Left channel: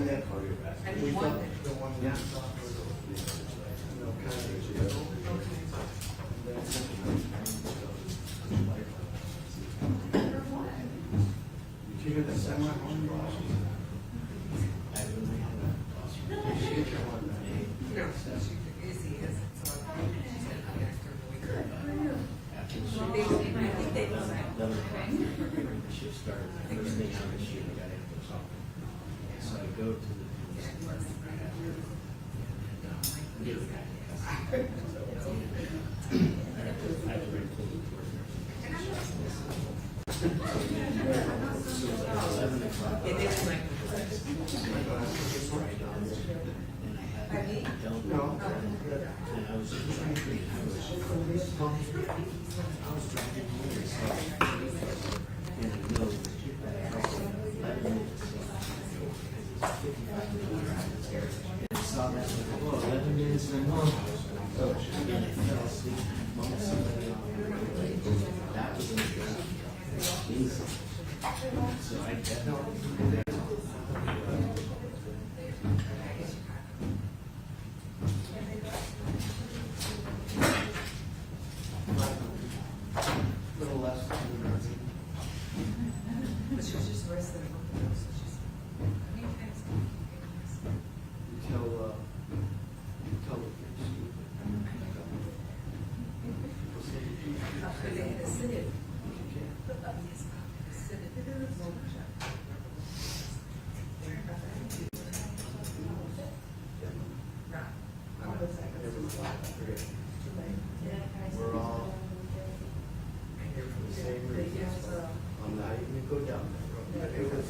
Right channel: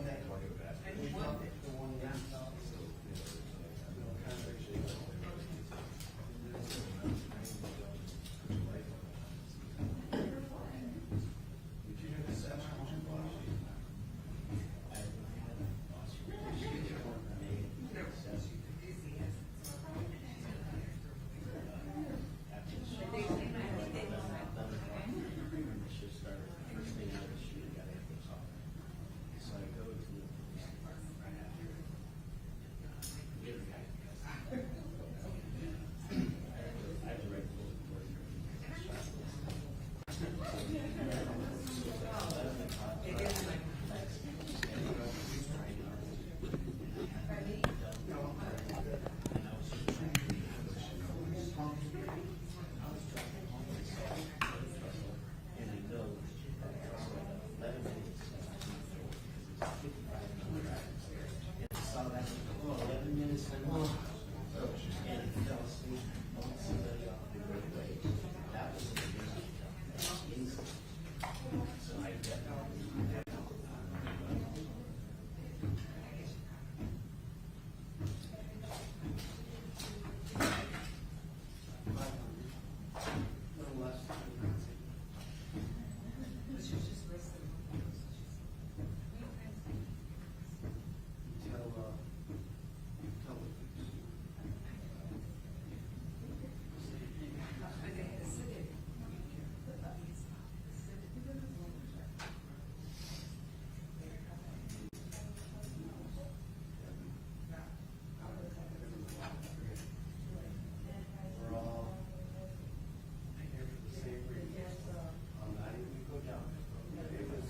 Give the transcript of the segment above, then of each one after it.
one that we thought, the one that we thought was, kind of. Did you hear the semi-home boss? We're all here for the same reasons. I'm not even go down that road. It was.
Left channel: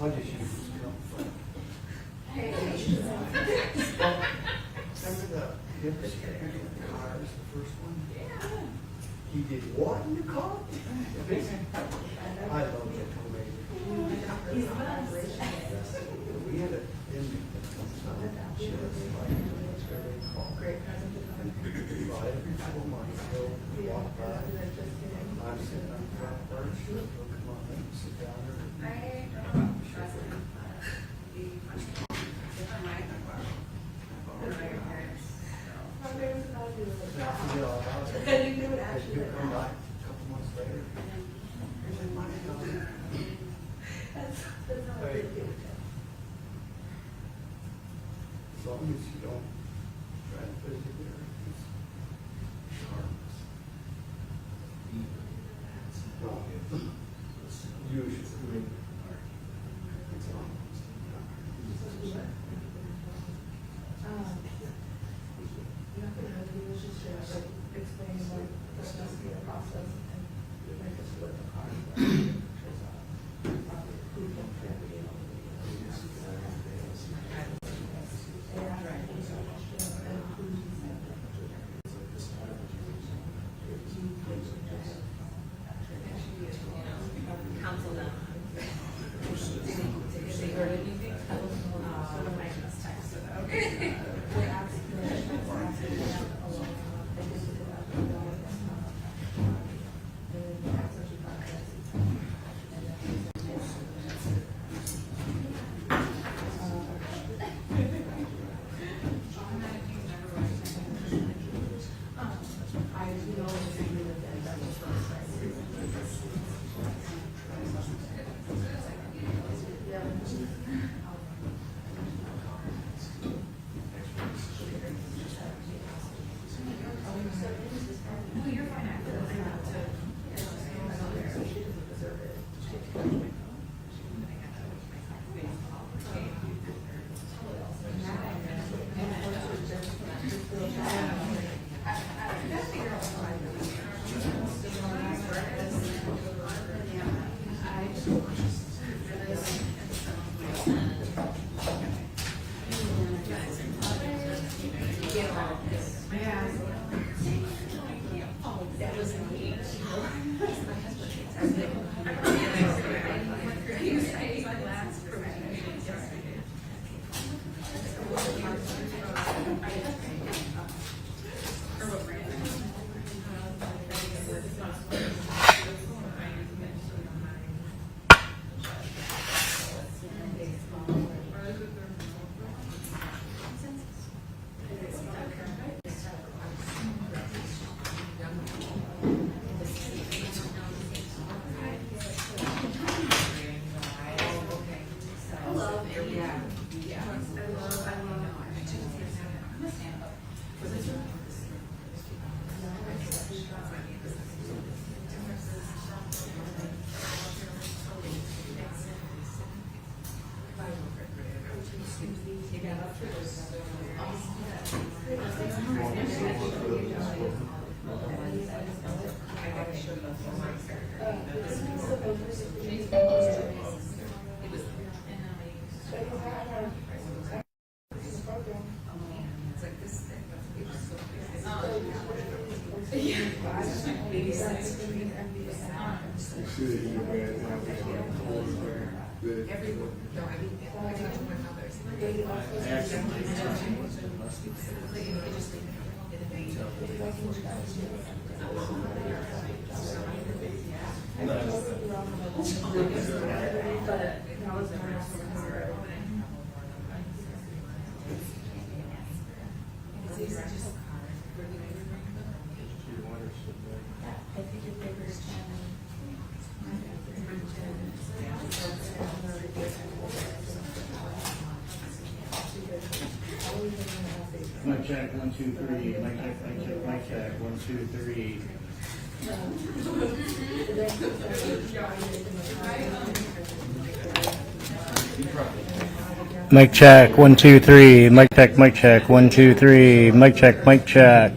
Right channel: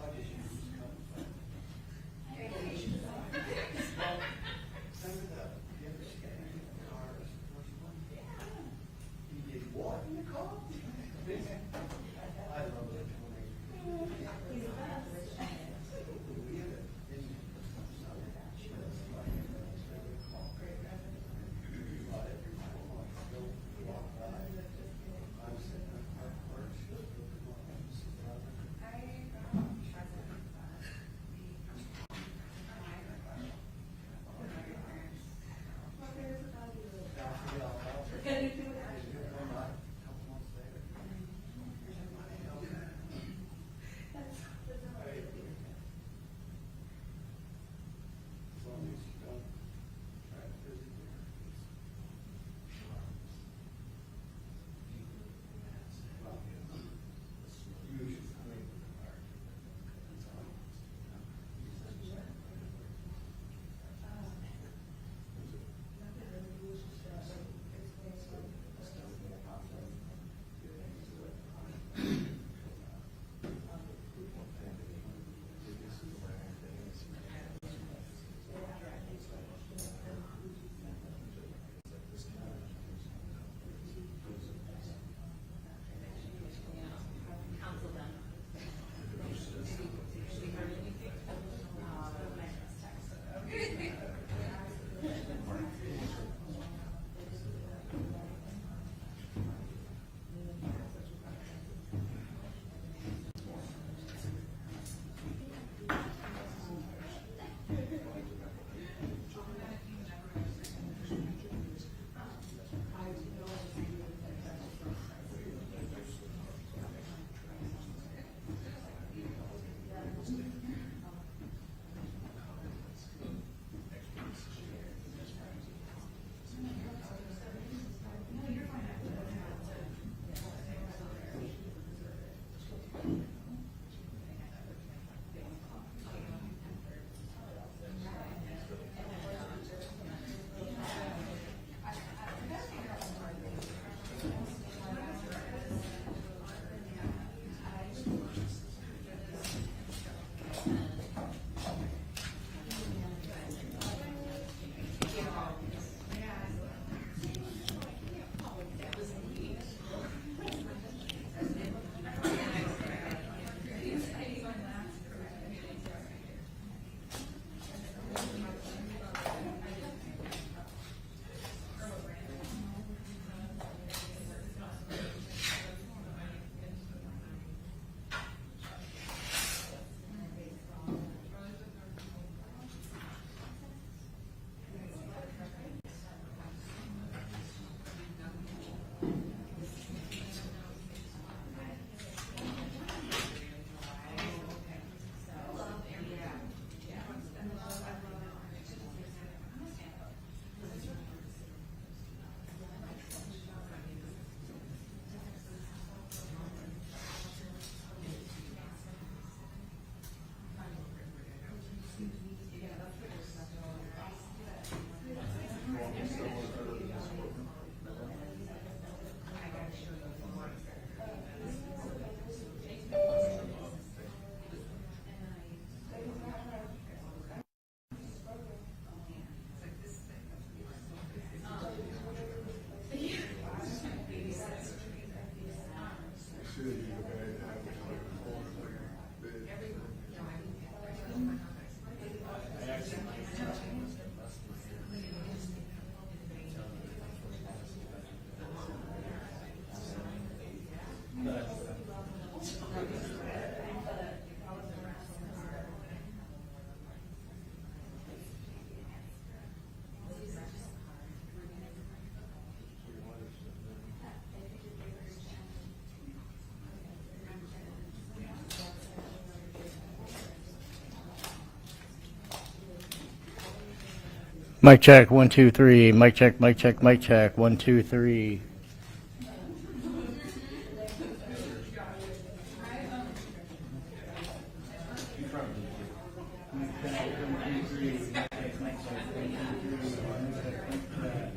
I'll just use this cup. Remember the cars, the first one? He did what in the car? I love that tornado. We had a inmate that comes out and she was like, it's very called. Every 4 months, he'll walk by. I'm sitting on the front porch, he'll come up and sit down there. Come by a couple months later. As long as you don't try to physically hurt, it's harmless. No, usually it's harmless. Mic check, 1, 2, 3. Mic check, mic check, mic check, 1, 2, 3. Mic check, 1, 2, 3. Mic check, mic check, 1, 2, 3. Mic check, mic check.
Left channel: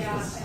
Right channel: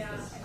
Yes.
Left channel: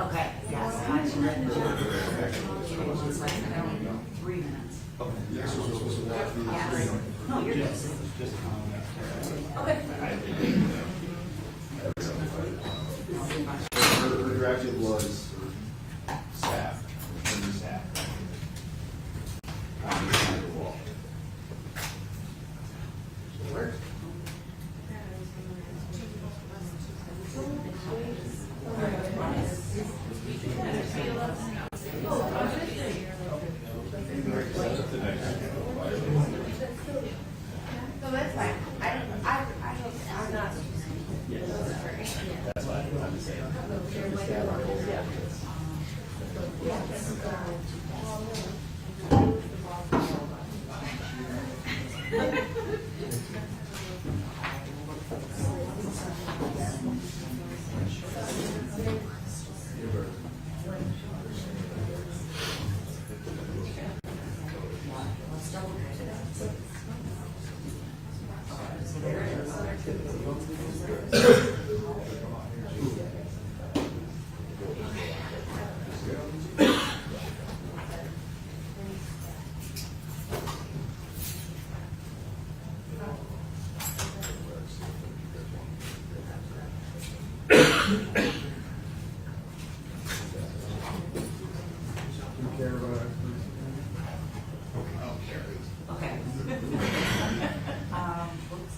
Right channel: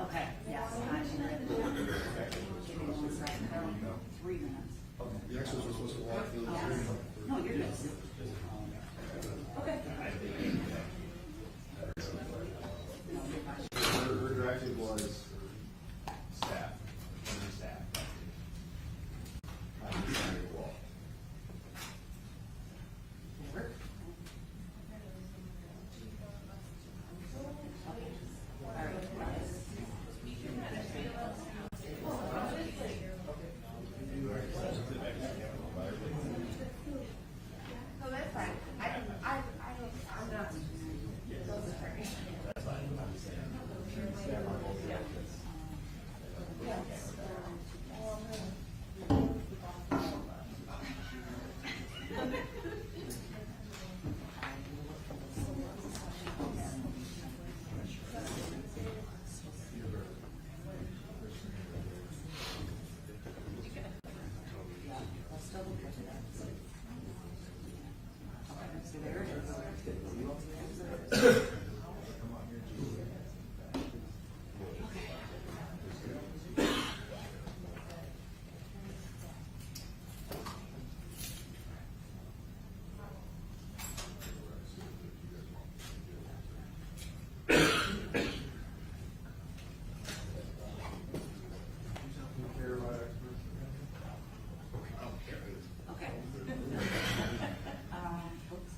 Okay, yes. 3 minutes. Yes, we're supposed to walk through the screen. No, you're good. Okay. Her directive was staff, the staff. Behind the wall. Work. No, that's fine. I'm not. Okay. Whoops.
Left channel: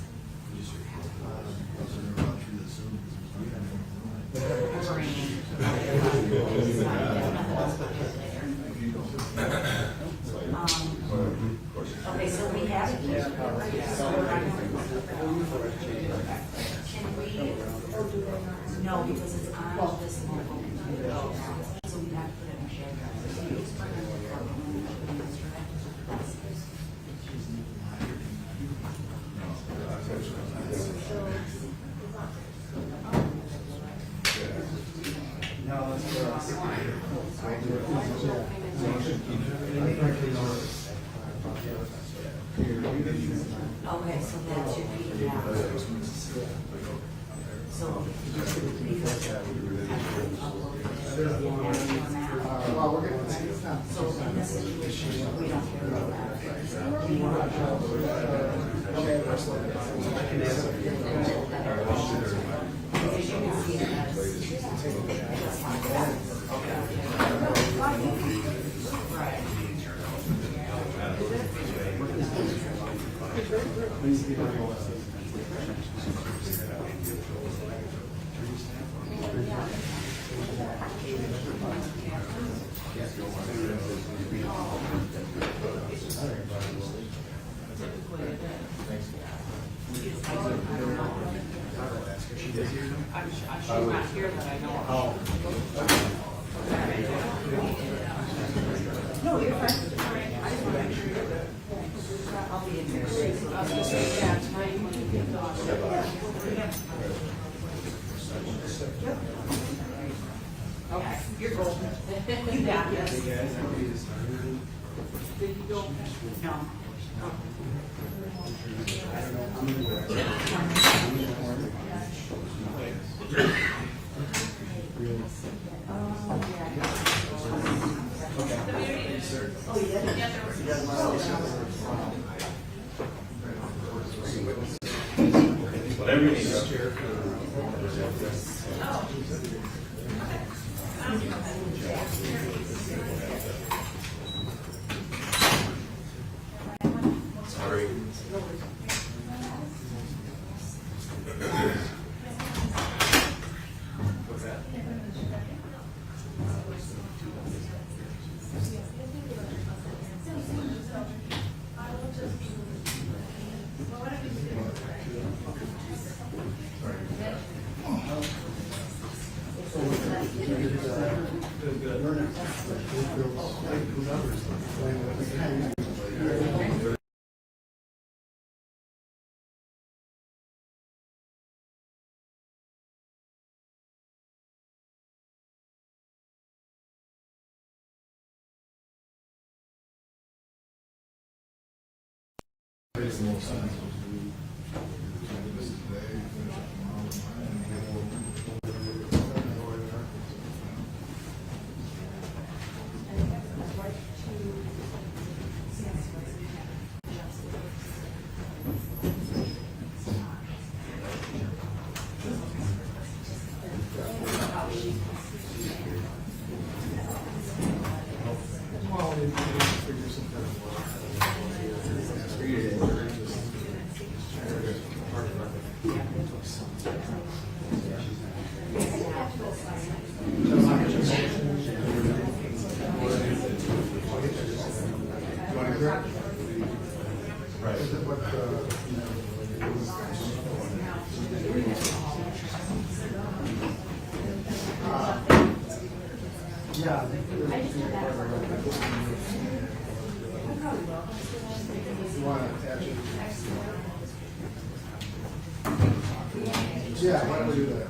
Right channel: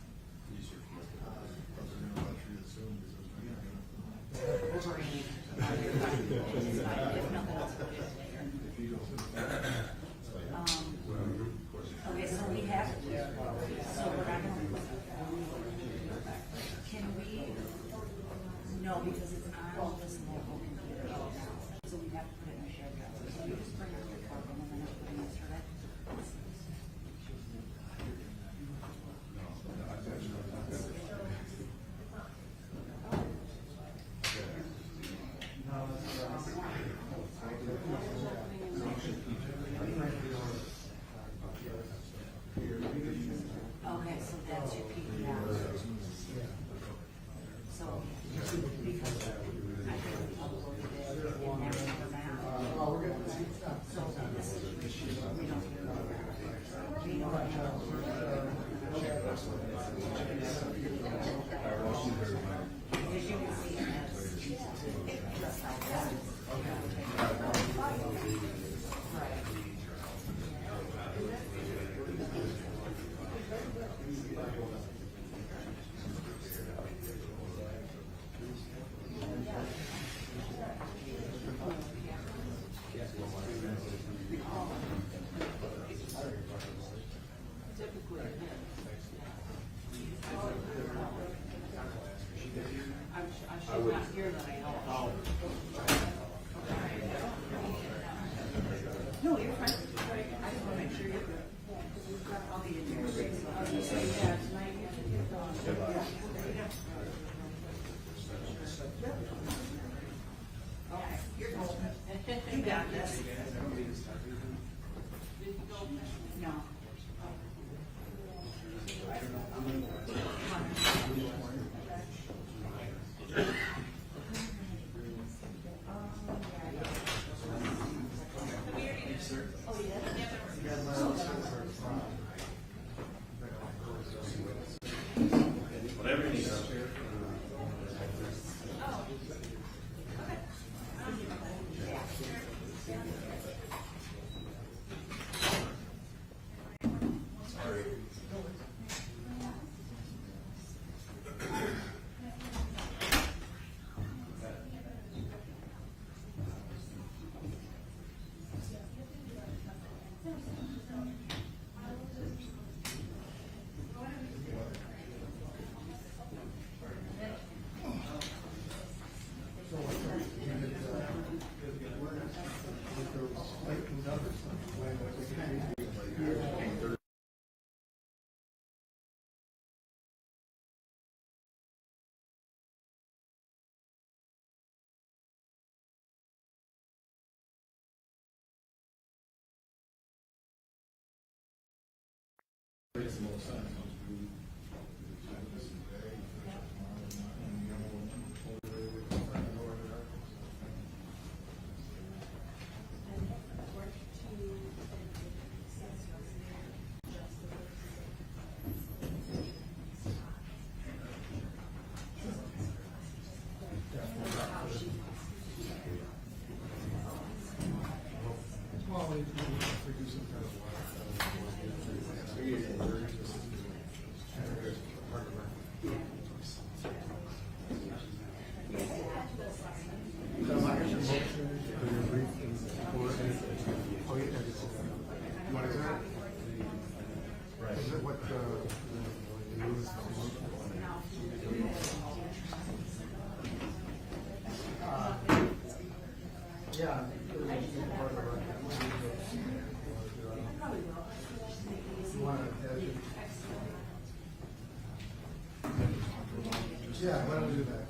Okay, so we have it here. So we're not going Can we, no, because it's on this mobile computer. So we have to put it in a shared drive. So you just bring it to the problem and then put it in this drive. Okay, so that should be, yeah. So. So in this situation, we don't hear about that. As you can see, she's not here that I know of. No, you're fine. I'll be in here. I was gonna say, yeah, tonight when you get off. Okay, you're golden. You got this. Did you go? No. Whatever you need. Sorry. Yeah. You want to attach it? Yeah, why don't we do that?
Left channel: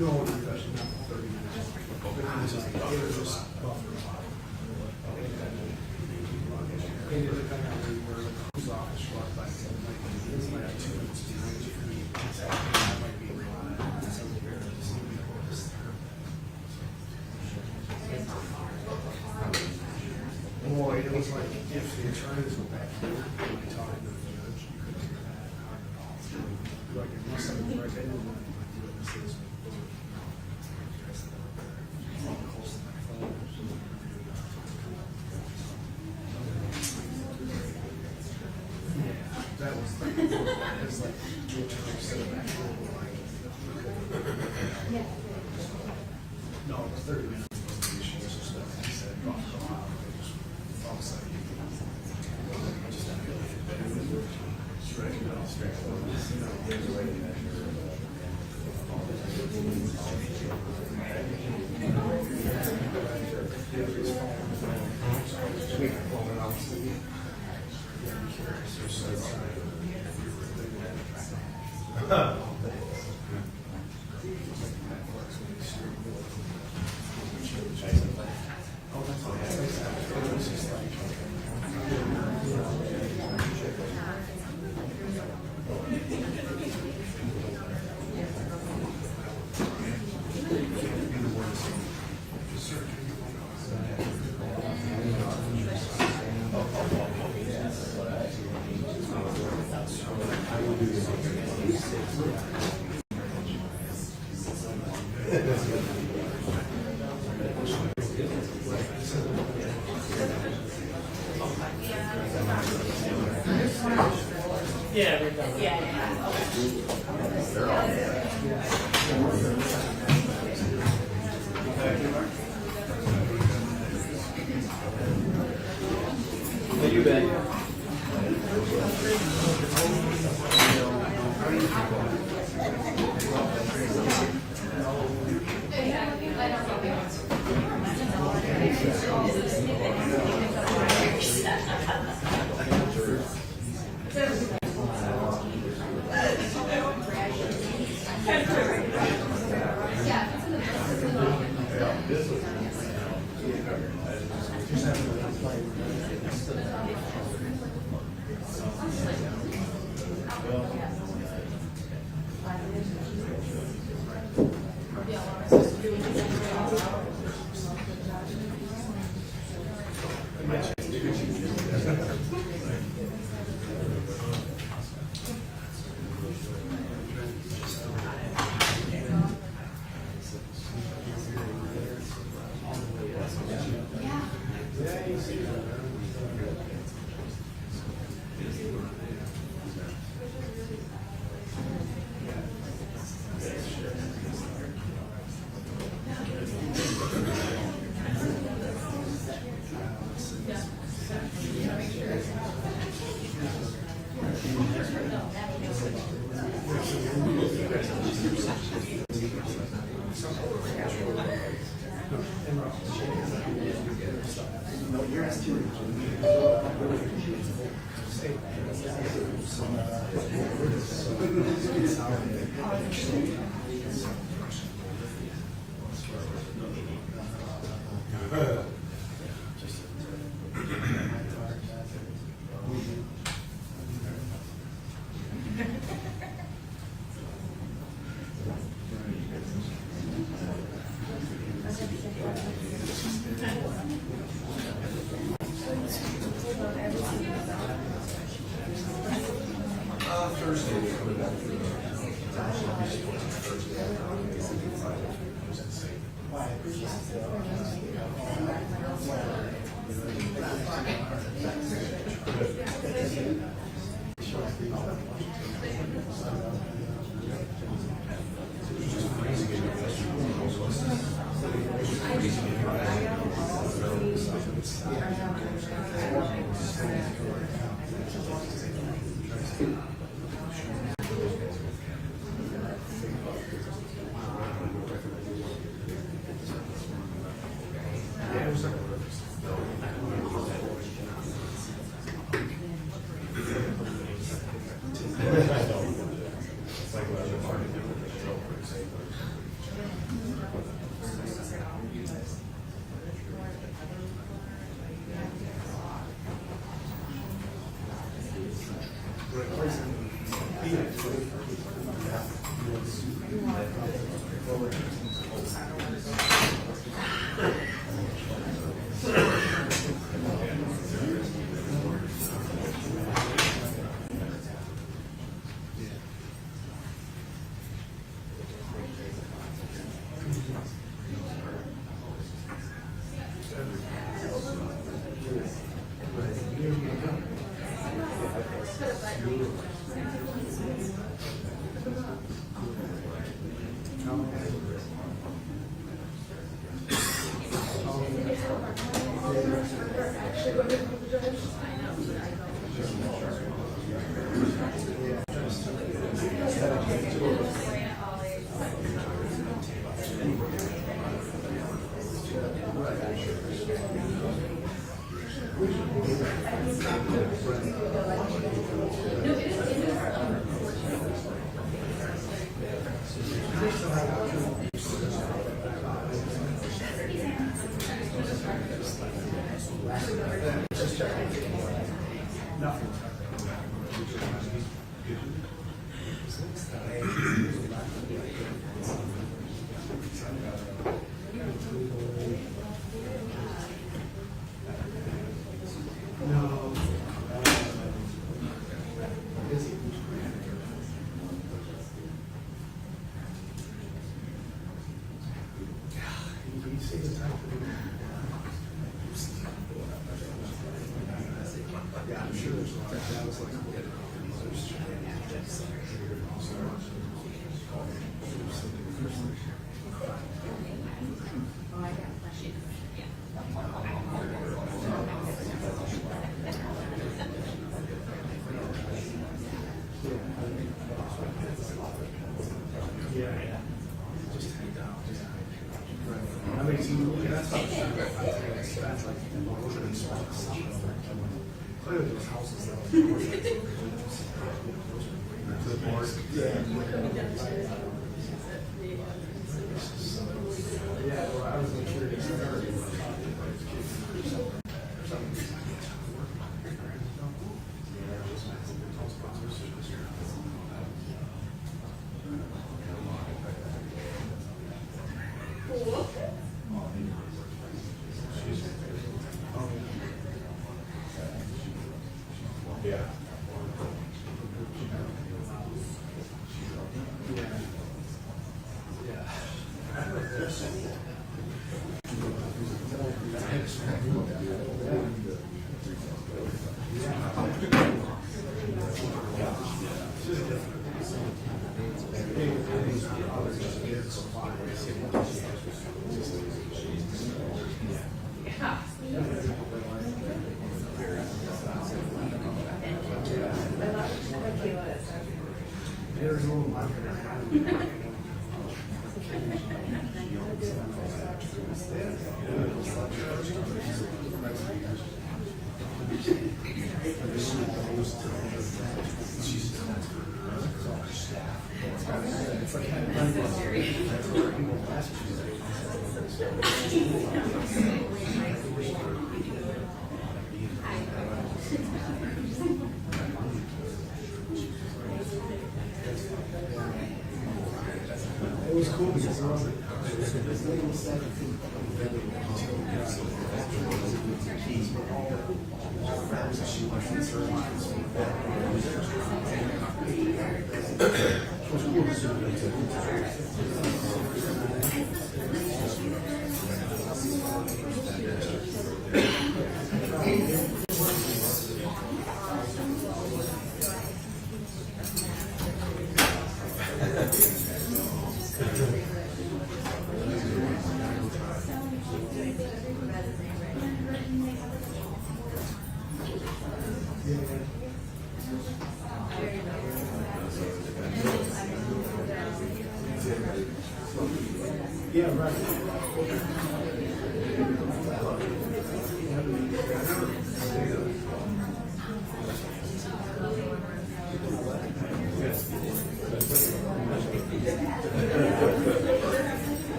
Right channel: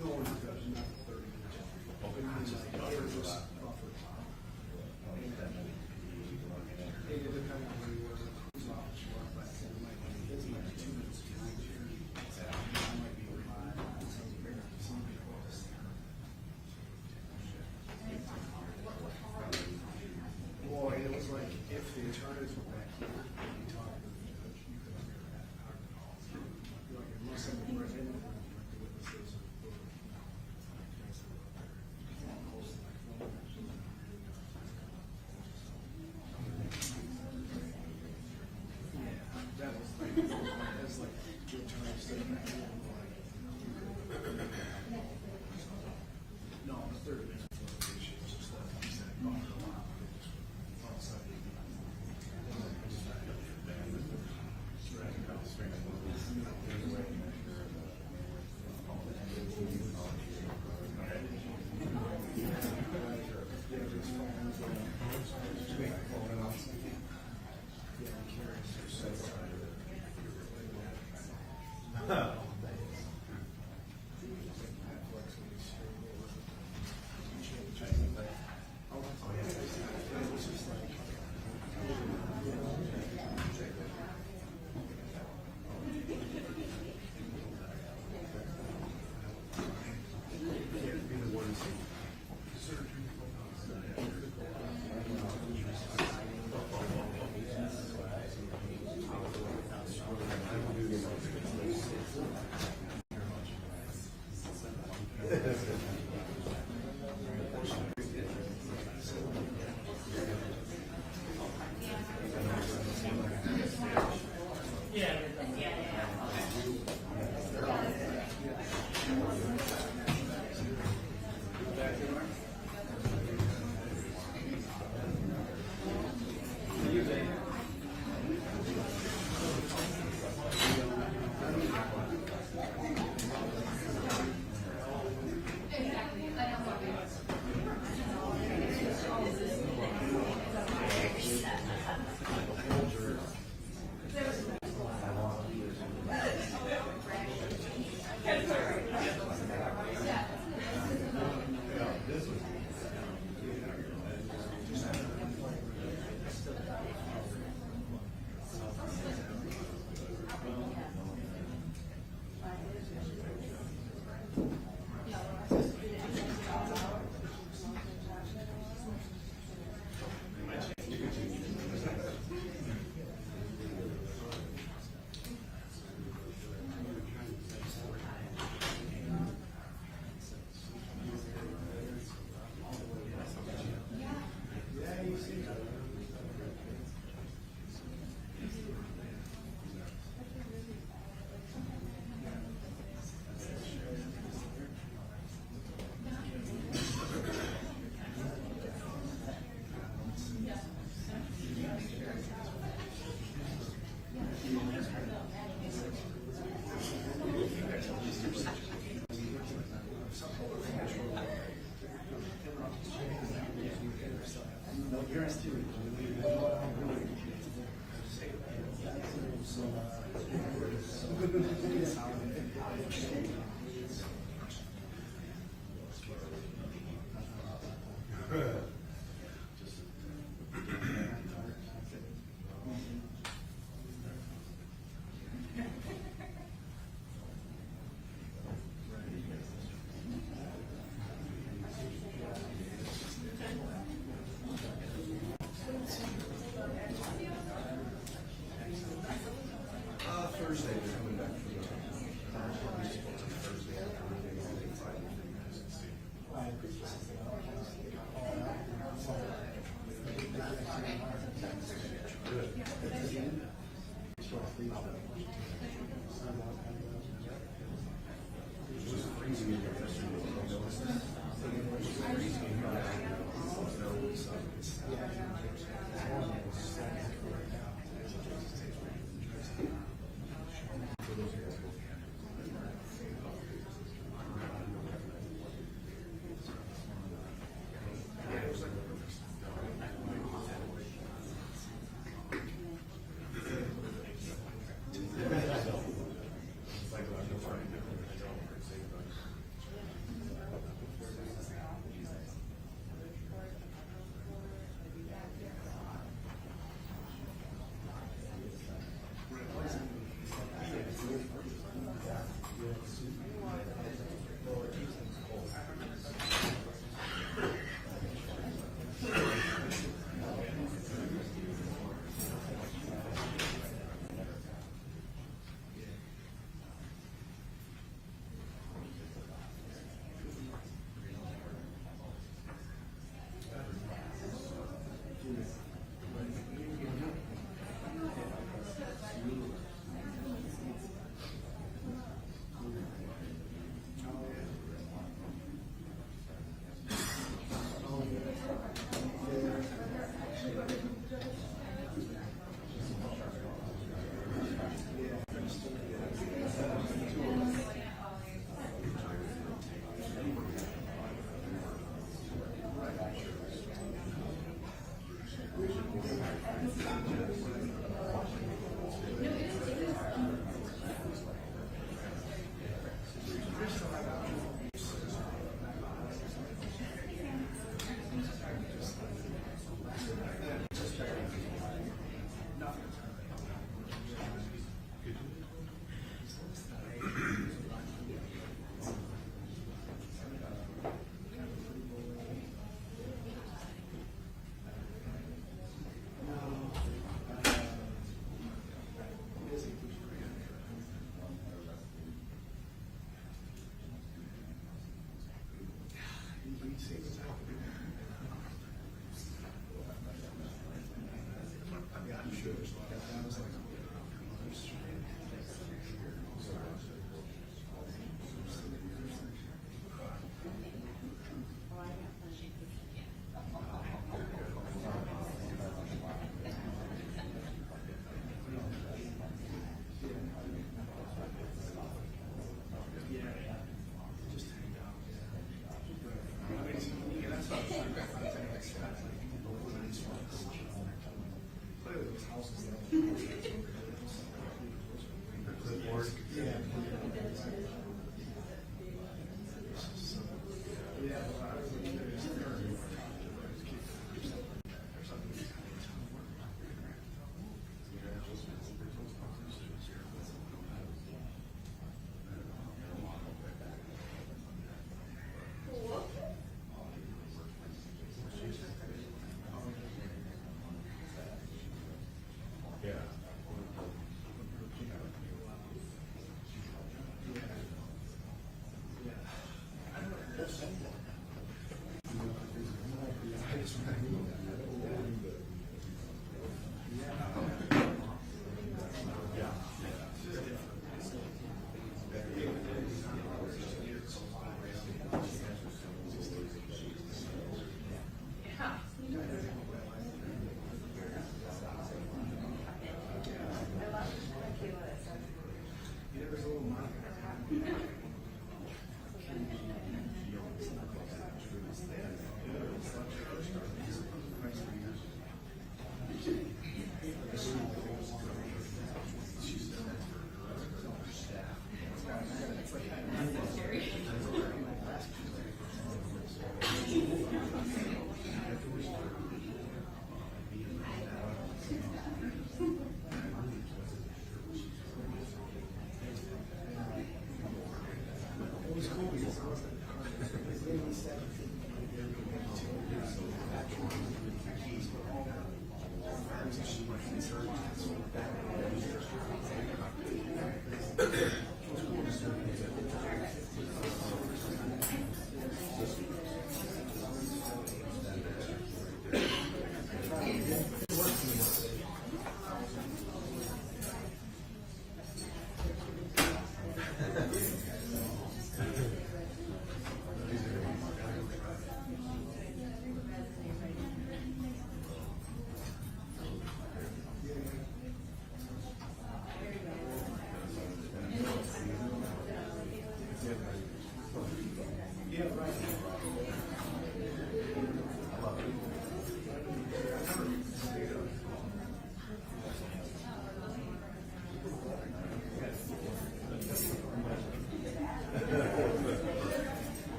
No, discussion, not 30 minutes. It was just buffer. It is depending on where you were, who's off the short, but it's like 2 minutes behind you. That might be real. Boy, it was like if the attorneys were back here, when I talked to the judge, you couldn't hear that hard at all. Like, it must have been right there. That was like, that's like, the attorney said back here, like, no, it was 30 minutes. Issues or stuff. He said, "Fuck, go out." They just all of a sudden,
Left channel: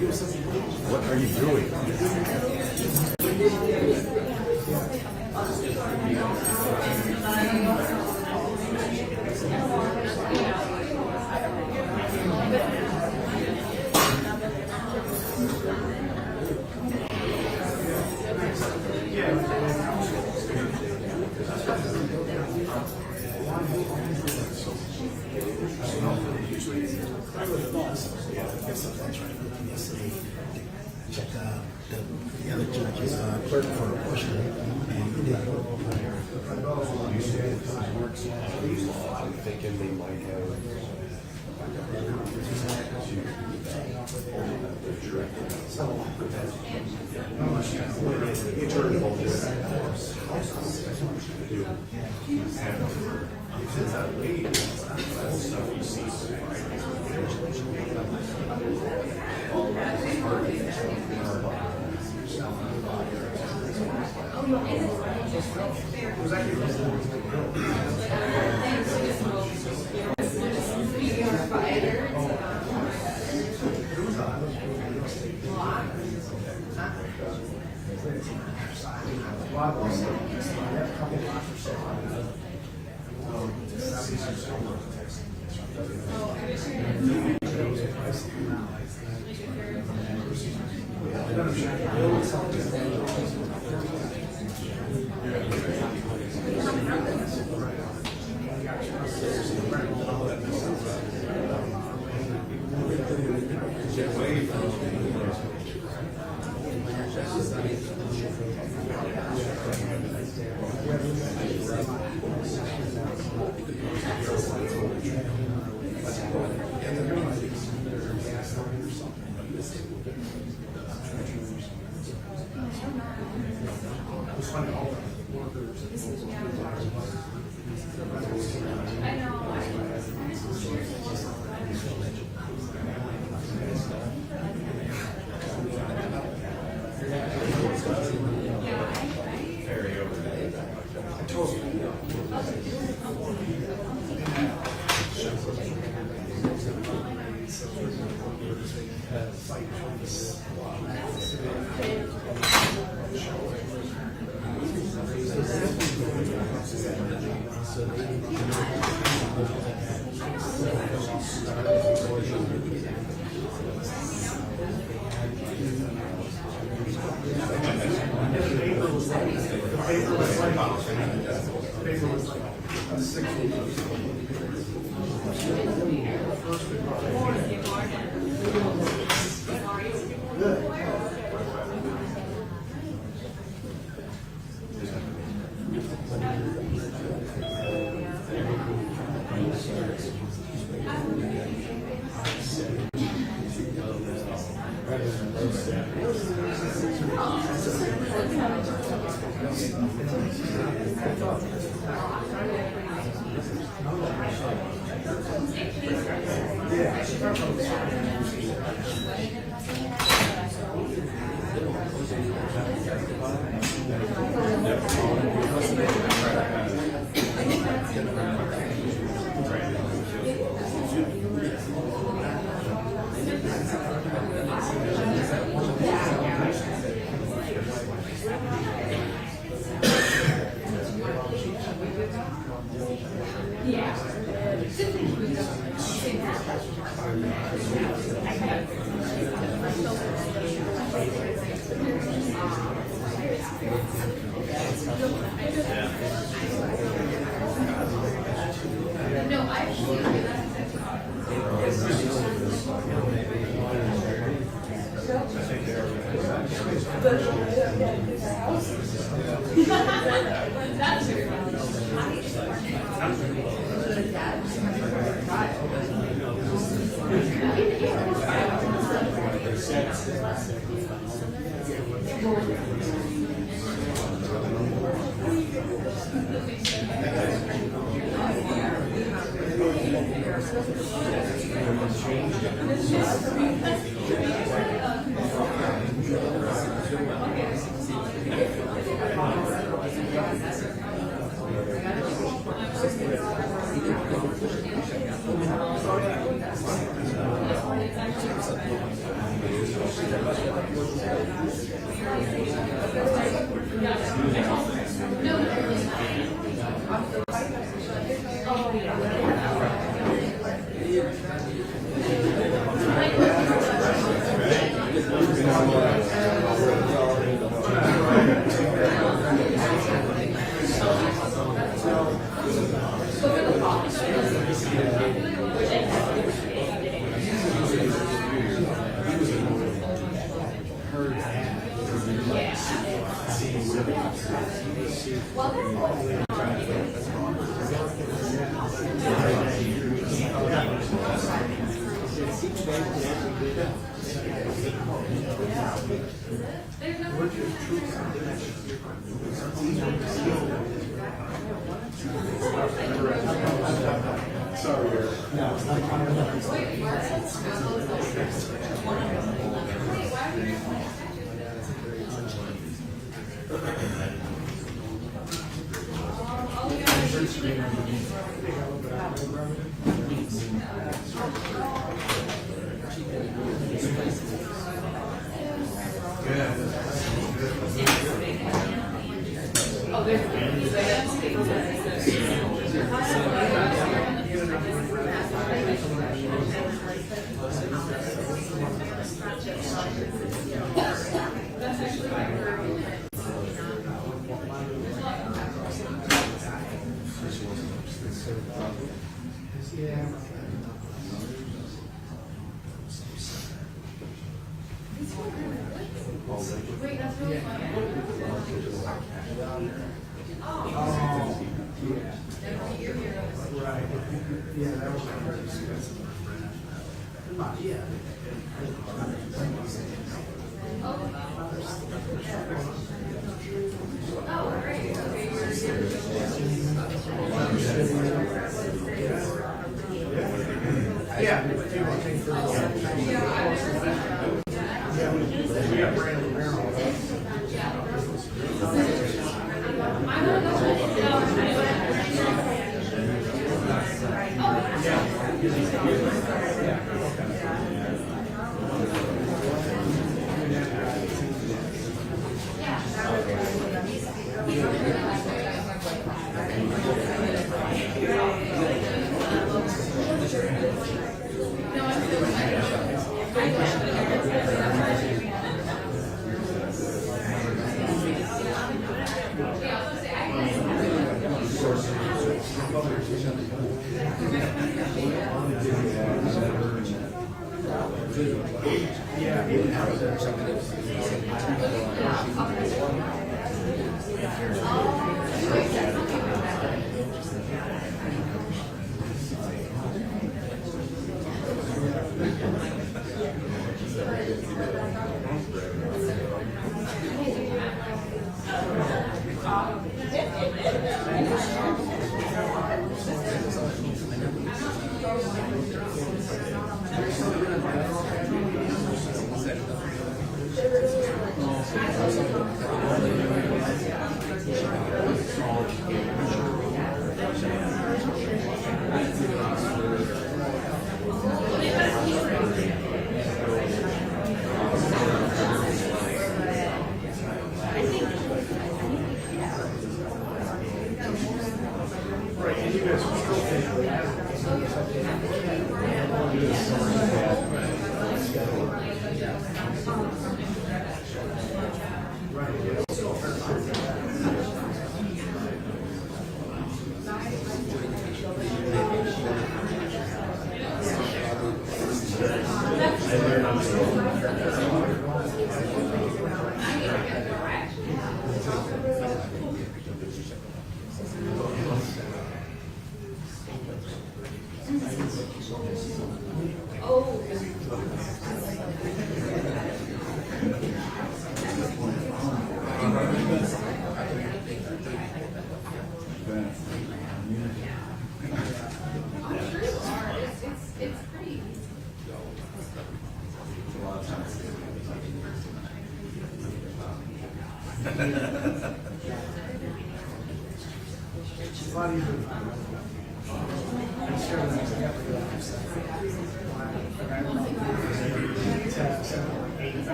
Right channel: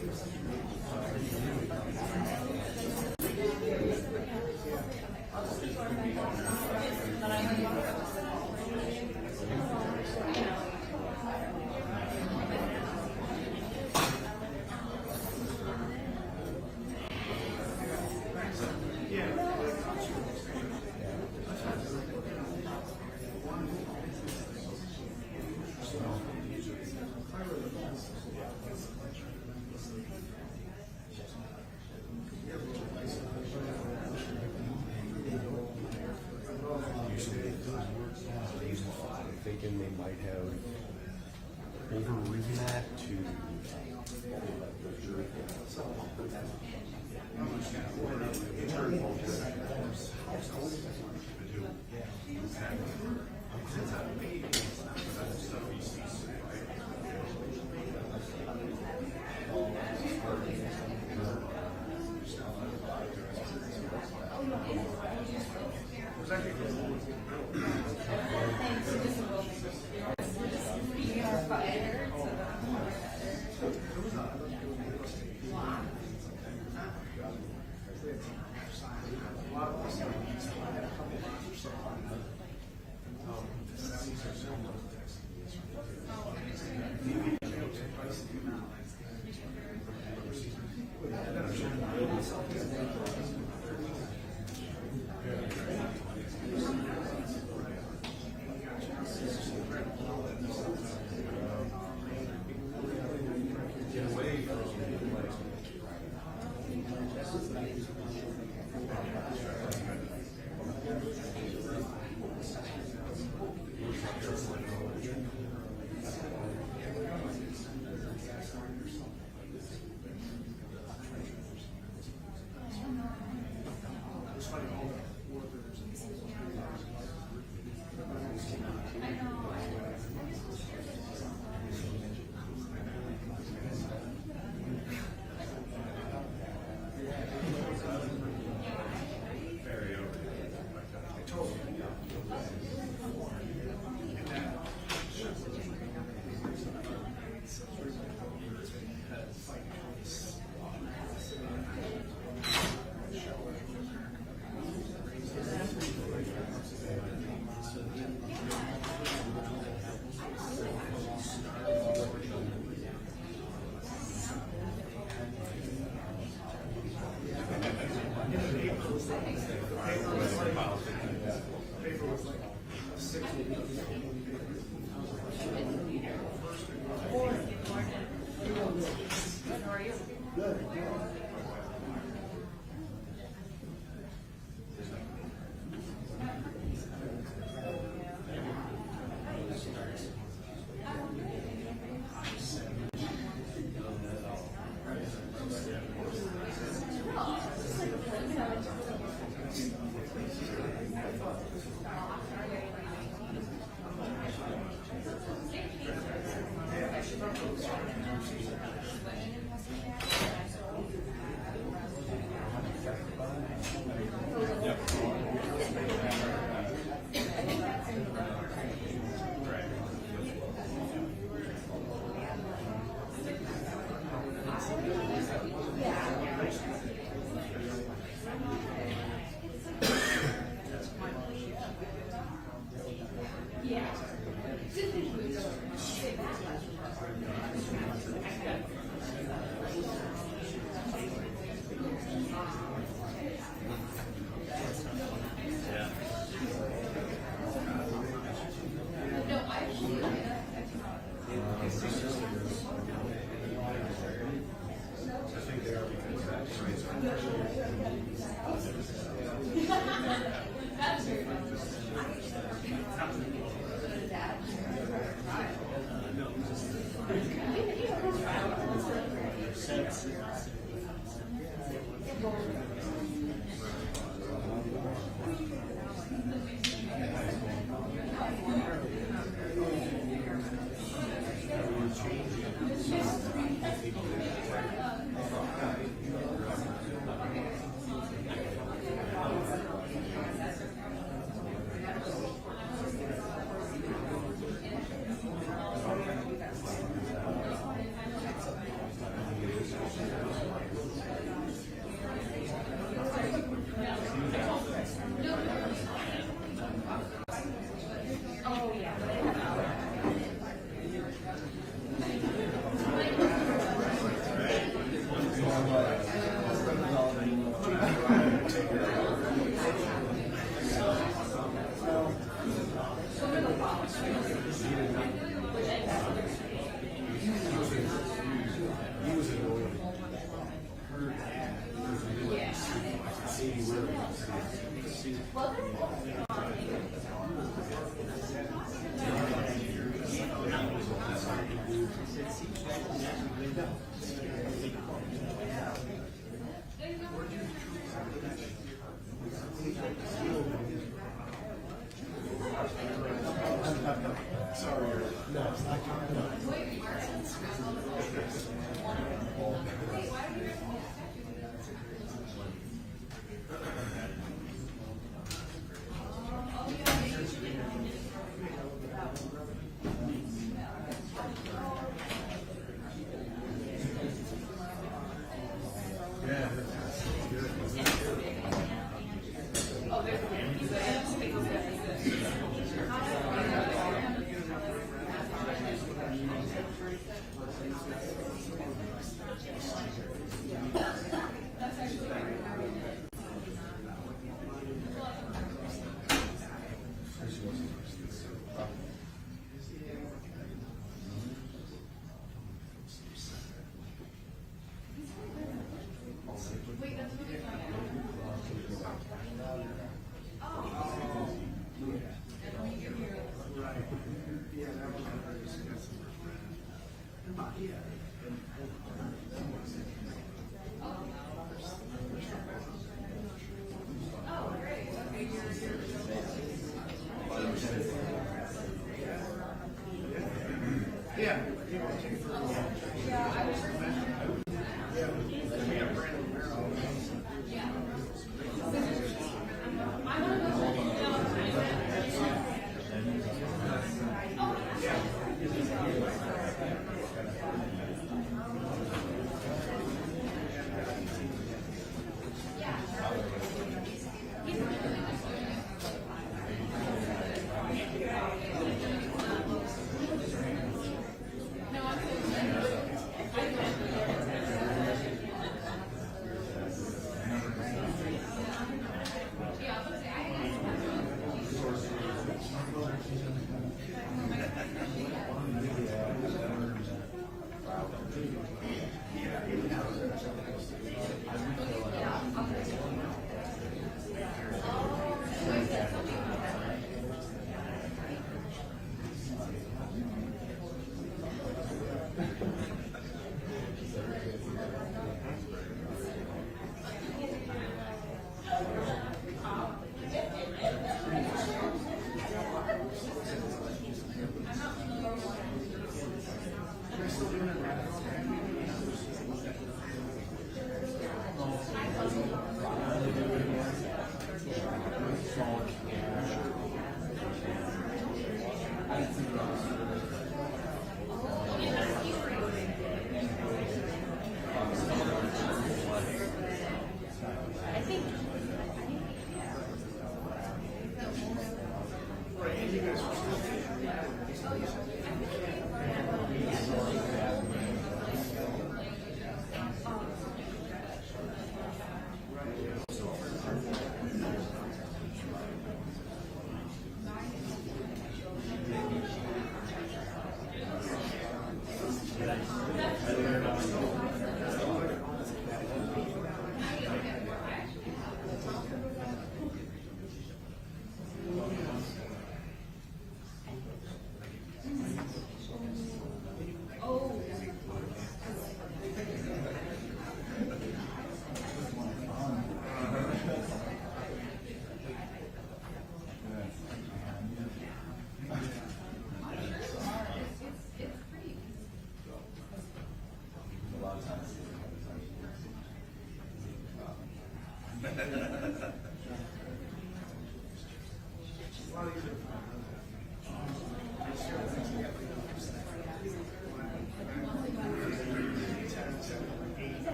What are you doing? Check the other judge's clerk for a question, and he didn't go over there. I'm thinking they might have.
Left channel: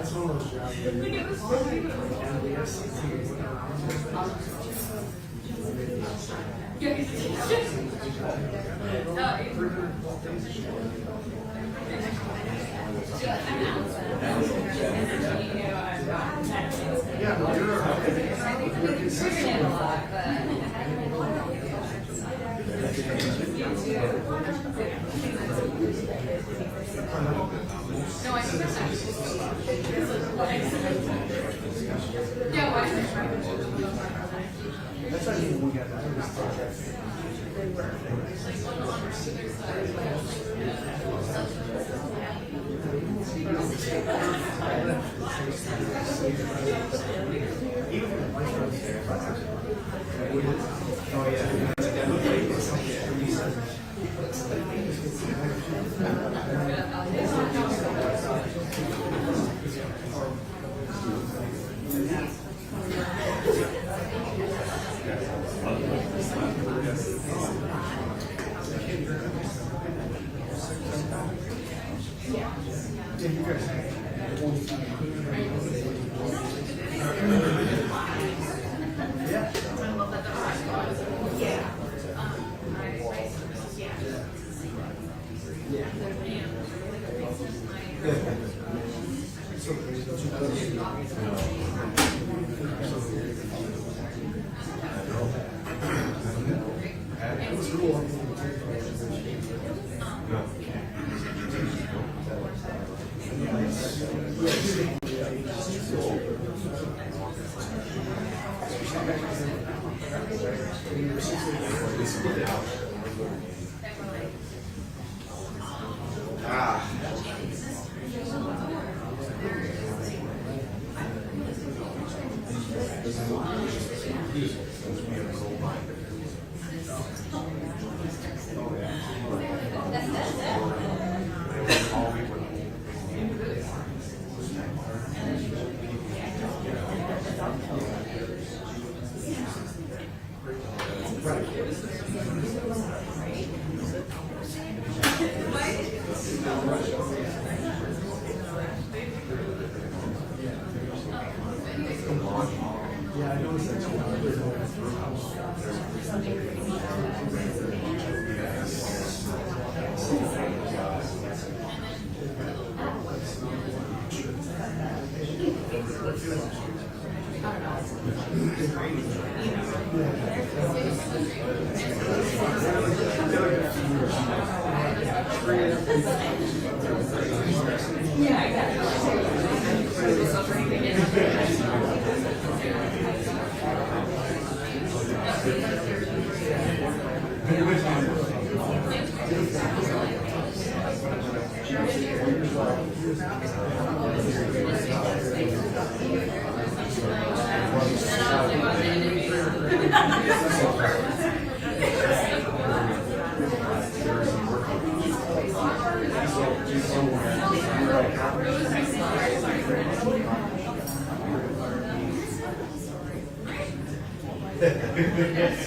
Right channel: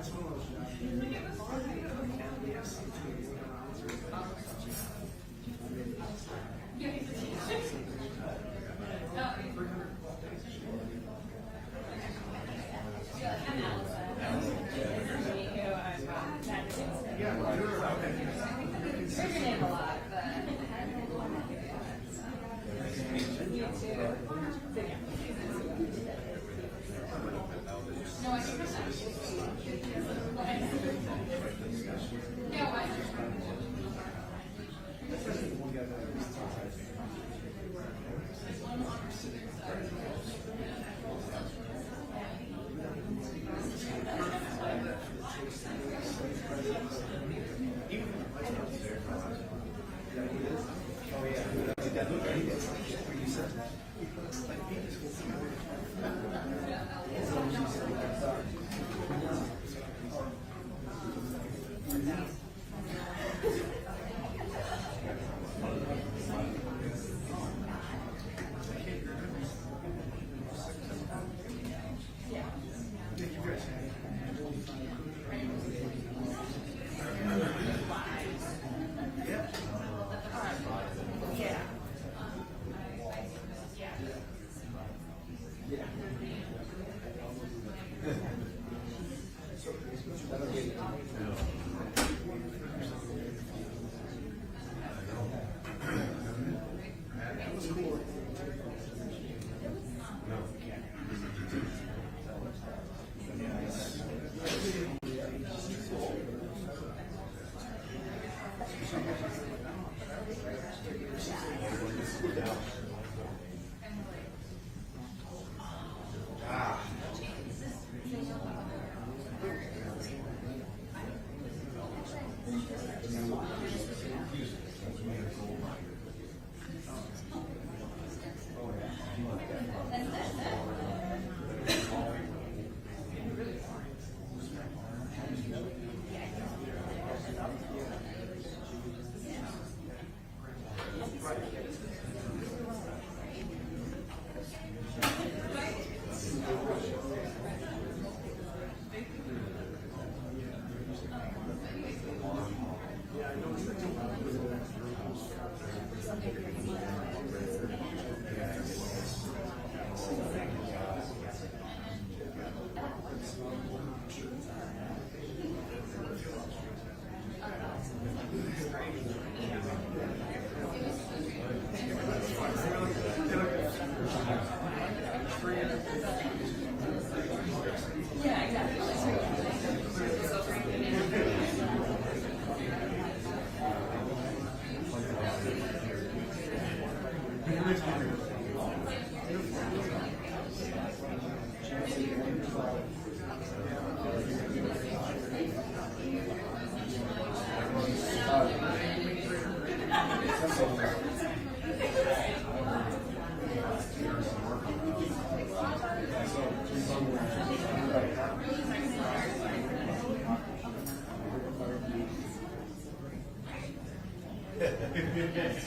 That's one of those yeah, no, you're consistent. That's not even one guy.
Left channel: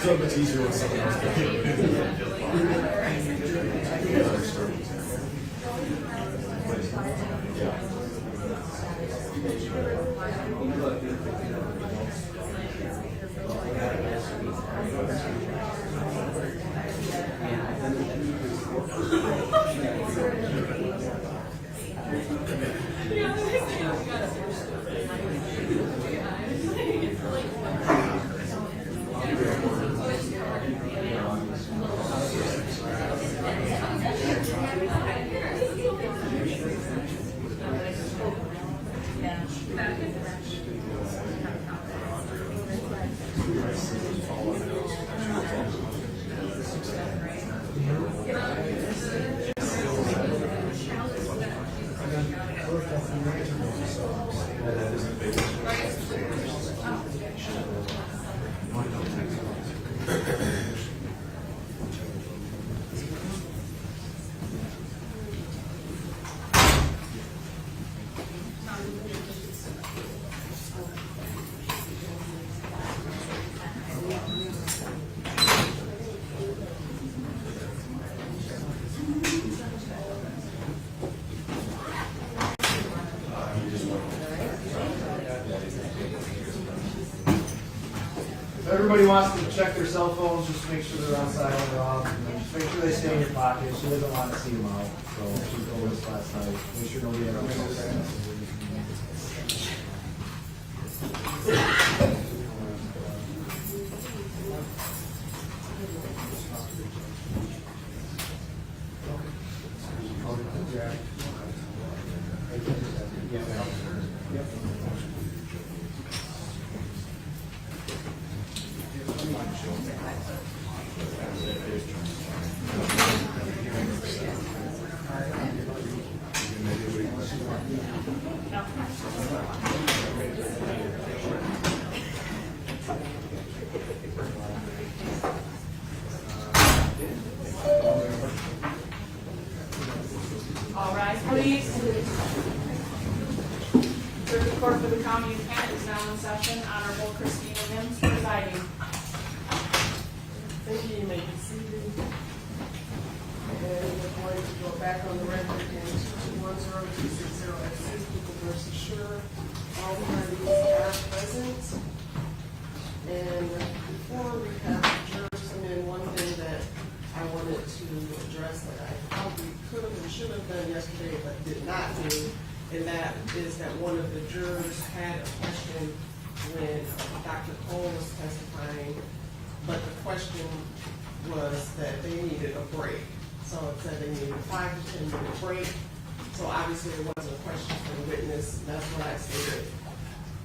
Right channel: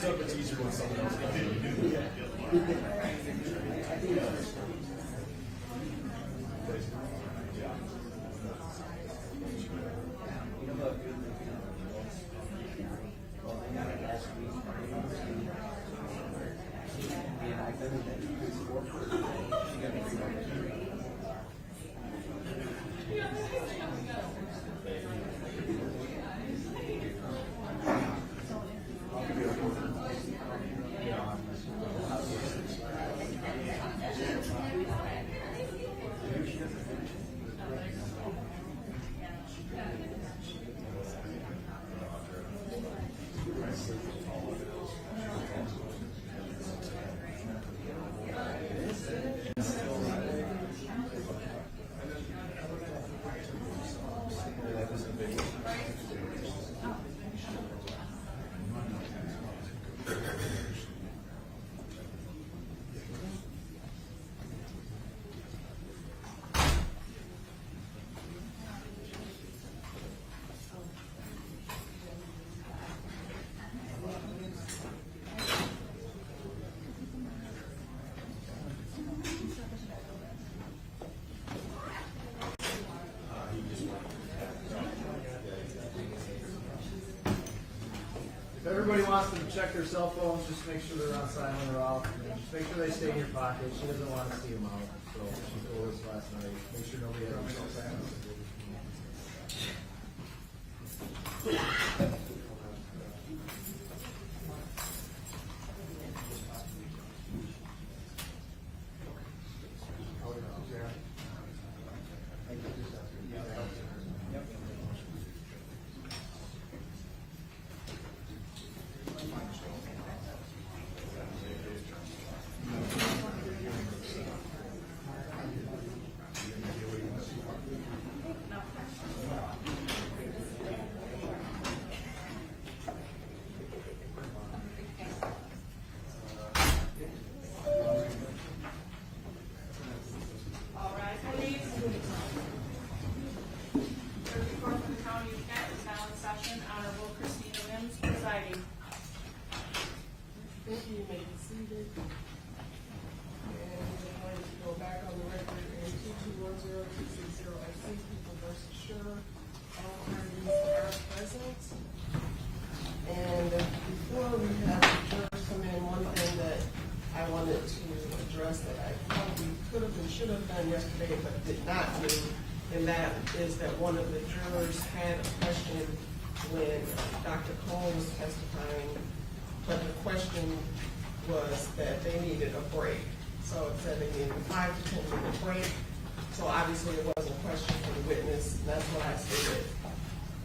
So much easier with someone else. If everybody wants to check their cell phones, just make sure they're on silent or off. And just make sure they stay in your pocket. She doesn't want to see them out. So she told us last night. Make sure nobody ever knows that. All rise, please. Circuit Court for the County of Kent is now in session. Honorable Christina Mims presiding. Thank you, you may be seated. And we're going to go back on the record in 2210260 people versus Schurr. All parties are present. And before we have the jurors come in, one thing that I wanted to address that I probably could have and should have done yesterday but did not do, and that is that one of the jurors had a question when Dr. Cole was testifying, but the question was that they needed a break. So it said they needed a 5 to 10 minute break. So obviously it wasn't a question for the witness. That's what I stated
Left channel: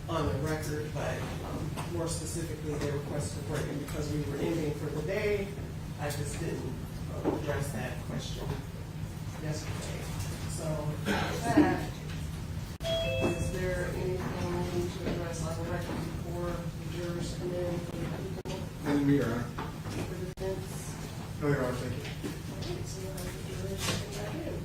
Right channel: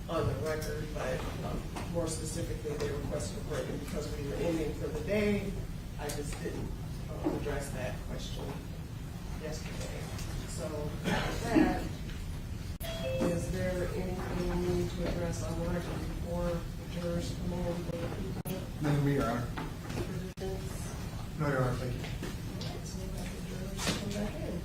on the record, but more specifically, they requested a break, and because we were ending for the day, I just didn't address that question yesterday. So with that, is there anything we need to address on the record before jurors come in for the people? Name me, Your Honor. For defense? No, Your Honor, thank you. Okay, so we'll have the jurors come back in.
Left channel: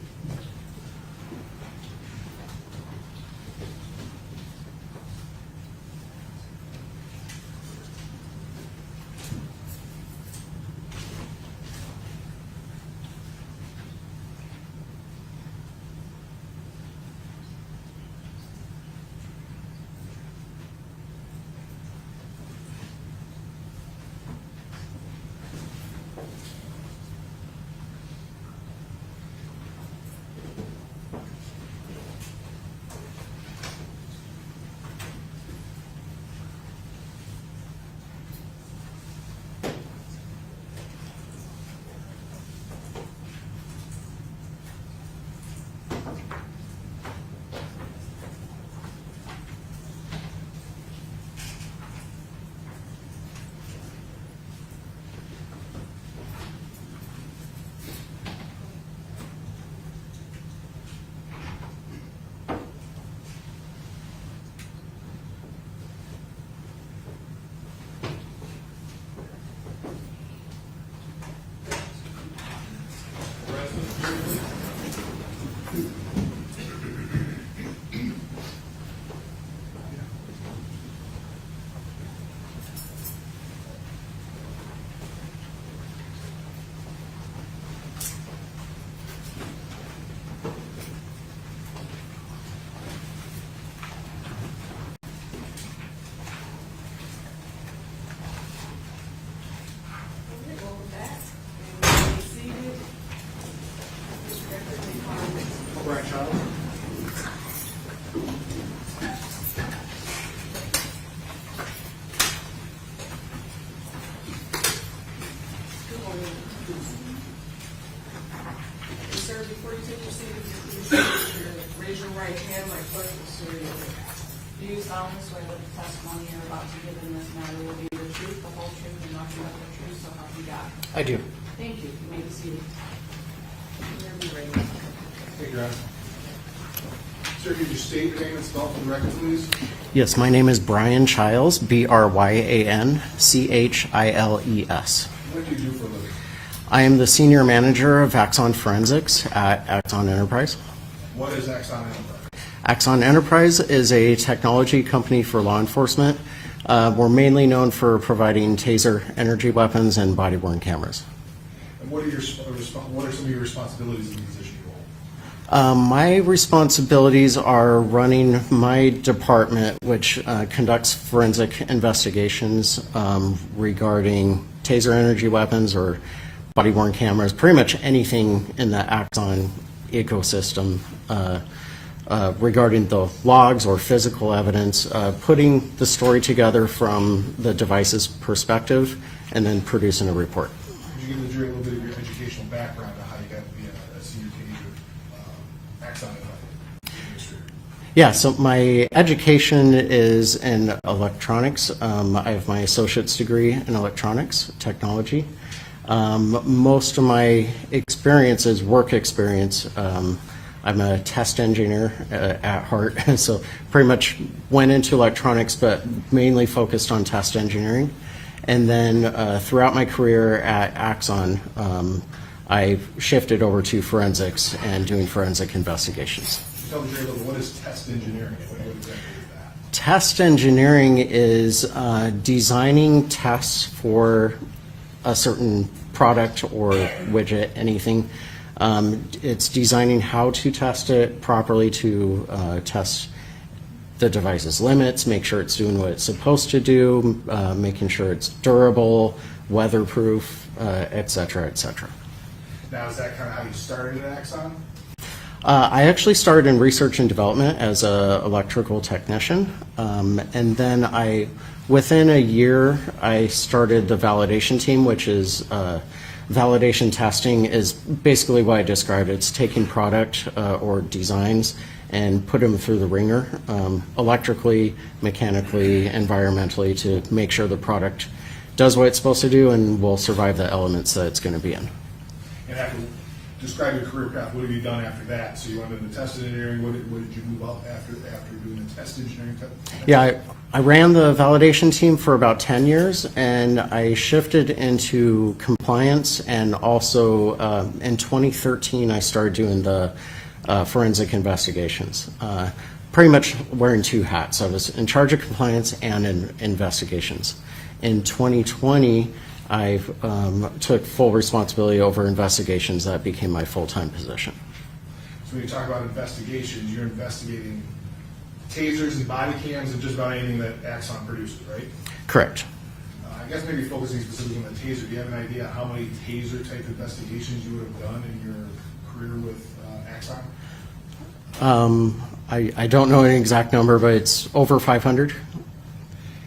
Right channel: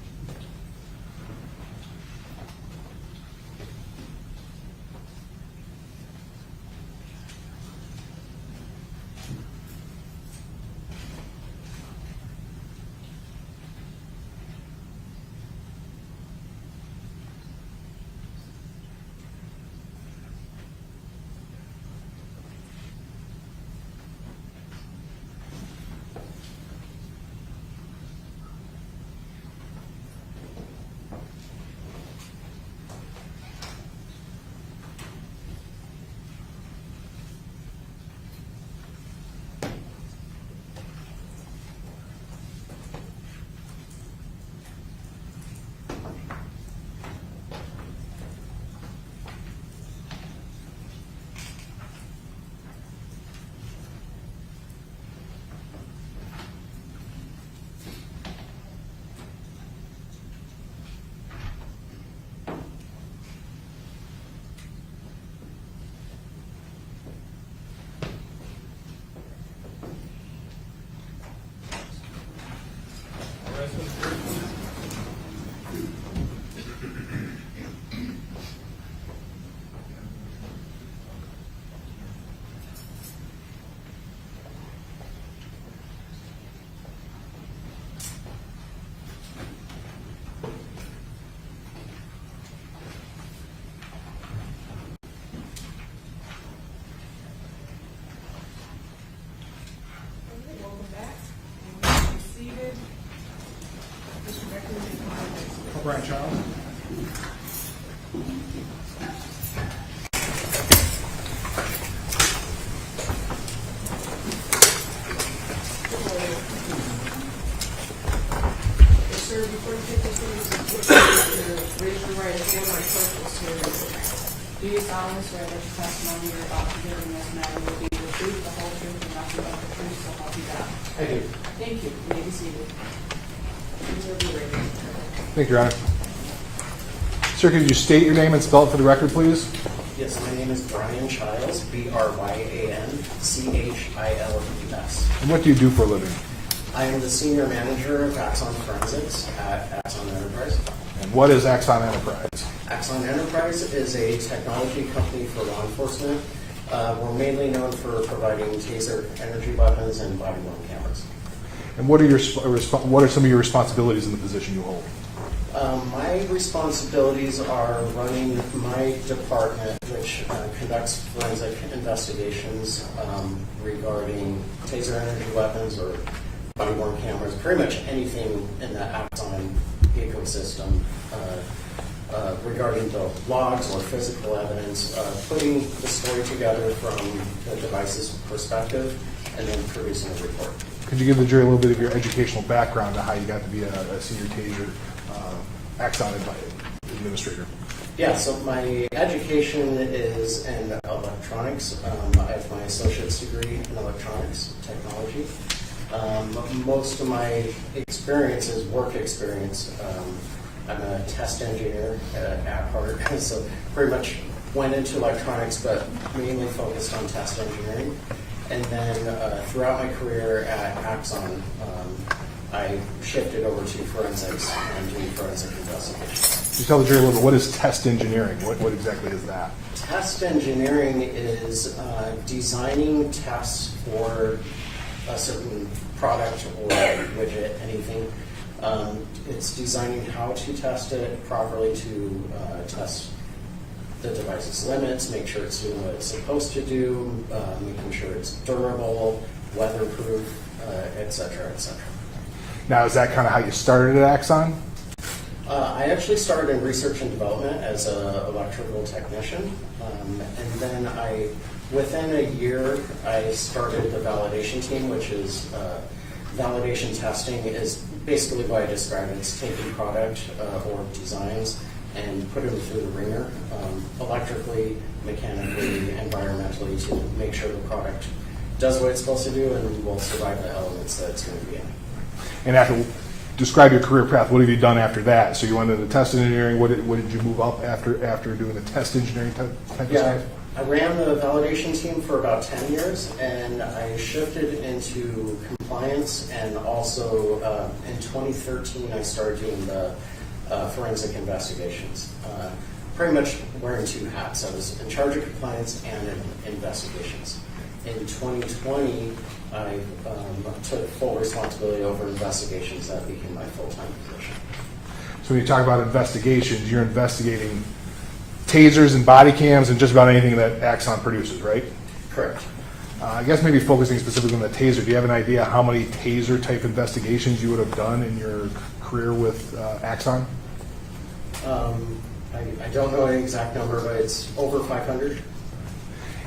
Yes, sir, before you take this raise your right hand or circle series. Do you solemnly swear that the testimony you're about to give in this matter will be the truth, the whole truth, and nothing but the truth, so help you God? I do. Thank you. You may be seated. You'll be ready. Thank you, Your Honor. Sir, could you state your name and spell it for the record, please? Yes, my name is Brian Childs, BryanChiles. And what do you do for a living? I am the senior manager of Axon Forensics at Axon Enterprise. And what is Axon Enterprise? Axon Enterprise is a technology company for law enforcement. We're mainly known for providing Taser energy weapons and body-worn cameras. And what are some of your responsibilities in the position you hold? My responsibilities are running my department, which conducts forensic investigations regarding Taser energy weapons or body-worn cameras, pretty much anything in the Axon ecosystem regarding the logs or physical evidence, putting the story together from the device's perspective, and then producing a report. Could you give the jury a little bit of your educational background on how you got to be a senior Taser Axon administrator? Yeah, so my education is in electronics. I have my associate's degree in electronics technology. Most of my experience is work experience. I'm a test engineer at heart, so pretty much went into electronics, but mainly focused on test engineering. And then throughout my career at Axon, I shifted over to forensics and doing forensic investigations. Can you tell the jury a little bit, what is test engineering? What exactly is that? Test engineering is designing tests for a certain product or widget, anything. It's designing how to test it properly to test the device's limits, make sure it's doing what it's supposed to do, making sure it's durable, weatherproof, et cetera, et cetera. Now, is that kind of how you started at Axon? I actually started in research and development as an electrical technician, and then within a year, I started the validation team, which is validation testing is basically what I described. It's taking product or designs and put them through the ringer, electrically, mechanically, environmentally, to make sure the product does what it's supposed to do and will survive the elements that it's going to be in. And describe your career path. What have you done after that? So you went into test engineering. What did you move up after doing the test engineering? Yeah, I ran the validation team for about 10 years, and I shifted into compliance, and also in 2013 I started doing the forensic investigations. Pretty much wearing two hats. I was in charge of compliance and in investigations. In 2020, I took full responsibility over investigations. That became my full-time position. So when you talk about investigations, you're investigating tasers and body cams and just about anything that Axon produces, right? Correct. I guess maybe focusing specifically on the taser, do you have an idea how many taser-type investigations you would have done in your career with Axon? I don't know an exact number, but it's over 500.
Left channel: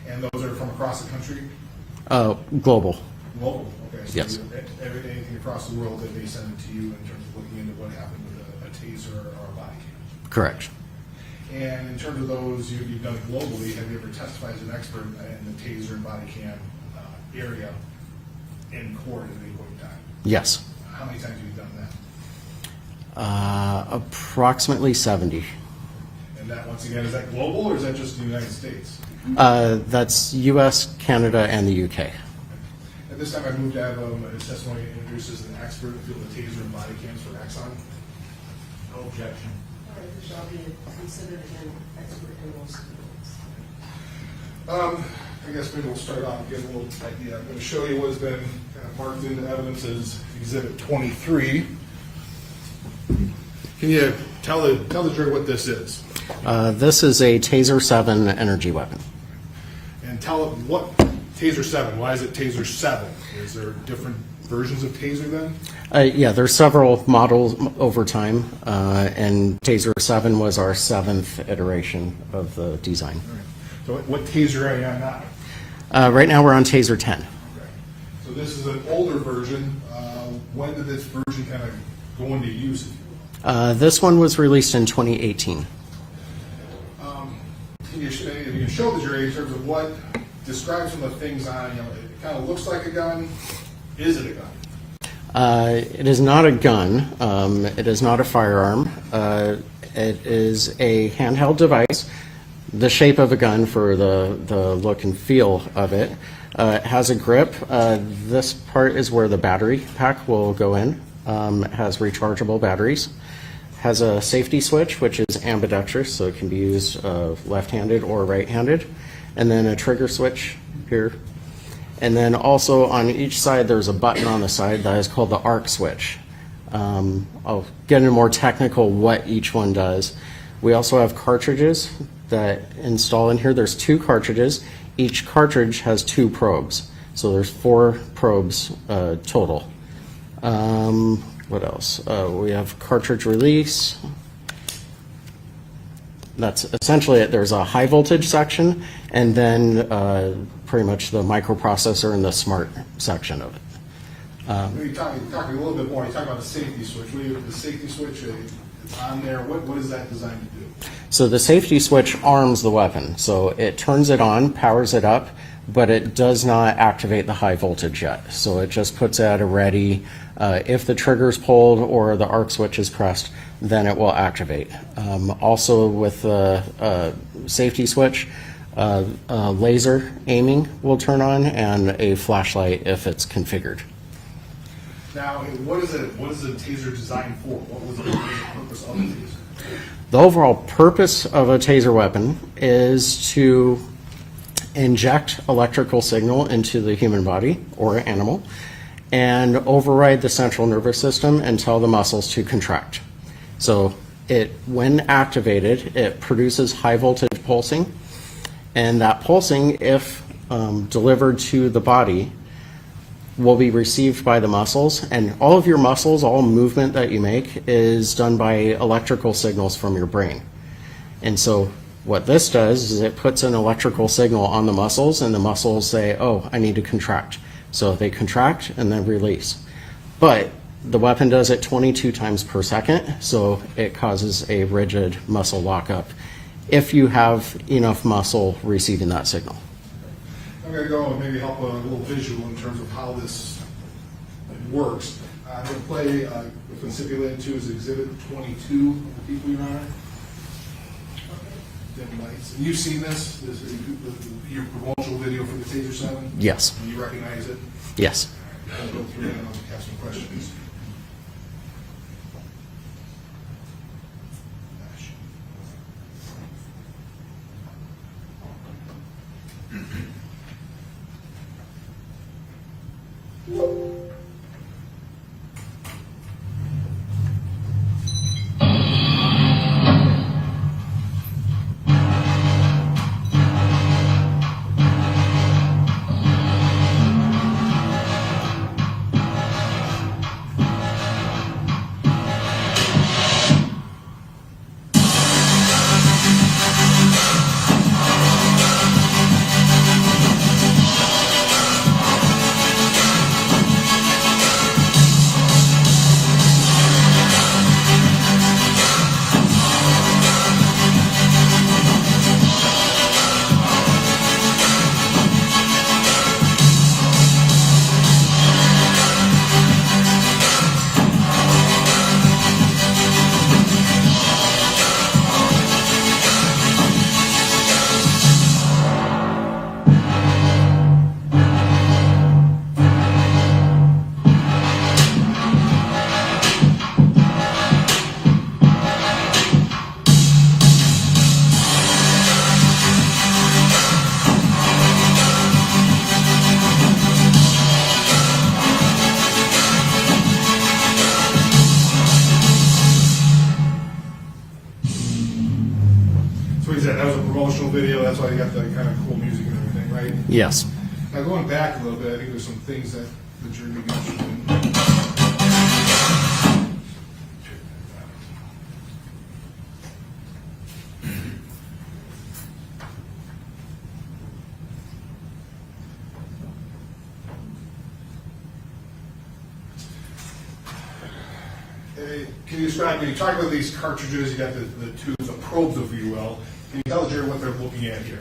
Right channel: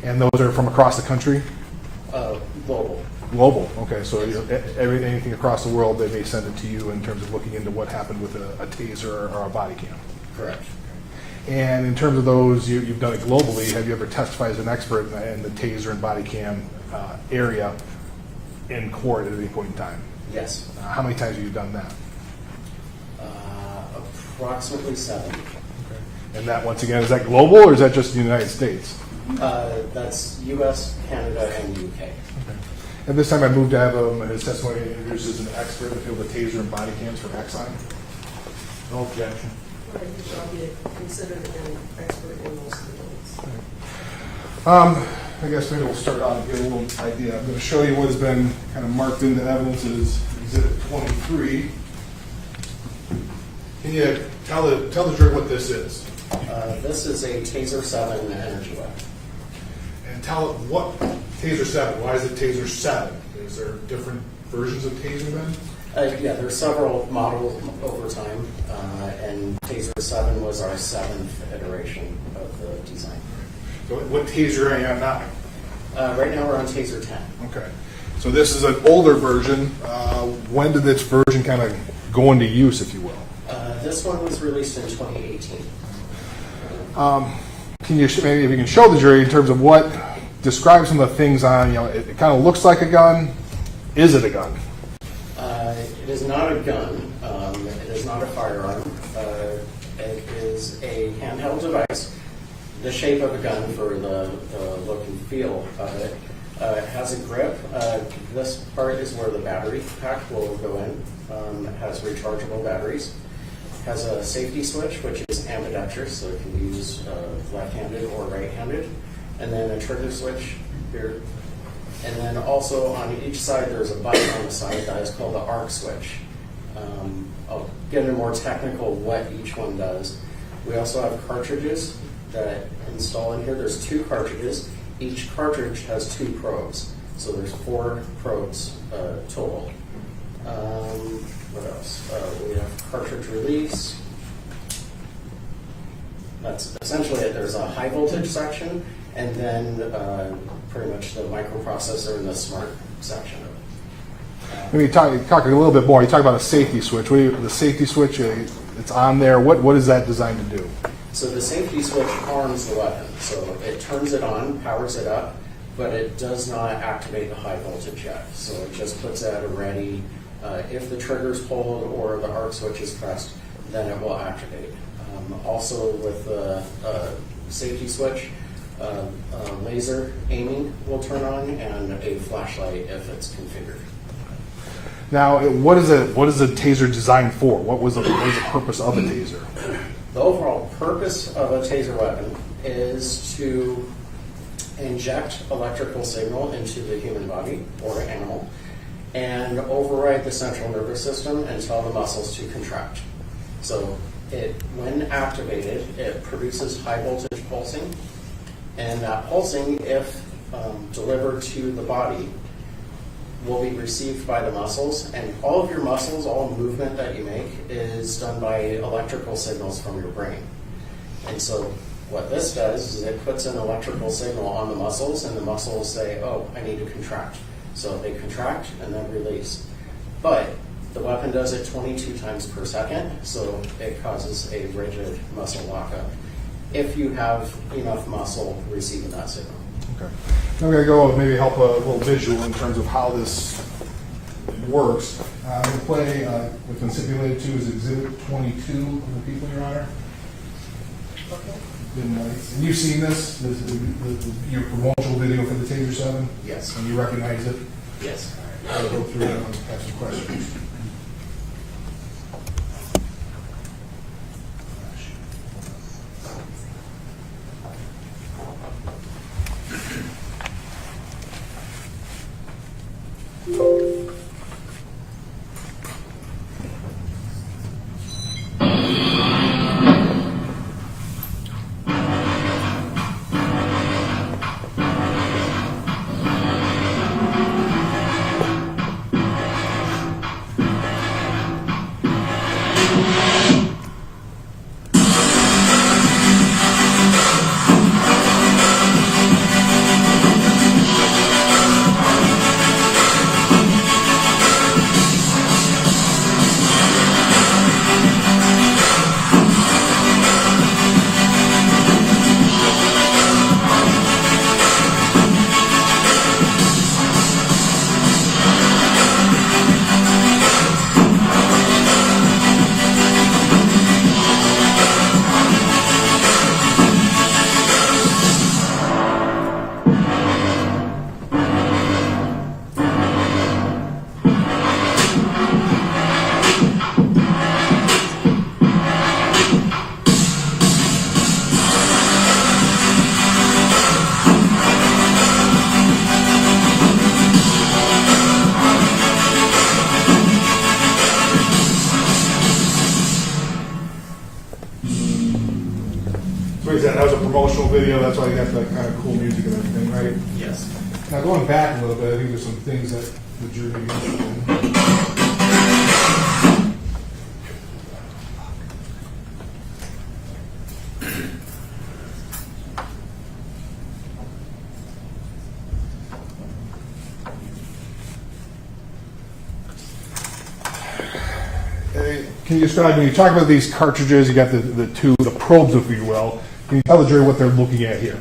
And those are from across the country? Global. Global, okay. So Yes. Anything across the world, they may send it to you in terms of looking into what happened with a taser or a body cam. Correct. And in terms of those, you've done it globally. Have you ever testified as an expert in the taser and body cam area in court at any point in time? Yes. How many times have you done that? Approximately 70. And that, once again, is that global or is that just the United States? That's U.S., Canada, and the U.K. At this time, I move to have his testimony introduced as an expert in the field of taser and body cams for Axon. No objection. You shall be considered an expert in those fields. I guess maybe we'll start off and get a little idea. I'm going to show you what has been kind of marked into evidence as Exhibit 23. Can you tell the jury what this is? This is a Taser 7 energy weapon. And tell what Taser 7. Why is it Taser 7? Is there different versions of Taser then? Yeah, there's several models over time, and Taser 7 was our 7th iteration of the design. So what Taser are you on now? Right now we're on Taser 10. Okay. So this is an older version. When did this version kind of go into use, if you will? This one was released in 2018. Can you maybe if you can show the jury in terms of what describe some of the things on, it kind of looks like a gun. Is it a gun? It is not a gun. It is not a firearm. It is a handheld device, the shape of a gun for the look and feel of it. It has a grip. This part is where the battery pack will go in. It has rechargeable batteries. Has a safety switch, which is ambidextrous, so it can be used left-handed or right-handed. And then a trigger switch here. And then also on each side, there's a button on the side that is called the arc switch. I'll get into more technical what each one does. We also have cartridges that install in here. There's 2 cartridges. Each cartridge has 2 probes. So there's 4 probes total. What else? We have cartridge release. That's essentially it. There's a high voltage section, and then pretty much the microprocessor and the smart section of it. Maybe talk a little bit more. You talk about a safety switch. The safety switch, it's on there. What is that designed to do? So the safety switch arms the weapon. So it turns it on, powers it up, but it does not activate the high voltage yet. So it just puts it at a ready. If the trigger is pulled or the arc switch is pressed, then it will activate. Also with the safety switch, laser aiming will turn on and a flashlight if it's configured. Now, what is a Taser designed for? What was the purpose of a Taser? The overall purpose of a Taser weapon is to inject electrical signal into the human body or animal and override the central nervous system and tell the muscles to contract. So when activated, it produces high voltage pulsing, and that pulsing, if delivered to the body, will be received by the muscles, and all of your muscles, all movement that you make is done by electrical signals from your brain. And so what this does is it puts an electrical signal on the muscles, and the muscles say, oh, I need to contract. So they contract and then release. But the weapon does it 22 times per second, so it causes a rigid muscle lockup if you have enough muscle receiving that signal. Okay. I'm going to go and maybe help a little visual in terms of how this works. I'm going to play what's been stipulated to is Exhibit 22 of the people, Your Honor. And you've seen this your promotional video for the Taser 7? Yes. And you recognize it? Yes. I'll go through it and I'll ask some questions. That was a promotional video, that's why you got that kind of cool music and everything, right? Yes. Now going back a little bit, I think there's some things that the jury may be interested in. can you describe, when you talk about these cartridges, you got the probes, if you will, can you tell the jury what they're looking at here?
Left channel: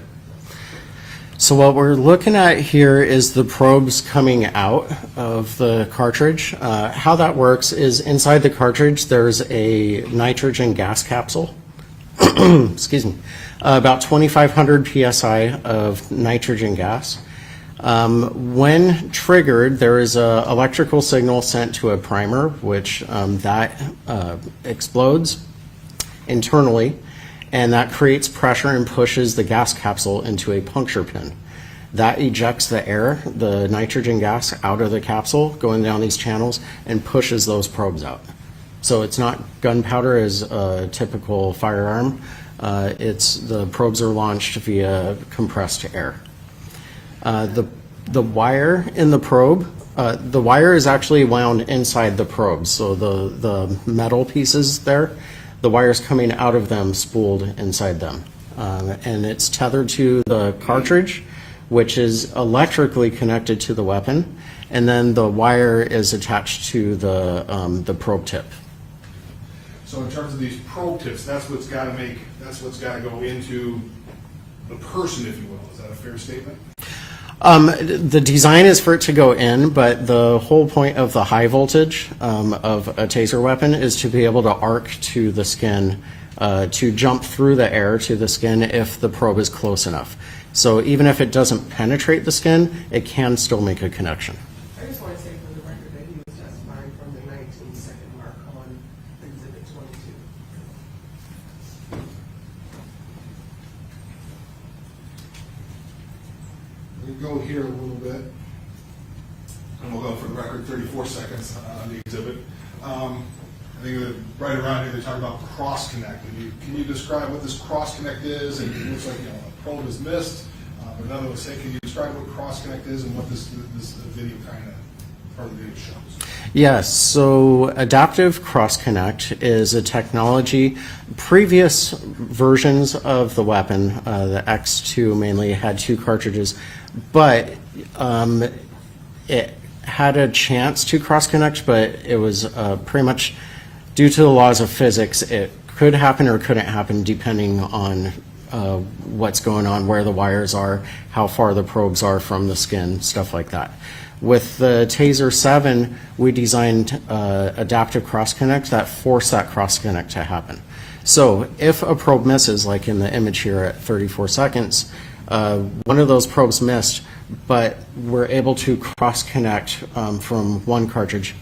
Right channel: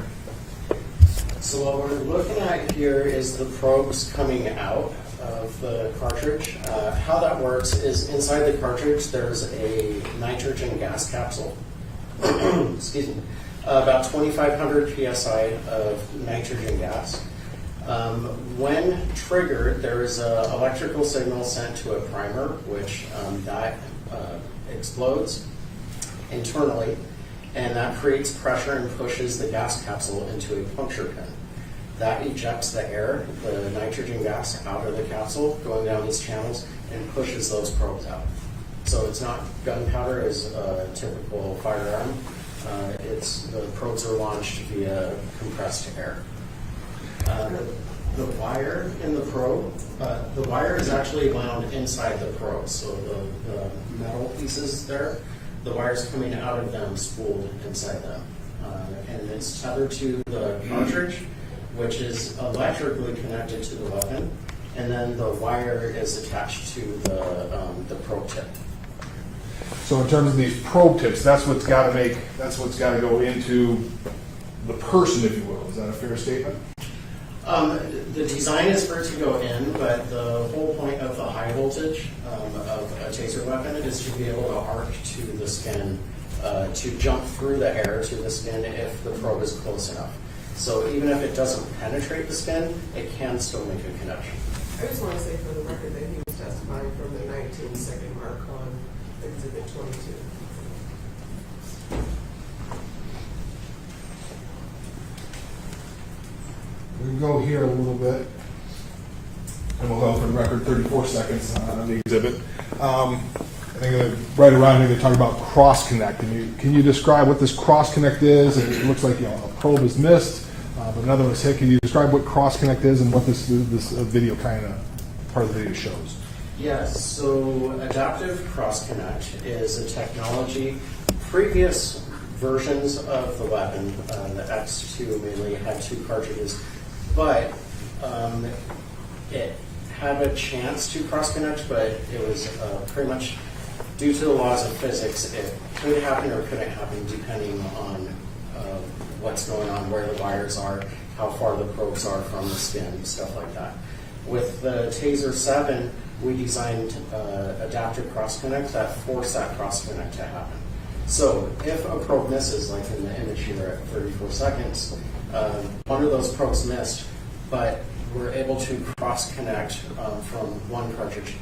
So what we're looking at here is the probes coming out of the cartridge. How that works is inside the cartridge there's a nitrogen gas capsule. Excuse me. About 2,500 psi of nitrogen gas. When triggered, there is an electrical signal sent to a primer, which that explodes internally, and that creates pressure and pushes the gas capsule into a puncture pin. That ejects the air, the nitrogen gas, out of the capsule, going down these channels, and pushes those probes out. So it's not gunpowder as a typical firearm. The probes are launched via compressed air. The wire in the probe, the wire is actually wound inside the probes. So the metal pieces there, the wire's coming out of them, spooled inside them. And it's tethered to the cartridge, which is electrically connected to the weapon. And then the wire is attached to the probe tip. So in terms of these probe tips, that's what's got to go into the person, if you will. Is that a fair statement? The design is for it to go in, but the whole point of the high voltage of a taser weapon is to be able to arc to the skin, to jump through the air to the skin if the probe is close enough. So even if it doesn't penetrate the skin, it can still make a connection. I just want to say for the record that he was testifying from the 19-second mark on Exhibit 22. We can go here a little bit, and we'll go for the record 34 seconds on the exhibit. I think right around here they talk about cross connect. Can you describe what this cross connect is? And it looks like a probe is missed, but another was hit. Can you describe what cross connect is and what this video kind of part of the video shows? Yes, so adaptive cross connect is a technology. Previous versions of the weapon, the X2 mainly, had 2 cartridges, but it had a chance to cross connect, but it was pretty much due to the laws of physics. It could happen or couldn't happen depending on what's going on, where the wires are, how far the probes are from the skin, stuff like that. With the Taser 7, we designed adaptive cross connect that forced that cross connect to happen. So if a probe misses, like in the image here at 34 seconds, one of those probes missed, but we're able to cross connect from one cartridge.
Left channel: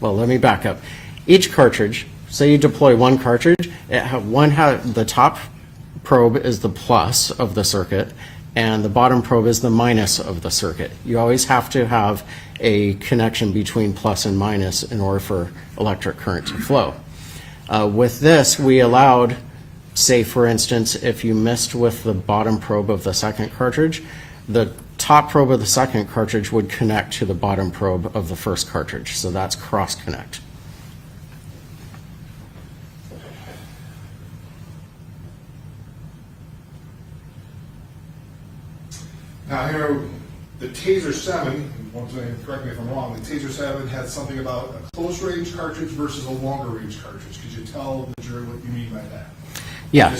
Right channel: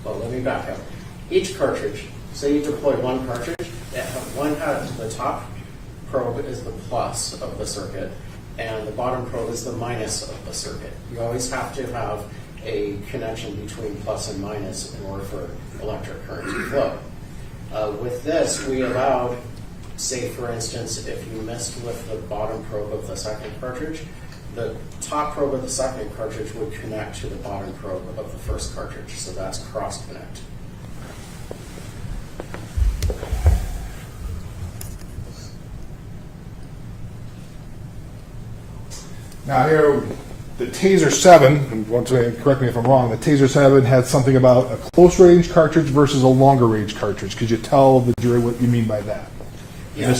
Well, let me back up. Each cartridge, say you deploy one cartridge, the top probe is the plus of the circuit, and the bottom probe is the minus of the circuit. You always have to have a connection between plus and minus in order for electric current to flow. With this, we allowed, say for instance, if you missed with the bottom probe of the second cartridge, the top probe of the second cartridge would connect to the bottom probe of the first cartridge. So that's cross connect. Now here, the Taser 7, and once again, correct me if I'm wrong, the Taser 7 had something about a close range cartridge versus a longer range cartridge. Could you tell the jury what you mean by that? Yeah.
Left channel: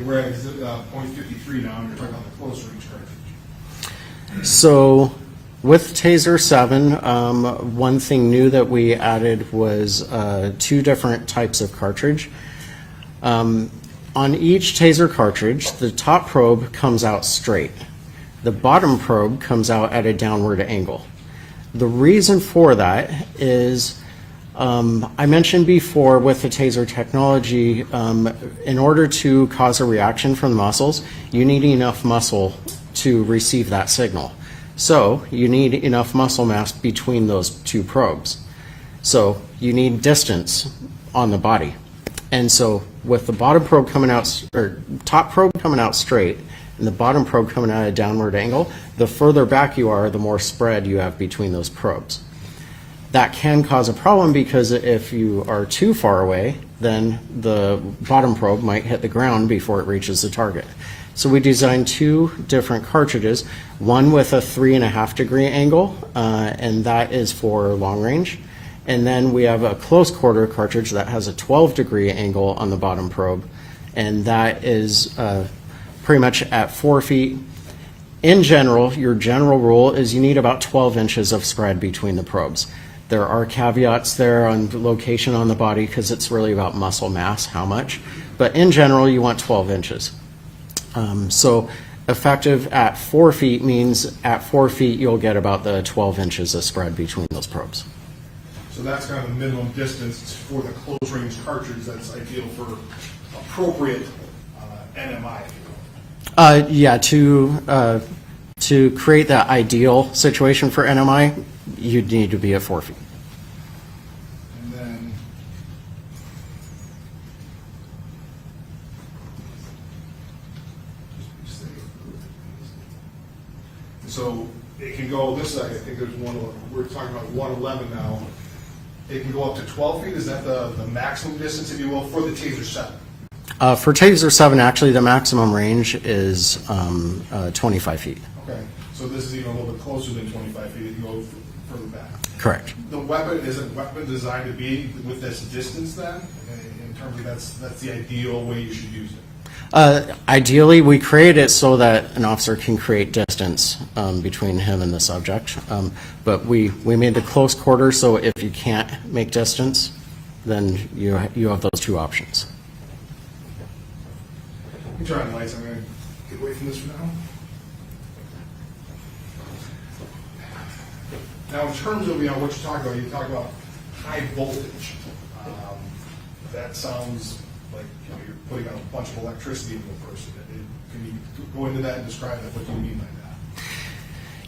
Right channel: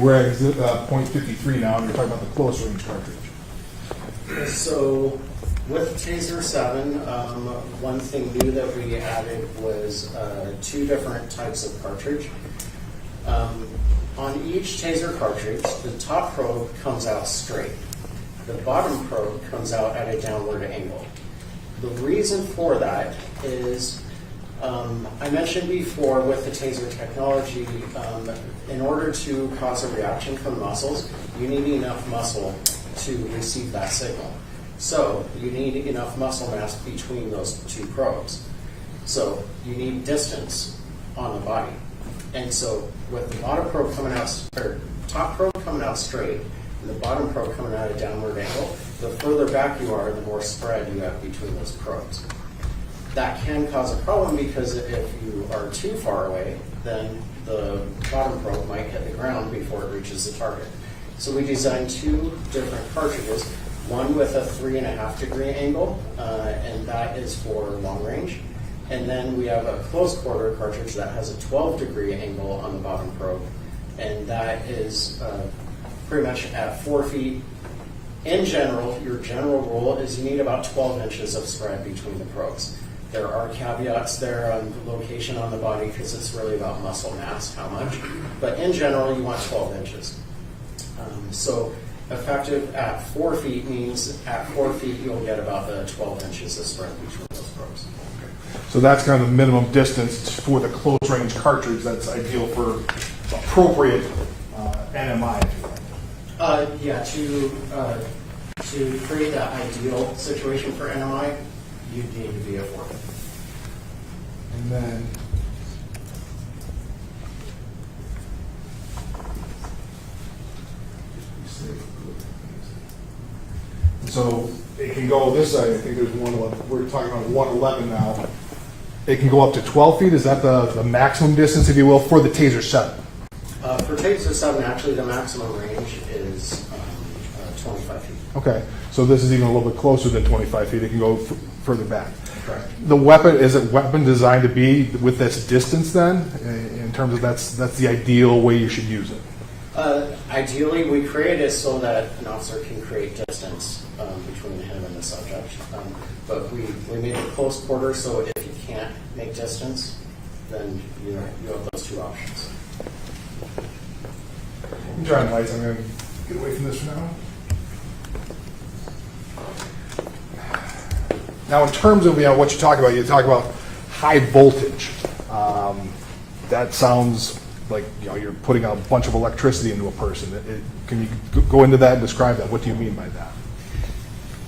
We're at point 53 now, and we're talking about the close range cartridge. So with Taser 7, one thing new that we added was 2 different types of cartridge. On each Taser cartridge, the top probe comes out straight. The bottom probe comes out at a downward angle. The reason for that is, I mentioned before with the Taser technology, in order to cause a reaction from the muscles, you need enough muscle to receive that signal. So you need enough muscle mass between those 2 probes. So you need distance on the body. And so with the bottom probe coming out, or top probe coming out straight, and the bottom probe coming out at a downward angle, the further back you are, the more spread you have between those probes. That can cause a problem because if you are too far away, then the bottom probe might hit the ground before it reaches the target. So we designed 2 different cartridges, one with a 3.5 degree angle, and that is for long range, And then we have a close quarter cartridge that has a 12-degree angle on the bottom probe, and that is pretty much at 4 feet. In general, your general rule is you need about 12 inches of spread between the probes. There are caveats there on the location on the body because it's really about muscle mass, how much. But in general, you want 12 inches. So effective at 4 feet means at 4 feet you'll get about the 12 inches of spread between those probes. So that's kind of the minimum distance for the close range cartridge that's ideal for appropriate NMI. Yeah, to create that ideal situation for NMI, you'd need to be at 4 feet. And then so it can go this side. I think there's 111. We're talking about 111 now. It can go up to 12 feet. Is that the maximum distance, if you will, for the Taser 7? For Taser 7, actually, the maximum range is 25 feet. Okay, so this is even a little bit closer than 25 feet. It can go further back. Correct. The weapon, is it weapon designed to be with this distance then? In terms of that's the ideal way you should use it? Ideally, we create it so that an officer can create distance between him and the subject. But we made the close quarter, so if you can't make distance, then you have those two options. You can turn on lights. I'm going to get away from this for now. Now, in terms of what you talk about high voltage. That sounds like you're putting a bunch of electricity into a person. Can you go into that and describe that? What do you mean by that?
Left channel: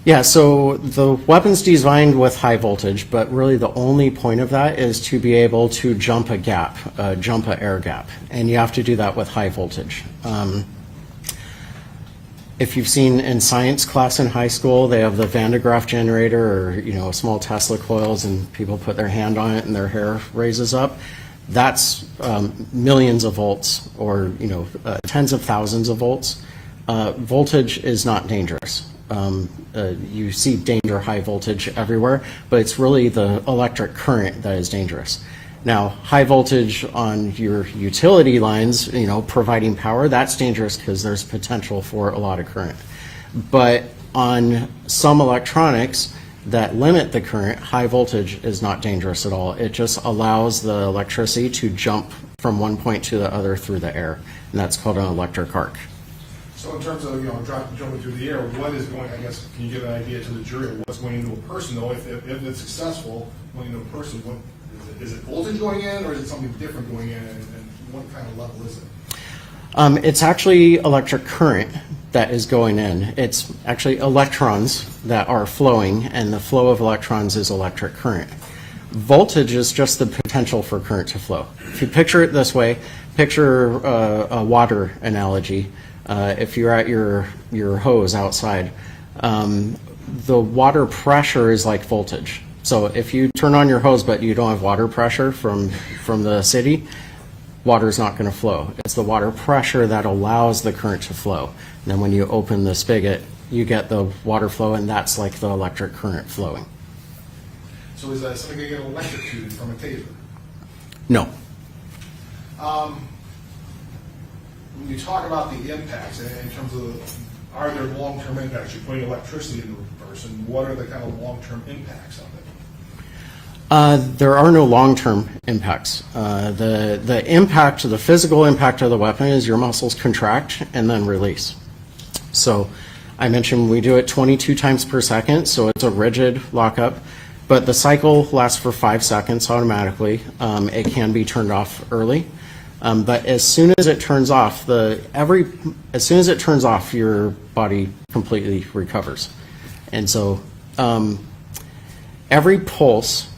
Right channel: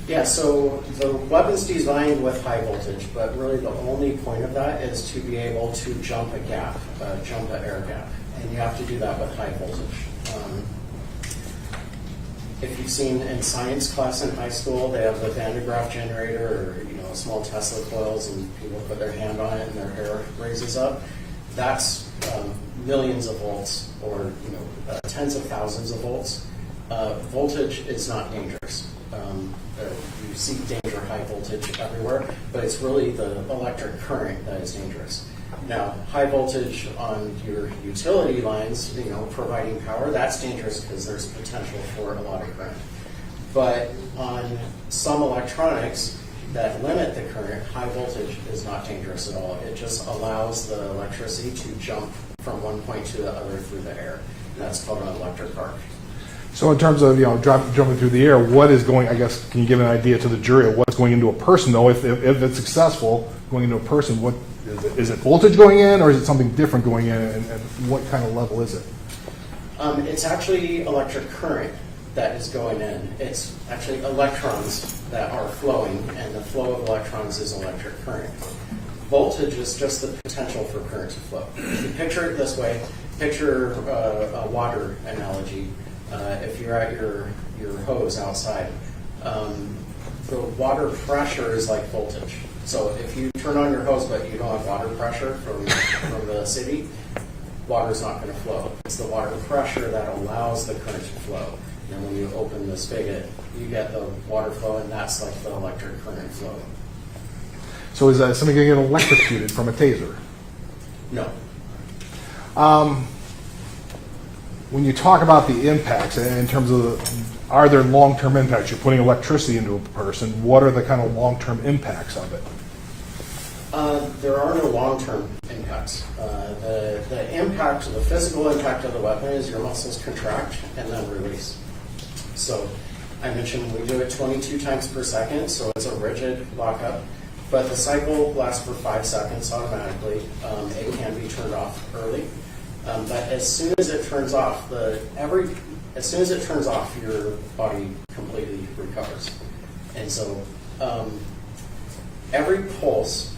Yeah, so the weapon's designed with high voltage, but really the only point of that is to be able to jump a gap, jump an air gap, and you have to do that with high voltage. If you've seen in science class in high school, they have the Van de Graaff generator or small Tesla coils, and people put their hand on it and their hair raises up. That's millions of volts or tens of thousands of volts. Voltage is not dangerous. You see danger high voltage everywhere, but it's really the electric current that is dangerous. Now, high voltage on your utility lines, providing power, that's dangerous because there's potential for a lot of current. But on some electronics that limit the current, high voltage is not dangerous at all. It just allows the electricity to jump from one point to the other through the air, and that's called an electric arc. So in terms of jumping through the air, what is going? I guess can you give an idea to the jury of what's going into a person? Though, if it's successful going into a person, what is it? Voltage going in, or is it something different going in? And what kind of level is it? It's actually electric current that is going in. It's actually electrons that are flowing, and the flow of electrons is electric current. Voltage is just the potential for current to flow. If you picture it this way, picture a water analogy. If you're at your hose outside, the water pressure is like voltage. So if you turn on your hose but you don't have water pressure from the city, water's not going to flow. It's the water pressure that allows the current to flow. And then when you open the spigot, you get the water flow, and that's like the electric current flowing. So is that something going to get electrocuted from a taser? No. When you talk about the impacts, in terms of are there long-term impacts? You're putting electricity into a person. What are the kind of long-term impacts of it? There are no long-term impacts. The impact, the physical impact of the weapon is your muscles contract and then release. So I mentioned we do it 22 times per second, so it's a rigid lockup, but the cycle lasts for 5 seconds automatically. It can be turned off early. But as soon as it turns off, your body completely recovers. And so every pulse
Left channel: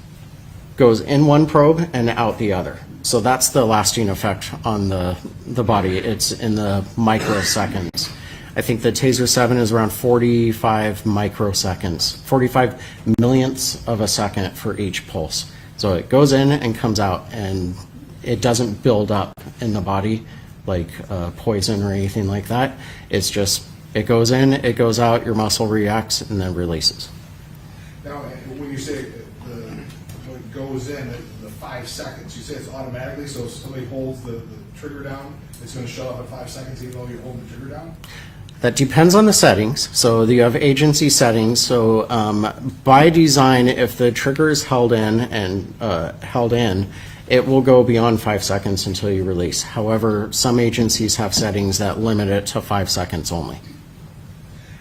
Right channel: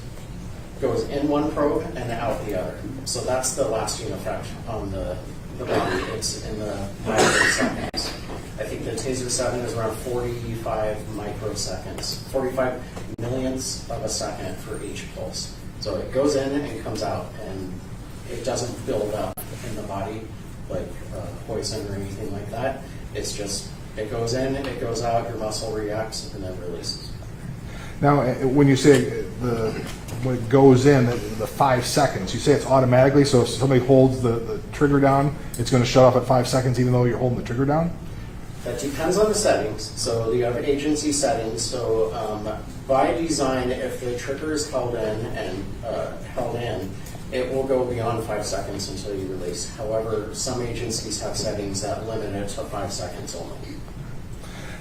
goes in one probe and out the other. So that's the lasting effect on the body. It's in the microseconds. I think the Taser 7 is around 45 microseconds, 45 millionths of a second for each pulse. So it goes in and comes out, and it doesn't build up in the body like poison or anything like that. It's just, it goes in, it goes out, your muscle reacts, and then releases. Now, when you say when it goes in, the 5 seconds, you say it's automatically, so if somebody holds the trigger down, it's going to shut off at 5 seconds even though you're holding the trigger down? That depends on the settings. So you have agency settings. So by design, if the trigger is held in, it will go beyond 5 seconds until you release. However, some agencies have settings that limit it to 5 seconds only.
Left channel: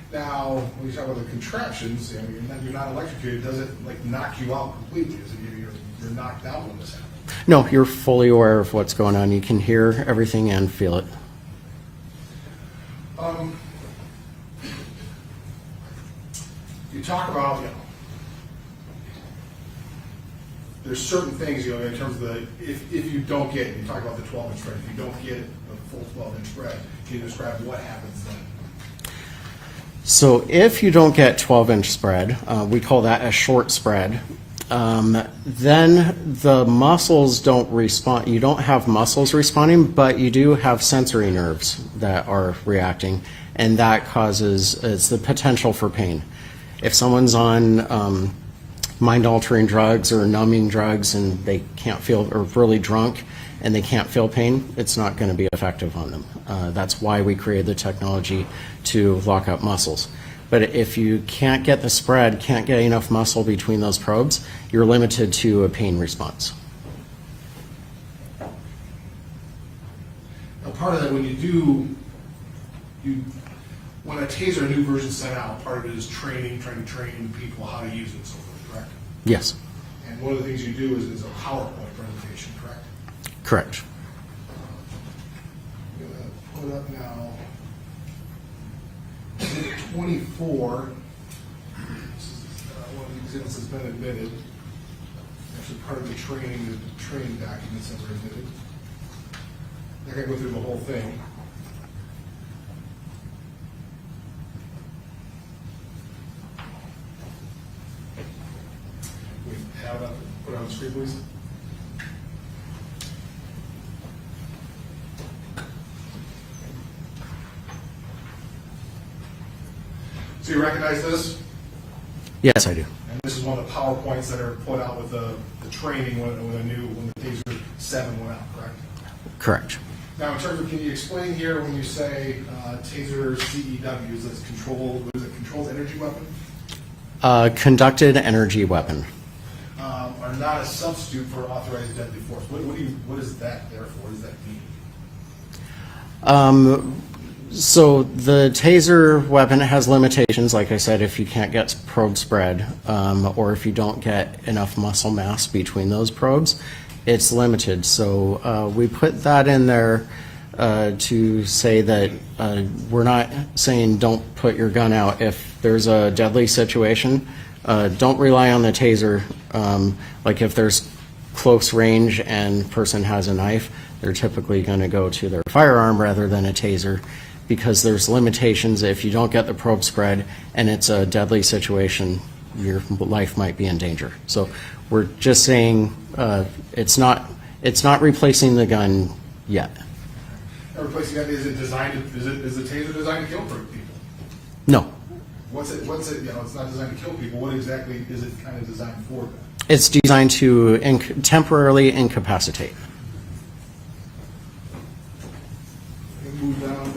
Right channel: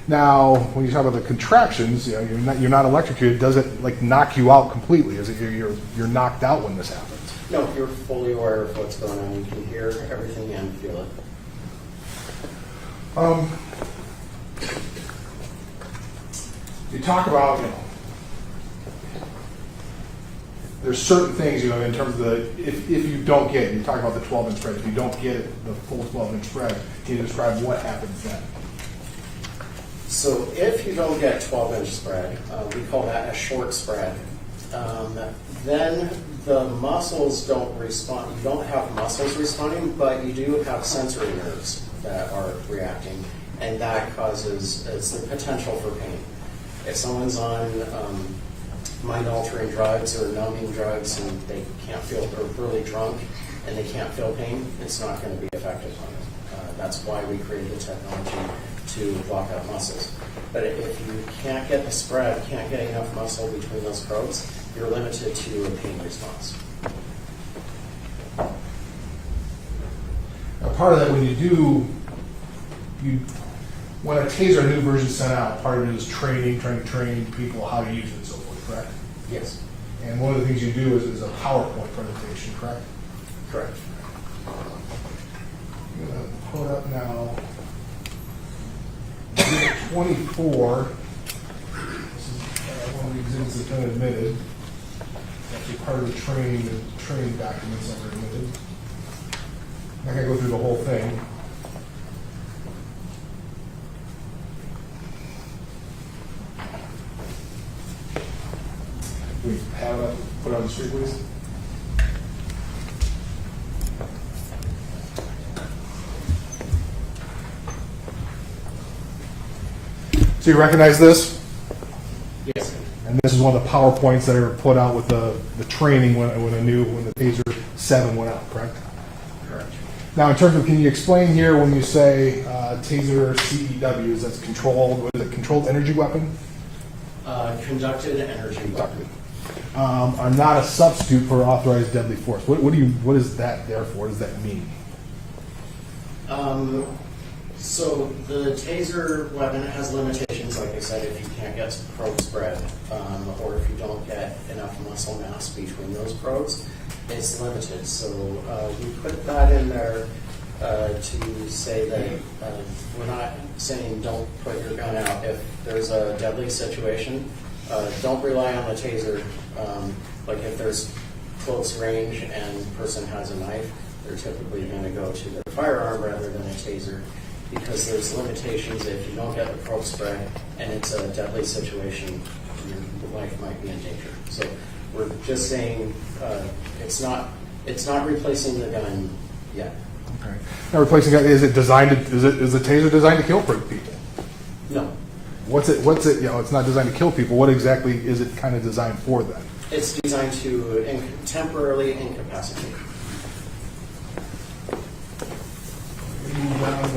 Now, when you talk about the contractions, you're not electrocuted. Does it like knock you out completely? Is it you're knocked out when this happens? No, you're fully aware of what's going on. You can hear everything and feel it. You talk about, there's certain things, in terms of if you don't get it, you talk about the 12-inch spread, if you don't get it, the full 12-inch spread, can you describe what happens then? So if you don't get 12-inch spread, we call that a short spread, then the muscles don't respond. You don't have muscles responding, but you do have sensory nerves that are reacting, and that causes, it's the potential for pain. If someone's on mind-altering drugs or numbing drugs and they can't feel, or really drunk and they can't feel pain, it's not going to be effective on them. That's why we created the technology to lock up muscles. But if you can't get the spread, can't get enough muscle between those probes, you're limited to a pain response. Now, part of that, when when a Taser new version is sent out, part of it is training people how to use it and so forth, correct? Yes. And one of the things you do is a PowerPoint presentation, correct? Correct. I'm going to pull it up now. Exhibit 24. This is one of the exhibits that's been admitted. Actually, part of the training documents that were admitted. I'm not going to go through the whole thing. We have it up, put it on the screen, please. So you recognize this? Yes, I do. And this is one of the PowerPoints that are put out with the training when the Taser 7 went out, correct? Correct. Now, in terms of, can you explain here when you say Taser CEWs, that's controlled, what is it, controlled energy weapon? Conducted energy weapon. Are not a substitute for authorized deadly force. What is that there for? What does that mean? So the Taser weapon has limitations, like I said, if you can't get probe spread, or if you don't get enough muscle mass between those probes, it's limited. So we put that in there to say that we're not saying don't put your gun out. If there's a deadly situation, don't rely on the Taser. Like if there's close range and person has a knife, they're typically going to go to their firearm rather than a Taser, because there's limitations. If you don't get the probe spread and it's a deadly situation, your life might be in danger. So we're just saying it's not replacing the gun yet. Okay. Now, replacing gun, is the Taser designed to kill people? No. What's it? It's not designed to kill people. What exactly is it kind of designed for then? It's designed to temporarily incapacitate. Move down.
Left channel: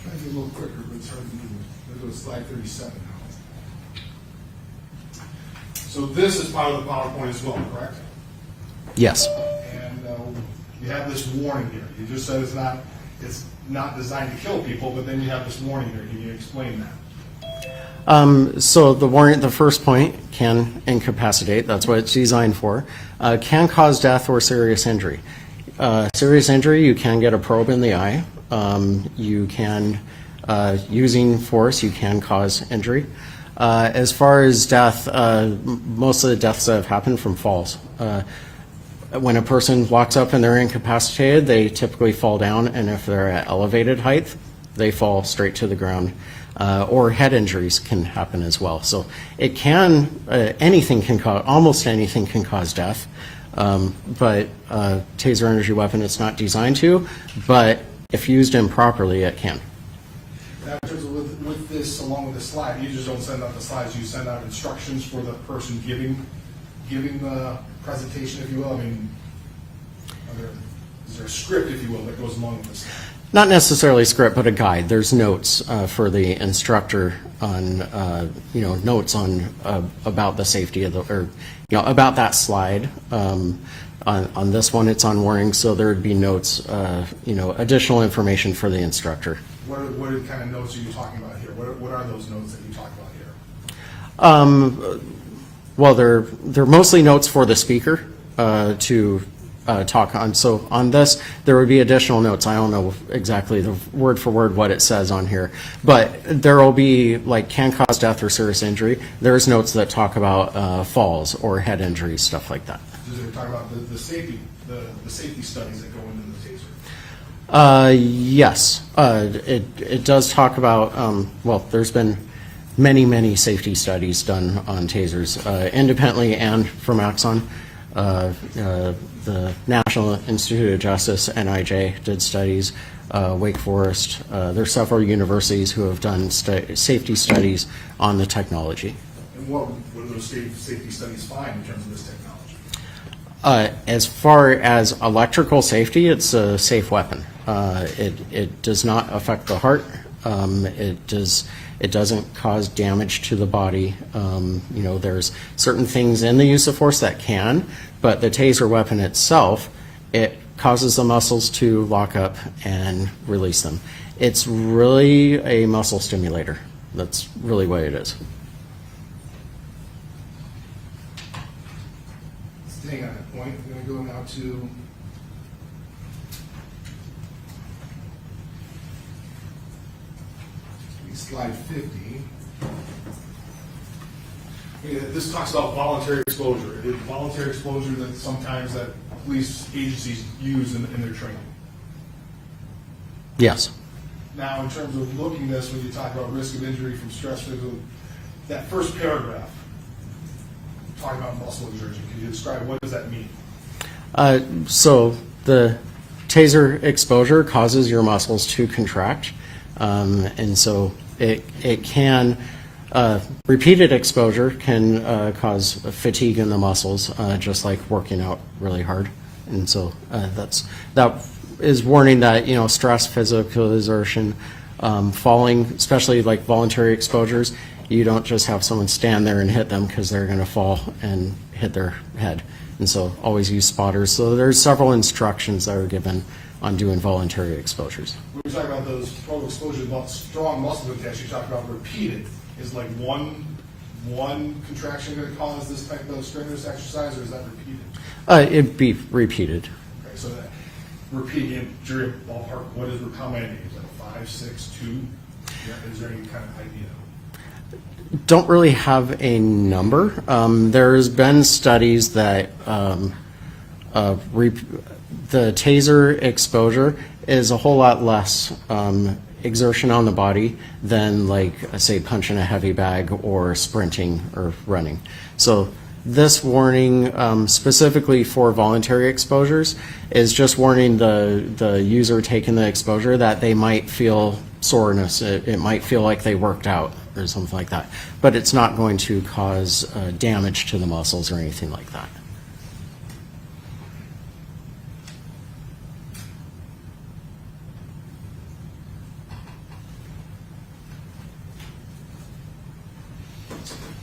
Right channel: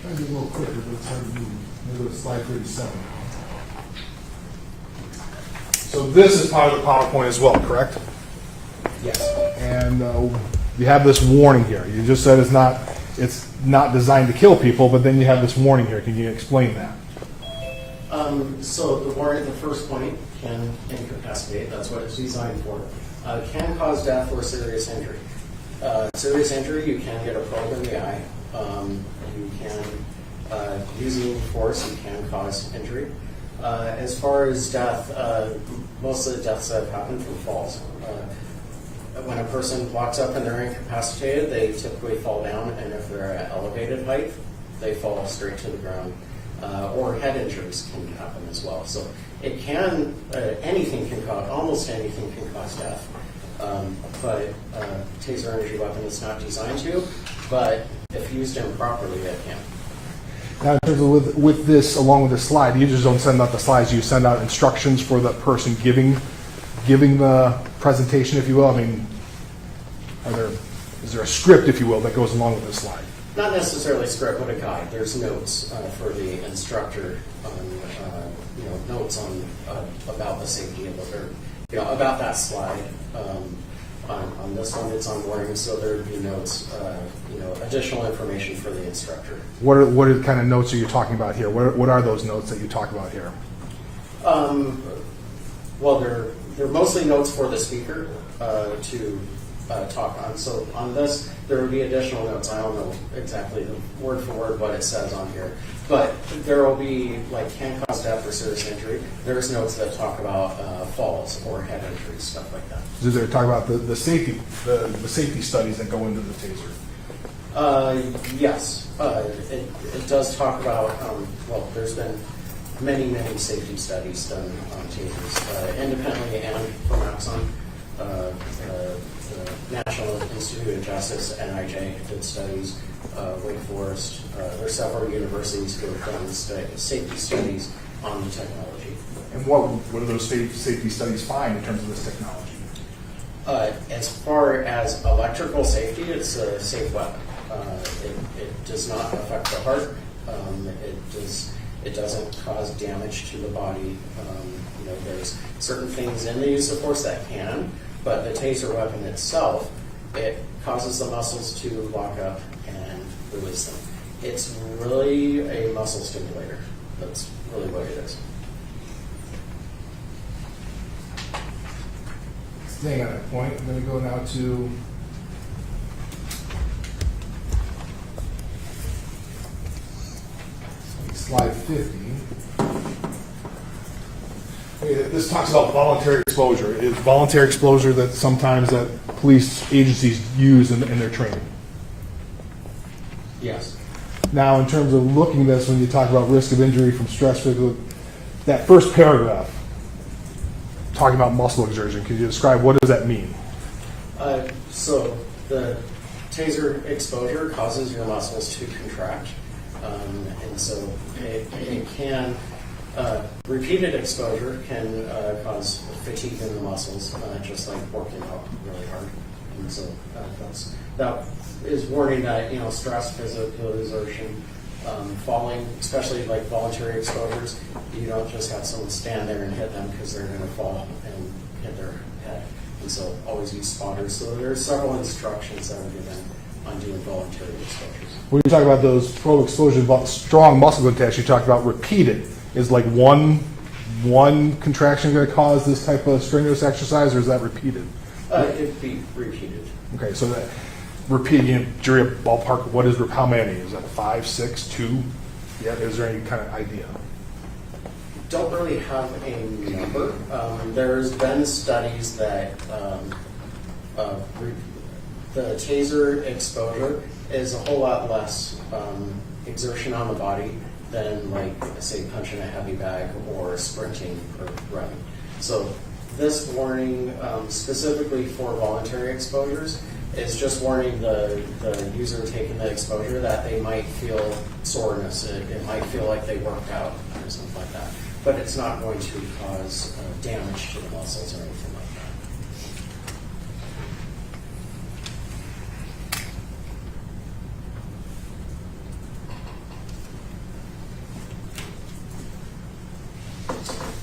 Try to do a little quicker, but it's hard to move. I'm going to go to slide 37. So this is part of the PowerPoint as well, correct? Yes. And you have this warning here. You just said it's not designed to kill people, but then you have this warning here. Can you explain that? So the warning, the first point, can incapacitate. That's what it's designed for. Can cause death or serious injury. Serious injury, you can get a probe in the eye. You can, using force, you can cause injury. As far as death, most of the deaths that have happened from falls. When a person walks up and they're incapacitated, they typically fall down, and if they're at elevated height, they fall straight to the ground. Or head injuries can happen as well. So it can, almost anything can cause death. But Taser energy weapon, it's not designed to, but if used improperly, it can. Now, in terms of with this, along with the slide, you just don't send out the slides, you send out instructions for the person giving the presentation, if you will? I mean, is there a script, if you will, that goes along with this slide? Not necessarily script, but a guide. There's notes for the instructor on, notes on about the safety of the, or about that slide. On this one, it's on warning, so there would be notes, additional information for the instructor. What are the kind of notes are you talking about here? What are those notes that you talk about here? Well, they're mostly notes for the speaker to talk on. So on this, there would be additional notes. I don't know exactly the word for word what it says on here, but there will be like can cause death or serious injury. There's notes that talk about falls or head injuries, stuff like that. Does it talk about the safety studies that go into the taser? Yes, it does talk about. Well, there's been many safety studies done on tasers, independently and from Axon. The National Institute of Justice, NIJ, did studies. Wake Forest. There's several universities who have done safety studies on the technology. And what do those safety studies find in terms of this technology? As far as electrical safety, it's a safe weapon. It does not affect the heart. It doesn't cause damage to the body. There's certain things in the use of force that can, but the taser weapon itself, it causes the muscles to lock up and release them. It's really a muscle stimulator. That's really what it is. Staying on that point, I'm going to go now to slide 50. This talks about voluntary exposure. Is voluntary exposure that sometimes that police agencies use in their training? Yes. Now, in terms of looking at this, when you talk about risk of injury from stress, that first paragraph, talking about muscle exertion, can you describe what does that mean? So the taser exposure causes your muscles to contract, and so it can, repeated exposure can cause fatigue in the muscles, just like working out really hard. And so that is warning that, stress, physical exertion, falling, especially like voluntary exposures, you don't just have someone stand there and hit them because they're going to fall and hit their head. And so always use spotters. So there's several instructions that are given on doing voluntary exposures. When you talk about those total exposure, strong muscle contact, you talk about repeated. Is like one contraction going to cause this type of strenuous exercise, or is that repeated? It'd be repeated. Okay, so that repeating, jury ballpark, how many? Is that 5, 6, 2? Yeah, is there any kind of idea? Don't really have a number. There's been studies that the taser exposure is a whole lot less exertion on the body than, like, say, punching a heavy bag or sprinting or running. So this warning specifically for voluntary exposures is just warning the user taking the exposure that they might feel soreness. It might feel like they worked out or something like that. But it's not going to cause damage to the muscles or anything like that.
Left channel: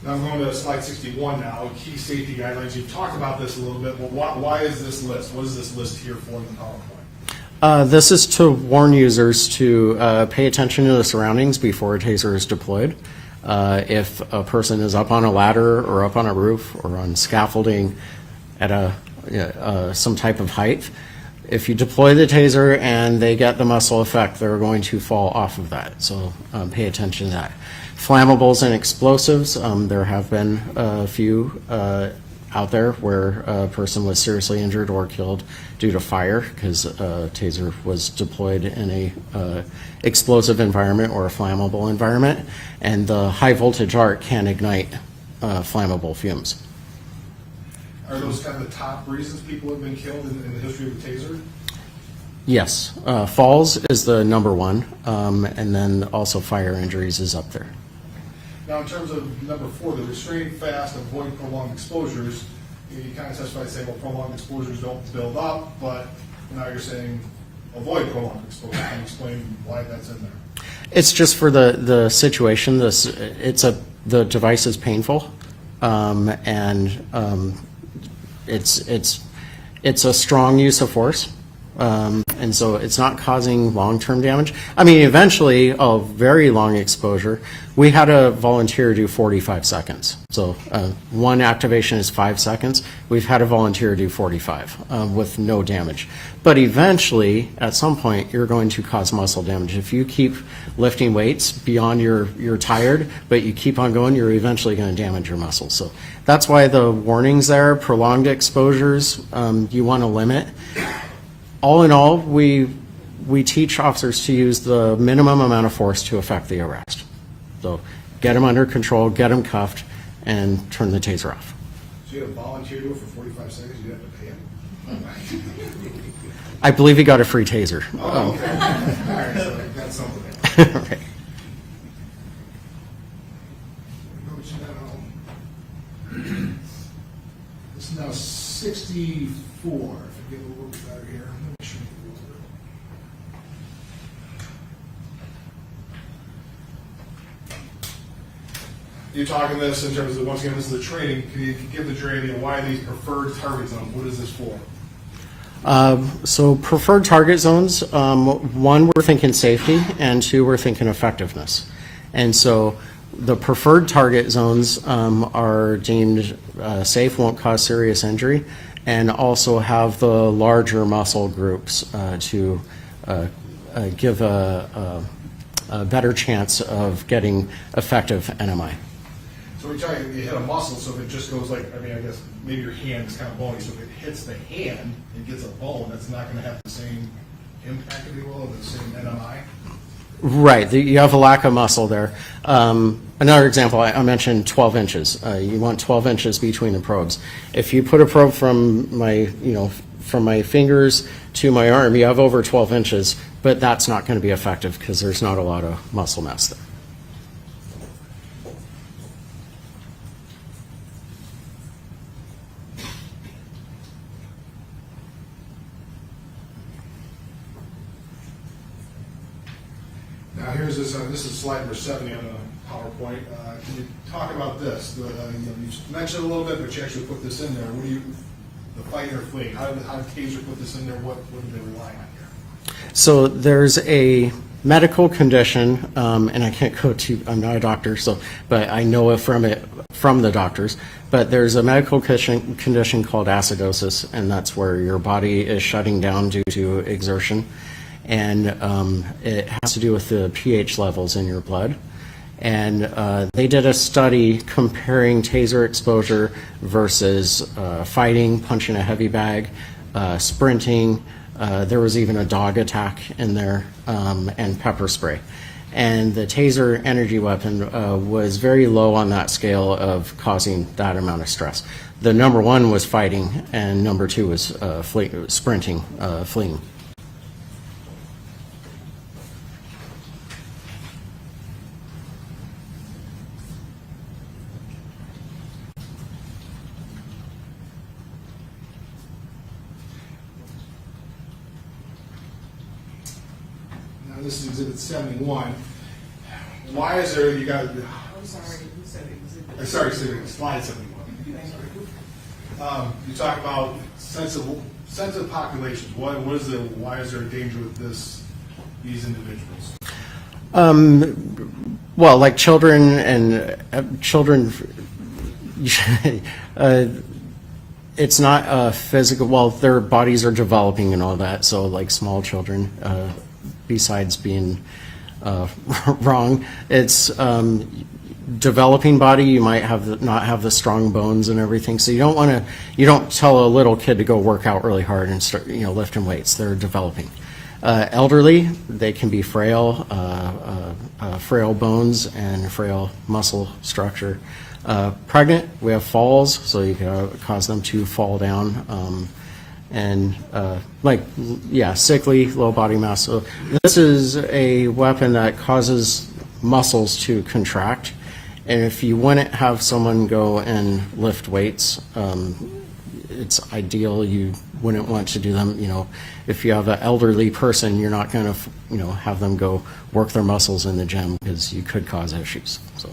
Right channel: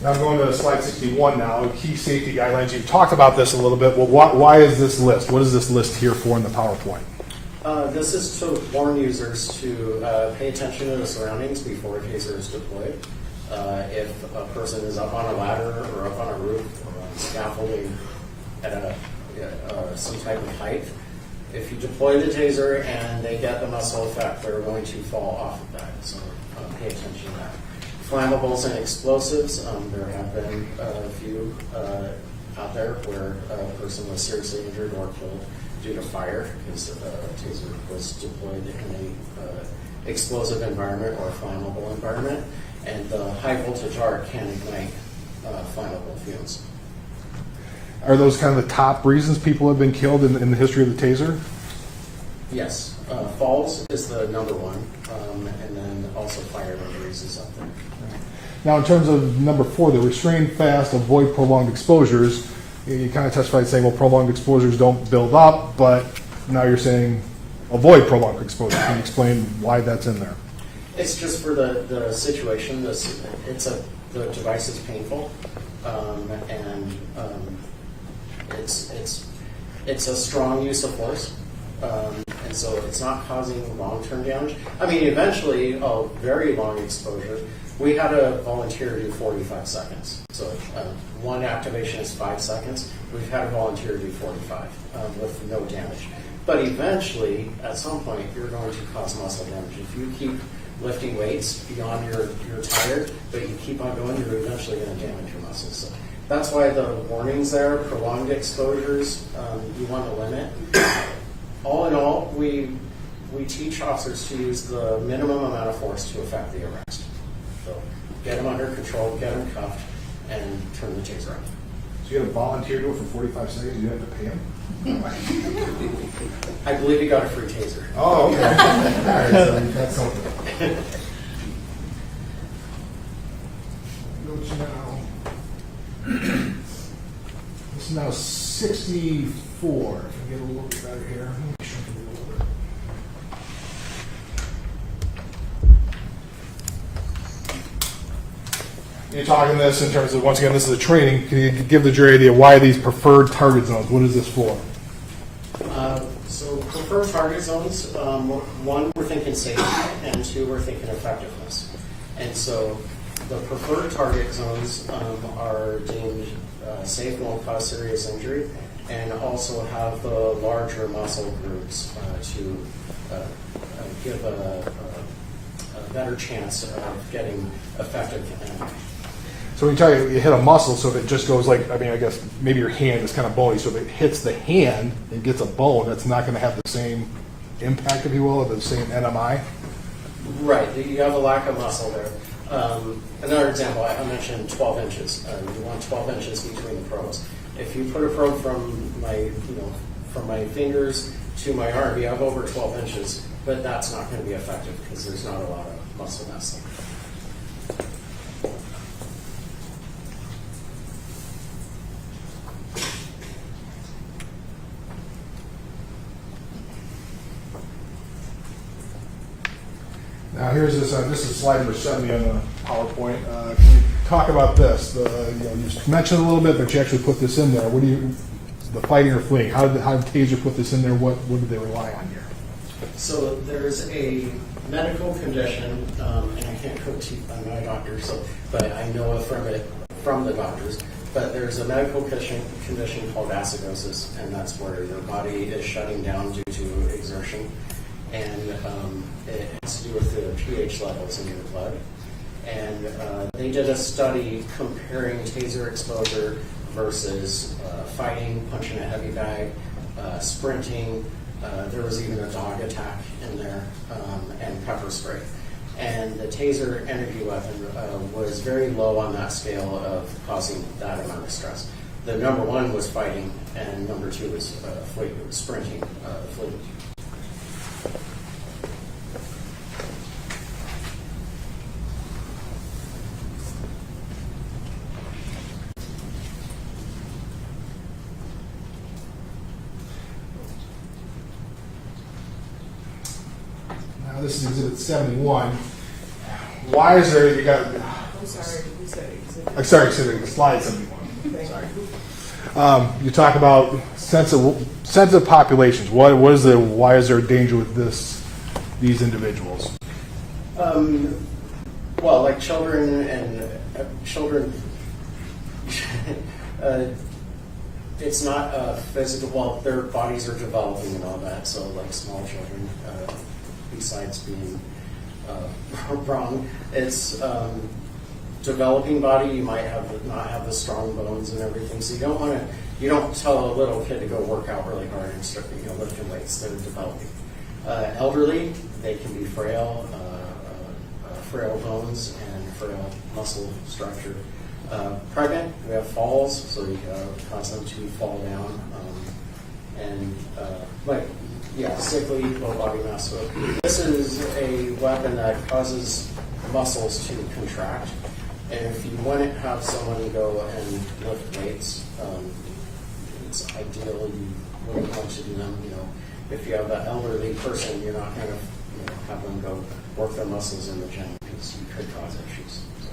Now I'm going to slide 61 now, key safety guidelines. You've talked about this a little bit. Well, why is this list? What is this list here for in the PowerPoint? This is to warn users to pay attention to the surroundings before a taser is deployed. If a person is up on a ladder or up on a roof or on scaffolding at some type of height, if you deploy the taser and they get the muscle effect, they're going to fall off of that. So pay attention to that. Flammables and explosives, there have been a few out there where a person was seriously injured or killed due to fire because a taser was deployed in a explosive environment or a flammable environment, and the high voltage arc can ignite flammable fumes. Are those kind of the top reasons people have been killed in the history of the taser? Yes, falls is the number one, and then also fire injuries is up there. Now, in terms of number 4, the restrain fast, avoid prolonged exposures, you kind of testified saying, well, prolonged exposures don't build up, but now you're saying avoid prolonged exposure. Can you explain why that's in there? It's just for the situation. The device is painful, and it's a strong use of force, and so it's not causing long-term damage. I mean, eventually, a very long exposure. We had a volunteer do 45 seconds. So one activation is 5 seconds. We've had a volunteer do 45 with no damage. But eventually, at some point, you're going to cause muscle damage. If you keep lifting weights beyond you're tired, but you keep on going, you're eventually going to damage your muscles. So that's why the warnings there, prolonged exposures, you want to limit. All in all, we teach officers to use the minimum amount of force to effect the arrest. So get them under control, get them cuffed, and turn the taser off. So you had a volunteer do it for 45 seconds, you didn't have to pay him? I believe he got a free taser. Oh, okay. All right, so that's something. Okay. This is now 64. If I get a little bit better here. Let me shrink it a little bit. You're talking this in terms of, once again, this is a training. Can you give the jury an idea why these preferred target zones? What is this for? So preferred target zones, one, we're thinking safety, and two, we're thinking effectiveness. And so the preferred target zones are deemed safe, won't cause serious injury, and also have the larger muscle groups to give a better chance of getting effective NMI. So when you hit a muscle, so if it just goes like, I mean, I guess maybe your hand is kind of bony, so if it hits the hand and gets a bone, that's not going to have the same impact, if you will, or the same NMI? Right, you have a lack of muscle there. Another example, I mentioned 12 inches. You want 12 inches between the probes. If you put a probe from my fingers to my arm, you have over 12 inches, but that's not going to be effective because there's not a lot of muscle mass there. Now here's this. This is slide number 70 on the PowerPoint. Can you talk about this? You mentioned it a little bit, but you actually put this in there. The fighting or fleeing? How did Taser put this in there? What did they rely on here? So there's a medical condition, and I can't go to. I'm not a doctor, but I know it from the doctors. But there's a medical condition called acidosis, and that's where your body is shutting down due to exertion. And it has to do with the pH levels in your blood. And they did a study comparing taser exposure versus fighting, punching a heavy bag, sprinting. There was even a dog attack in there, and pepper spray. And the taser energy weapon was very low on that scale of causing that amount of stress. The number one was fighting, and number two was sprinting, fleeing. This is Exhibit 71. Why is there, you got, I'm sorry, you said exhibit. sorry, slide 71. Sorry. You talk about sensitive populations. Why is there danger with these individuals? Well, like children and children, it's not a physical, well, their bodies are developing and all that, so like small children, besides being wrong, it's developing body. You might not have the strong bones and everything, so you don't tell a little kid to go work out really hard and start lifting weights. They're developing. Elderly, they can be frail, frail bones and frail muscle structure. Pregnant, we have falls, so you can cause them to fall down. and sickly, low body mass. So this is a weapon that causes muscles to contract, and if you wouldn't have someone go and lift weights, it's ideal. You wouldn't want to do them. If you have an elderly person, you're not going to have them go work their muscles in the gym because you could cause issues. So.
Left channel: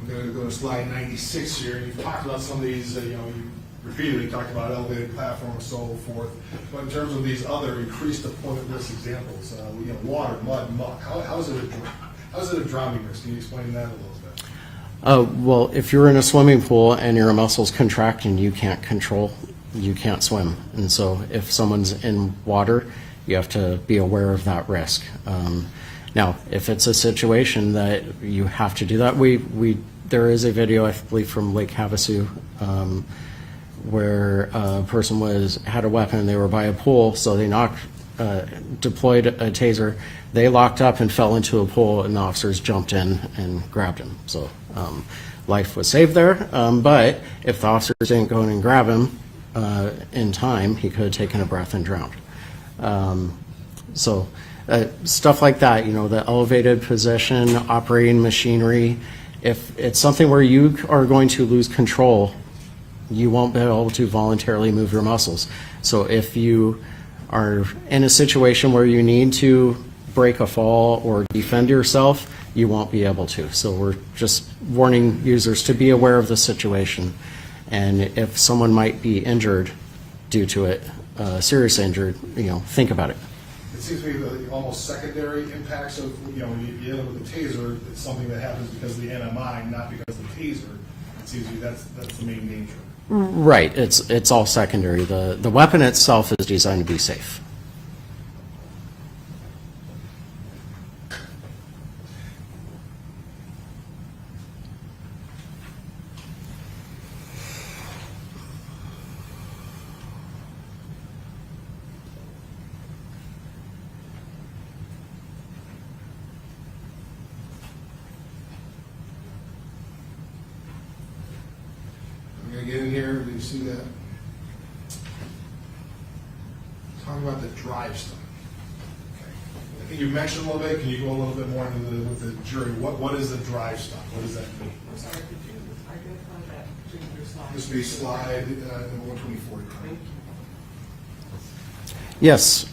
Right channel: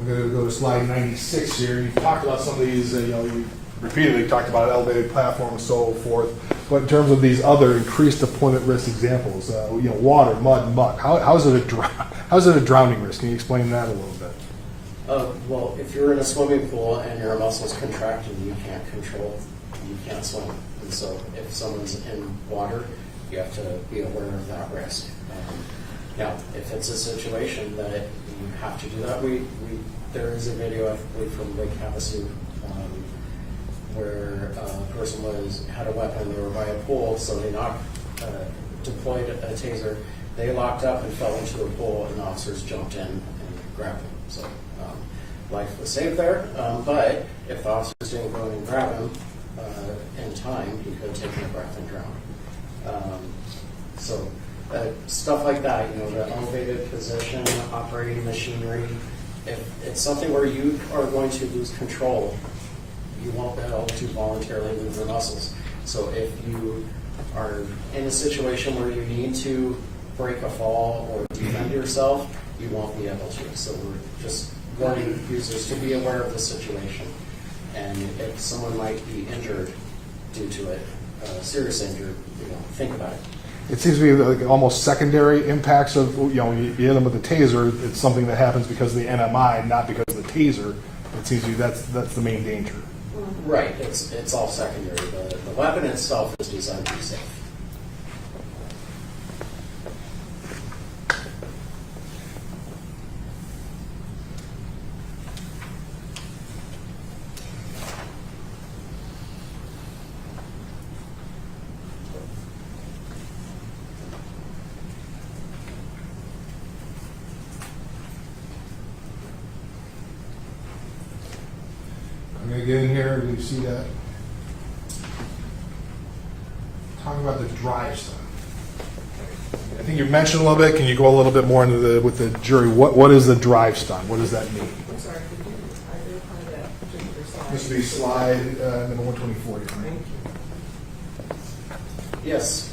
I'm going to go to slide 96 here. You've talked about some of these, you repeatedly talked about elevated platform and so forth. But in terms of these other increased deployment risk examples, water, mud, muck, how is it a drowning risk? Can you explain that a little bit? Well, if you're in a swimming pool and your muscles contract and you can't swim. And so if someone's in water, you have to be aware of that risk. Now, if it's a situation that you have to do that, there is a video, I believe, from Lake Havasu, where a person had a weapon, they were by a pool, so they deployed a taser, they locked up and fell into a pool, and the officers jumped in and grabbed him. So life was saved there, but if the officers didn't go in and grab him in time, he could have taken a breath and drowned. Stuff like that, the elevated position, operating machinery. If it's something where you are going to lose control, you won't be able to voluntarily move your muscles. So if you are in a situation where you need to break a fall or defend yourself, you won't be able to. So we're just warning users to be aware of the situation. And if someone might be injured due to it, serious injured, think about it. It seems to be like almost secondary impacts of, when you hit them with a taser, it's something that happens because of the NMI, not because of the taser. It seems to be that's the main danger. Right, it's all secondary. The weapon itself is designed to be safe. I'm going to get in here. Do you see that? Talking about the drive stun. I think you mentioned a little bit. Can you go a little bit more into with the jury? What is the drive stun? What does that mean? I'm sorry, I didn't find that particular slide. This would be slide number 124. Thank you. Yes,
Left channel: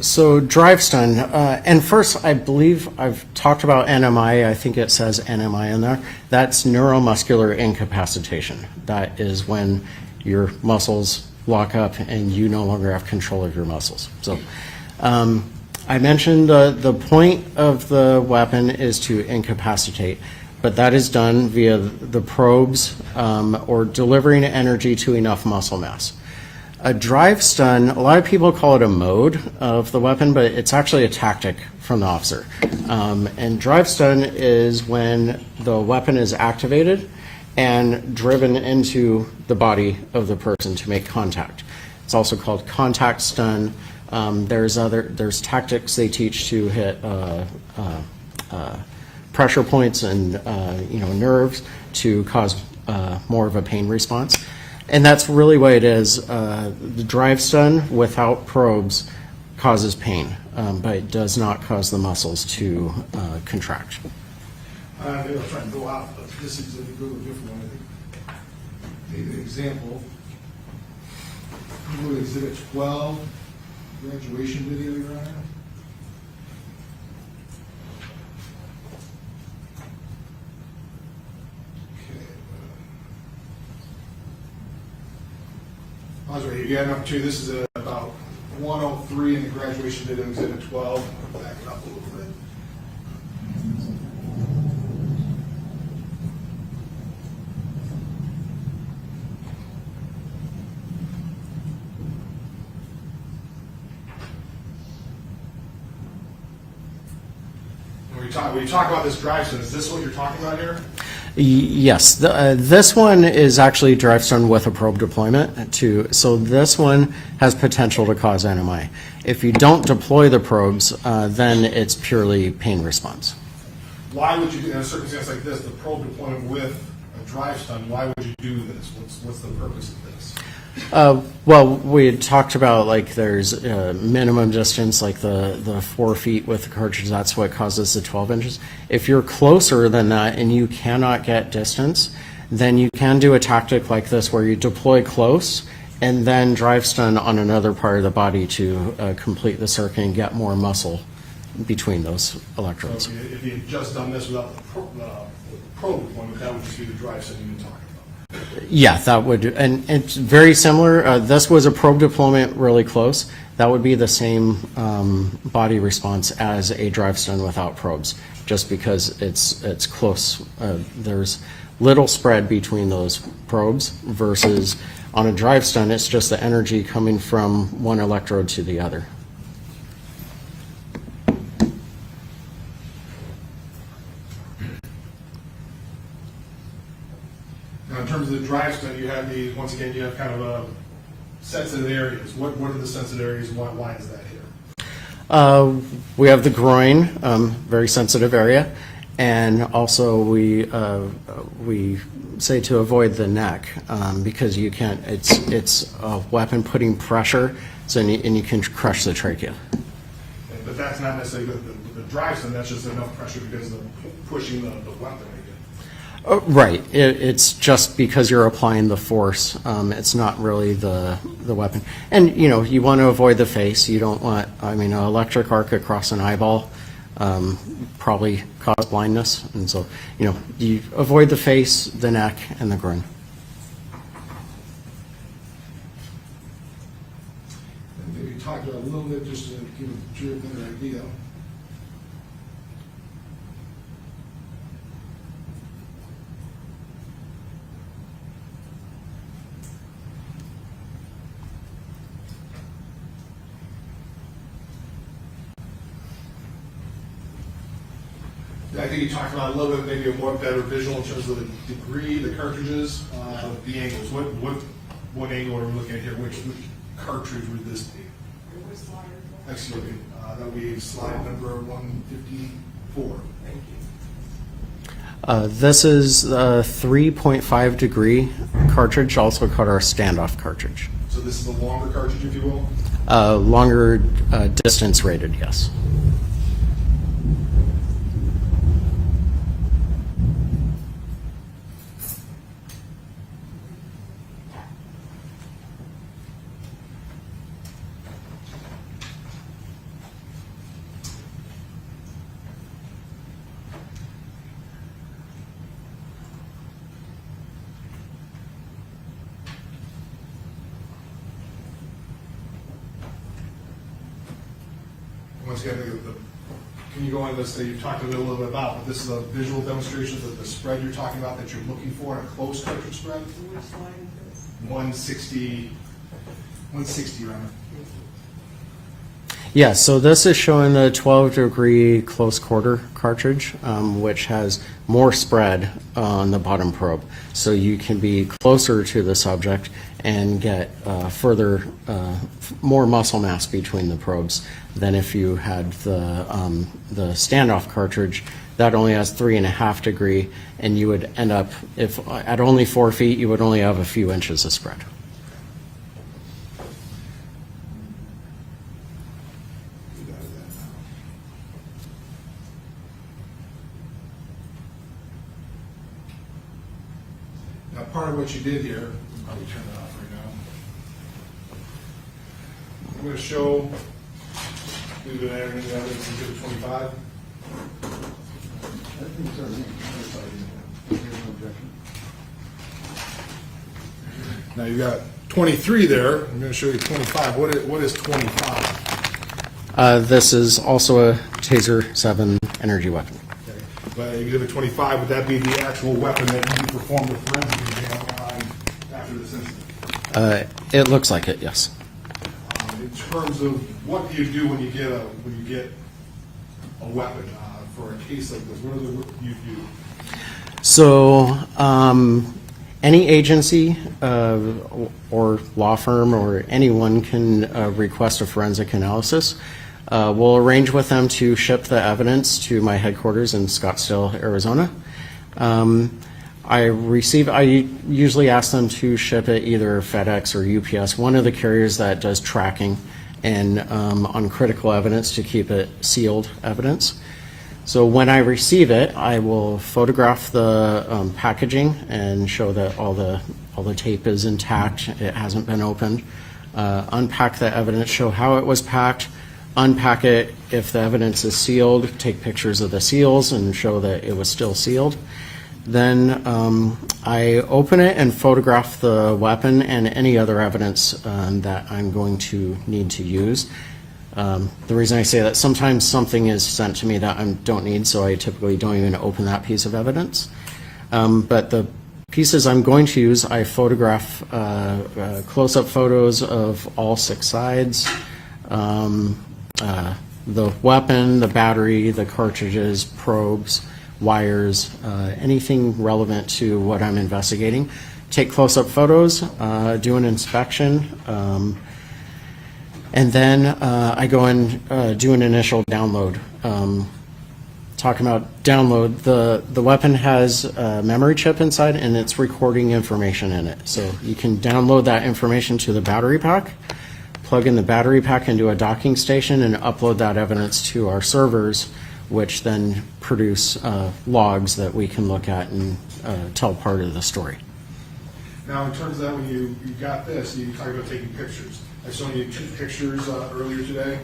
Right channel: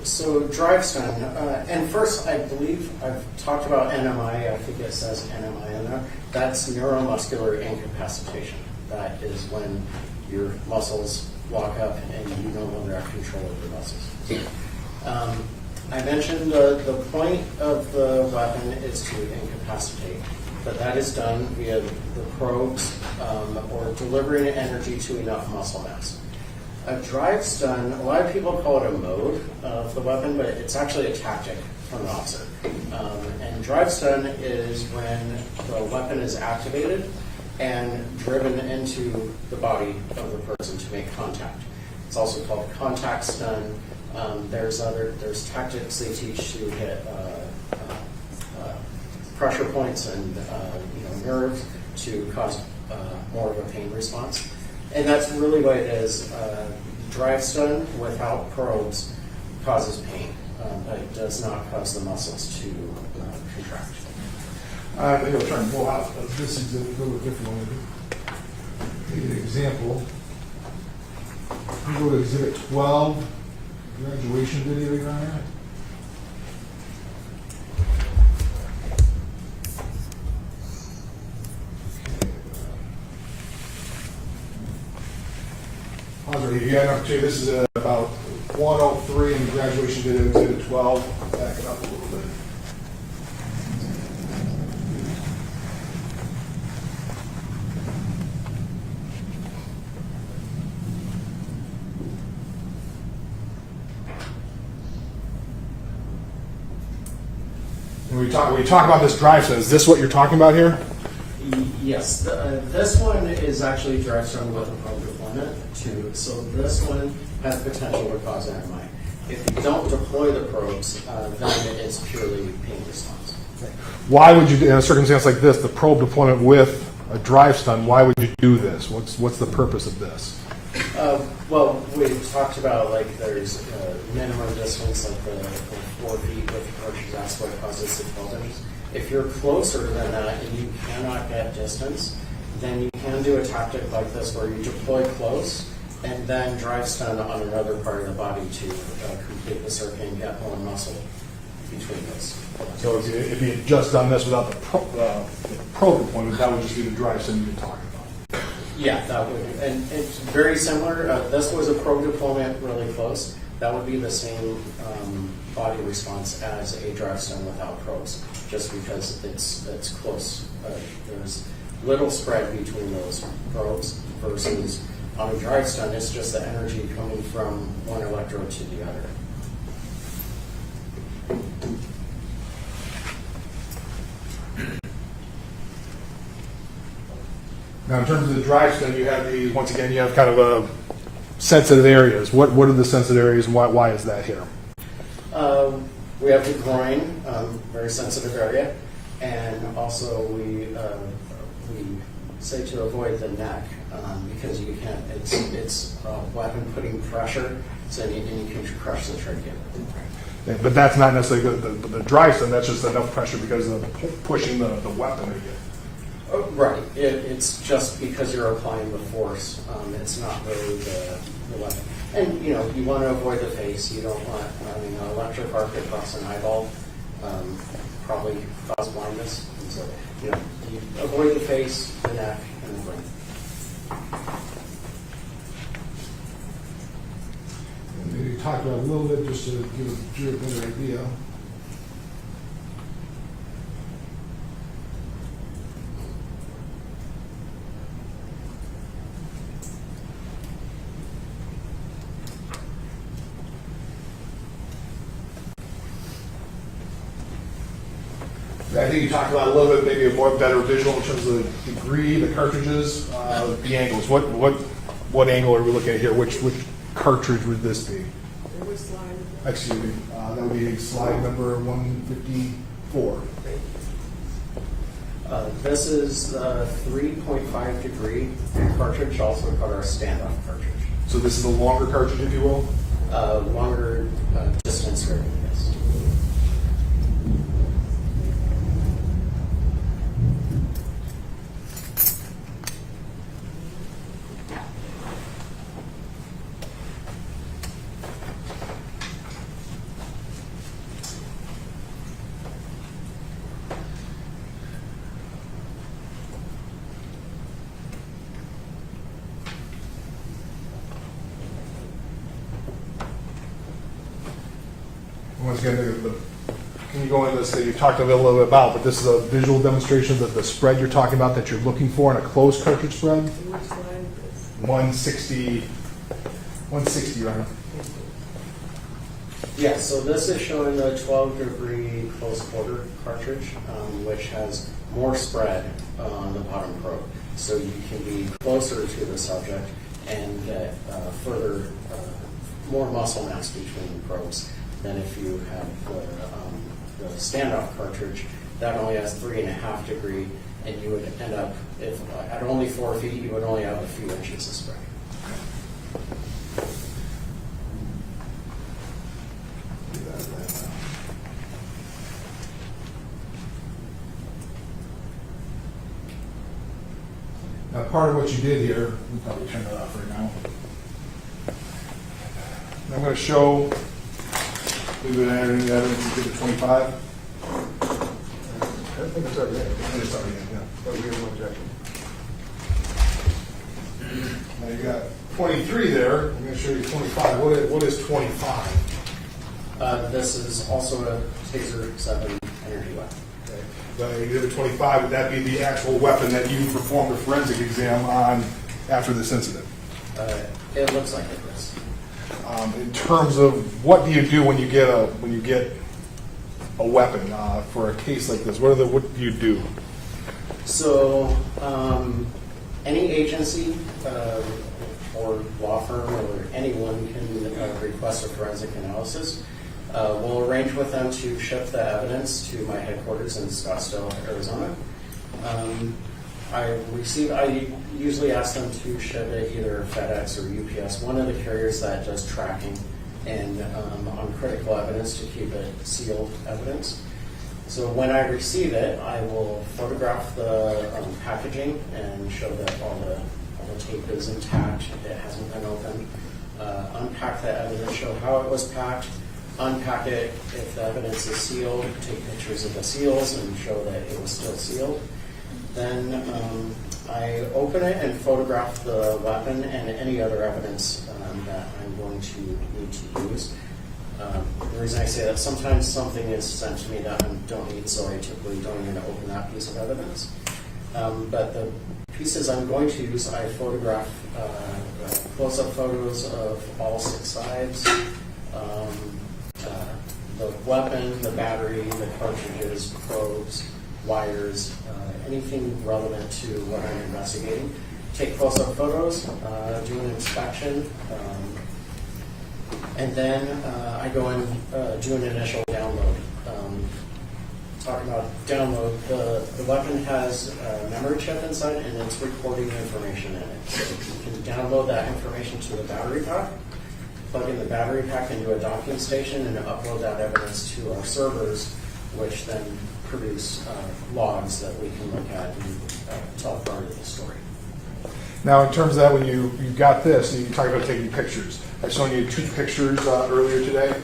so drive stun. And first, I believe I've talked about NMI. I think it says NMI in there. That's neuromuscular incapacitation. That is when your muscles lock up and you no longer have control of your muscles. So I mentioned the point of the weapon is to incapacitate, but that is done via the probes or delivering energy to enough muscle mass. A drive stun, a lot of people call it a mode of the weapon, but it's actually a tactic from the officer. And drive stun is when the weapon is activated and driven into the body of the person to make contact. It's also called contact stun. There's tactics they teach to hit pressure points and nerves to cause more of a pain response. And that's really what it is. The drive stun without probes causes pain, but it does not cause the muscles to contract. Maybe I'll try and pull out this exhibit, a little different one. Maybe an example. We go to exhibit 12, graduation video, you right here. If you have an opportunity, this is about 103 in the graduation video, exhibit 12. Back it up a little bit. When we talk about this drive stun, is this what you're talking about here? Yes, this one is actually drive stun with a probe deployment too. So this one has potential to cause NMI. If you don't deploy the probes, then it's purely pain response. Why would you, in a circumstance like this, the probe deployment with a drive stun, why would you do this? What's the purpose of this? Well, we had talked about like there's minimum distance, like the 4 feet with the cartridge. That's what causes the 12 inches. If you're closer than that and you cannot get distance, then you can do a tactic like this where you deploy close and then drive stun on another part of the body to complete the circuit and get more muscle between those So electrodes. if you had just done this without the probe deployment, that would just be the drive stun you've been talking about. Yeah, that would, and it's very similar. This was a probe deployment really close. That would be the same body response as a drive stun without probes, just because it's close. There's little spread between those probes versus on a drive stun, it's just the energy coming from one electrode to the other. Now, in terms of the drive stun, you have these, once again, you have kind of a sensitive areas. What are the sensitive areas and why is that here? We have the groin, very sensitive area, and also we say to avoid the neck because you can't. It's a weapon putting pressure, so and you can crush the trachea. But that's not necessarily the drive stun. That's just enough pressure because of pushing the weapon. Right. It's just because you're applying the force. It's not really the weapon. And, you know, you want to avoid the face. You don't want, I mean, an electric arc across an eyeball probably cause blindness. And so, you know, you avoid the face, the neck, and the groin. And maybe talk about it a little bit just to give a jury an idea. I think you talked about a little bit, maybe a more better visual in terms of the degree, the cartridges, the angles. What angle are we looking at here? Which cartridge would this be? Excuse me. That would be slide number 154. This is a 3.5 degree cartridge, also called our standoff cartridge. So this is a longer cartridge, if you will? Longer distance rated, yes. Once again, can you go into this that you talked a little bit about, but this is a visual demonstration that the spread you're talking about that you're looking for in a closed cartridge spread? 160, right? Yeah, so this is showing the 12 degree close quarter cartridge, which has more spread on the bottom probe. So you can be closer to the subject and get more muscle mass between the probes than if you had the standoff cartridge that only has 3.5 degree, and you would end up, if at only 4 feet, you would only have a few inches of spread. Now, part of what you did here, we'll probably turn that off right now. I'm going to show, maybe the evidence you did at 25. I think it's already in. I think it's already in, yeah. Now you've got 23 there. I'm going to show you 25. What is 25? This is also a Taser 7 energy weapon. Okay. But Exhibit 25, would that be the actual weapon that you performed the forensic exam on after this incident? It looks like it, yes. In terms of what do you do when you get a weapon for a case like this? What do you do? So, any agency or law firm or anyone can request a forensic analysis. We'll arrange with them to ship the evidence to my headquarters in Scottsdale, Arizona. I usually ask them to ship it either FedEx or UPS, one of the carriers that does tracking and on critical evidence to keep it sealed evidence. So when I receive it, I will photograph the packaging and show that all the tape is intact, it hasn't been opened. Unpack the evidence, show how it was packed, unpack it if the evidence is sealed, take pictures of the seals and show that it was still sealed. Then I open it and photograph the weapon and any other evidence that I'm going to need to use. The reason I say that, sometimes something is sent to me that I don't need, so I typically don't even open that piece of evidence. But the pieces I'm going to use, I photograph close-up photos of all 6 sides, the weapon, the battery, the cartridges, probes, wires, anything relevant to what I'm investigating. Take close-up photos, do an inspection, and then I go and do an initial download. Talking about download, the weapon has a memory chip inside and it's recording information in it. So you can download that information to the battery pack, plug in the battery pack into a docking station and upload that evidence to our servers, which then produce logs that we can look at and tell part of the story. Now, in terms of that, when you got this, you talked about taking pictures. I saw you 2 pictures earlier today.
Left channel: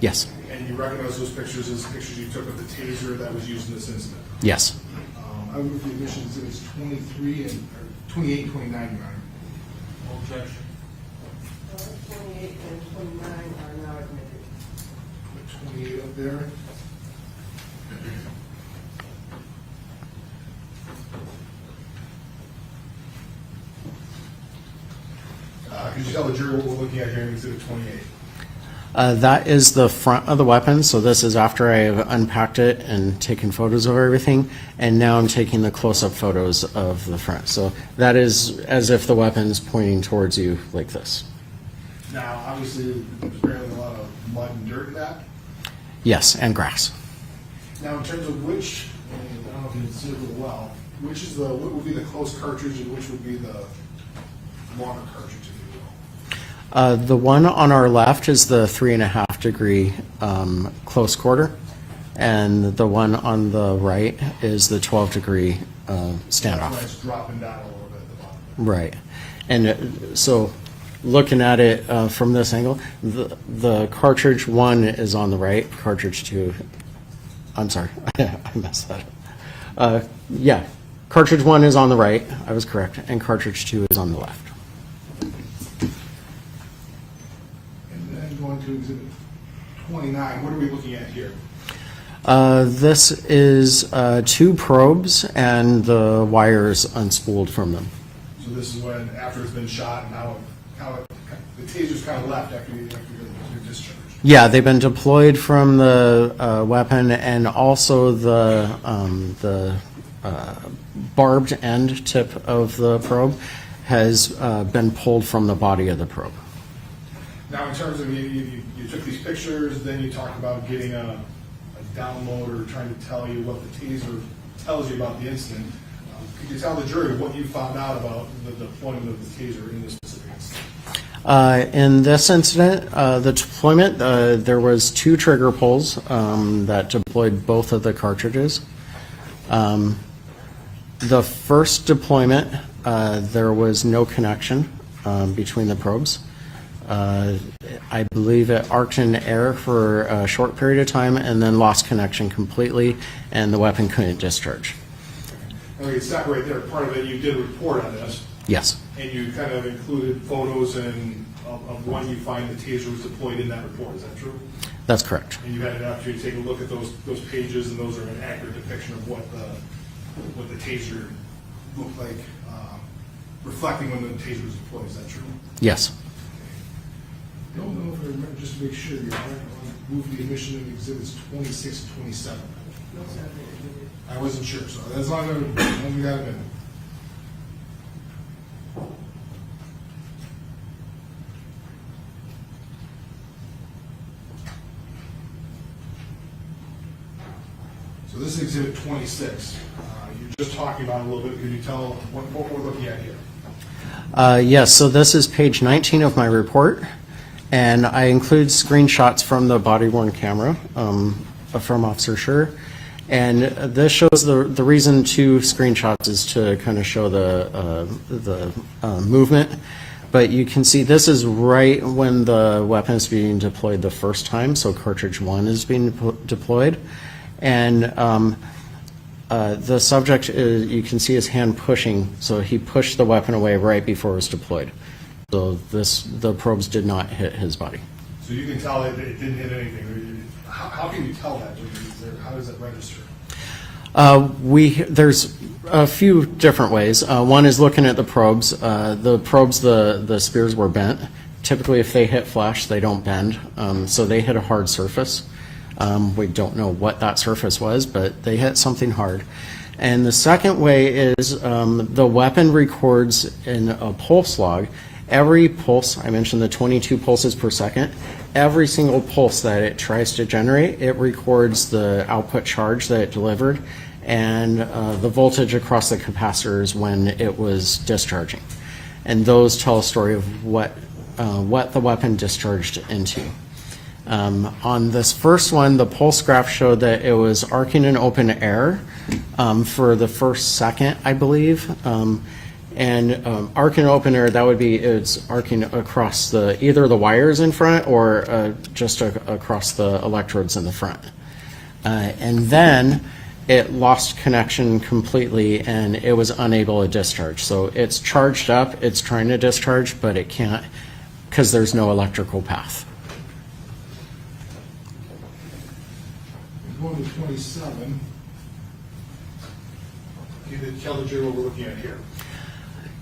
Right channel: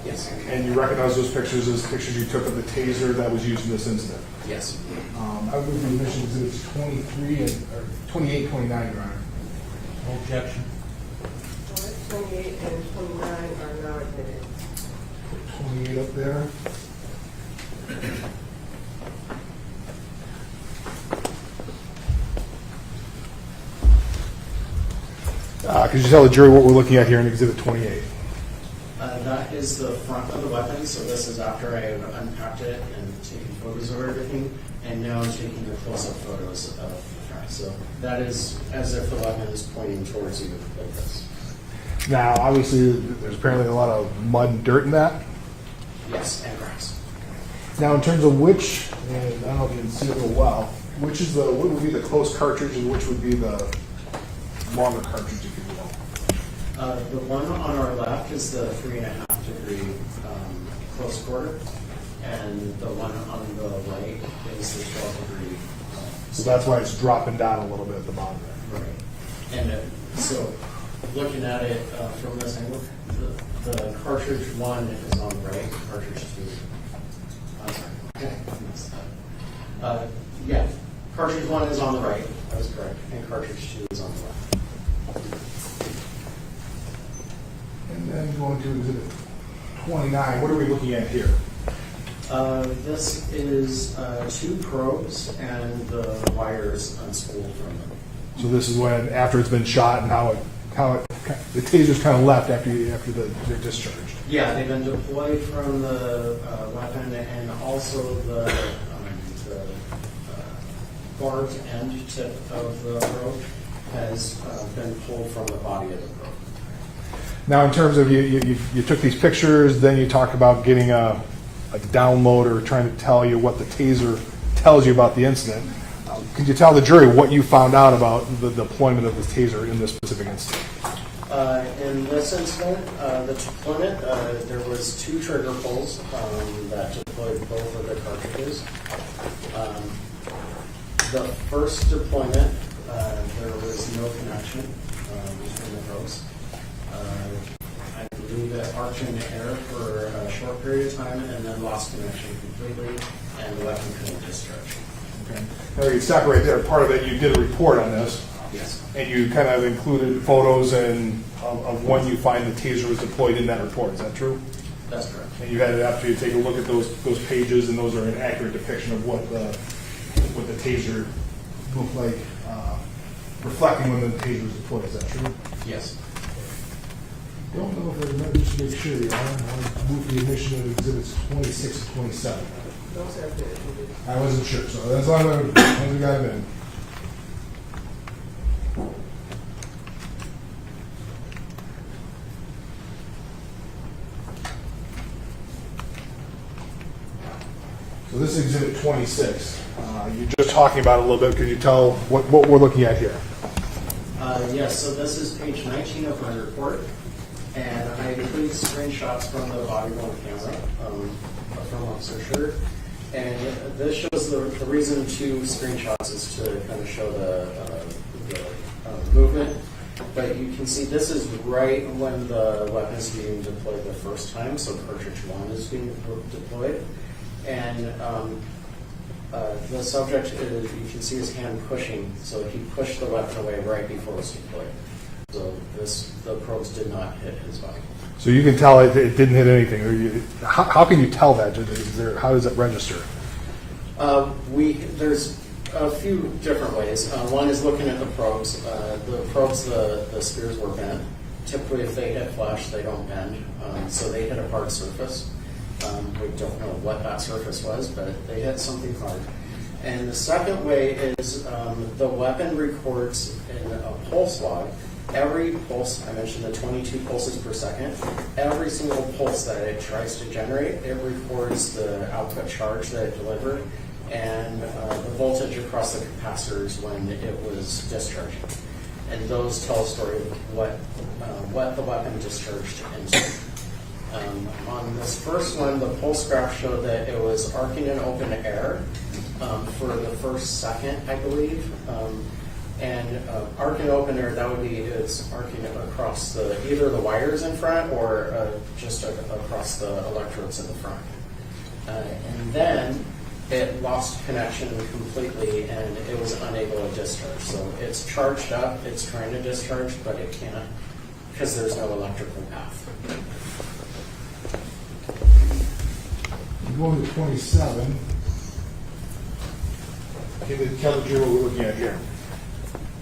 Yes. And you recognize those pictures as pictures you took of the taser that was used in this incident. Yes. I would move the admission exhibits 23 and 28 and 29, Your Honor. No objection. 28 and 29 are not admitted. 28 up there. Could you tell the jury what we're looking at here in Exhibit 28? That is the front of the weapon, so this is after I have unpacked it and taken photos of everything, and now I'm taking the close-up photos of the front. So that is as if the weapon is pointing towards you like this. Now, obviously, there's apparently a lot of mud and dirt in that. Yes, and grass. Now, in terms of which, and I don't know if you can see it real well, what would be the close cartridge and which would be the longer cartridge, if you will? The one on our left is the 3.5 degree close quarter, and the one on the right is the 12 degree So that's why standoff. it's dropping down a little bit at the bottom there. Right, and so looking at it from this angle, the cartridge 1 is on the right, cartridge 2, I'm sorry, I messed that up. Yeah, cartridge 1 is on the right, I was correct, and cartridge 2 is on the left. And then going to Exhibit 29, what are we looking at here? This is 2 probes and the wires unspooled from them. So this is when, after it's been shot and how the taser's kind of left after they're discharged. Yeah, they've been deployed from the weapon, and also the barbed end tip of the probe has been pulled from the body of the probe. Now, in terms of you took these pictures, then you talked about getting a download or trying to tell you what the taser tells you about the incident. Could you tell the jury what you found out about the deployment of the taser in this specific incident? In this incident, the deployment, there was 2 trigger pulls that deployed both of the cartridges. The first deployment, there was no connection between the probes. I believe it arced in air for a short period of time and then lost connection completely, and the weapon couldn't discharge. Okay. Now, we can stop right there. Part of it, you did a report on this. Yes. And you kind of included photos of when you find the taser was deployed in that report. Is that true? That's correct. And you had an opportunity to take a look at those pages, and those are an accurate depiction of what the taser looked like, reflecting when the taser was deployed. Is that true? Yes. Don't know if I remember, just to make sure, I want to move the admission of exhibits 26 and 27. those have been admitted. I wasn't sure, so that's why we got it in. So this is exhibit 26. You're just talking about it a little bit. Can you tell what we're looking at here? Yes, so this is page 19 of my report, and I include screenshots from the body-worn camera from Officer Schurr. And this shows the reason to screenshots is to kind of show the movement. But you can see this is right when the weapon is being deployed the first time, so cartridge 1 is being deployed. And the subject, you can see his hand pushing, so he pushed the weapon away right before it was deployed. So the probes did not hit his body. So you can tell it didn't hit anything. How can you tell that? How does it register? There's a few different ways. One is looking at the probes. The spears were bent. Typically, if they hit flesh, they don't bend. So they hit a hard surface. We don't know what that surface was, but they hit something hard. And the second way is the weapon records in a pulse log. Every pulse, I mentioned the 22 pulses per second, every single pulse that it tries to generate, it records the output charge that it delivered and the voltage across the capacitors when it was discharging. And those tell a story of what the weapon discharged into. On this first one, the pulse graph showed that it was arcing in open air for the first second, I believe. Arc in open air, that would be it's arcing across either the wires in front or just across the electrodes in the front. And then it lost connection completely and it was unable to discharge. So it's charged up, it's trying to discharge, but it can't because there's no electrical path. Going to 27. Can you tell the jury what we're looking at here?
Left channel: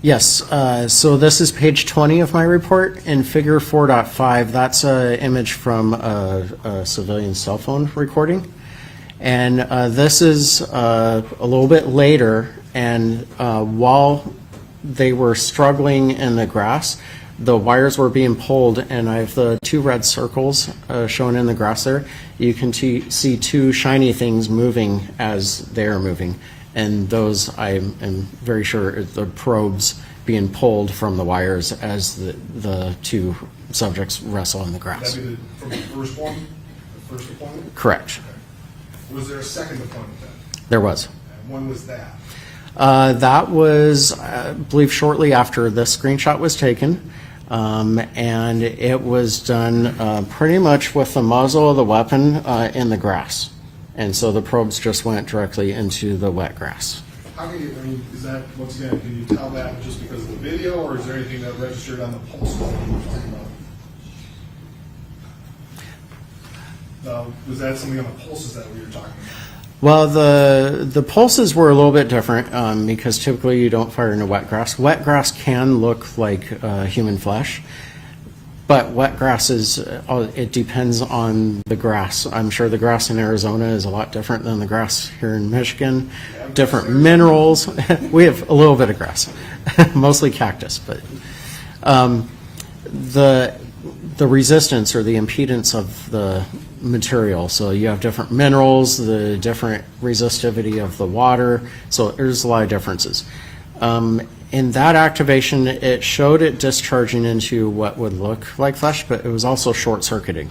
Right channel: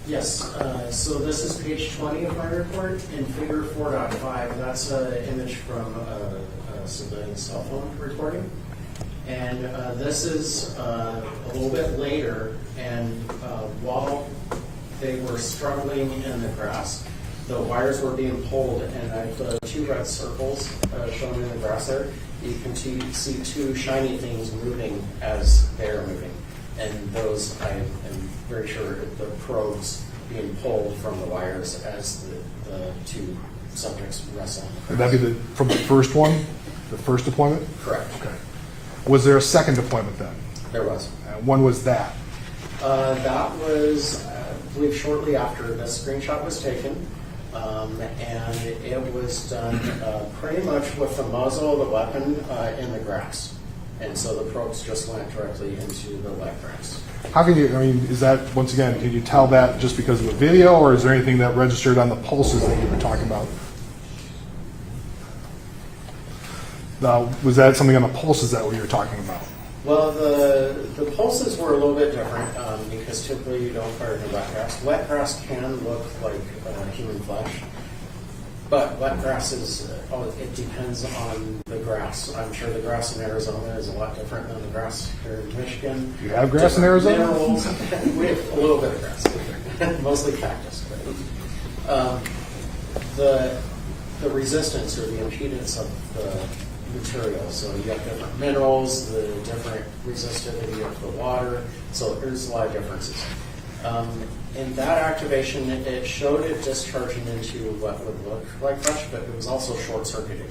Yes, so this is page 20 of my report. In figure 4.5, that's an image from a civilian cell phone recording. And this is a little bit later, and while they were struggling in the grass, the wires were being pulled, and I have the two red circles shown in the grass there. You can see two shiny things moving as they're moving. And those, I am very sure, are the probes being pulled from the wires as the two subjects wrestle in the grass. Would that be from the first one, the first deployment? Correct. Okay. Was there a second deployment then? There was. When was that? That was, I believe, shortly after this screenshot was taken. And it was done pretty much with the muzzle of the weapon in the grass. And so the probes just went directly into the wet grass. How can you, is that, once again, can you tell that just because of the video, or is there anything that registered on the pulses that you were talking about? Was that something on the pulses that we were talking about? Well, the pulses were a little bit different because typically you don't fire into wet grass. Wet grass can look like human flesh, but wet grass it depends on the grass. I'm sure the grass in Arizona is a lot different than the grass here in Michigan. You have grass different in Arizona? minerals. We have a little bit of grass, mostly cactus, but the resistance or the impedance of the material. So you have different minerals, the different resistivity of the water. So there's a lot of differences. In that activation, it showed it discharging into what would look like flesh, but it was also short-circuiting,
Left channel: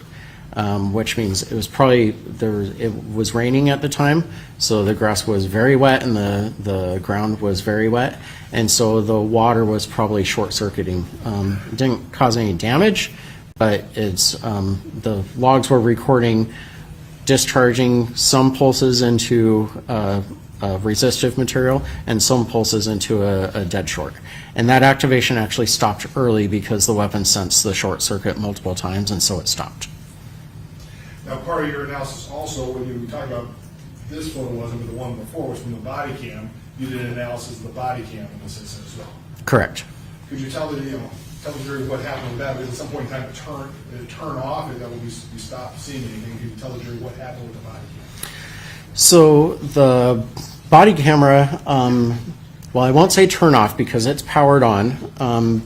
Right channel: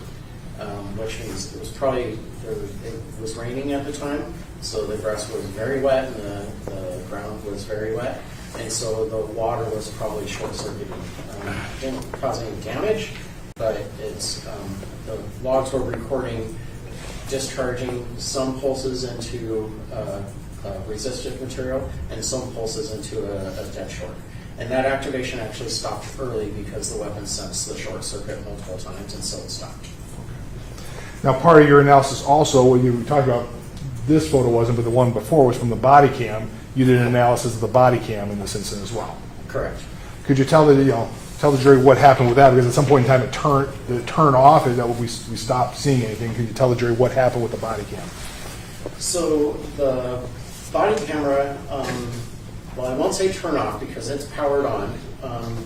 which means it was probably it was raining at the time, so the grass was very wet and the ground was very wet, and so the water was probably short-circuiting. It didn't cause any damage, but it's the logs were recording discharging some pulses into resistive material and some pulses into a dead short. And that activation actually stopped early because the weapon sensed the short circuit multiple times, and so it stopped. Now, part of your analysis also, when you were talking about this photo wasn't, but the one before was from the body cam, you did an analysis of the body cam in this incident as well. Correct. Could you tell the jury what happened with that? Because at some point in time it turned off, and that we stopped seeing anything. Could you tell the jury what happened with the body cam? So the body camera, well, I won't say turn off because it's powered on,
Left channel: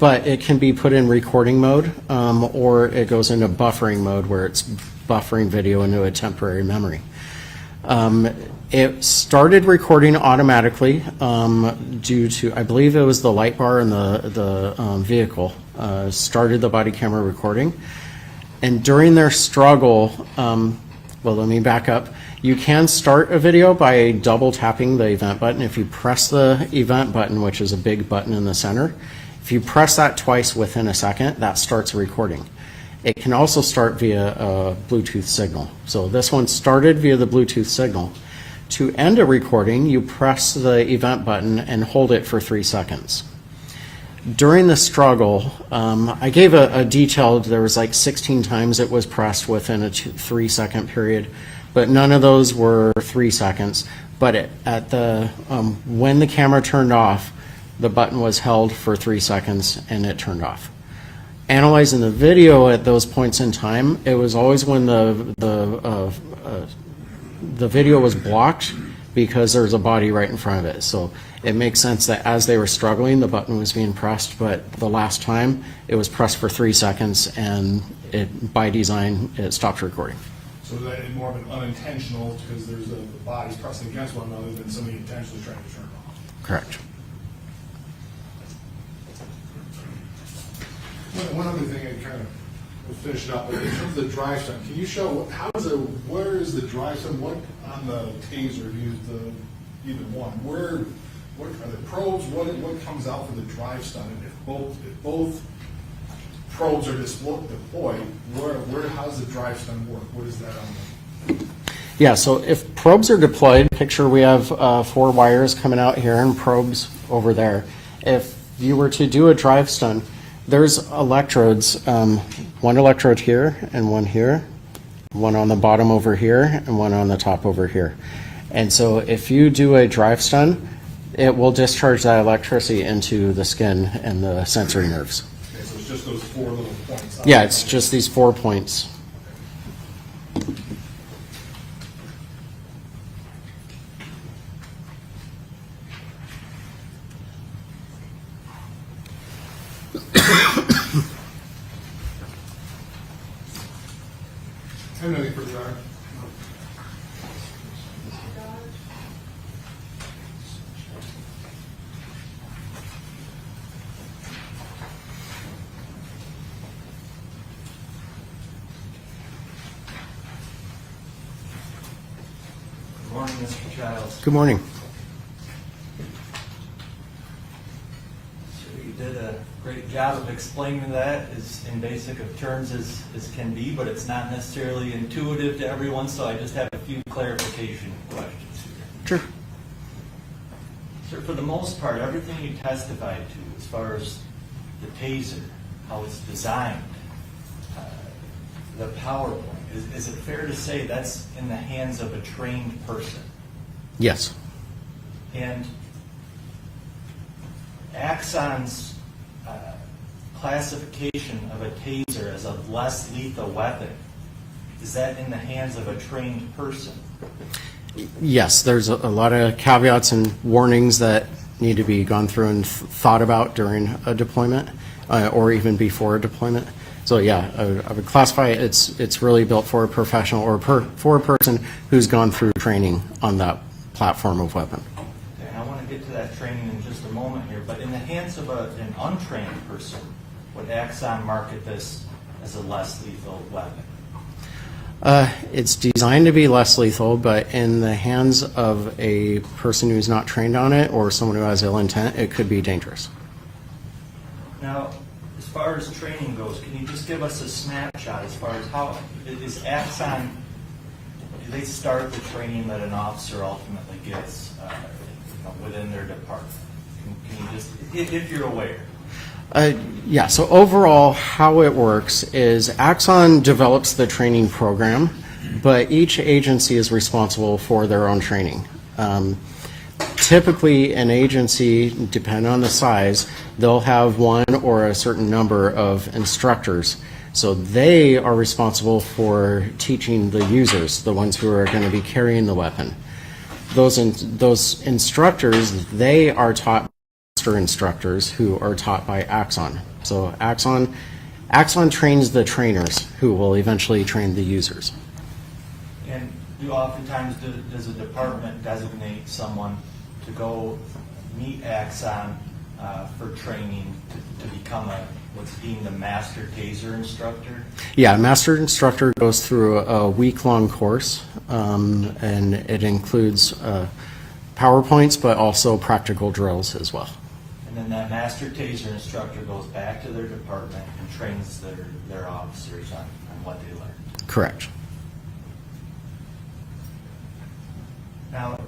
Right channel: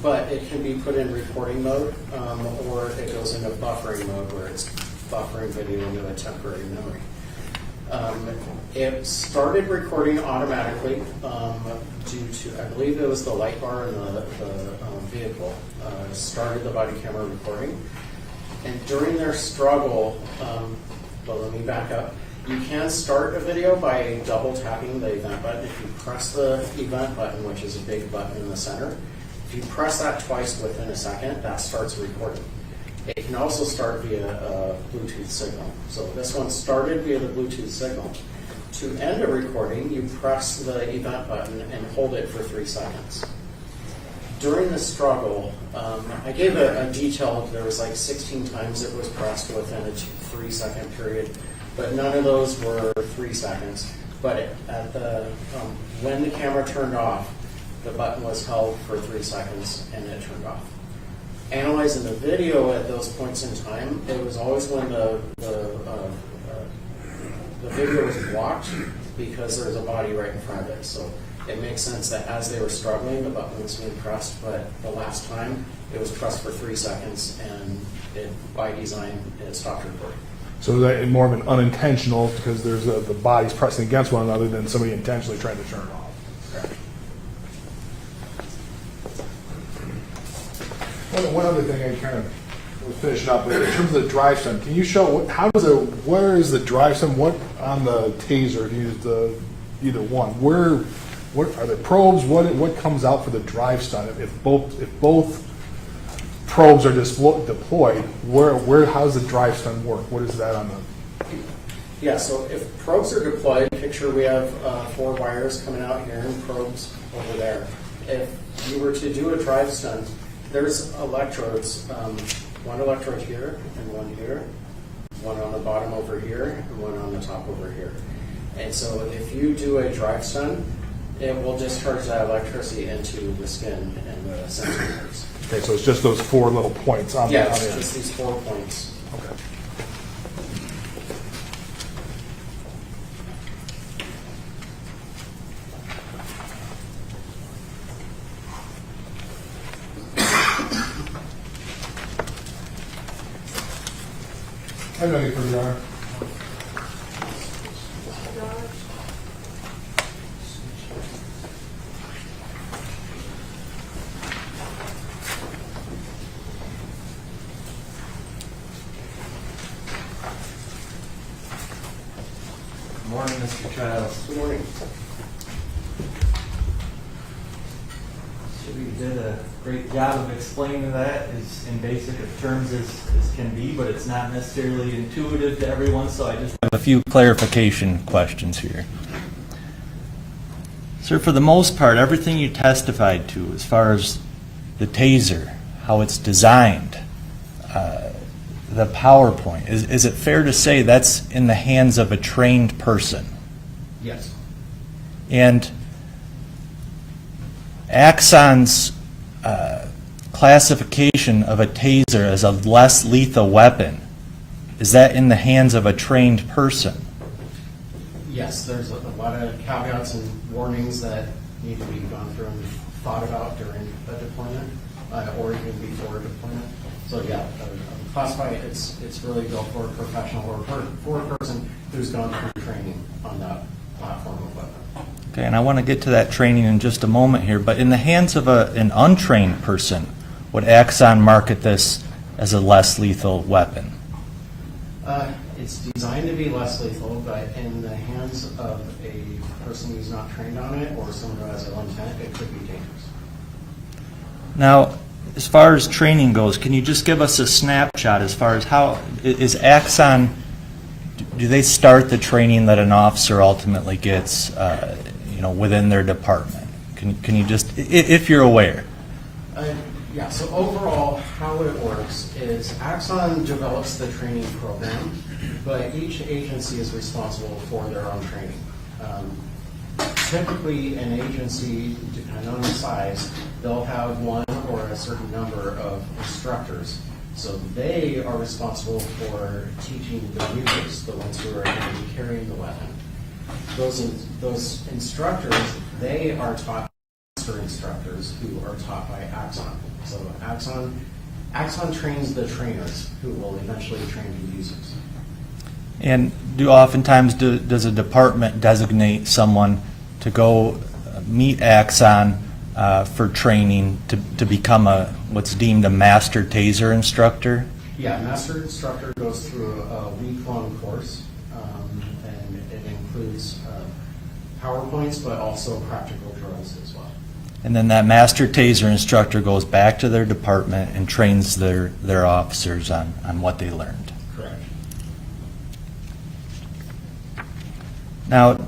but it can be put in recording mode, or it goes into buffering mode where it's buffering video into a temporary memory. It started recording automatically due to, I believe it was the light bar in the vehicle, started the body camera recording. And during their struggle, well, let me back up. You can start a video by double tapping the event button. If you press the event button, which is a big button in the center, if you press that twice within a second, that starts recording. It can also start via a Bluetooth signal. So this one started via the Bluetooth signal. To end a recording, you press the event button and hold it for 3 seconds. During the struggle, I gave a detailed, there was like 16 times it was pressed within a 3 second period, but none of those were 3 seconds. But when the camera turned off, the button was held for 3 seconds and it turned off. Analyzing the video at those points in time, it was always when the video was blocked because there was a body right in front of it. So it makes sense that as they were struggling, the button was being pressed, but the last time it was pressed for 3 seconds and by design, it stopped recording. So that more of an unintentional, because there's the bodies pressing against one another than somebody intentionally trying to turn it off. Correct. One other thing I kind of was finishing up with, in terms of the drive stun, can you show where is the drive stun? What on the Taser? If you use either one, what are the probes? What comes out for the drive stun? If both probes are deployed, how does the drive stun work? What is that on the? Yeah, so if probes are deployed, picture we have 4 wires coming out here and probes over there. If you were to do a drive stun, there's electrodes, one electrode here and one here, one on the bottom over here and one on the top over here. And so if you do a drive stun, it will discharge that electricity into the skin and the sensory nerves. Okay, so it's just those 4 little points. Yeah, it's just these 4 points. I have nothing for you, Honor. Good morning, Mr. Childs. Good morning. So you did a great job of explaining that as in basic of terms as can be, but it's not necessarily intuitive to everyone, so I just have a few clarification questions here. Sure. Sir, for the most part, everything you testified to as far as the Taser, how it's designed, the PowerPoint, is it fair to say that's in the hands of a trained person? Yes. And Axon's classification of a Taser as a less lethal weapon, is that in the hands of a trained person? Yes, there's a lot of caveats and warnings that need to be gone through and thought about during a deployment or even before a deployment. So yeah, I would classify it's really built for a professional or for a person who's gone through training on that platform of weapon. Okay, and I want to get to that training in just a moment here, but in the hands of an untrained person, would Axon market this as a less lethal weapon? It's designed to be less lethal, but in the hands of a person who's not trained on it or someone who has ill intent, it could be dangerous. Now, as far as training goes, can you just give us a snapshot as far as how is Axon, do they start the training that an officer ultimately gets within their department? Can you just, if you're aware? Yeah, so overall how it works is Axon develops the training program, but each agency is responsible for their own training. Typically an agency, depending on the size, they'll have one or a certain number of instructors. So they are responsible for teaching the users, the ones who are going to be carrying the weapon. those instructors, they are taught master instructors who are taught by Axon. So Axon trains the trainers who will eventually train the users. And does a department designate someone to go meet Axon for training to become what's deemed a master Taser instructor? Yeah, master instructor goes through a week-long course, and it includes PowerPoints, but also practical drills as well. And then that master Taser instructor goes back to their department and trains their officers on what they learned. Correct. Now,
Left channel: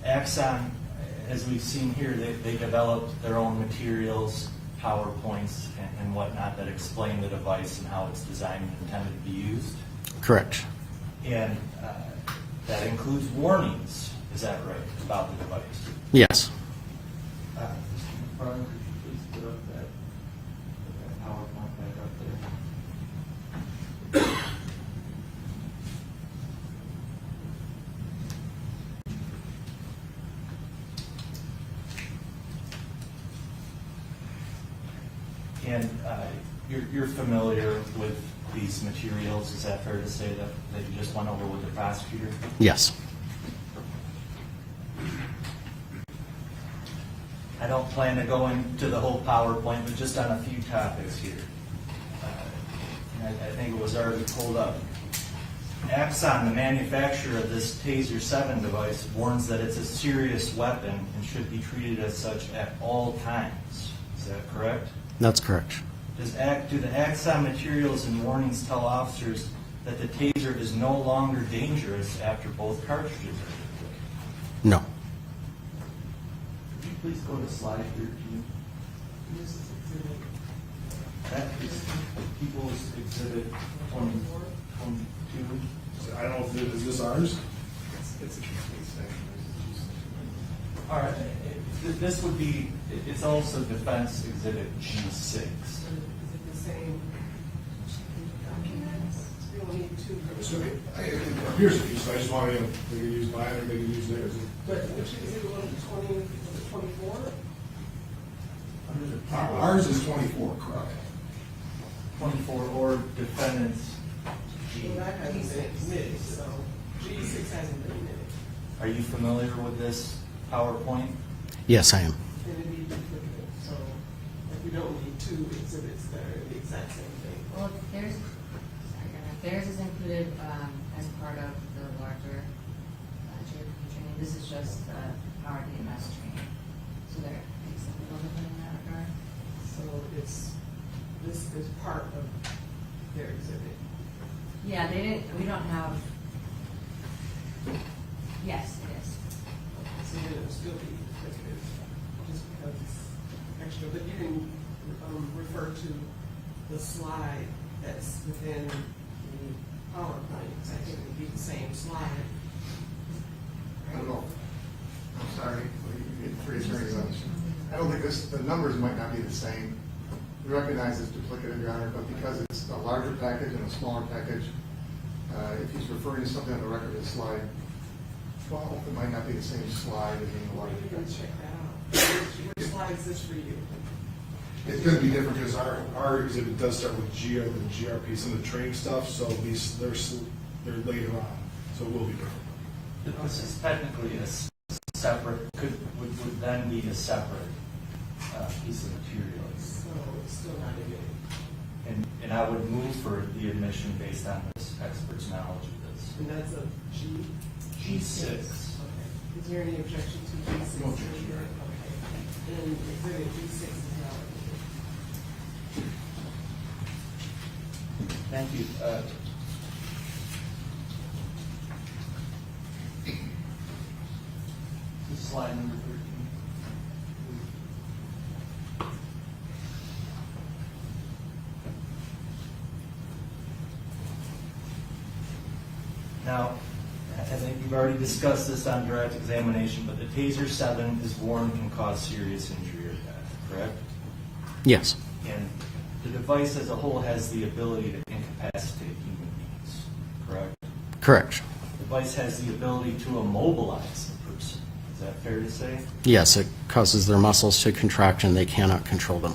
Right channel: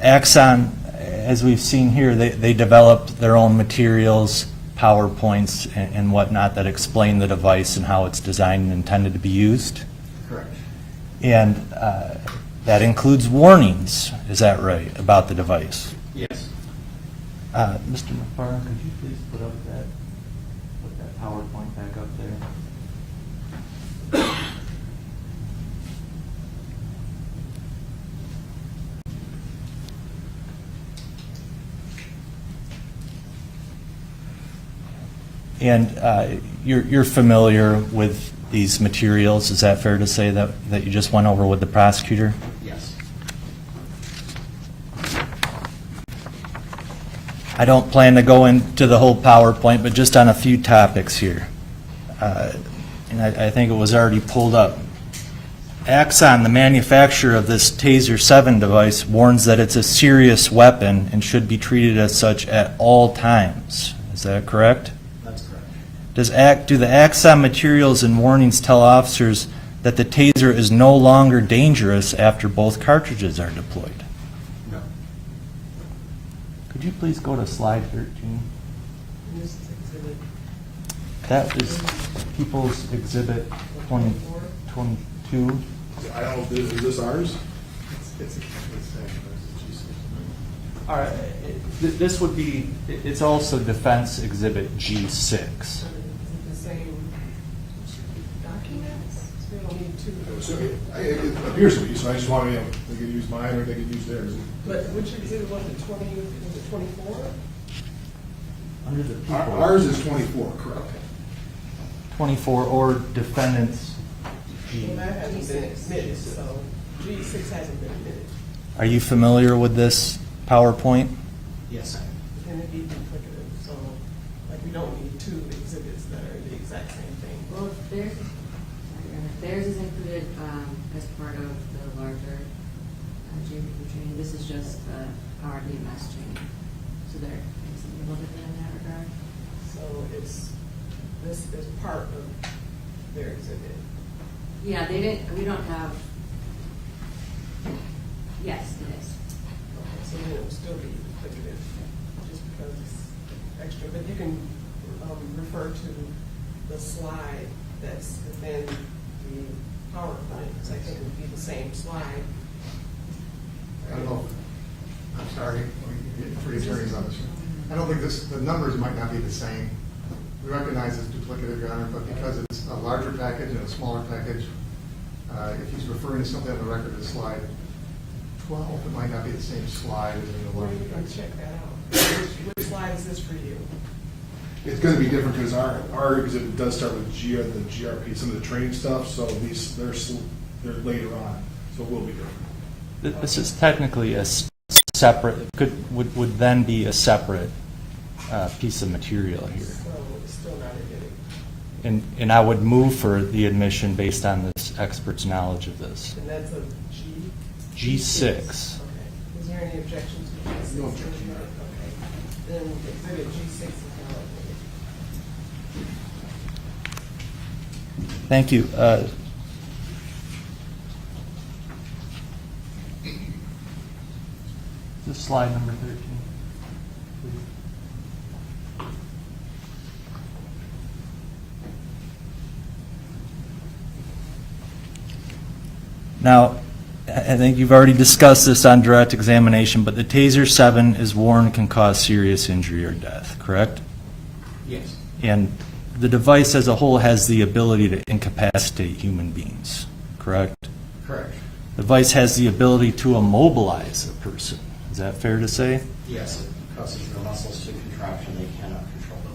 Axon, as we've seen here, they developed their own materials, PowerPoints, and whatnot that explain the device and how it's designed and intended to be used. Correct. And that includes warnings, is that right, about the device? Yes. Mr. McFarland, could you please put that PowerPoint back up there? And you're familiar with these materials, is that fair to say that you just went over with the prosecutor? Yes. I don't plan to go into the whole PowerPoint, but just on a few topics here. And I think it was already pulled up. Axon, the manufacturer of this Taser 7 device, warns that it's a serious weapon and should be treated as such at all times. Is that correct? That's correct. Do the Axon materials and warnings tell officers that the Taser is no longer dangerous after both cartridges are deployed? No. Could you please go to slide 13? That is People's Exhibit 22. I don't know, is this ours? All right, this would be, it's also Defense Exhibit G6. The same documents? So we don't need two. So it appears to be, so I just want to, they can use mine or they can use theirs. But which exhibit was it, 20, was it 24? Under the people. Ours is 24, correct? 24 or defendants. Well, that hasn't been admitted, so G6 hasn't been admitted. Are you familiar with this PowerPoint? Yes, I am. And it'd be duplicative, so like we don't need two exhibits that are the exact same thing. Well, theirs is included as part of the larger GRP training. This is just the Power DMS training. So they're mixing a little bit in that regard. So this is part of their exhibit. Yeah, we don't have, yes, it is. So then it will still be duplicative, just because it's extra. But you can refer to the slide that's within the PowerPoint, because I think it would be the same slide. I don't know. I'm sorry, we get three attorneys on this. I don't think the numbers might not be the same. We recognize it's duplicative, Your Honor, but because it's a larger package and a smaller package, if he's referring to something on the record as slide 12, it might not be the same slide within the larger Let's package. check that out. Which slide is this for you? It's going to be different because our exhibit does start with the GRP, some of the training stuff, so they're later on, so it will be different. This is technically a separate, would then be a separate piece of material here. So it's still not admitted. And I would move for the admission based on this expert's knowledge of this. And that's a G? G6. Okay. Is there any objection to G6? No objection. Okay. Then exhibit G6 is now admitted. Thank you. This is slide number 13. Now, I think you've already discussed this on direct examination, but the Taser 7 is worn can cause serious injury or death, correct? Yes. And the device as a whole has the ability to incapacitate human beings, correct? Correct. device has the ability to immobilize a person. Is that fair to say? Yes, it causes their muscles to contract and they cannot control them.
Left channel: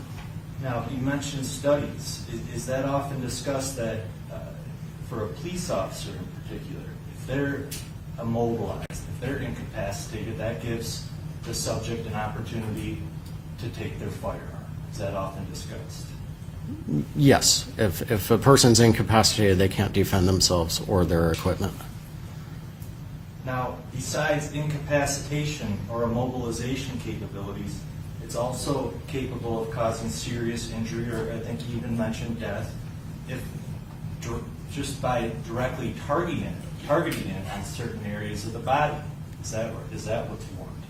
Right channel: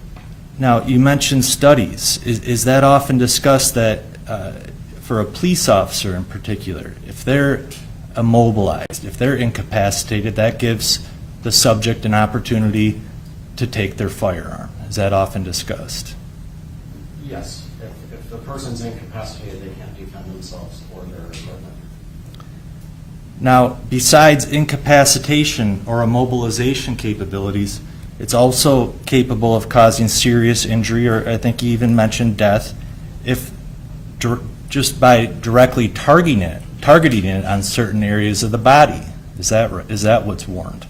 Now, you mentioned studies. Is that often discussed that for a police officer in particular, if they're immobilized, if they're incapacitated, that gives the subject an opportunity to take their firearm? Is that often discussed? Yes, if a person's incapacitated, they can't defend themselves or their equipment. Now, besides incapacitation or immobilization capabilities, it's also capable of causing serious injury, or I think you even mentioned death, if just by directly targeting it on certain areas of the body. Is that what's warned?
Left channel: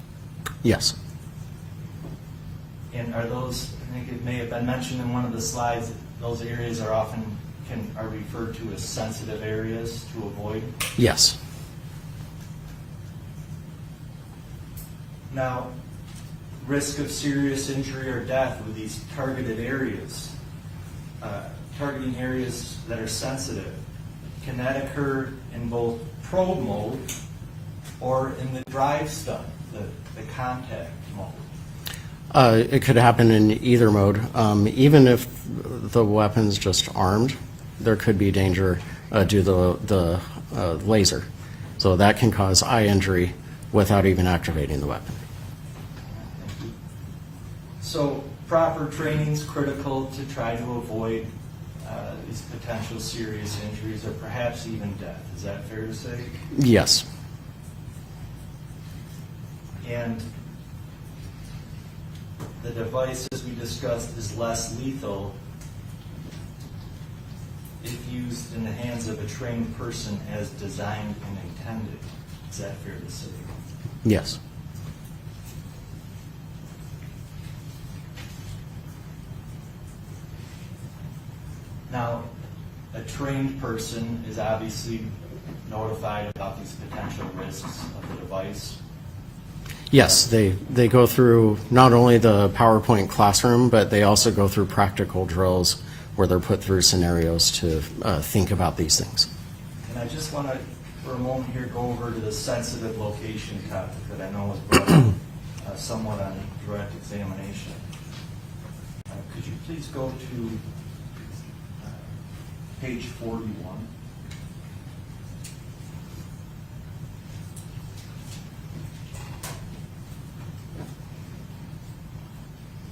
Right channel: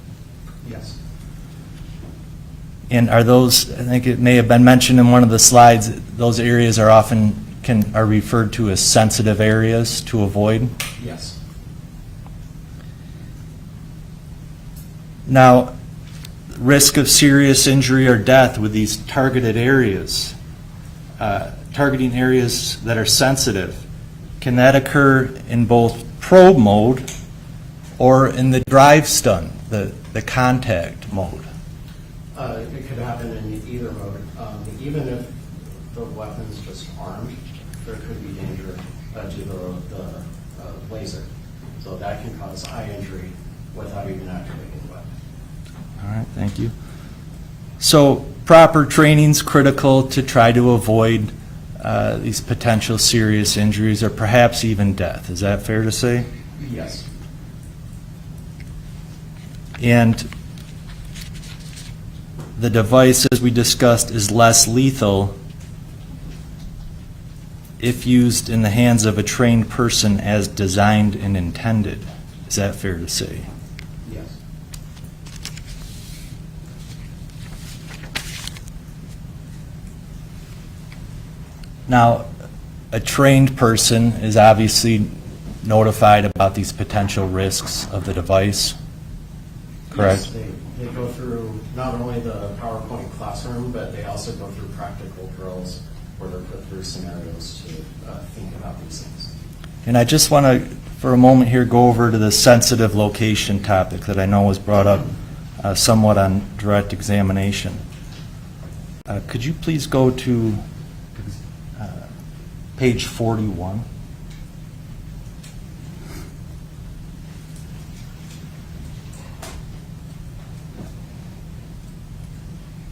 Yes. And are those, I think it may have been mentioned in one of the slides, those areas are often are referred to as sensitive areas to avoid? Yes. Now, risk of serious injury or death with these targeted areas, targeting areas that are sensitive, can that occur in both probe mode or in the drive stun, the contact mode? It could happen in either mode. Even if the weapon's just armed, there could be danger due to the laser. So that can cause eye injury without even activating the weapon. All right, thank you. So proper training is critical to try to avoid these potential serious injuries or perhaps even death. Is that fair to say? Yes. And the device, as we discussed, is less lethal if used in the hands of a trained person as designed and intended. Is that fair to say? Yes. Now, a trained person is obviously notified about these potential risks of the device. Yes, Correct? they go through not only the PowerPoint classroom, but they also go through practical drills where they're put through scenarios to think about these things. And I just want to, for a moment here, go over to the sensitive location topic that I know was brought up somewhat on direct examination. Could you please go to page 41?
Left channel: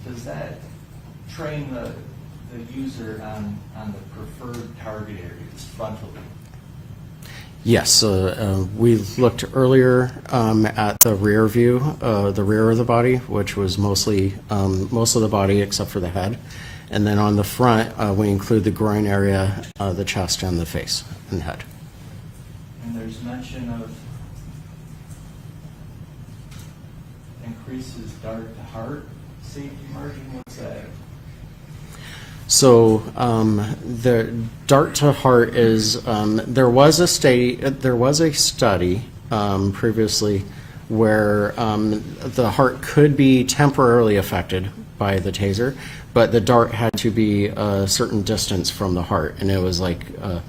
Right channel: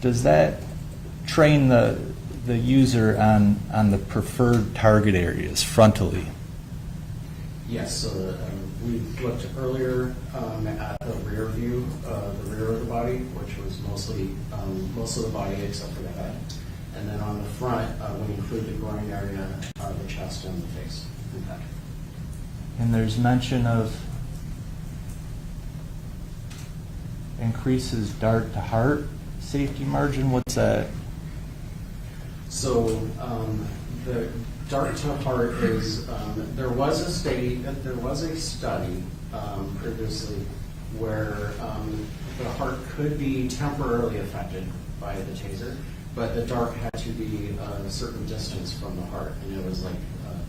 Does that train the user on the preferred target areas frontally? Yes, we looked earlier at the rear view, the rear of the body, which was mostly most of the body except for the head. And then on the front, we include the groin area, the chest, and the face and head. And there's mention of increases dart to heart safety margin. What's that? So the dart to heart is there was a study previously where the heart could be temporarily affected by the taser, but the dart had to be a certain distance from the heart, and it was like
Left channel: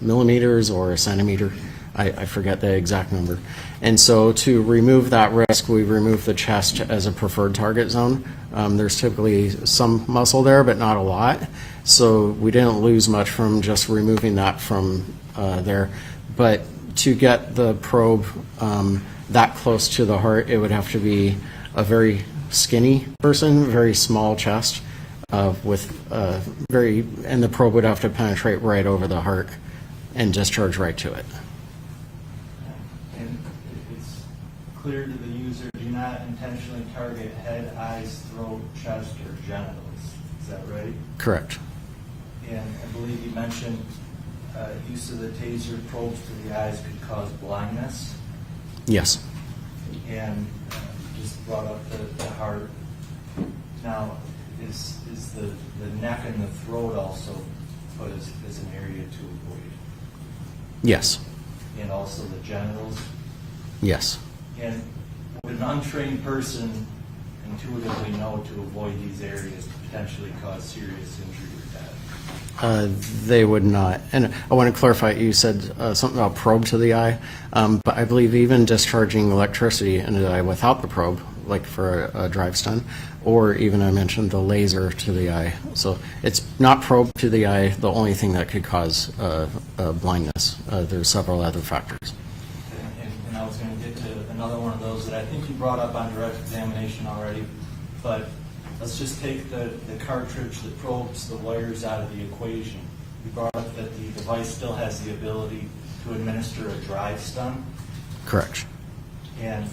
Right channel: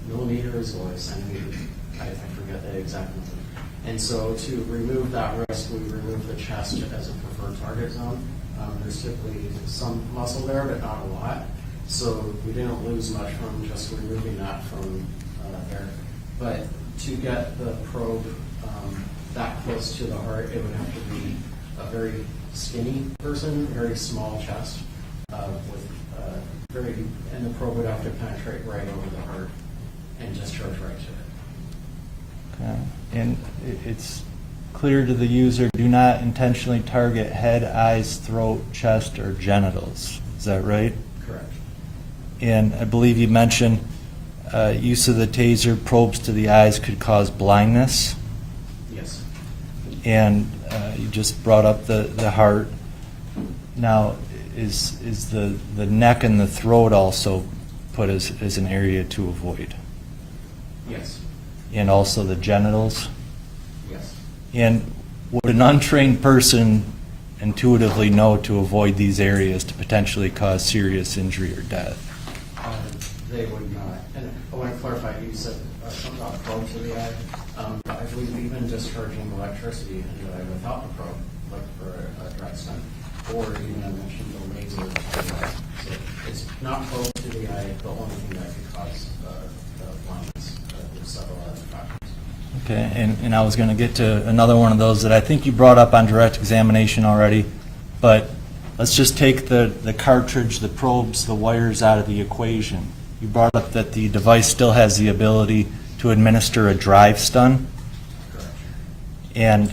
millimeters or a centimeter. I forget the exact number. And so to remove that risk, we removed the chest as a preferred target zone. There's typically some muscle there, but not a lot. So we didn't lose much from just removing that from there. But to get the probe that close to the heart, it would have to be a very skinny person, very small chest, and the probe would have to penetrate right over the heart and discharge right to it. Okay. And it's clear to the user, do not intentionally target head, eyes, throat, chest, or genitals. Is that right? Correct. And I believe you mentioned use of the taser probes to the eyes could cause blindness. Yes. And you just brought up the heart. Now, is the neck and the throat also put as an area to avoid? Yes. And also the genitals? Yes. And would an untrained person intuitively know to avoid these areas to potentially cause serious injury or death? They would not. And I want to clarify, you said something about probe to the eye, but I believe even discharging electricity into the eye without the probe, like for a drive stun, or even I mentioned the laser to the eye. So it's not probe to the eye, the only thing that could cause blindness. There's several other factors. Okay, and I was going to get to another one of those that I think you brought up on direct examination already, but let's just take the cartridge, the probes, the wires out of the equation. You brought up that the device still has the ability to administer a drive stun. Correct. And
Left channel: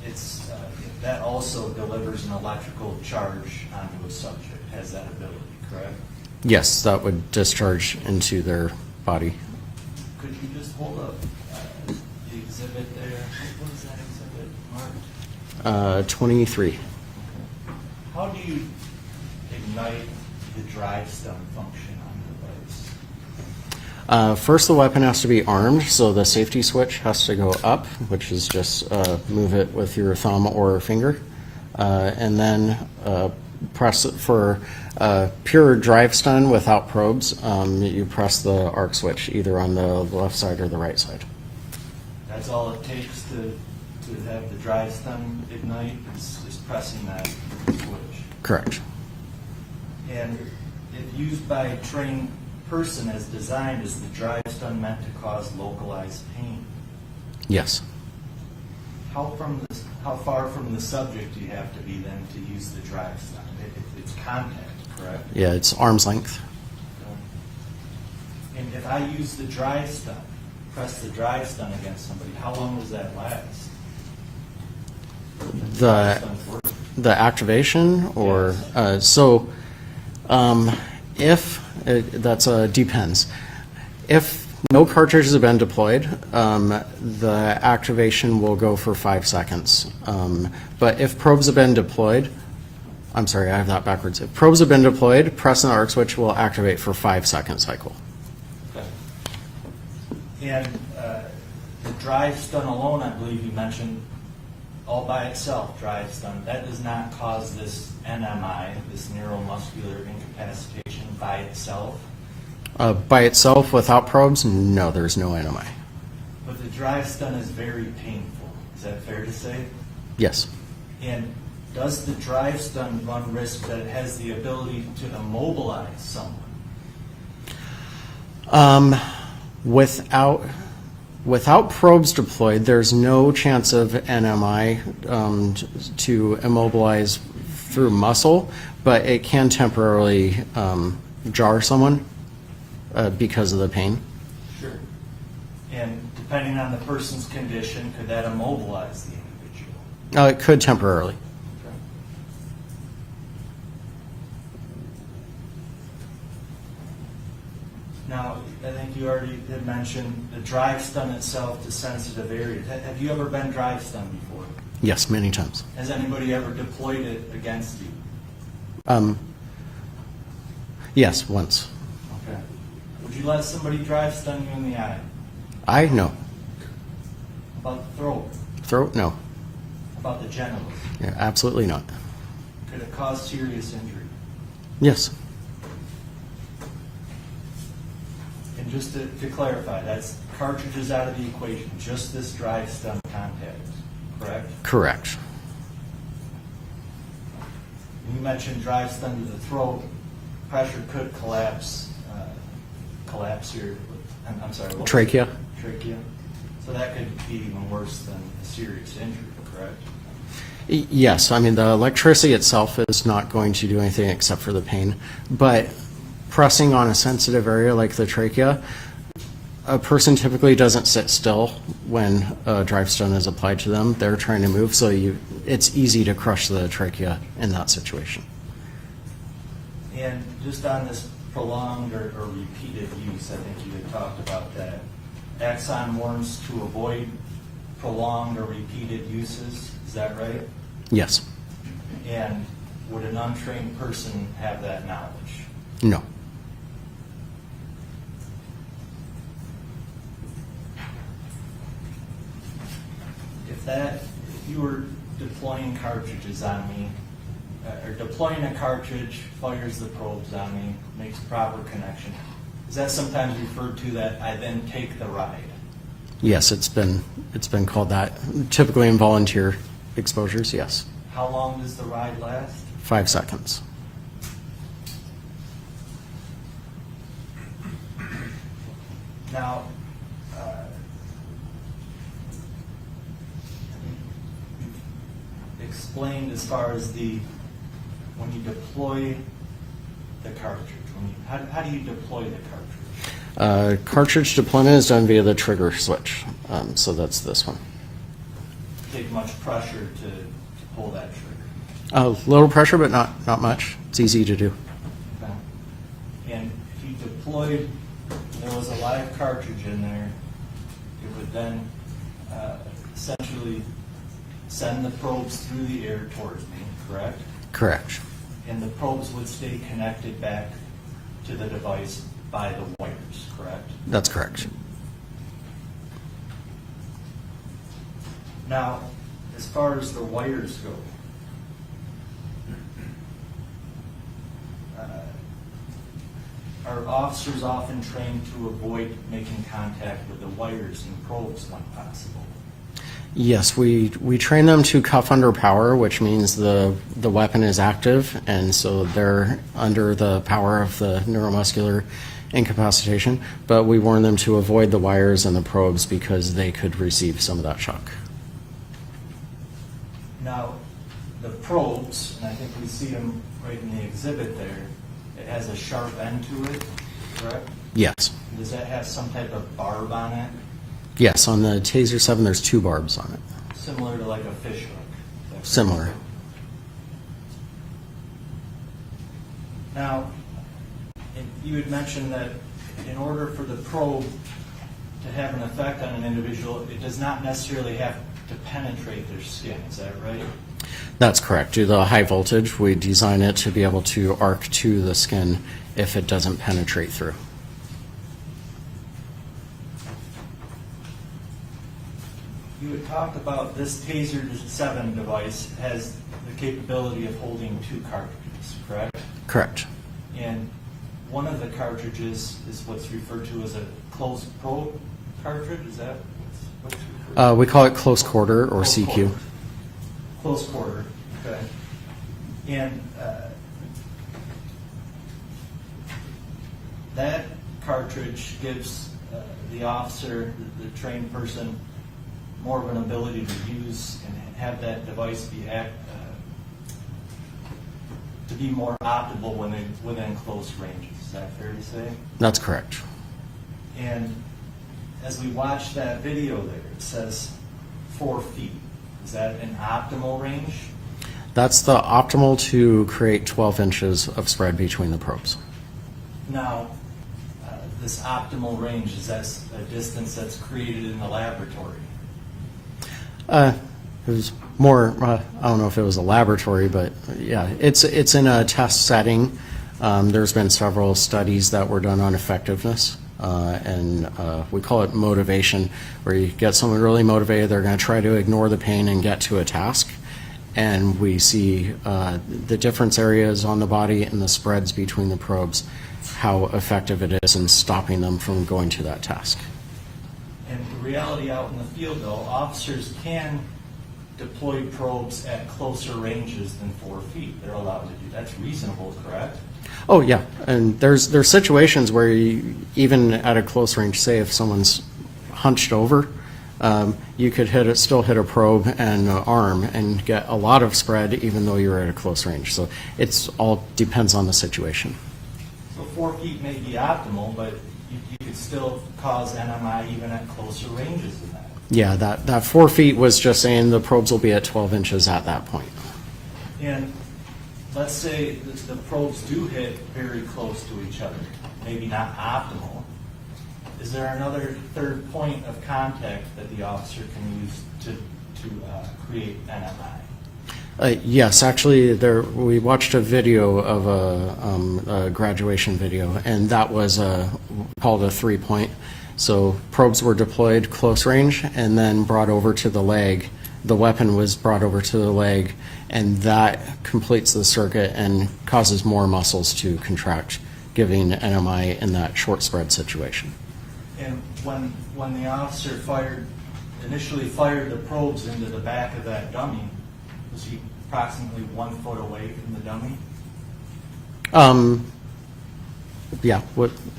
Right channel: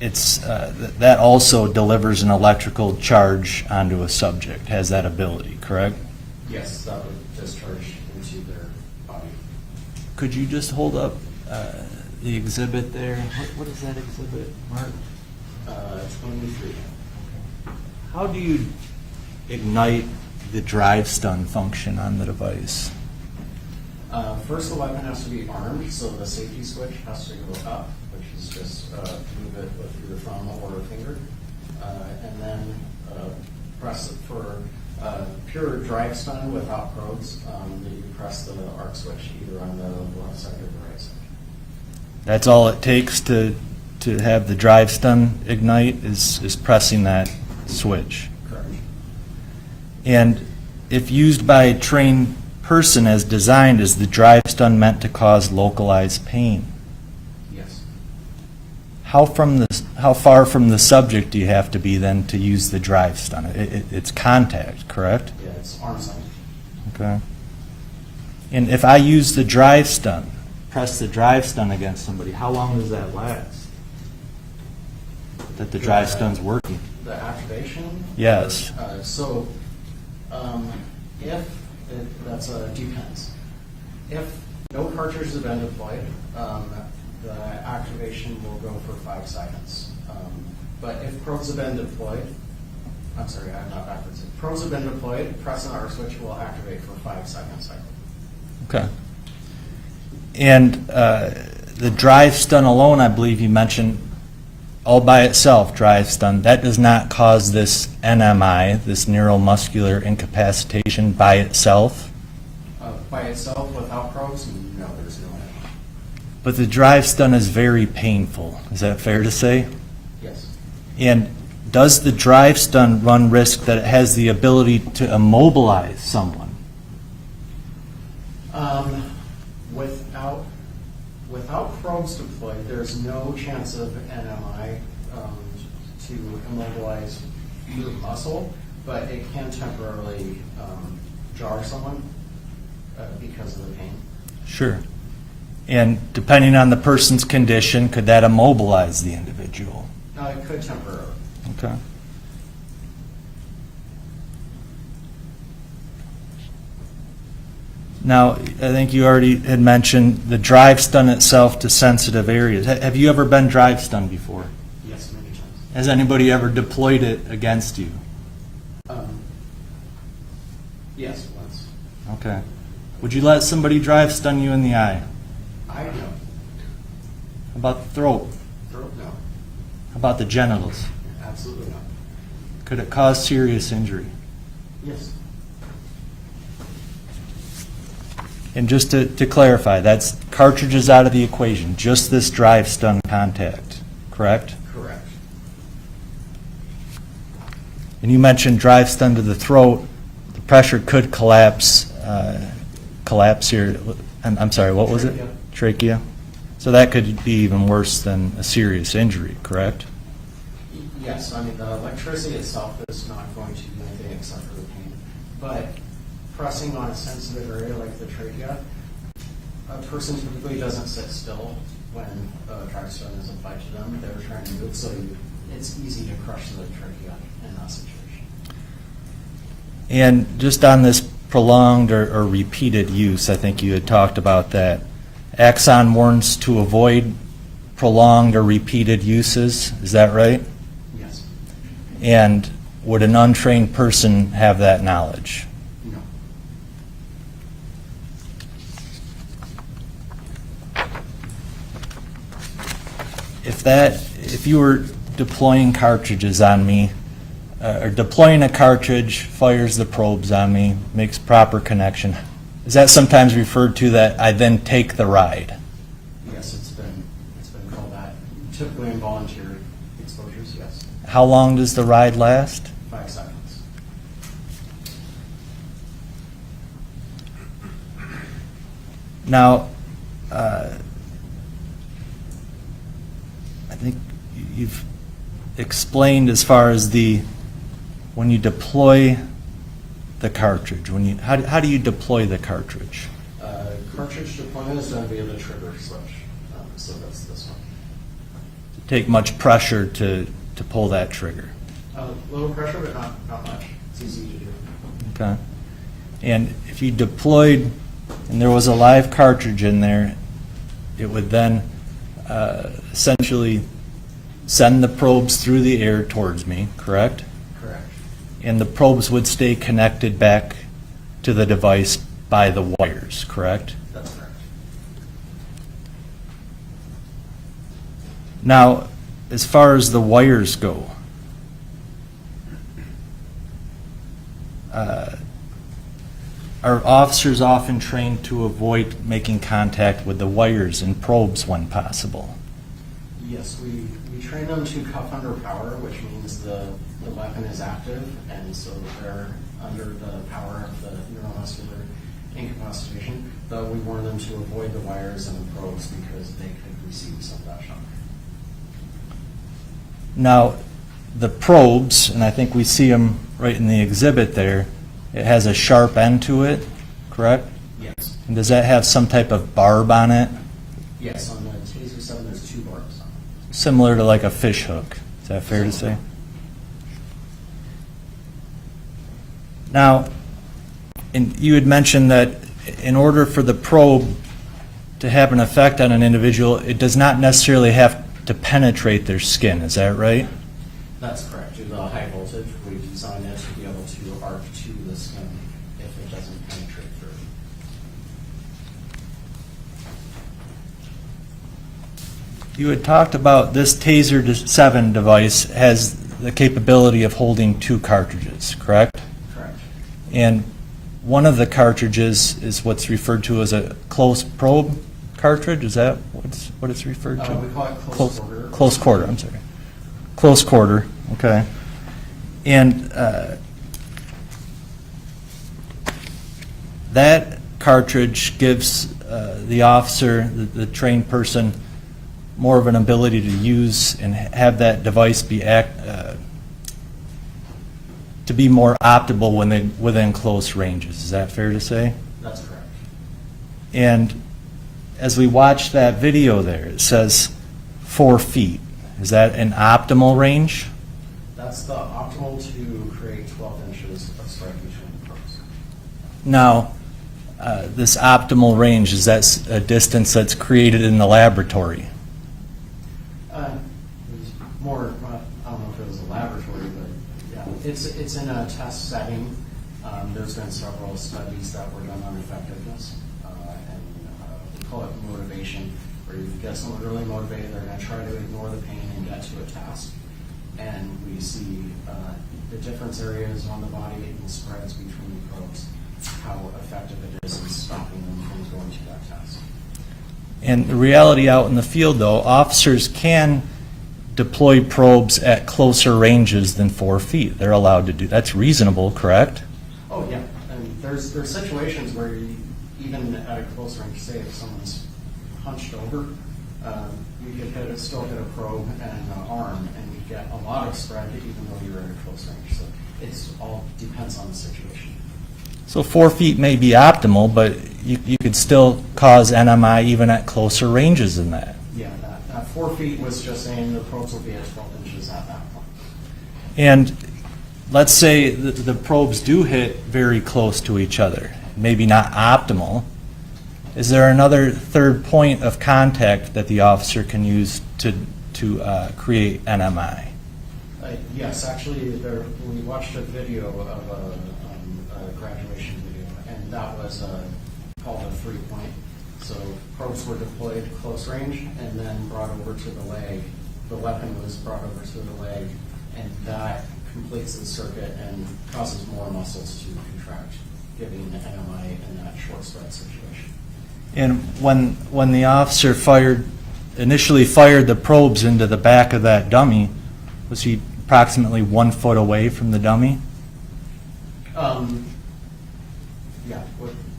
that also delivers an electrical charge onto a subject, has that ability, correct? Yes, that would discharge into their body. Could you just hold up the exhibit there? What is that exhibit? 23. How do you ignite the drive stun function on the device? First, the weapon has to be armed, so the safety switch has to go up, which is just move it with your thumb or finger. And then press it for pure drive stun without probes. You press the arc switch either on the left side or the right side. That's all it takes to have the drive stun ignite is pressing that switch. Correct. And if used by a trained person as designed, is the drive stun meant to cause localized pain? Yes. How far from the subject do you have to be then to use the drive stun? It's contact, correct? Yeah, it's arm's length. Okay. And if I use the drive stun, press the drive stun against somebody, how long does that last? That the drive stun's working? The activation? Or, yes. If, depends. If no cartridges have been deployed, the activation will go for 5 seconds. But if probes have been deployed, I'm sorry, I have that backwards. If probes have been deployed, pressing the arc switch will activate for 5-second cycle. Okay. And the drive stun alone, I believe you mentioned, all by itself, drive stun, that does not cause this NMI, this neuromuscular incapacitation by itself? By itself, without probes, no, there's no NMI. But the drive stun is very painful. Is that fair to say? Yes. And does the drive stun run risk that it has the ability to immobilize someone? Without probes deployed, there's no chance of NMI to immobilize through muscle, but it can temporarily jar someone because of the pain. Sure. And depending on the person's condition, could that immobilize the individual? It could temporarily. Okay. Now, I think you already had mentioned the drive stun itself to sensitive areas. Have you ever been drive stunned before? Yes, many times. Has anybody ever deployed it against you? Yes, once. Okay. Would you let somebody drive stun you in the eye? No. How about the throat? Throat? No. How about the genitals? Yeah, absolutely not. Could it cause serious injury? Yes. And just to clarify, that's cartridges out of the equation, just this drive stun contact, correct? Correct. And you mentioned drive stun to the throat. The pressure could collapse here. I'm sorry, what was it? Trachea. Trachea. So that could be even worse than a serious injury, correct? Yes, I mean, the electricity itself is not going to do anything except for the pain, but pressing on a sensitive area like the trachea, a person typically doesn't sit still when a drive stun is applied to them. They're trying to move, so it's easy to crush the trachea in that situation. And just on this prolonged or repeated use, I think you had talked about that. Axon warns to avoid prolonged or repeated uses, is that right? Yes. And would an untrained person have that knowledge? No. If you were deploying cartridges on me or deploying a cartridge, fires the probes on me, makes proper connection. Is that sometimes referred to that I then take the ride? Yes, it's been called that. Typically in volunteer exposures, yes. How long does the ride last? 5 seconds. Now, I think you've explained as far as when you deploy the cartridge, how do you deploy the cartridge? Cartridge deployment is done via the trigger switch, so that's this one. Take much pressure to pull that trigger. A little pressure, but not much. It's easy to do. Okay. And if you deployed and there was a live cartridge in there, it would then essentially send the probes through the air towards me, correct? Correct. And the probes would stay connected back to the device by the wires, correct? That's correct. Now, as far as the wires go, are officers often trained to avoid making contact with the wires and probes when possible? Yes, we train them to cuff under power, which means the weapon is active, and so they're under the power of the neuromuscular incapacitation, but we warn them to avoid the wires and the probes because they could receive some of that shock. Now, the probes, and I think we see them right in the exhibit there, it has a sharp end to it, correct? Yes. And does that have some type of barb on it? Yes, on the Taser 7 there's 2 barbs on it. Similar to like a fish hook, is that fair to Similar. say? Now, and you had mentioned that in order for the probe to have an effect on an individual, it does not necessarily have to penetrate their skin, is that right? That's correct. Due to the high voltage, we design it to be able to arc to the skin if it doesn't penetrate through. You had talked about this Taser 7 device has the capability of holding 2 cartridges, correct? Correct. And one of the cartridges is what's referred to as a close probe cartridge. Is that what it's referred to? We call it close quarter or close CQ. quarter. I'm sorry. Close quarter. Okay. And that cartridge gives the officer, the trained person, more of an ability to use and have that device be to be more optimal when within close ranges. Is that fair to say? That's correct. And as we watch that video there, it says 4 feet. Is that an optimal range? That's the optimal to create 12 inches of spread between the probes. Now, this optimal range, is that a distance that's created in the laboratory? It was more, I don't know if it was a laboratory, but yeah, it's in a test setting. There's been several studies that were done on effectiveness, and we call it motivation, where you get someone really motivated, they're going to try to ignore the pain and get to a task. And we see the difference areas on the body and the spreads between the probes, how effective it is in stopping them from going to that task. And the reality out in the field, though, officers can deploy probes at closer ranges than 4 feet. They're allowed to do. That's reasonable, correct? Oh yeah, and there's situations where you, even at a close range, say if someone's hunched over, you could still hit a probe and arm and get a lot of spread even though you're at a close range. So it's all depends on the situation. So 4 feet may be optimal, but you could still cause NMI even at closer ranges than that. Yeah, that 4 feet was just saying the probes will be at 12 inches at that point. And let's say the probes do hit very close to each other, maybe not optimal. Is there another third point of contact that the officer can use to create NMI? Yes, actually, we watched a video of a graduation video, and that was called a 3-point. So probes were deployed close range and then brought over to the leg the weapon was brought over to the leg, and that completes the circuit and causes more muscles to contract, giving NMI in that short spread situation. And when the officer initially fired the probes into the back of that dummy, was he approximately 1 foot away from the dummy? Yeah,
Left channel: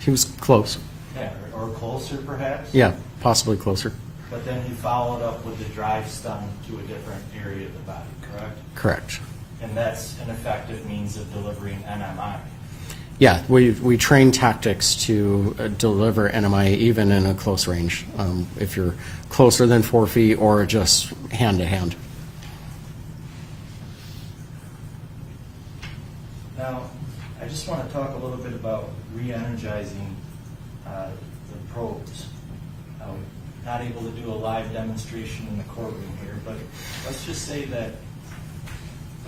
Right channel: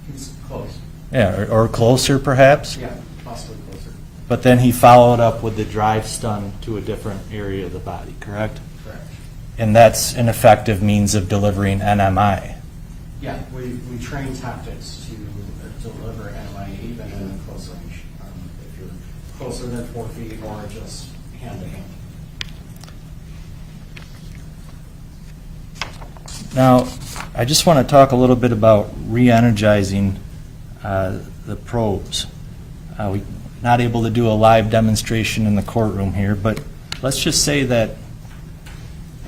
he was close. Yeah, or closer perhaps? Yeah, possibly closer. But then he followed up with the drive stun to a different area of the body, correct? Correct. And that's an effective means of delivering NMI. Yeah, we train tactics to deliver NMI even in a close range, if you're closer than 4 feet or just hand to hand. Now, I just want to talk a little bit about re-energizing the probes. We're not able to do a live demonstration in the courtroom here, but let's just say that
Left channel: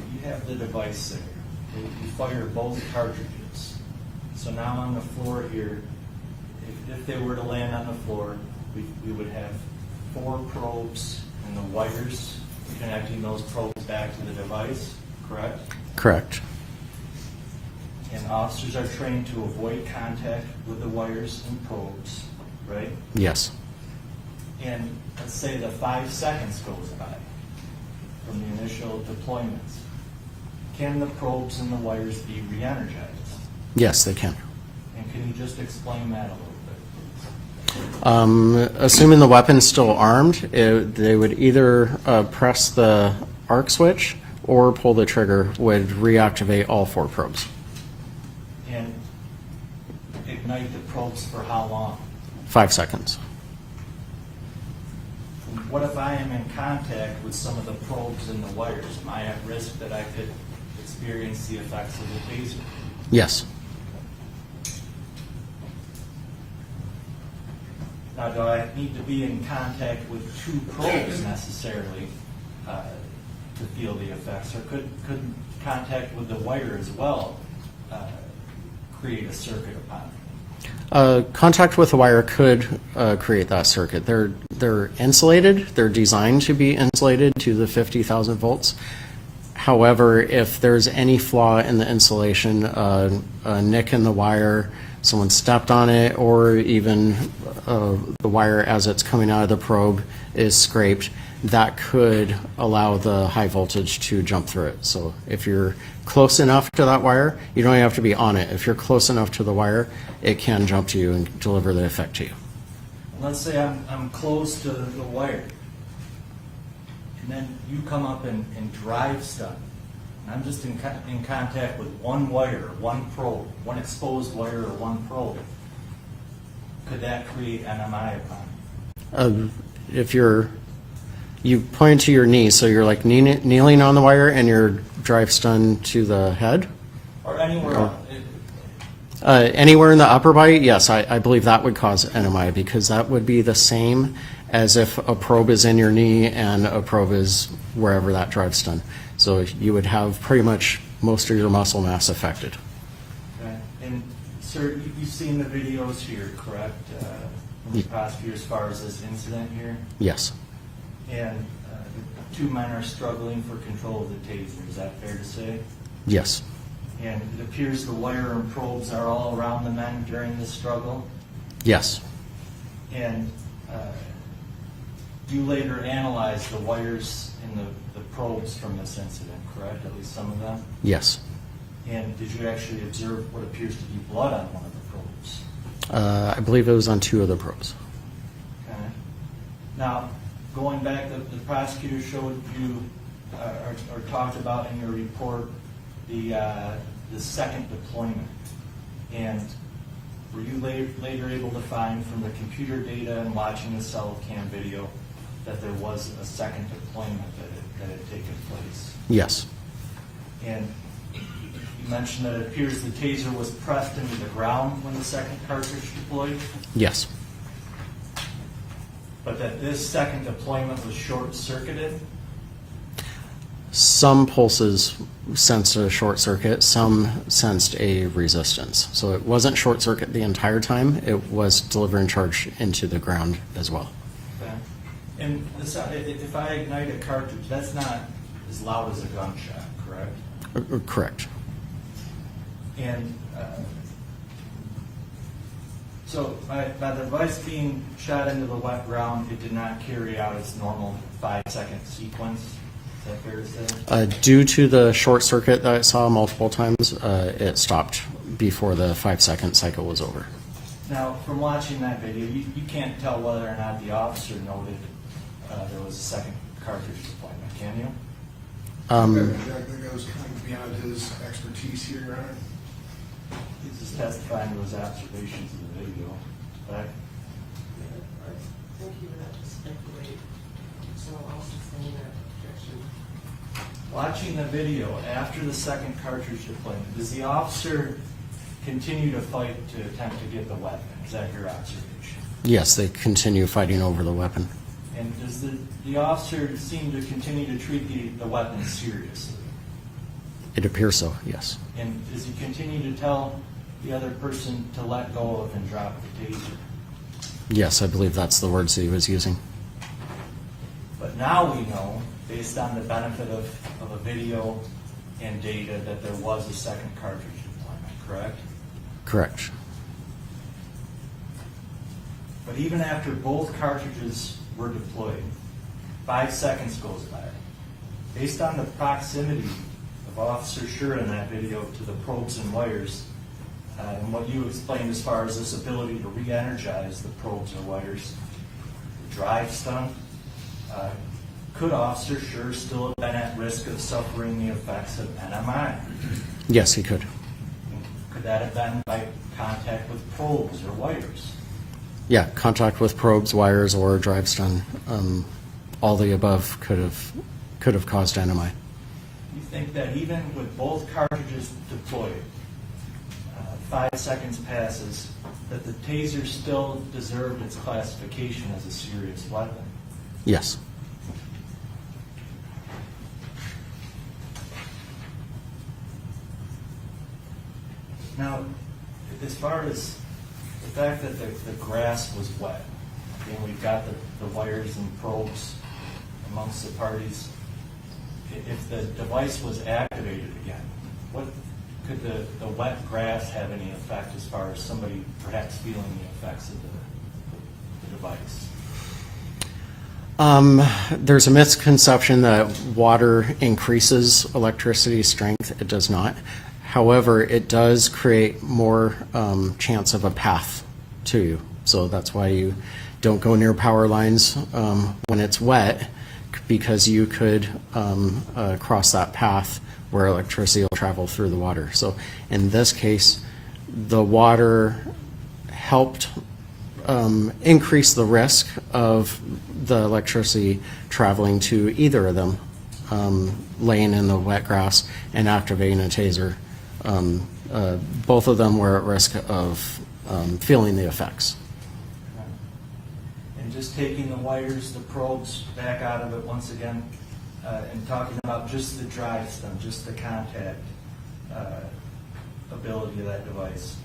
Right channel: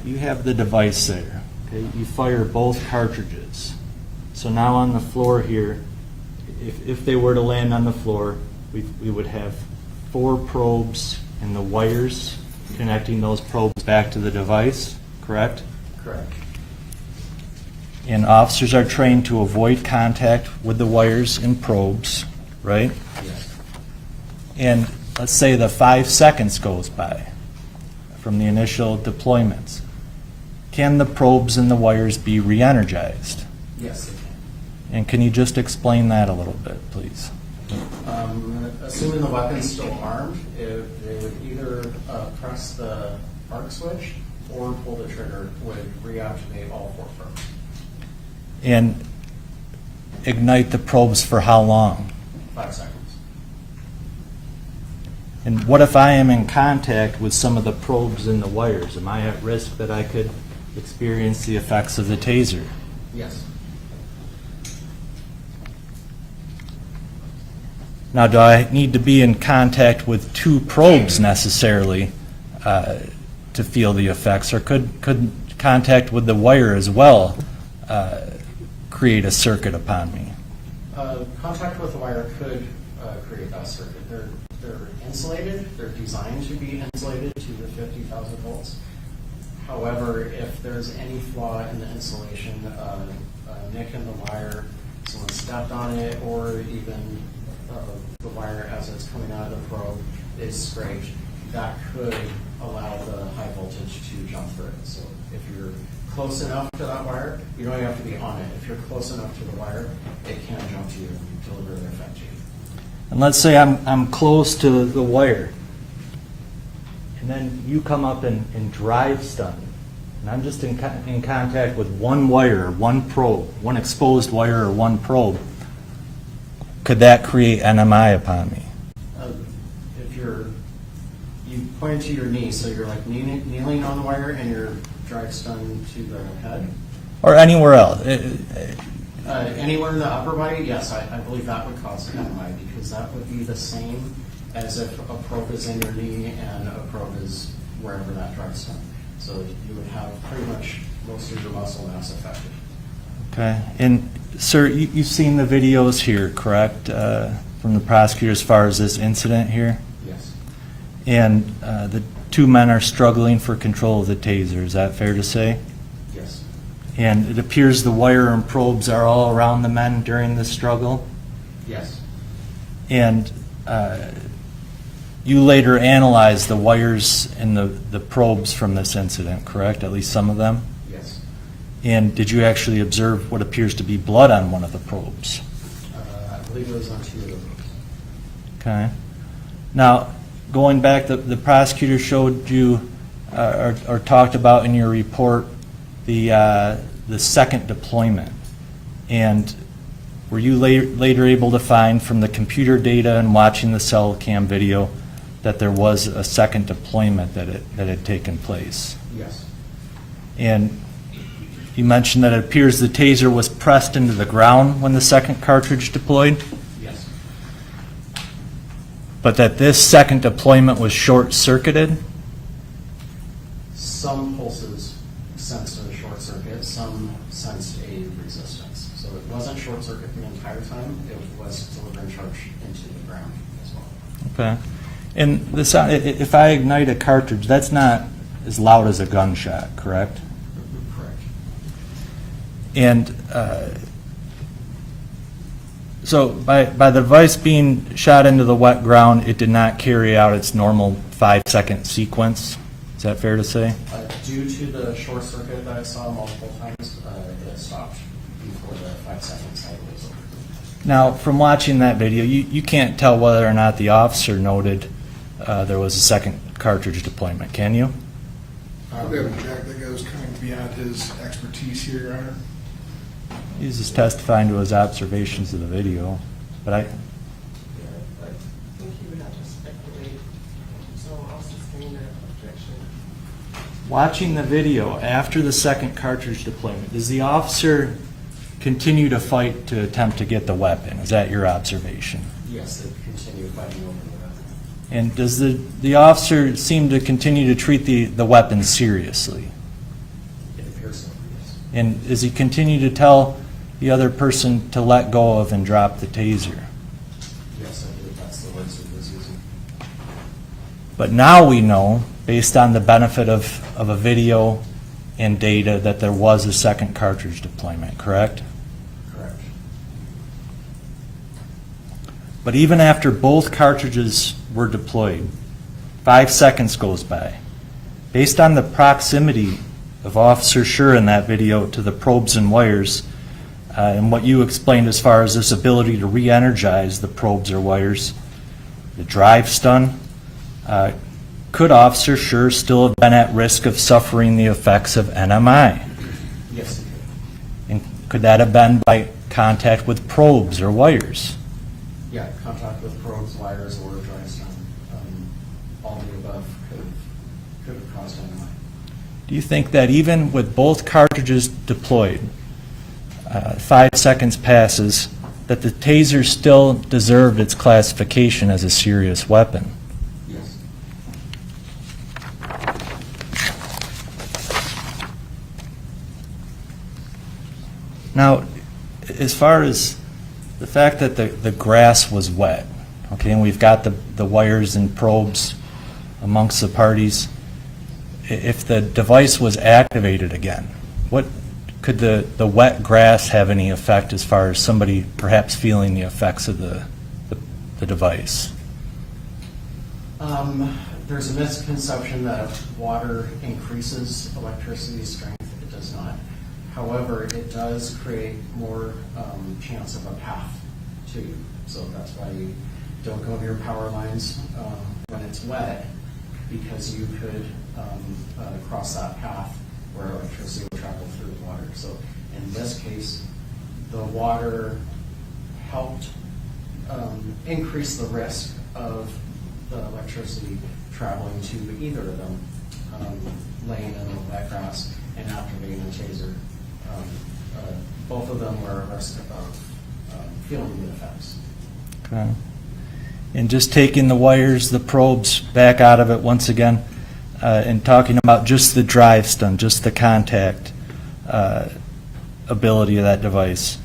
you have the device there. Okay? You fire both cartridges. So now on the floor here, if they were to land on the floor, we would have 4 probes and the wires connecting those probes back to the device, correct? Correct. And officers are trained to avoid contact with the wires and probes, right? Yes. And let's say the 5 seconds goes by from the initial deployments. Can the probes and the wires be re-energized? Yes, they can. And can you just explain that a little bit, please? Assuming the weapon's still armed, they would either press the arc switch or pull the trigger, would reactivate all 4 probes. And ignite the probes for how long? 5 seconds. And what if I am in contact with some of the probes and the wires? Am I at risk that I could experience the effects of the taser? Yes. Now, do I need to be in contact with 2 probes necessarily to feel the effects, or could contact with the wire as well create a circuit upon me? Contact with the wire could create that circuit. They're insulated. They're designed to be insulated to the 50,000 volts. However, if there's any flaw in the insulation, a nick in the wire, someone stepped on it, or even the wire as it's coming out of the probe is scraped, that could allow the high voltage to jump through it. So if you're close enough to that wire, you don't have to be on it. If you're close enough to the wire, it can jump to you and deliver the effect to you. And let's say I'm close to the wire, and then you come up and drive stun, and I'm just in contact with one wire, one probe, one exposed wire or one probe. Could that create NMI upon me? If you point to your knee, so you're like kneeling on the wire and you're drive stun to the head? Or anywhere else? Anywhere in the upper body, yes, I believe that would cause NMI, because that would be the same as if a probe is in your knee and a probe is wherever that drive stun. So you would have pretty much most of your muscle mass affected. Okay. And sir, you've seen the videos here, correct, from the prosecutor as far as this incident here? Yes. And the 2 men are struggling for control of the taser, is that fair to say? Yes. And it appears the wire and probes are all around the men during the struggle? Yes. And you later analyzed the wires and the probes from this incident, correct? At least some of them? Yes. And did you actually observe what appears to be blood on one of the probes? I believe it was on 2 of the probes. Okay. Now, going back, the prosecutor showed you or talked about in your report the second deployment. And were you later able to find from the computer data and watching the cell cam video that there was a second deployment that had taken place? Yes. And you mentioned that it appears the taser was pressed into the ground when the second cartridge deployed? Yes. But that this second deployment was short-circuited? Some pulses sensed a short circuit, some sensed a resistance. So it wasn't short circuit the entire time, it was delivering charge into the ground as well. Okay. And the sound, if I ignite a cartridge, that's not as loud as a gunshot, correct? Correct. And so by the device being shot into the wet ground, it did not carry out its normal 5-second sequence. Is that fair to say? Due to the short circuit that I saw multiple times, it stopped before the 5-second cycle was over. Now, from watching that video, you can't tell whether or not the officer noted there was a second cartridge deployment, can you? Jack, that goes kind of beyond his expertise here, Your Honor. He's just testifying to his observations of the video, but I think you would have to speculate, so I'll sustain that objection. watching the video after the second cartridge deployment, does the officer continue to fight to attempt to get the weapon? Is that your observation? Yes, they continue fighting over the weapon. And does the officer seem to continue to treat the weapon seriously? It appears so, yes. And does he continue to tell the other person to let go of and drop the taser? Yes, I believe that's the words that he was using. But now we know, based on the benefit of a video and data, that there was a second cartridge deployment, correct? Correct. But even after both cartridges were deployed, 5 seconds goes by. Based on the proximity of Officer Schurr in that video to the probes and wires, and what you explained as far as this ability to re-energize the probes or wires, the drive stun, could Officer Schurr still have been at risk of suffering the effects of NMI? Yes, he could. And could that have been by contact with probes or wires? Yeah, contact with probes, wires, or drive stun. All the above could have caused NMI. Do you think that even with both cartridges deployed, 5 seconds passes, that the taser still deserved its classification as a serious weapon? Yes. Now, as far as the fact that the grass was wet, okay, and we've got the wires and probes amongst the parties, if the device was activated again, what could the wet grass have any effect as far as somebody perhaps feeling the effects of the device? There's a misconception that water increases electricity strength. It does not. However, it does create more chance of a path to you. So that's why you don't go near power lines when it's wet, because you could cross that path where electricity will travel through the water. So in this case, the water helped increase the risk of the electricity traveling to either of them, laying in the wet grass and activating a taser. Both of them were at risk of feeling the effects. Okay. And just taking the wires, the probes back out of it once again, and talking about just the drive stun, just the contact ability of that device.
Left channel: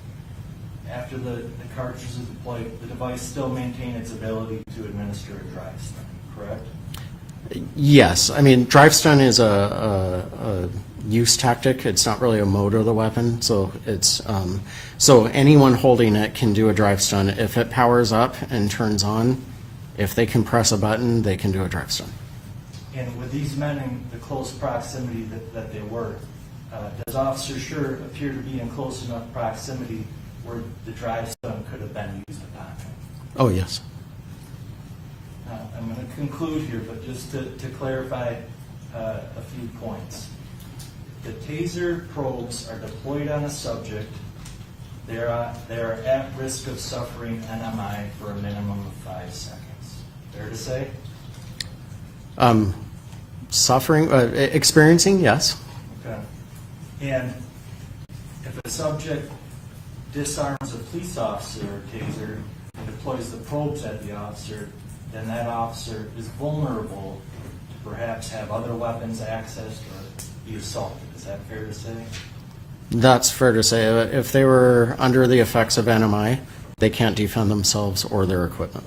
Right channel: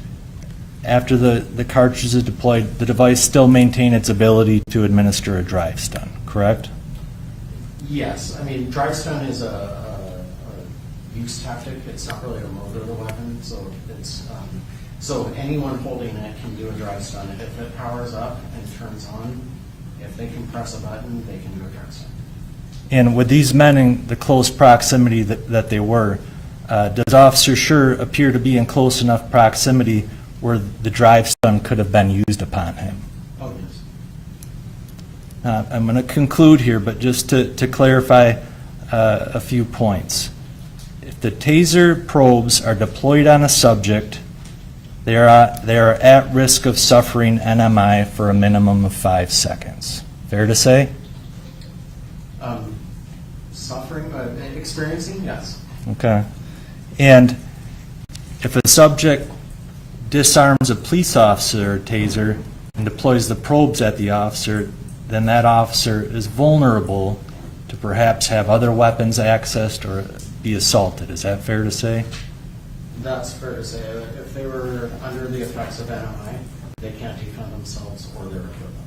After the cartridge is deployed, the device still maintained its ability to administer a drive stun, correct? Yes, I mean, drive stun is a use tactic. It's not really a mode of the weapon, so it's so anyone holding it can do a drive stun. If it powers up and turns on, if they can press a button, they can do a drive stun. And with these men in the close proximity that they were, does Officer Schurr appear to be in close enough proximity where the drive stun could have been used upon him? Oh, yes. I'm going to conclude here, but just to clarify a few points. If the taser probes are deployed on a subject, they are at risk of suffering NMI for a minimum of 5 seconds. Fair to say? Suffering, experiencing, yes. Okay. And if a subject disarms a police officer or taser and deploys the probes at the officer, then that officer is vulnerable to perhaps have other weapons accessed or be assaulted. Is that fair to say? That's fair to say. If they were under the effects of NMI, they can't defend themselves or their equipment.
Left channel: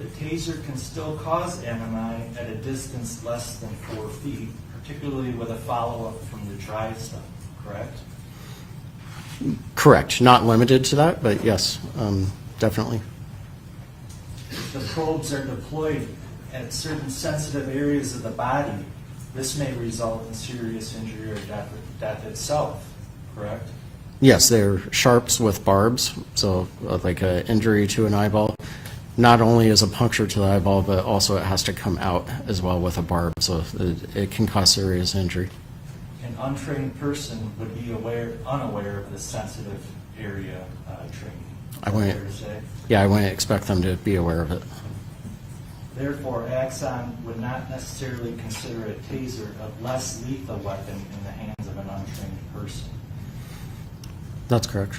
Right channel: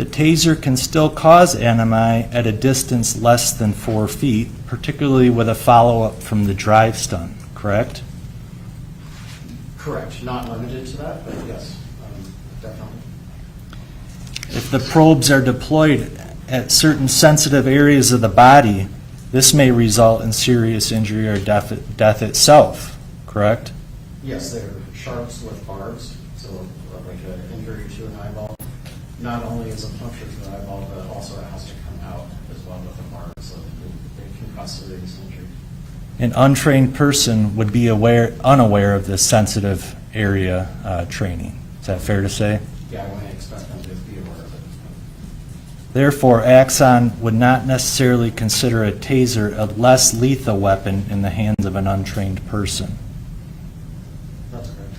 the taser can still cause NMI at a distance less than 4 feet, particularly with a follow-up from the drive stun, correct? Correct. Not limited to that, but yes, definitely. If the probes are deployed at certain sensitive areas of the body, this may result in serious injury or death itself, correct? Yes, they're sharps with barbs, so like an injury to an eyeball. Not only is a puncture to the eyeball, but also it has to come out as well with a barb, so it can cause serious injury. An untrained person would be unaware of this sensitive area training. Is that fair to say? Yeah, I wouldn't expect them to be aware of it. Therefore, Axon would not necessarily consider a taser a less lethal weapon in the hands of an untrained person. That's correct.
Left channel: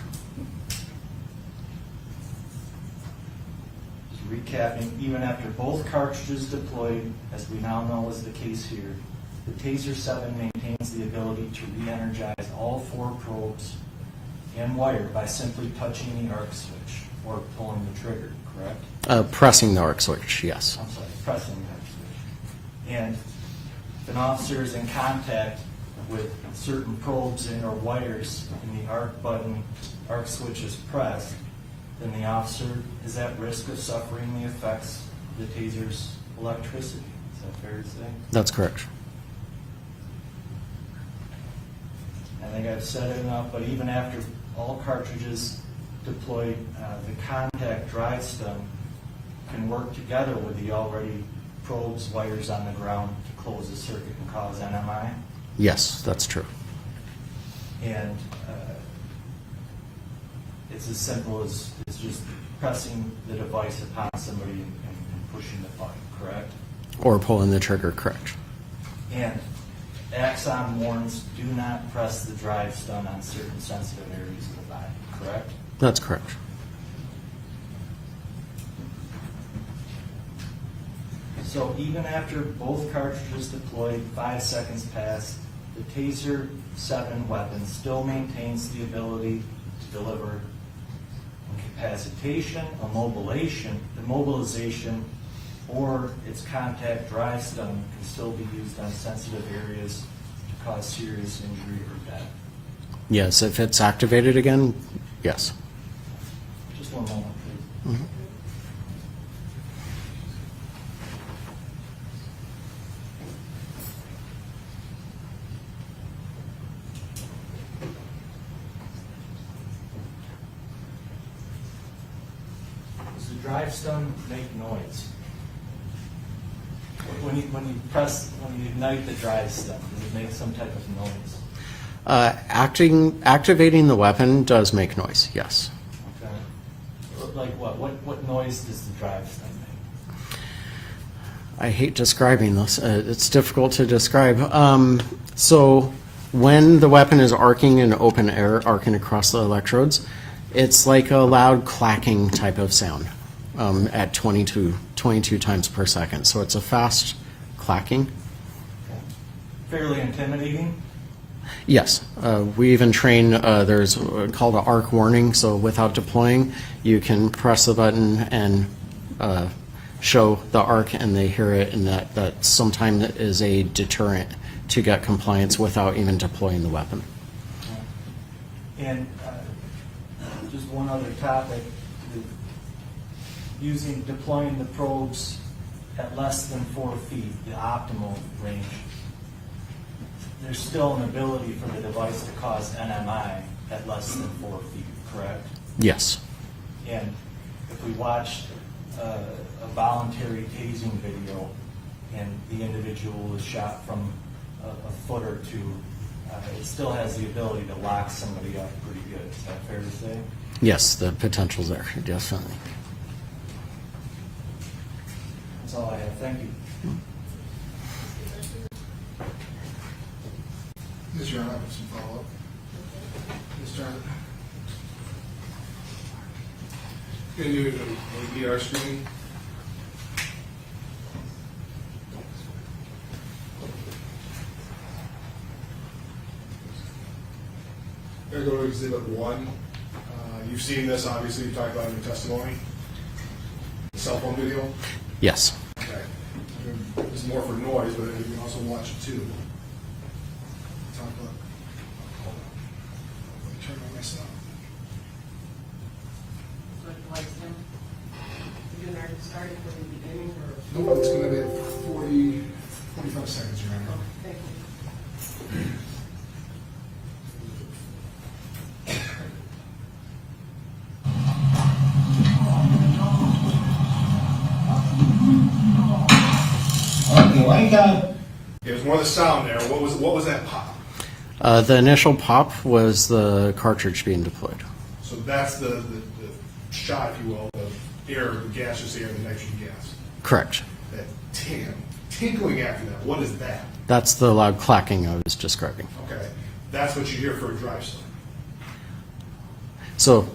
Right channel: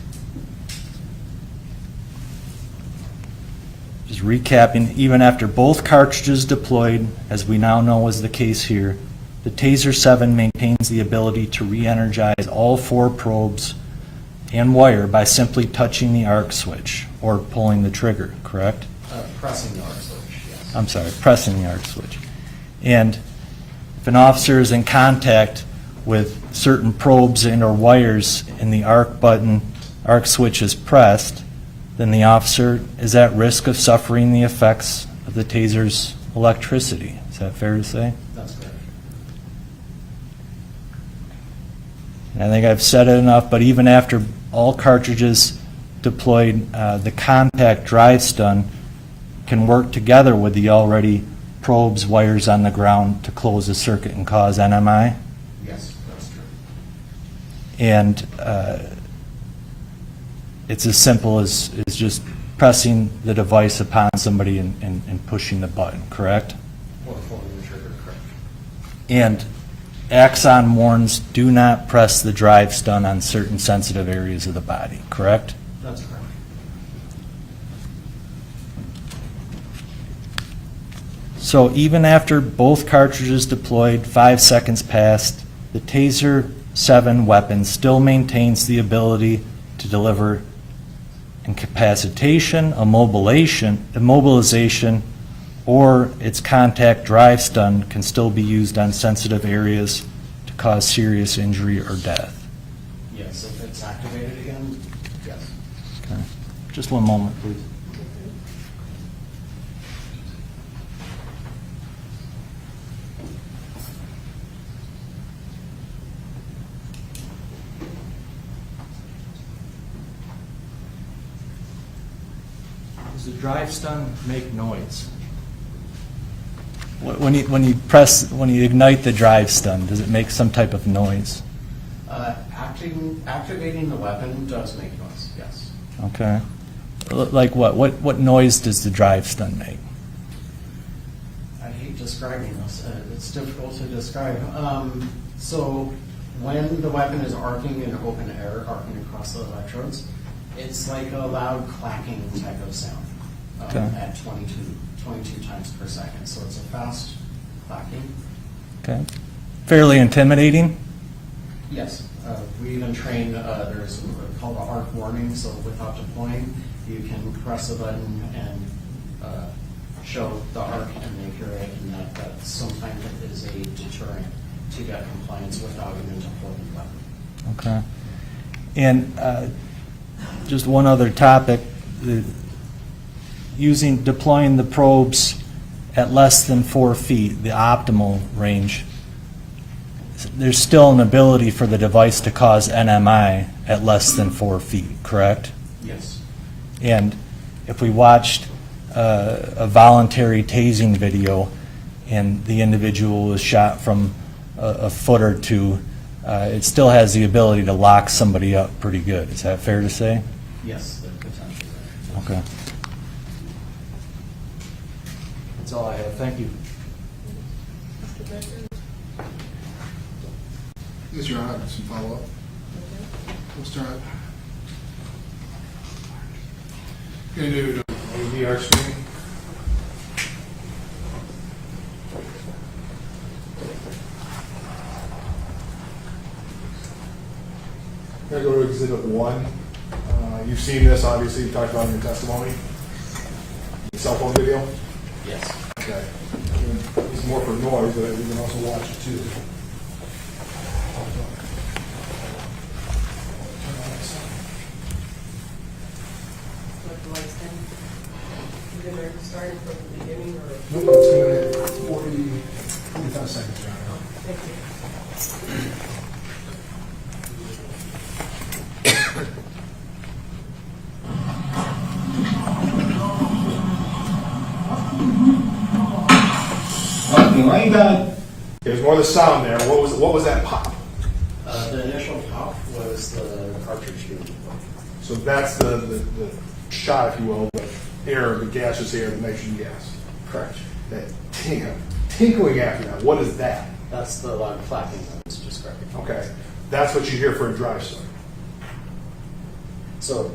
Just recapping, even after both cartridges deployed, as we now know is the case here, the Taser 7 maintains the ability to re-energize all 4 probes and wire by simply touching the arc switch or pulling the trigger, correct? Pressing the arc switch, yes. I'm sorry, pressing the arc switch. And if an officer is in contact with certain probes and or wires and the arc switch is pressed, then the officer is at risk of suffering the effects of the taser's electricity. Is that fair to say? That's correct. I think I've said it enough, but even after all cartridges deployed, the contact drive stun can work together with the already probes, wires on the ground to close the circuit and cause NMI. Yes, that's true. And it's as simple as just pressing the device upon somebody and pushing the button, correct? Or pulling the trigger, correct. And Axon warns, do not press the drive stun on certain sensitive areas of the body, correct? That's correct. So even after both cartridges deployed, 5 seconds passed, the Taser 7 weapon still maintains the ability to deliver incapacitation, immobilization, or its contact drive stun can still be used on sensitive areas to cause serious injury or death. Yes, if it's activated again, yes. Okay. Just one moment, please. Does the drive stun make noise? When you ignite the drive stun, does it make some type of noise? Activating the weapon does make noise, yes. Okay. Like what? What noise does the drive stun make? I hate describing this. It's difficult to describe. So when the weapon is arcing in open air, arcing across the electrodes, it's like a loud clacking type of sound at 22 times per second. So it's a fast clacking. Okay. Fairly intimidating? Yes. We even train, there's called an arc warning. So without deploying, you can press the button and show the arc and they hear it, and that sometimes is a deterrent to get compliance without even deploying the weapon. Okay. And just one other topic, deploying the probes at less than 4 feet, the optimal range, there's still an ability for the device to cause NMI at less than 4 feet, correct? Yes. And if we watched a voluntary tasing video and the individual was shot from a foot or two, it still has the ability to lock somebody up pretty good. Is that fair to say? Yes, the potential's there. Yes. Okay. That's all I have. Thank you. Yes, Your Honor, I have some follow-up. Mr. Hunt. Going to do a VR screening. Going to go to Exhibit 1. You've seen this, obviously, you talked about in your testimony. You can cell phone video? Yes. Okay. This is more for noise, but you can also watch it too. Turn on that sound. Put the lights down. We're gonna start from the beginning or? Nope, it's gonna be 45 seconds, right? Thank you. There's more of the sound there. What was that pop? The initial pop was the cartridge being deployed. So that's the shot, if you will, the air, the gaseous air, the nitrogen gas. Correct. That tinkling after that, what is that? That's the loud clacking I was describing. Okay, that's what you hear for a drive stun. So,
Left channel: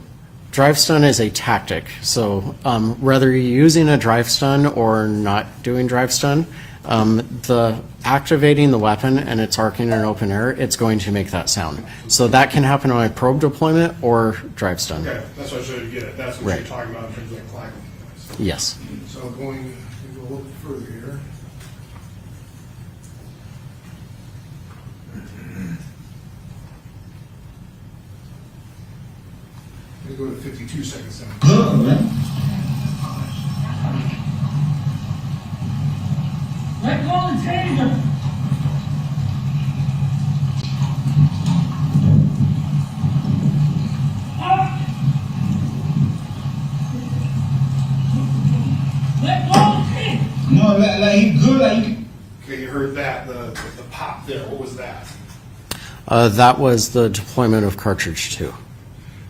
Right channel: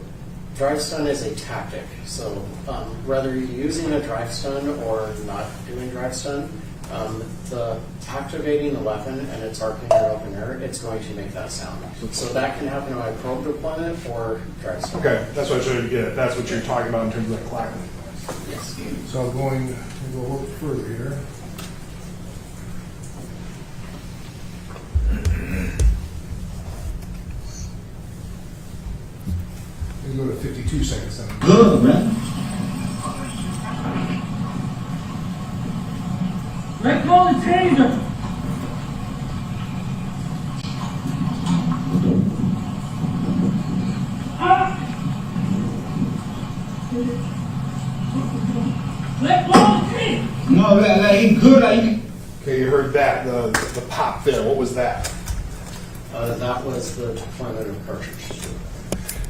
drive stun is a tactic. So, whether you're using a drive stun or not doing drive stun, the activating the weapon and it's arcing in open air, it's going to make that sound. So that can happen on a probe deployment or drive stun. Okay, that's what I was trying to get at. That's what Right. you're talking about in terms of the clacking noise. Yes. So I'm going to go a little bit further here. I'm going to go to 52 seconds then. Good, man. Let go the taser. Let go the taser. No, he good. Okay, you heard that, the pop there. What was that? That was the deployment of cartridge 2.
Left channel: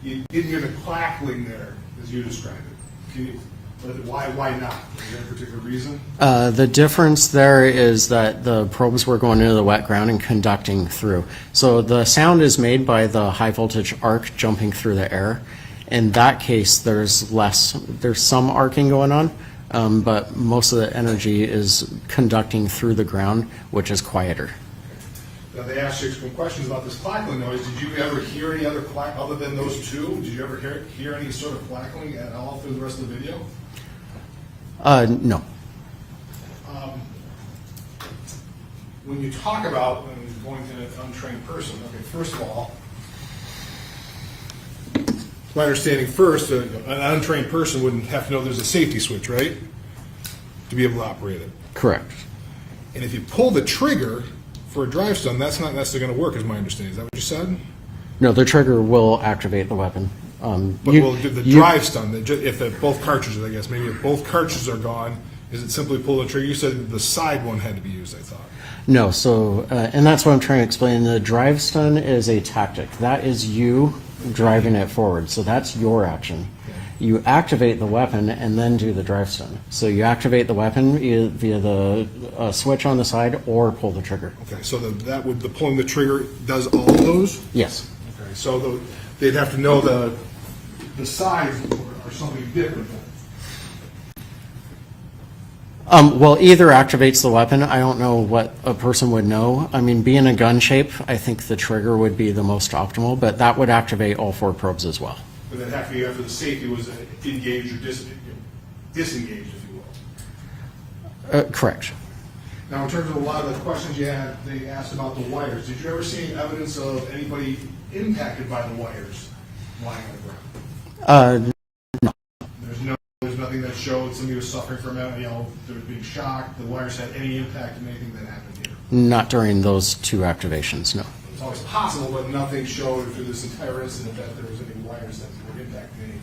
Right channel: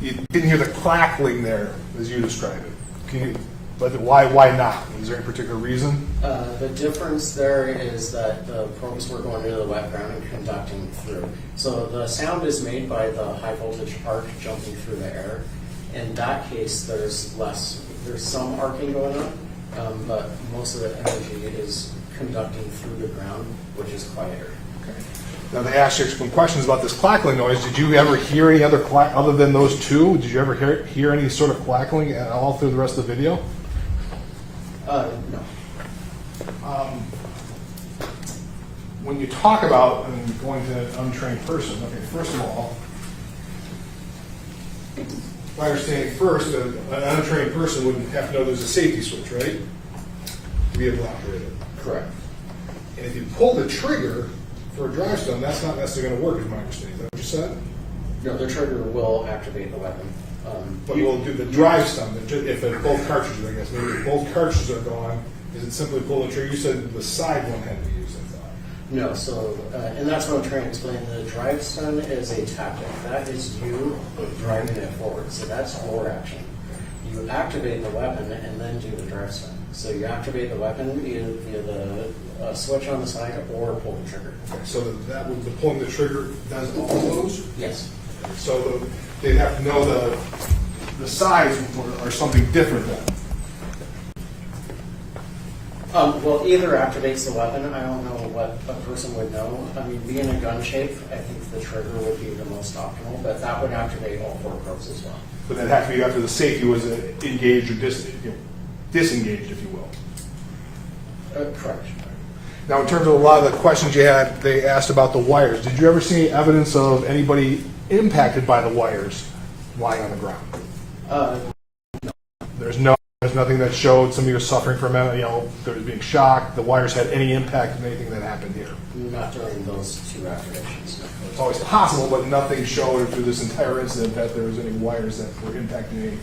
You didn't hear the clackling there as you described it. Can you, but why not? Was there any particular reason? The difference there is that the probes were going into the wet ground and conducting through. So the sound is made by the high voltage arc jumping through the air. In that case, there's some arcing going on, but most of the energy is conducting through the ground, which is quieter. Now they asked you some questions about this clackling noise. Did you ever hear any other other than those two? Did you ever hear any sort of clackling at all through the rest of the video? No. When you talk about going to an untrained person, okay, first of all, my understanding first, an untrained person wouldn't have to know there's a safety switch, right? To be able to operate it. Correct. And if you pull the trigger for a drive stun, that's not necessarily going to work, is my understanding. Is that what you said? No, the trigger will activate the weapon. But will the drive stun, if both cartridges, I guess, maybe if both cartridges are gone, is it simply pull the trigger? You said the side one had to be used, I thought. No, so, and that's what I'm trying to explain. The drive stun is a tactic. That is you driving it forward. So that's your action. You activate the weapon and then do the drive stun. So you activate the weapon via the switch on the side or pull the trigger. Okay, so the pulling the trigger does all of those? Yes. Okay, so they'd have to know the sides or something different then. Well, either activates the weapon. I don't know what a person would know. I mean, being a gun shape, I think the trigger would be the most optimal, but that would activate all 4 probes as well. But that'd have to be after the safety was engaged or disengaged, if you will. Correct. Now, in terms of a lot of the questions you had, they asked about the wires. Did you ever see any evidence of anybody impacted by the wires lying on the ground? No. There's nothing that showed somebody was suffering from mental, there was being shocked. The wires had any impact of anything that happened here. Not during those 2 activations, no. It's always possible, but nothing showed through this entire incident that there was any wires that were impacting anything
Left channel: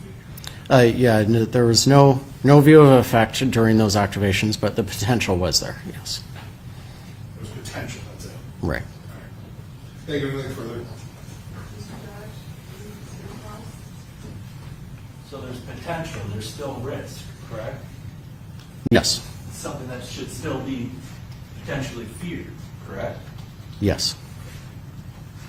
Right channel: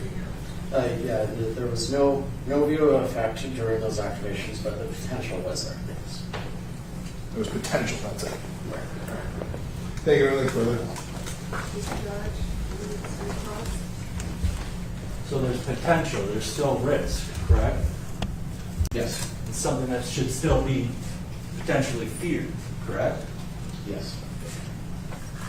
here. Yeah, there was no view of effect during those activations, but the potential was there, yes. There was potential, that's it. Right. Thank you. Anything further? So there's potential, there's still risk, correct? Yes. It's something that should still be potentially feared, correct? Yes.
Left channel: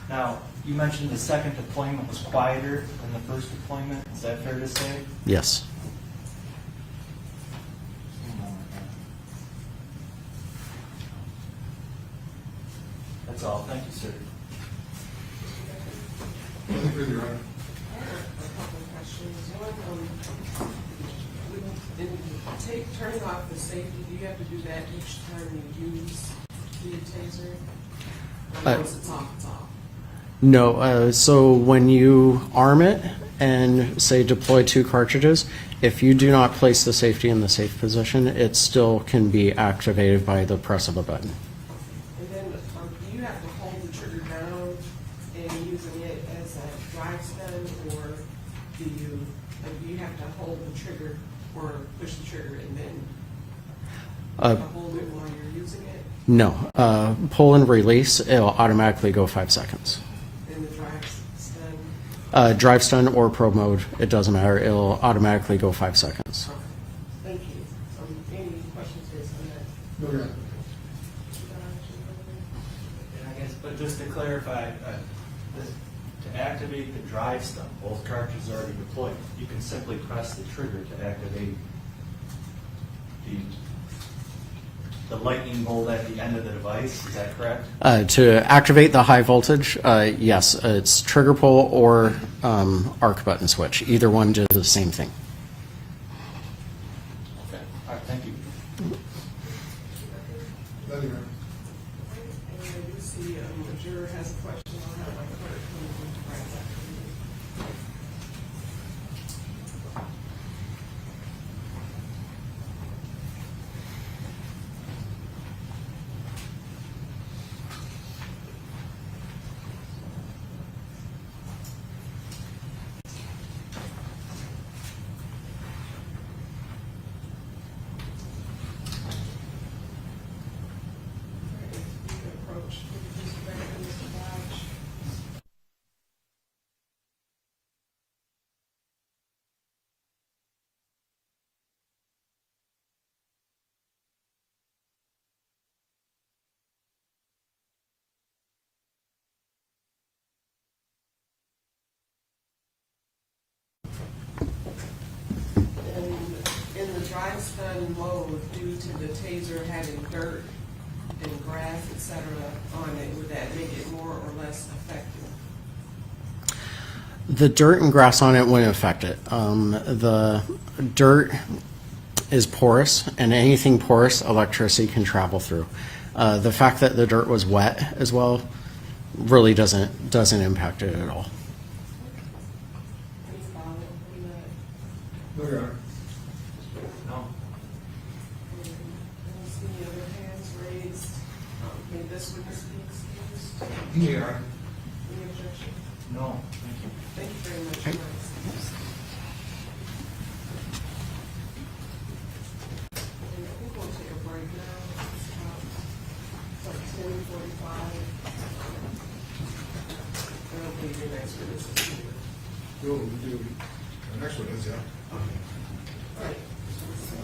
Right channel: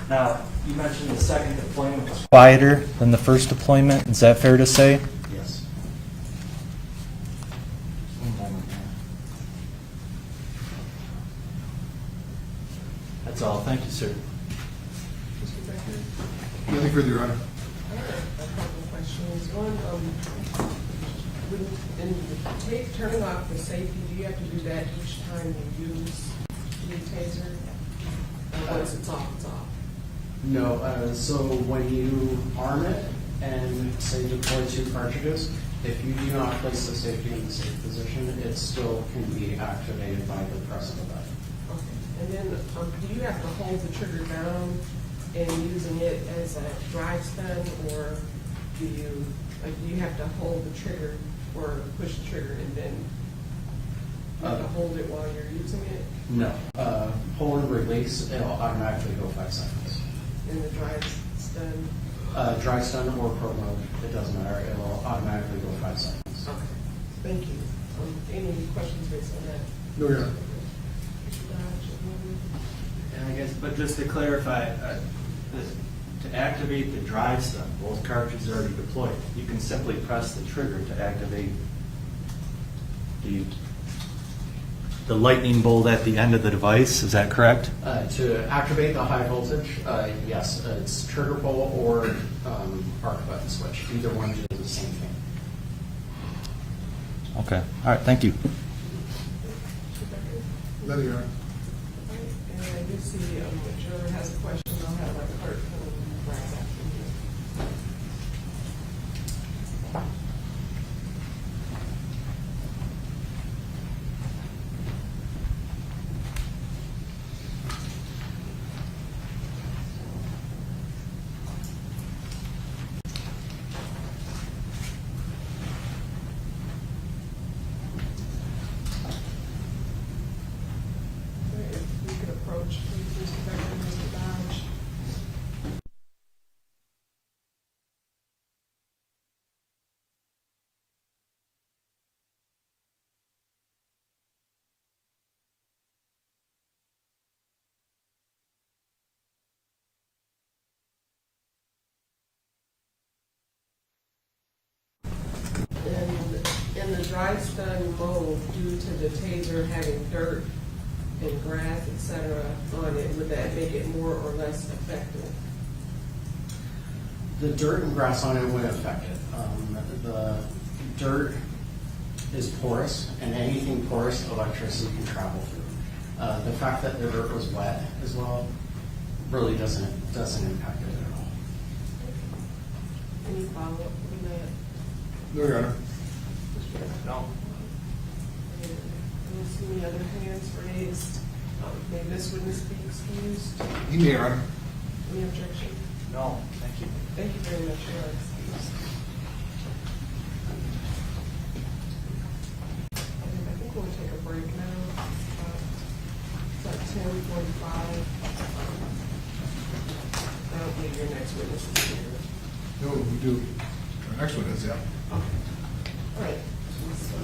Now, you mentioned the second deployment was quieter than the first deployment. Is that fair to say? Yes. That's all. Thank you, sir. Nothing further, Your Honor. I have a couple of questions. One, turning off the safety, do you have to do that each time you use the taser? Or once it's off, it's off? No, so when you arm it and say deploy 2 cartridges, if you do not place the safety in the safe position, it still can be activated by the press of a button. And then, do you have to hold the trigger down and using it as a drive stun, or do you have to hold the trigger or push the trigger and then hold it while you're using it? No, pull and release, it'll automatically go 5 seconds. In the drive stun? Drive stun or pro mode, it doesn't matter, it'll automatically go 5 seconds. Okay, thank you. Any questions based on that? No, you're not. And I guess, but just to clarify, to activate the drive stun, both cartridges are already deployed. You can simply press the trigger to activate the lightning bolt at the end of the device. Is that correct? To activate the high voltage, yes, it's trigger pull or arc button switch. Either one does the same thing. Okay. All right. Thank you. No, you're not. And I do see a juror has a question. I'll have our clerk come right after you. You can approach, please, Mr. Dodge. In the drive stun mode, due to the taser having dirt and grass, et cetera, on it, would that make it more or less effective? The dirt and grass on it wouldn't affect it. The dirt is porous, and anything porous, electricity can travel through. The fact that the dirt was wet as well really doesn't impact it at all. Any follow-up on that? No, you're not. No. I don't see any other hands raised. May this witness be excused? You may, Your Honor. Any objection? No. Thank you. Thank you very much. You are excused. And I think we'll take a break now. It's about 10:45. I don't believe your next witness is here. No, we do. The next one is, yeah. All right. So.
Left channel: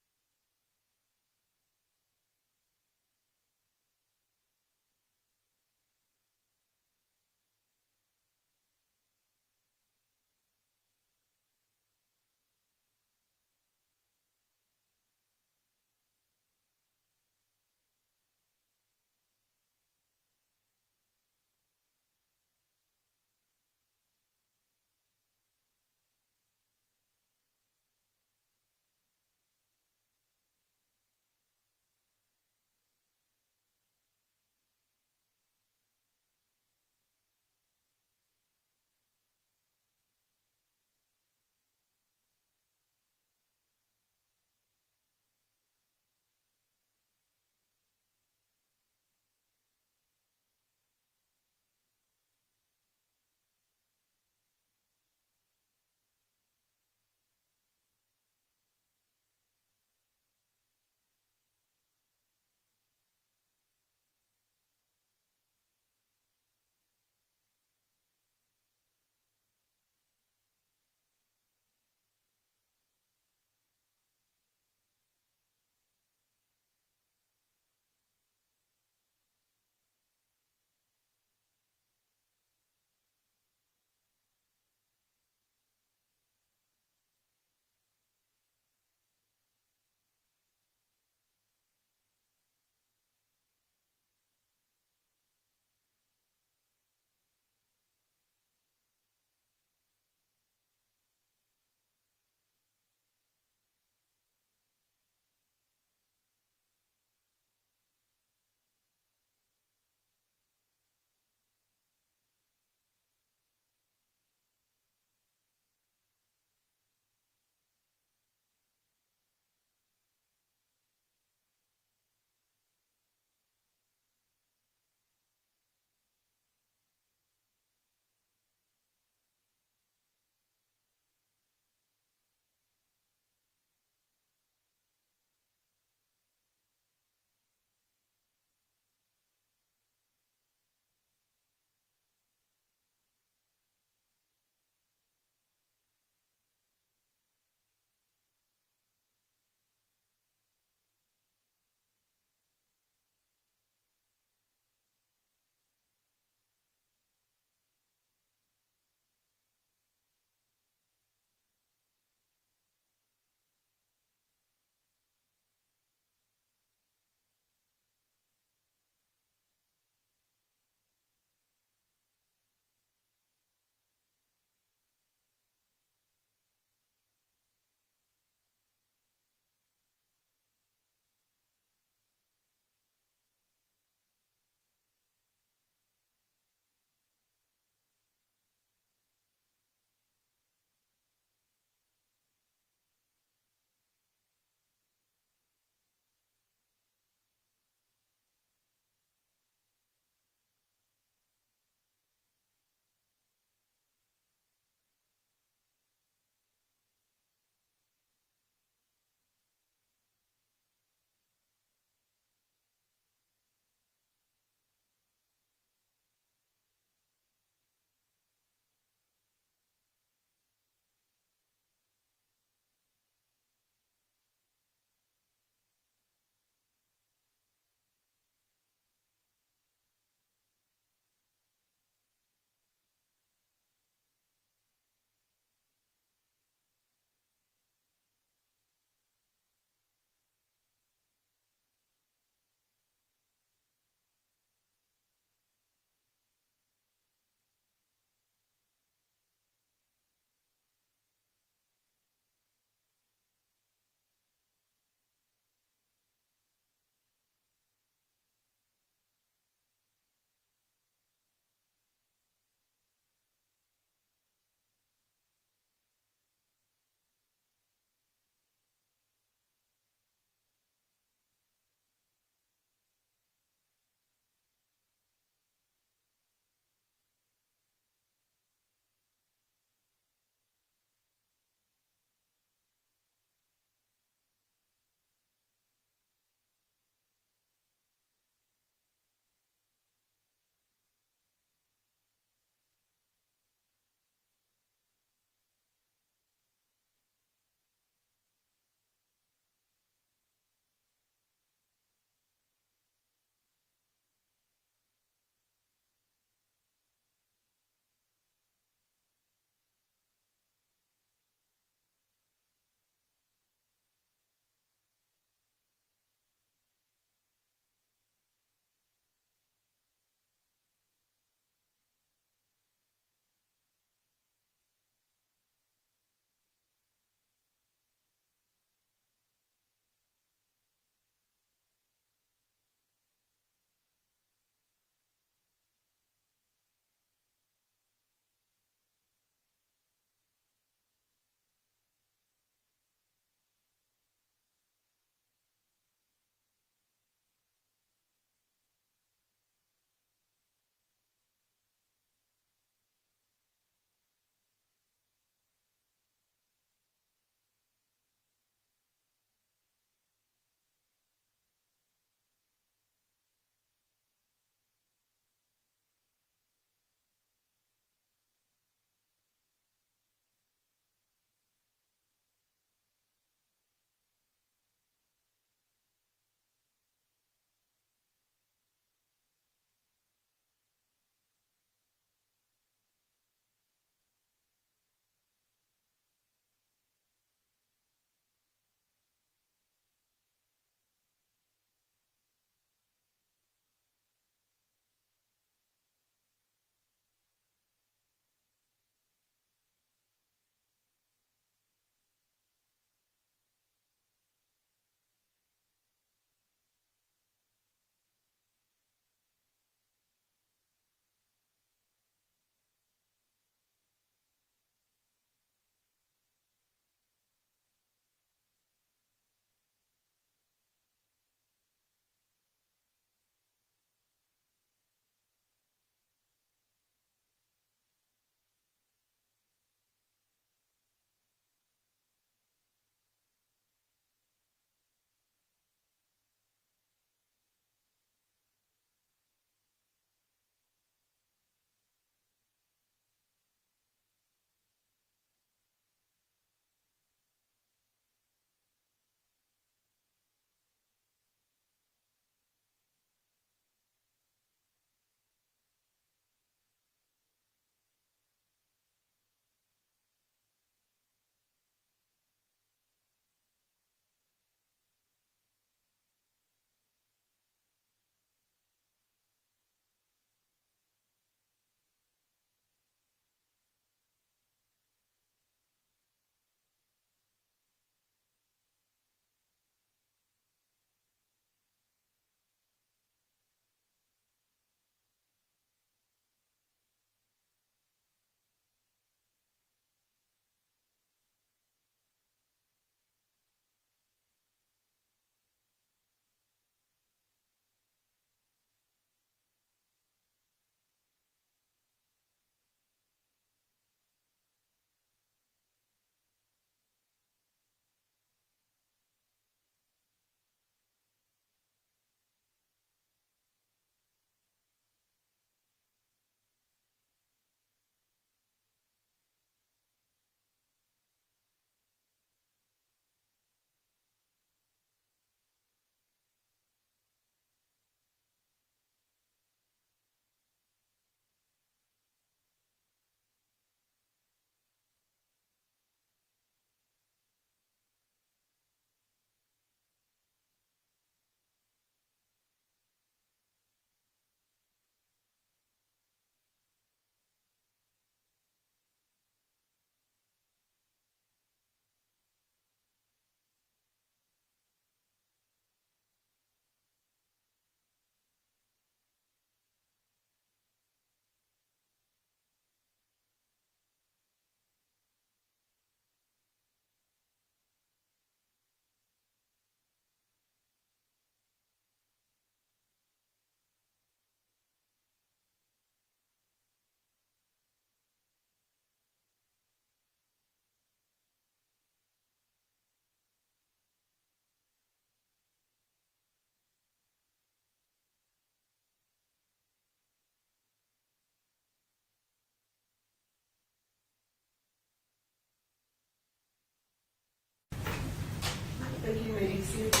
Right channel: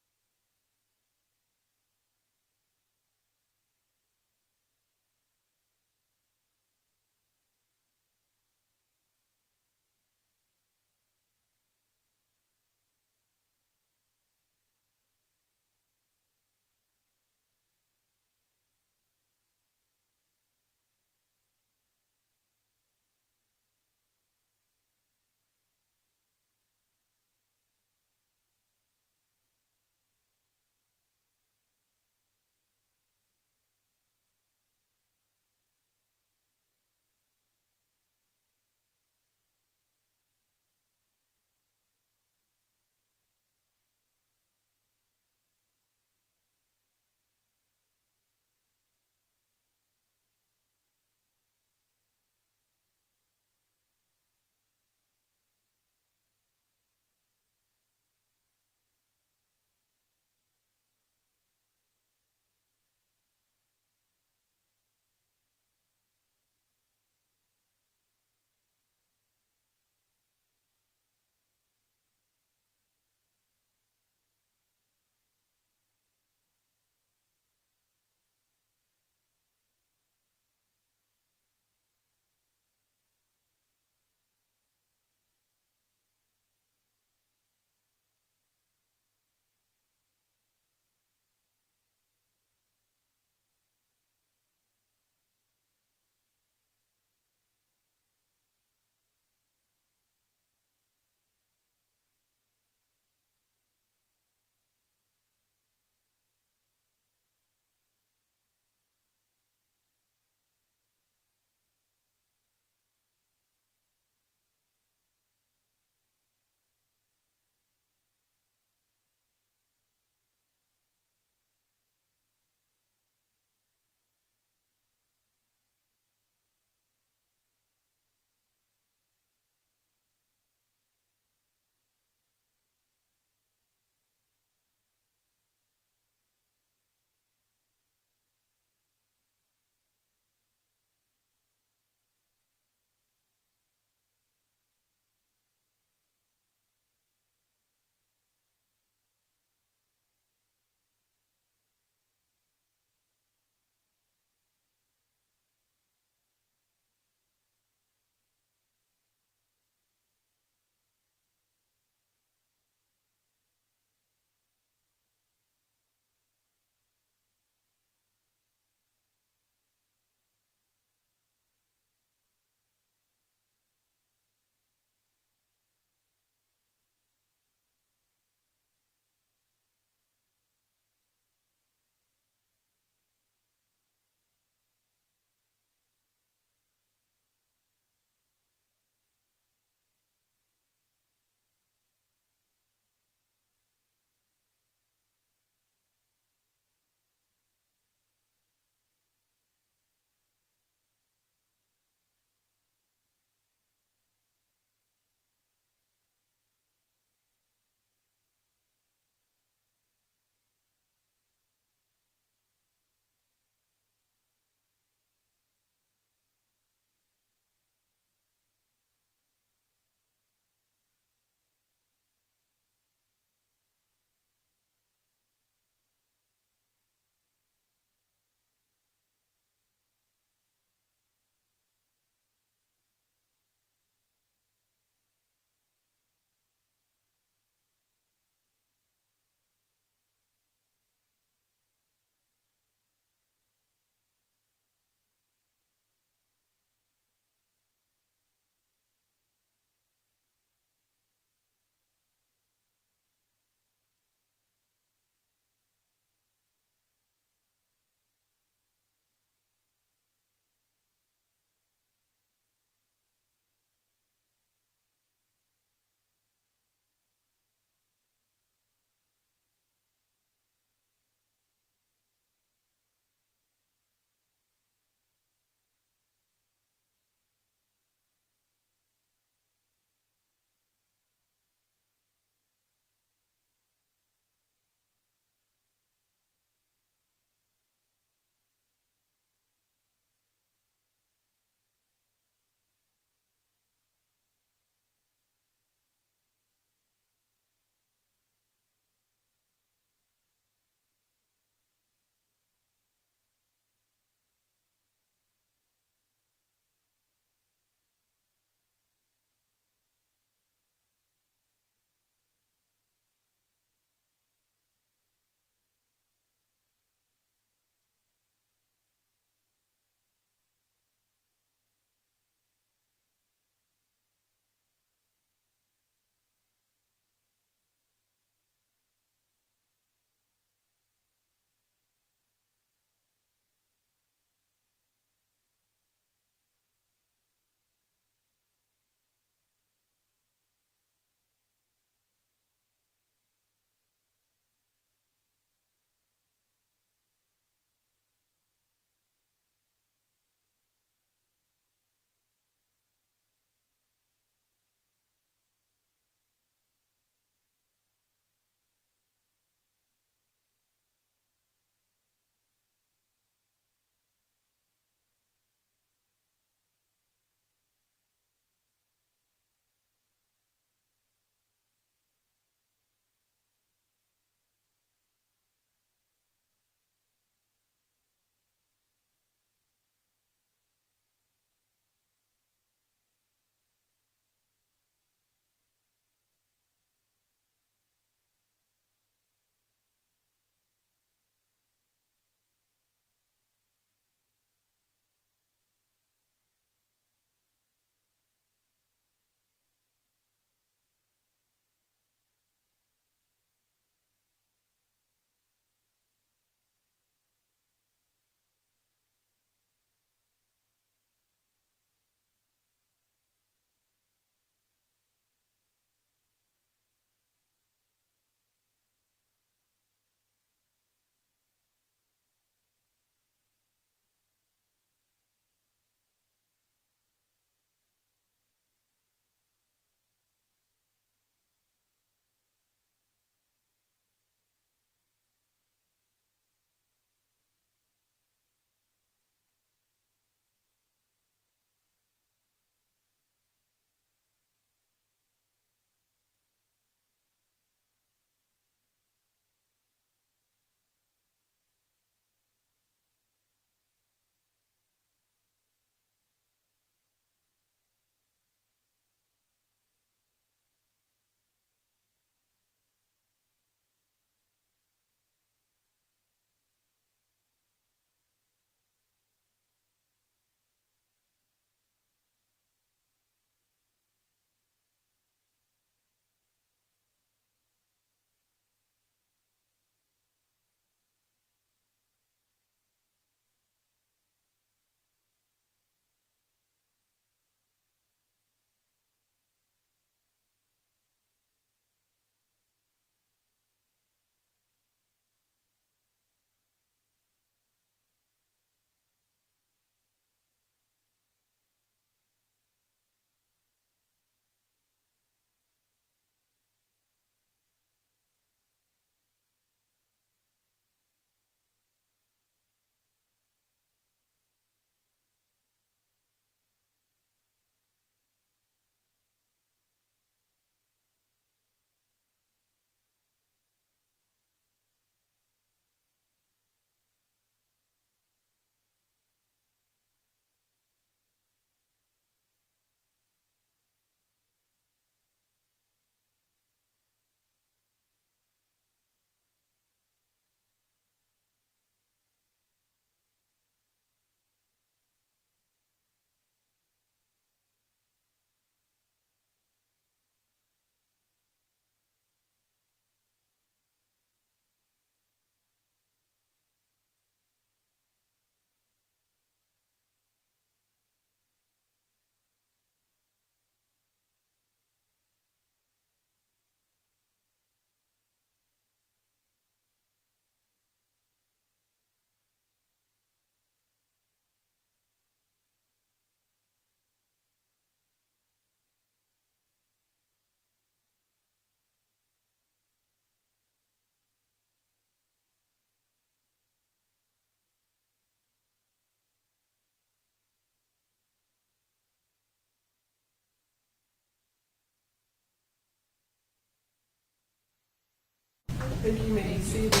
think you may be seated. We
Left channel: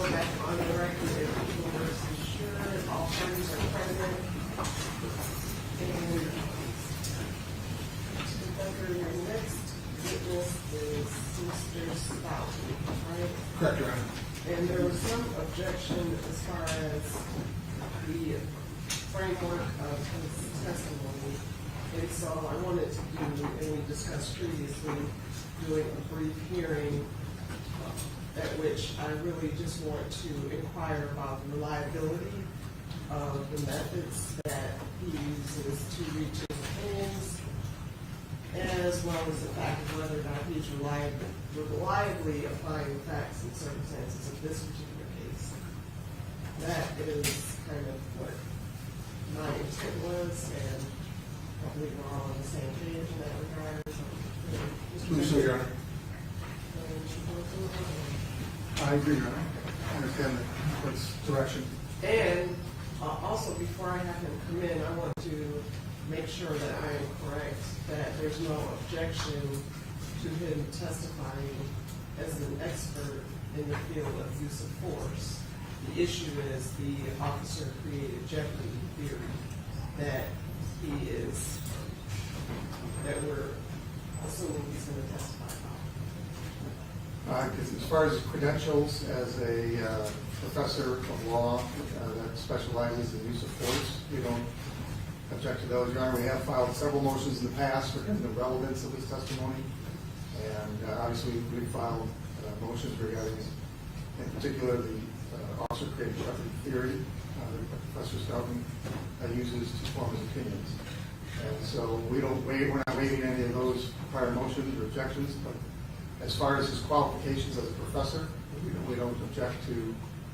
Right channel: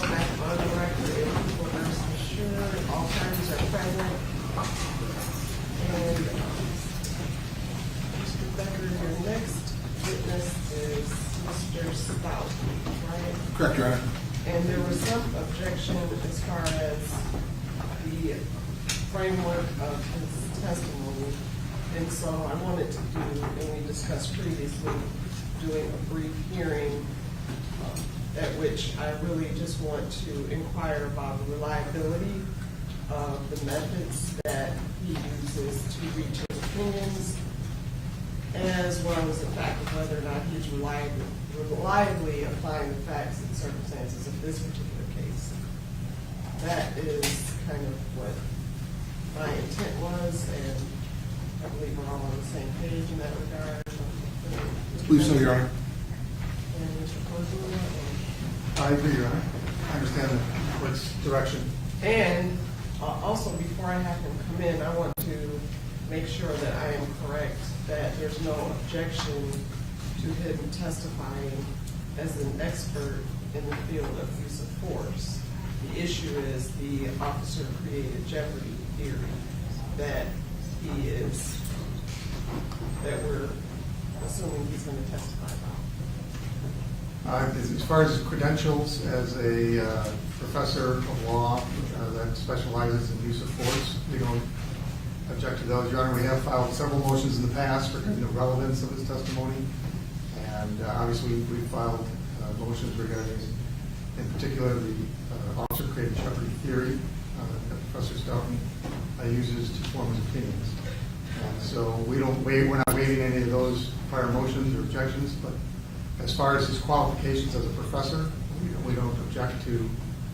go back on the record in People versus Schurr. All parties are present. And Mr. Becker, your next witness is Mr. Stout, right? Correct, Your Honor. And there was some objection as far as the framework of his testimony. And so I wanted to do, and we discussed previously, doing a brief hearing at which I really just want to inquire about the reliability of the methods that he uses to reach his opinions, as well as the fact of whether or not he's reliably applying the facts and circumstances of this particular case. That is kind of what my intent was, and I believe we're all on the same page in that regard. Please, so, Your Honor. And Mr. Cornwell, I agree, Your Honor. I understand the court's direction. and also, before I have him come in, I want to make sure that I am correct, that there's no objection to him testifying as an expert in the field of use of force. The issue is the officer created jeopardy theory that he is, that we're assuming he's going to testify about. As far as credentials, as a professor of law that specializes in use of force, we don't object to those, Your Honor. We have filed several motions in the past regarding the relevance of his testimony, and obviously we filed motions regarding, in particular, the officer created jeopardy theory that Professor Stoughton uses to form his opinions. And so we're not waiving any of those prior motions or objections, but as far as his qualifications as a professor, we don't object to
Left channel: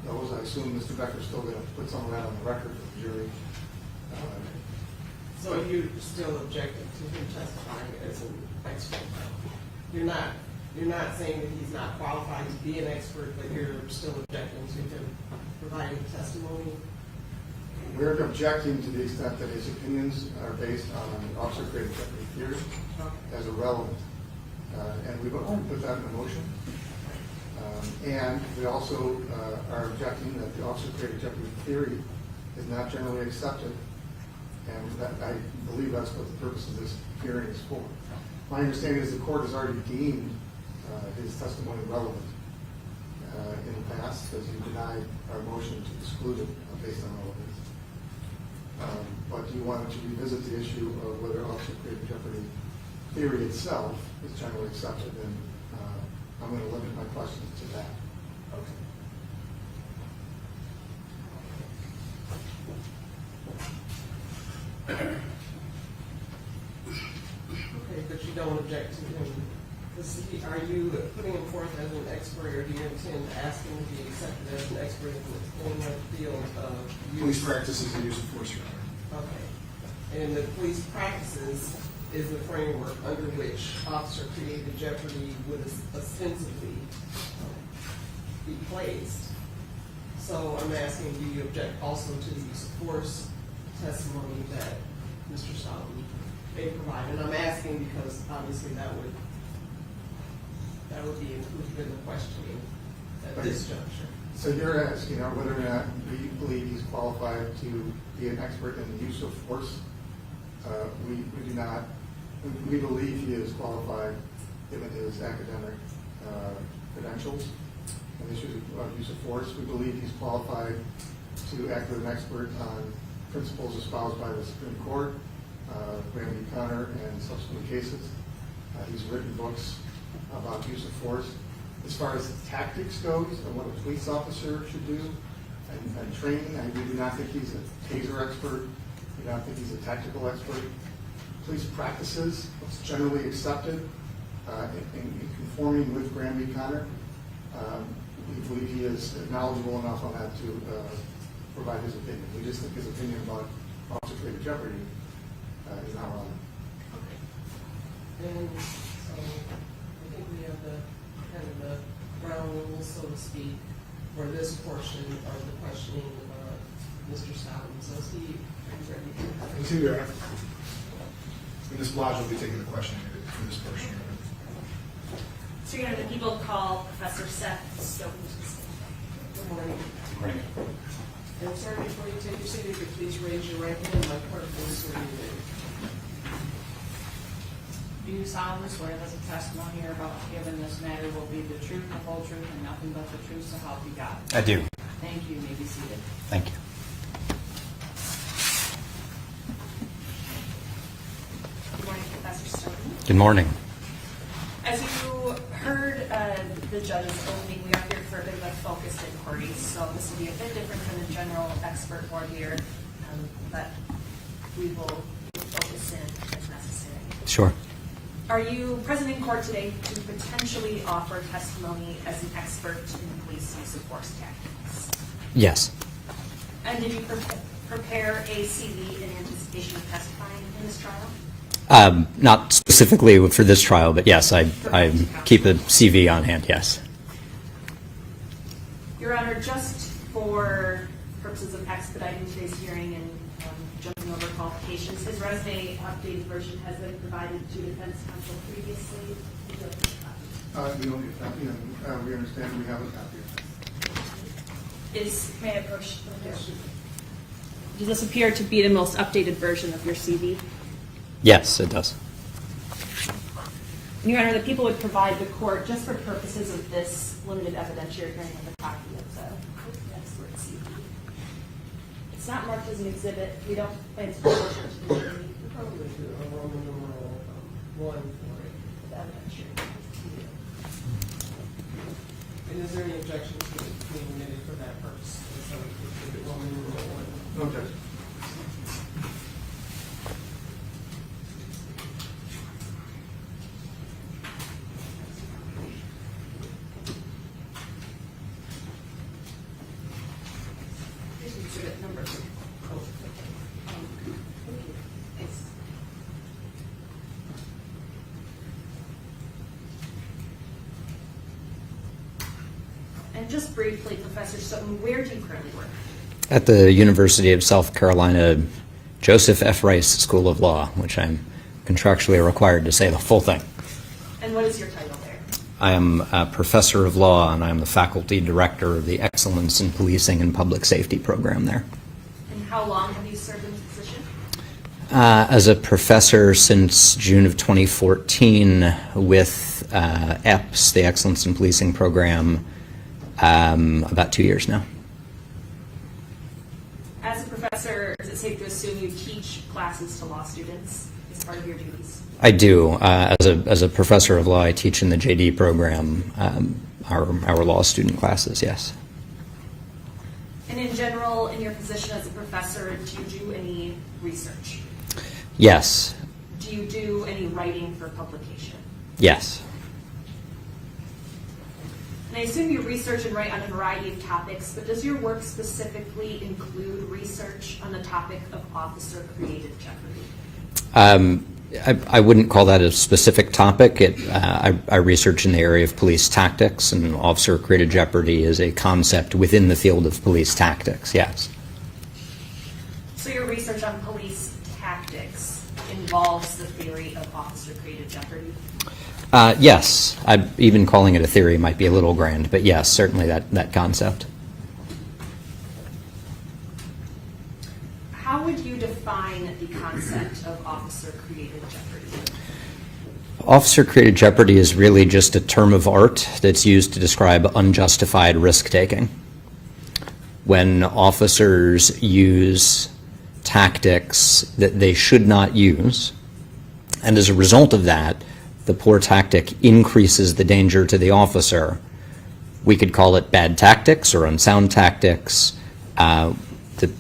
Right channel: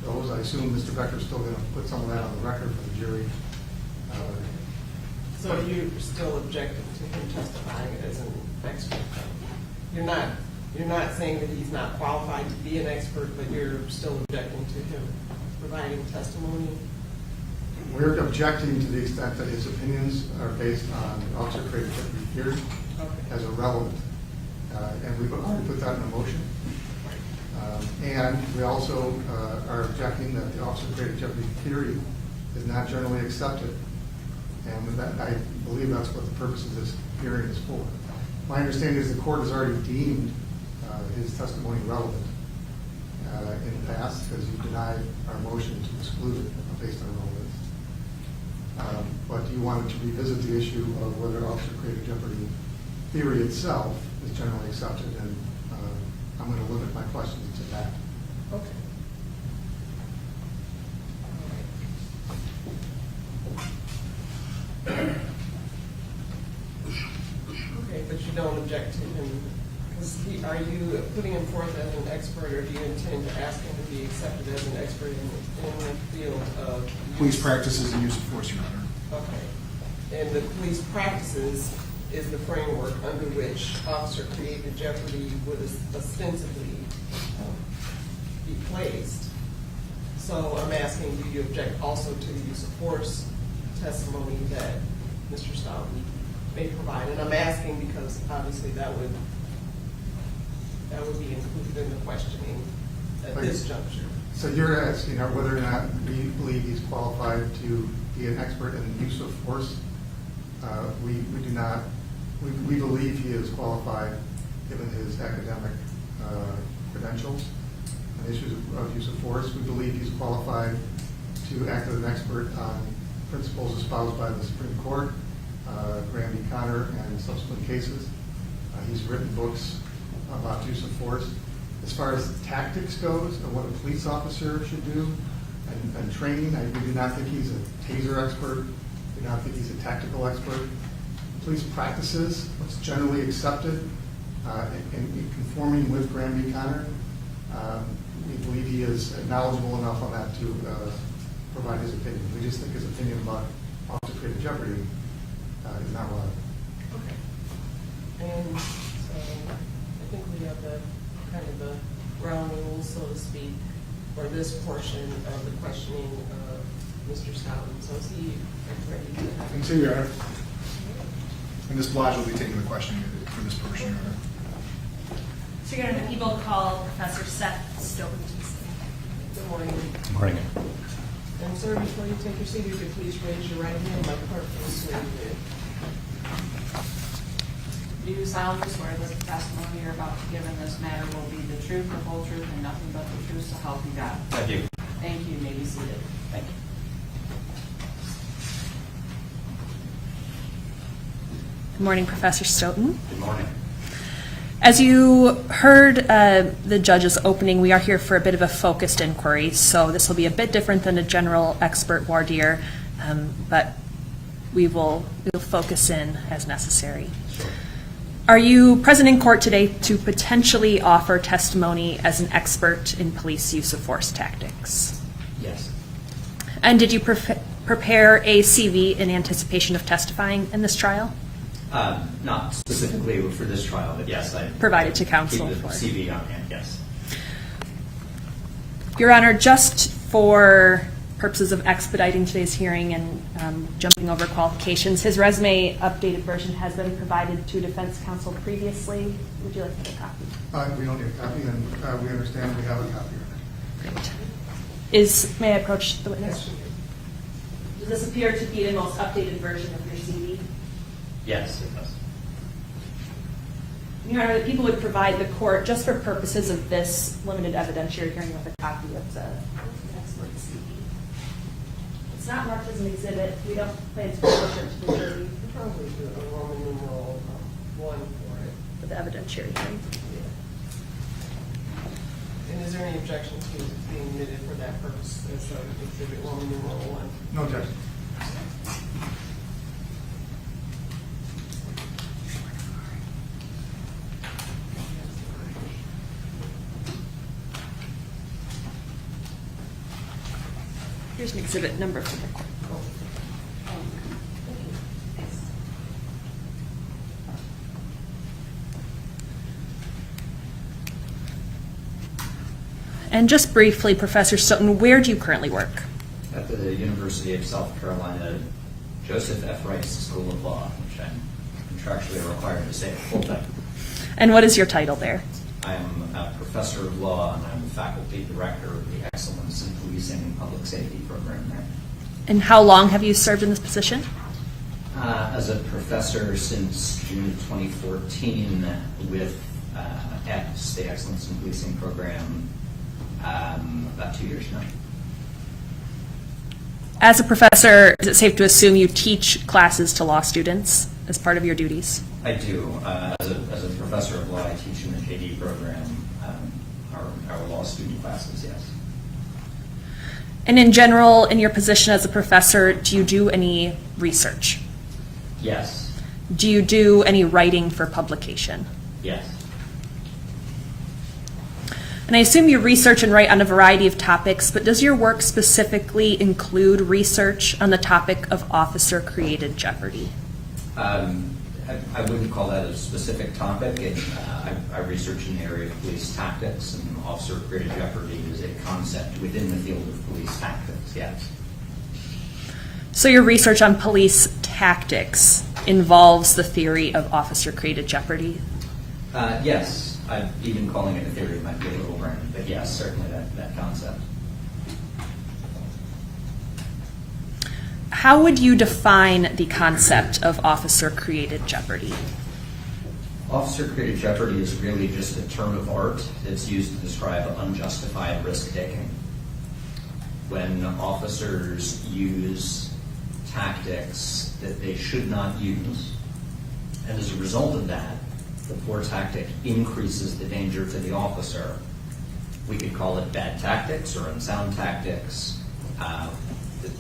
those. I assume Mr. Becker's still going to put some of that on the record for the jury. So you're still objecting to him testifying as an expert? You're not saying that he's not qualified to be an expert, but you're still objecting to him providing testimony? We're objecting to the extent that his opinions are based on officer created jeopardy theory as irrelevant. And we've already put that in a motion. And we also are objecting that the officer created jeopardy theory is not generally accepted. And that, I believe that's what the purpose of this hearing is for. My understanding is the court has already deemed his testimony relevant in the past, as you denied our motion to exclude it based on relevance. But you wanted to revisit the issue of whether officer created jeopardy theory itself is generally accepted, and I'm going to limit my questions to that. Okay. Okay, but you don't object to him, because are you putting him forth as an expert, or do you intend to ask him to be accepted as an expert in the field of Police practices and use of force, Your Honor. Okay. And the police practices is the framework under which officer created jeopardy would ostensibly be placed. So I'm asking, do you object also to the use of force testimony that Mr. Stoughton may provide? And I'm asking because obviously that would be included in the questioning at this juncture. So you're asking whether or not we believe he's qualified to be an expert in the use of force. We do not. We believe he is qualified given his academic credentials and issues of use of force. We believe he's qualified to act as an expert on principles espoused by the Supreme Court, Graham v. Connor, and subsequent cases. He's written books about use of force. As far as tactics goes and what a police officer should do and training, we do not think he's a Taser expert. We do not think he's a tactical expert. Police practices, what's generally accepted in conforming with Graham v. Connor, we believe he is knowledgeable enough on that to provide his opinion. We just think his opinion about officer created jeopardy is not relevant. Okay. And so I think we have the kind of the ground rules, so to speak, for this portion of the questioning of Mr. Stoughton. So is he ready to? Thank you, Your Honor. And Ms. Blige will be taking the question for this portion, Your Honor. So you're going to people call Professor Seth Stoughton to say. Good morning. Morning. And sir, before you take your seat, if you could please raise your right hand, my clerk will swear you in. Do you solemnly swear that the testimony you're about to give in this matter will be the truth, the whole truth, and nothing but the truth, so help you God? I do. Thank you. You may be seated. Thank you. Good morning, Professor Stoughton. Good morning. As you heard the judge's opening, we are here for a bit of a focused inquiry, so this will be a bit different than a general expert voir dire, but we will focus in as necessary. Sure. Are you present in court today to potentially offer testimony as an expert in police use of force tactics? Yes. And did you prepare a CV in anticipation of testifying in this trial? Not specifically for this trial, but yes, I Provided to counsel. keep a CV on hand, yes. Your Honor, just for purposes of expediting today's hearing and jumping over qualifications, his resume updated version has been provided to defense counsel previously. Would you like to have a copy? We don't need a copy, and we understand we have a copy of it. May I approach the witness? Does this appear to be the most updated version of your CV? Yes, it does. Your Honor, the people would provide the court, just for purposes of this limited evidentiary hearing, with a copy of the expert CV. It's not marked as an exhibit. We don't plan to publish it to the jury. Probably do a Roman numeral 1 for it. For the evidentiary hearing. And is there any objection to it being admitted for that purpose? As exhibit Roman numeral 1? No objection. Here's an exhibit number from the court. And just briefly, Professor Stoughton, where do you currently work? At the University of South Carolina Joseph F. Rice School of Law, which I'm contractually required to say the full thing. And what is your title there? I am a professor of law, and I'm the faculty director of the Excellence in Policing and Public Safety program there. And how long have you served in this position? As a professor since June of 2014 with EPS, the Excellence in Policing program, about 2 years now. As a professor, is it safe to assume you teach classes to law students as part of your duties? I do. As a professor of law, I teach in the JD program, our law student classes, yes. And in general, in your position as a professor, do you do any research? Yes. Do you do any writing for publication? Yes. And I assume you research and write on a variety of topics, but does your work specifically include research on the topic of officer-created jeopardy? I wouldn't call that a specific topic. I research in the area of police tactics, and officer-created jeopardy is a concept within the field of police tactics, yes. So your research on police tactics involves the theory of officer-created jeopardy? Yes. Even calling it a theory might be a little grand, but yes, certainly that concept. How would you define the concept of officer-created jeopardy? Officer-created jeopardy is really just a term of art that's used to describe unjustified risk-taking. When officers use tactics that they should not use, and as a result of that, the poor tactic increases the danger to the officer, we could call it bad tactics or unsound tactics.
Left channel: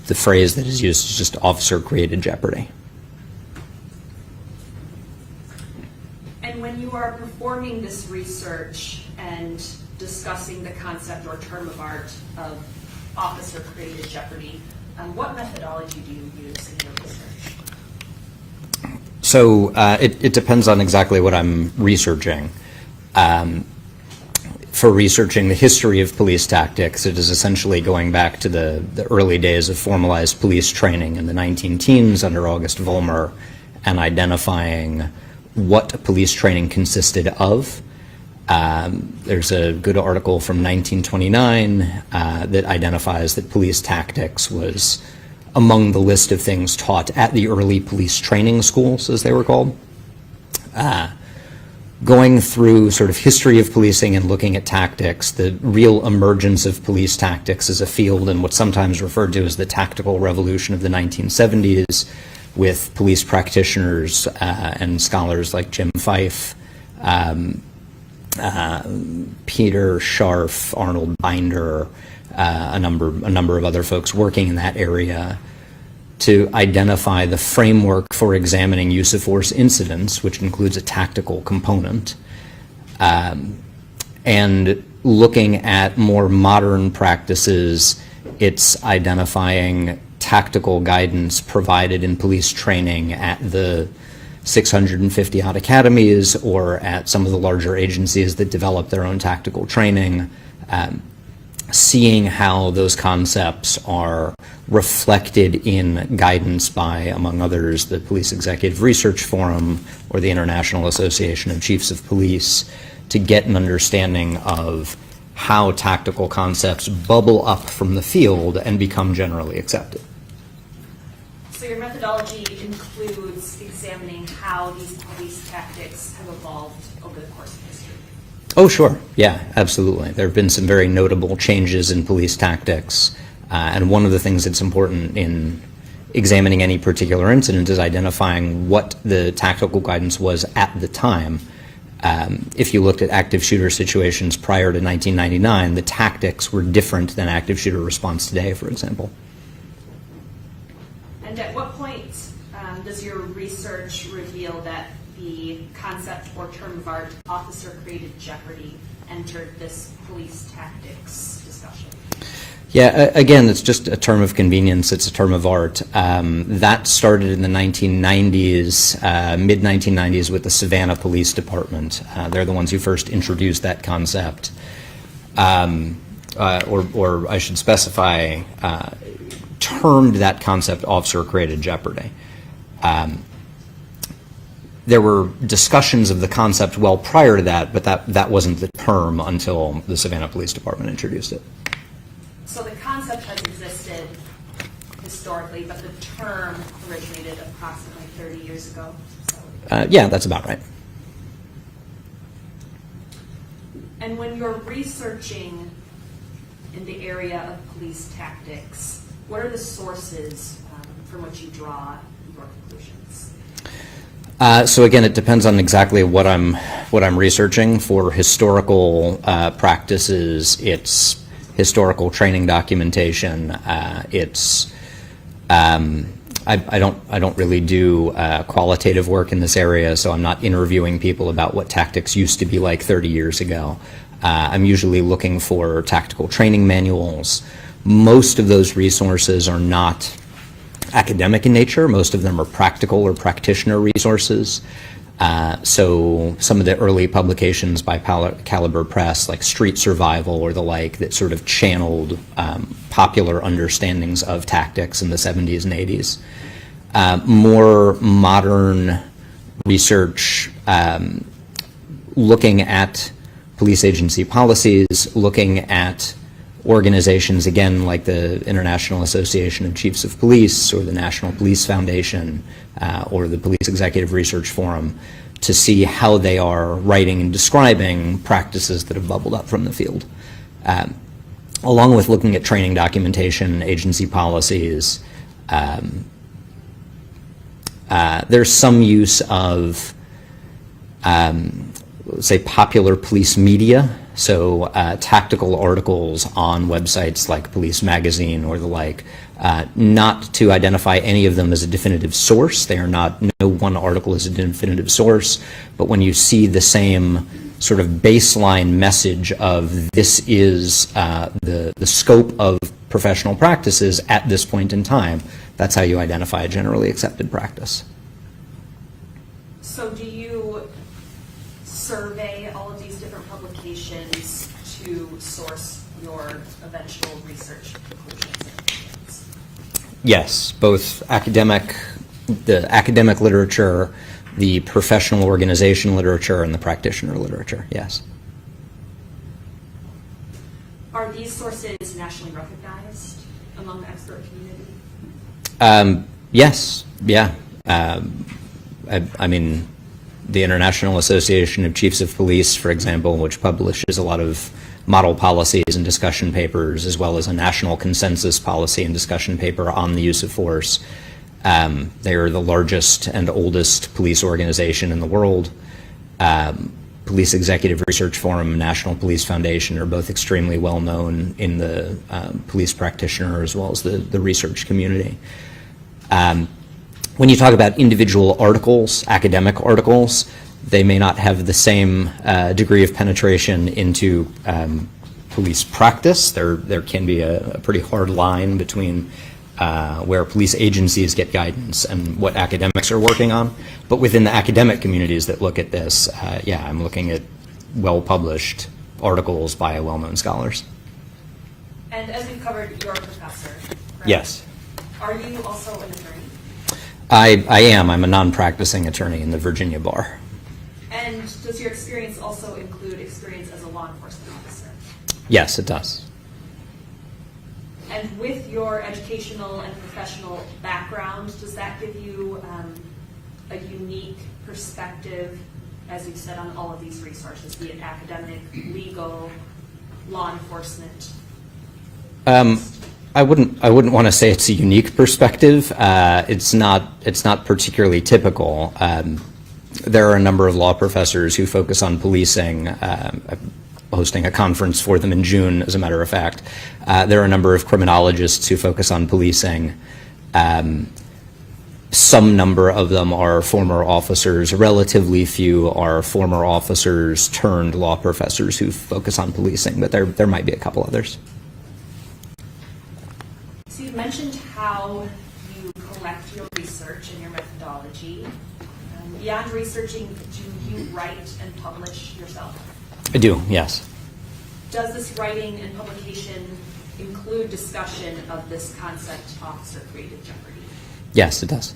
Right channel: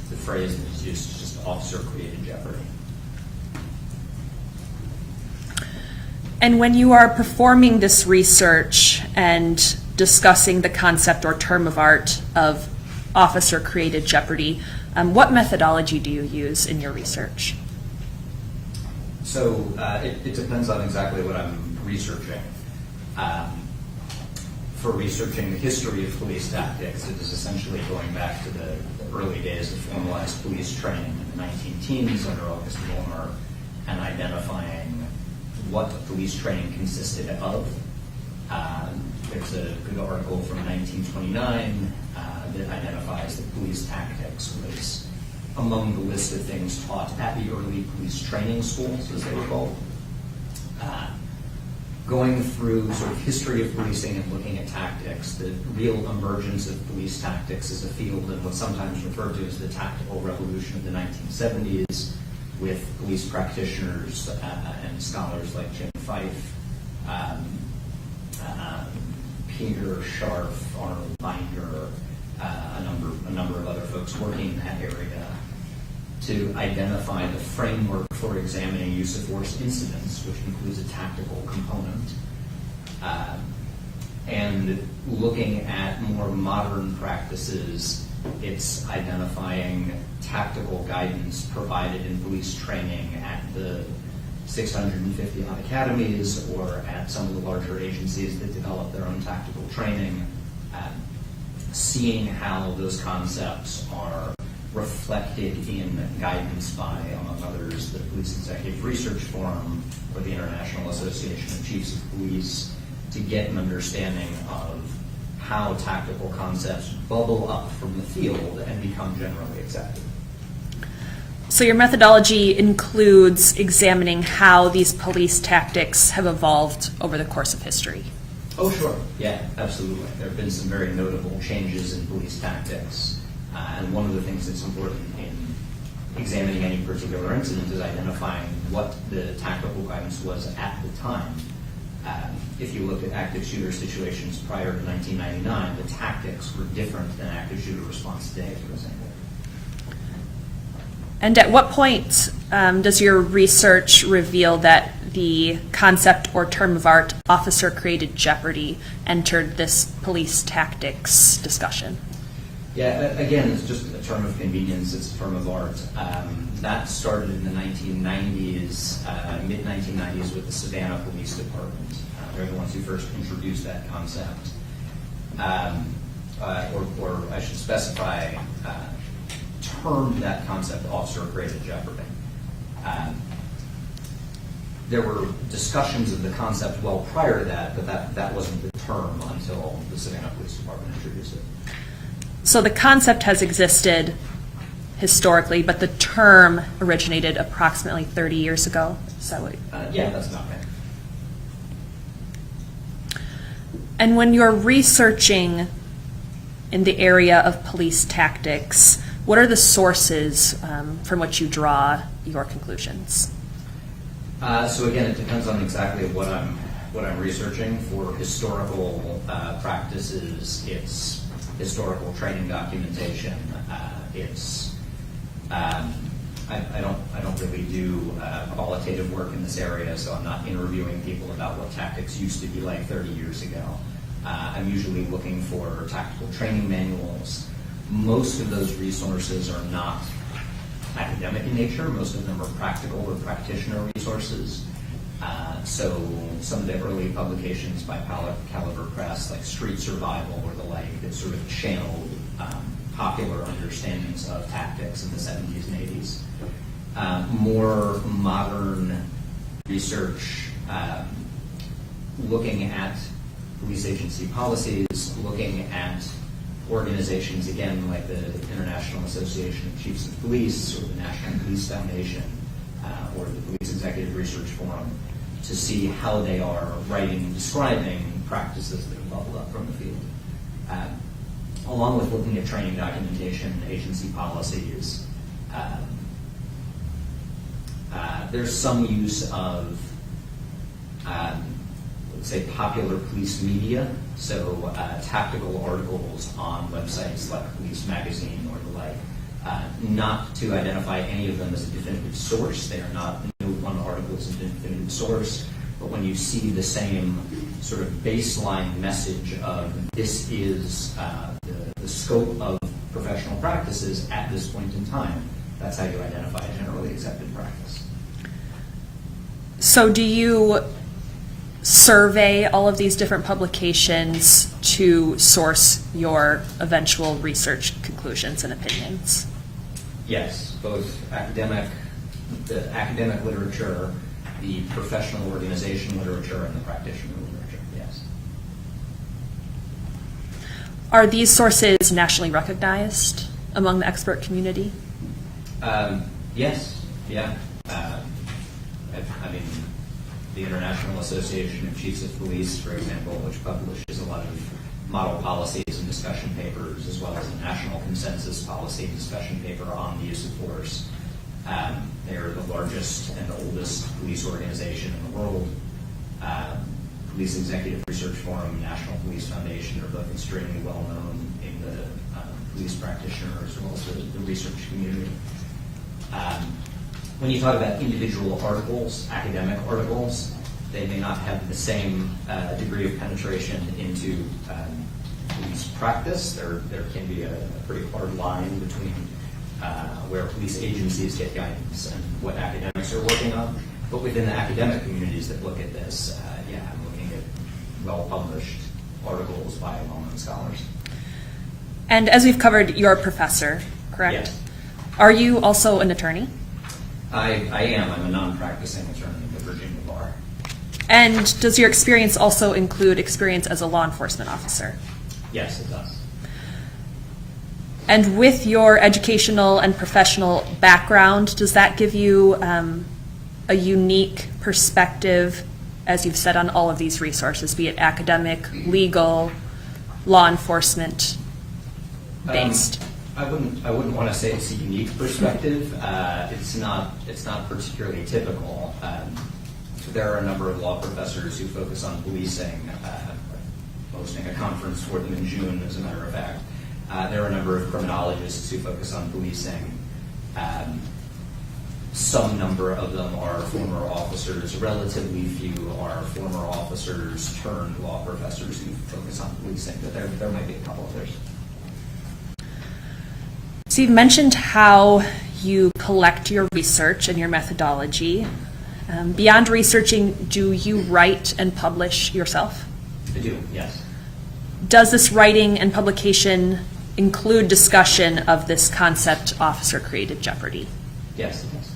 The phrase that is used is just officer-created jeopardy. And when you are performing this research and discussing the concept or term of art of officer-created jeopardy, what methodology do you use in your research? So it depends on exactly what I'm researching. For researching the history of police tactics, it is essentially going back to the early days of formalized police training in the 19-teens under August Vollmer and identifying what police training consisted of, There's a good article from 1929 that identifies that police tactics was among the list of things taught at the early police training schools, as they were called. Going through sort of history of policing and looking at tactics, the real emergence of police tactics as a field and what's sometimes referred to as the tactical revolution of the 1970s, with police practitioners and scholars like Jim Fife, Peter Scharf, Arnold Binder, a number of other folks working in that area to identify the framework for examining use of force incidents, which includes a tactical component, and looking at more modern practices. It's identifying tactical guidance provided in police training at the 650 odd academies or at some of the larger agencies that develop their own tactical training, seeing how those concepts are reflected in guidance by, among others, the Police Executive Research Forum or the International Association of Chiefs of Police, to get an understanding of how tactical concepts bubble up from the field and become generally accepted. So your methodology includes examining how these police tactics have evolved over the course of history. Oh, sure. Yeah, absolutely. There have been some very notable changes in police tactics. And one of the things that's important in examining any particular incident is identifying what the tactical guidance was at the time. If you looked at active shooter situations prior to 1999, the tactics were different than active shooter response today, for example. And at what point does your research reveal that the concept or term of art officer-created jeopardy entered this police tactics discussion? Yeah, again, it's just a term of convenience. It's a term of art. That started in the 1990s, mid-1990s with the Savannah Police Department. They're the ones who first introduced that concept. Or I should specify, termed that concept officer-created jeopardy. There were discussions of the concept well prior to that, but that wasn't the term until the Savannah Police Department introduced it. So the concept has existed historically, but the term originated approximately 30 years ago. Is that what yeah, that's about right. And when you're researching in the area of police tactics, what are the sources from which you draw your conclusions? So again, it depends on exactly what I'm researching. For historical practices, it's historical training documentation. I don't really do qualitative work in this area, so I'm not interviewing people about what tactics used to be like 30 years ago. I'm usually looking for tactical training manuals. Most of those resources are not academic in nature. Most of them are practical or practitioner resources. So some of the early publications by Caliber Press, like Street Survival or the like, that sort of channeled popular understandings of tactics in the 70s and 80s. More modern research looking at police agency policies, looking at organizations, again, like the International Association of Chiefs of Police or the National Police Foundation or the Police Executive Research Forum, to see how they are writing and describing practices that have bubbled up from the field. Along with looking at training documentation, agency policies, there's some use of, say, popular police media. So tactical articles on websites like Police Magazine or the like, not to identify any of them as a definitive source. They are not, no one article is a definitive source, but when you see the same sort of baseline message of this is the scope of professional practices at this point in time, that's how you identify a generally accepted practice. So do you survey all of these different publications to source your eventual research conclusions and opinions? Yes, both the academic literature, the professional organization literature, and the practitioner literature, yes. Are these sources nationally recognized among the expert community? Yes, yeah. I mean, the International Association of Chiefs of Police, for example, which publishes a lot of model policies and discussion papers, as well as a national consensus policy and discussion paper on the use of force. They are the largest and oldest police organization in the world. Police Executive Research Forum and National Police Foundation are both extremely well known in the police practitioner as well as the research community. When you talk about individual articles, academic articles, they may not have the same degree of penetration into police practice. There can be a pretty hard line between where police agencies get guidance and what academics are working on. But within the academic communities that look at this, yeah, I'm looking at well-published articles by well-known scholars. And as we've covered, you're a professor, correct? Yes. Are you also an attorney? I am. I'm a non-practicing attorney in the Virginia bar. And does your experience also include experience as a law enforcement officer? Yes, it does. And with your educational and professional background, does that give you a unique perspective, as you've said, on all of these resources, be it academic, legal, law enforcement based? I wouldn't want to say it's a unique perspective. It's not particularly typical. There are a number of law professors who focus on policing. I'm hosting a conference for them in June, as a matter of fact. There are a number of criminologists who focus on policing. Some number of them are former officers. Relatively few are former officers turned law professors who focus on policing, but there might be a couple others. So you've mentioned how you collect your research and your methodology. Beyond researching, do you write and publish yourself? I do, yes. Does this writing and publication include discussion of this concept, officer-created jeopardy? Yes, it does.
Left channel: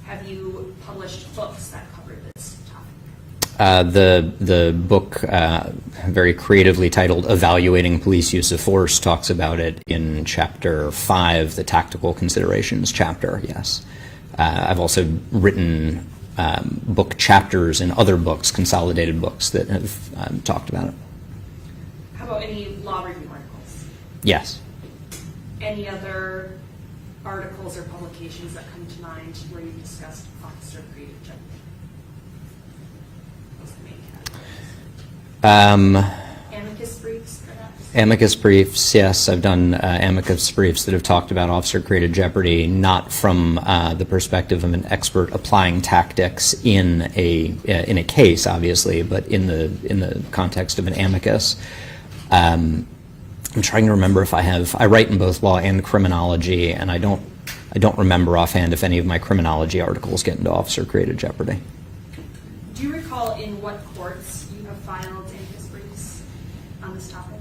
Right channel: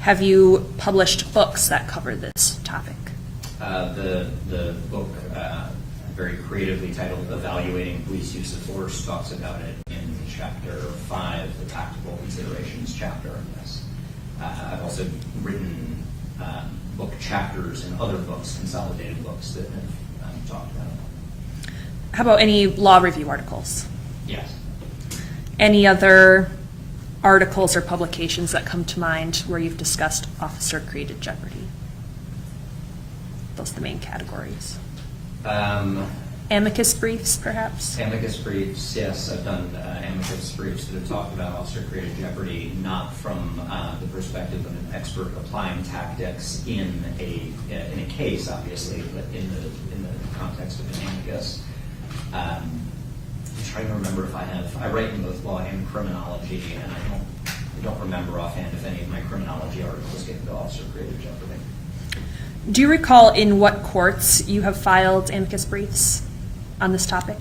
Have you published books that cover this topic? The book, very creatively titled Evaluating Police Use of Force, talks about it in Chapter 5, the Tactical Considerations chapter, yes. I've also written book chapters in other books, consolidated books, that have talked about it. How about any law review articles? Yes. Any other articles or publications that come to mind where you've discussed officer-created jeopardy? Those are the main categories. Amicus briefs, perhaps? Amicus briefs, yes. I've done amicus briefs that have talked about officer-created jeopardy, not from the perspective of an expert applying tactics in a case, obviously, but in the context of an amicus. I'm trying to remember if I write in both law and criminology, and I don't remember offhand if any of my criminology articles get into officer-created jeopardy. Do you recall in what courts you have filed amicus briefs on this topic?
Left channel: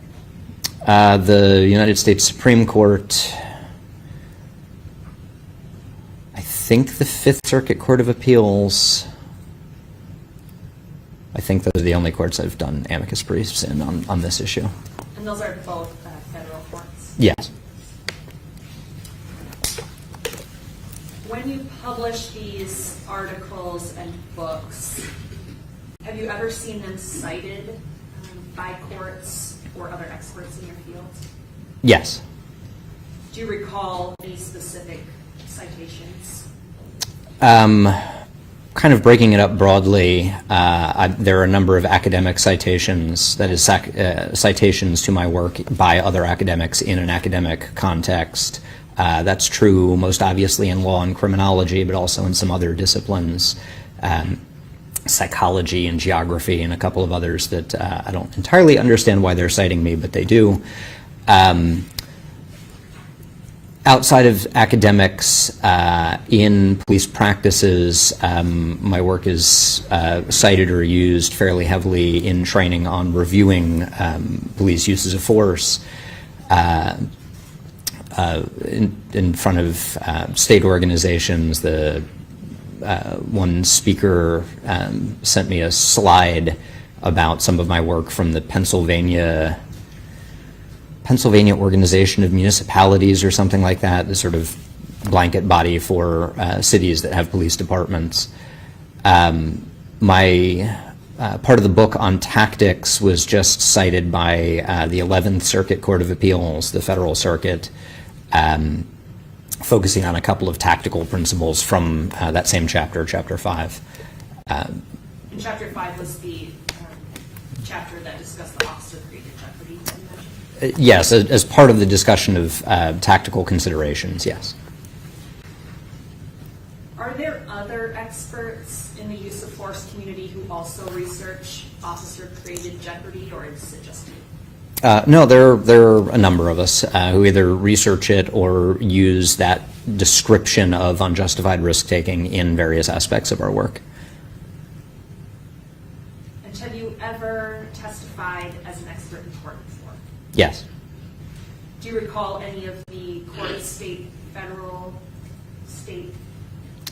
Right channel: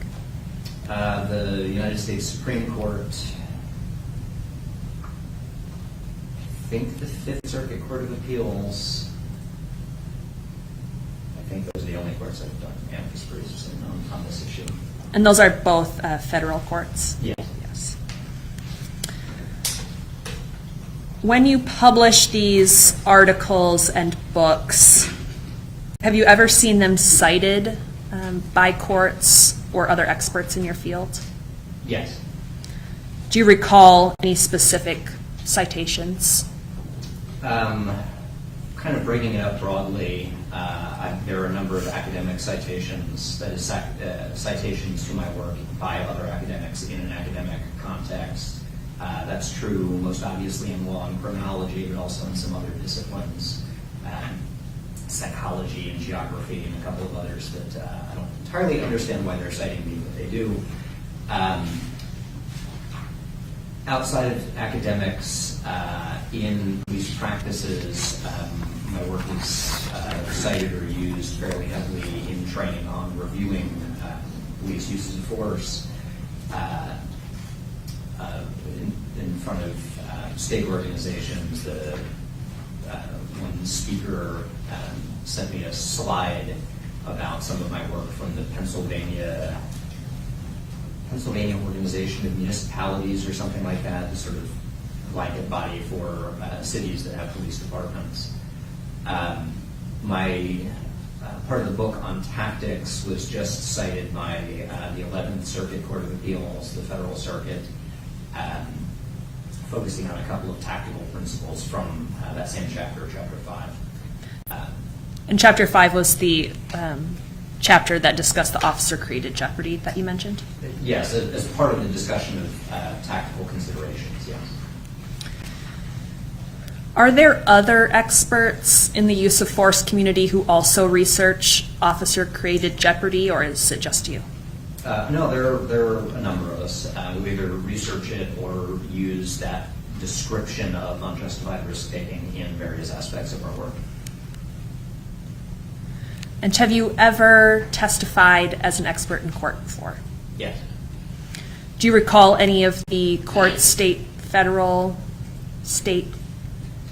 The United States Supreme Court, I think the Fifth Circuit Court of Appeals. I think those are the only courts I've done amicus briefs in on this issue. And those are both federal courts? Yes. Yes. When you publish these articles and books, have you ever seen them cited by courts or other experts in your field? Yes. Do you recall any specific citations? Kind of breaking it up broadly, there are a number of academic citations, that is citations to my work by other academics in an academic context. That's true most obviously in law and criminology, but also in some other disciplines, psychology and geography and a couple of others that I don't entirely understand why they're citing me, but they do. Outside of academics, in police practices, my work is cited or used fairly heavily in training on reviewing police uses of force in front of state organizations. The one speaker sent me a slide about some of my work from the Pennsylvania Pennsylvania Organization of Municipalities or something like that, the sort of blanket body for cities that have police departments. My part of the book on tactics was just cited by the 11th Circuit Court of Appeals, the Federal Circuit, focusing on a couple of tactical principles from that same chapter, Chapter 5. And Chapter 5 was the chapter that discussed the officer-created jeopardy that you mentioned? Yes, as part of the discussion of tactical considerations, yes. Are there other experts in the use of force community who also research officer-created jeopardy, or is it just you? No, there are a number of us who either research it or use that description of unjustified risk-taking in various aspects of our work. And have you ever testified as an expert in court before? Yes. Do you recall any of the courts, state, federal, state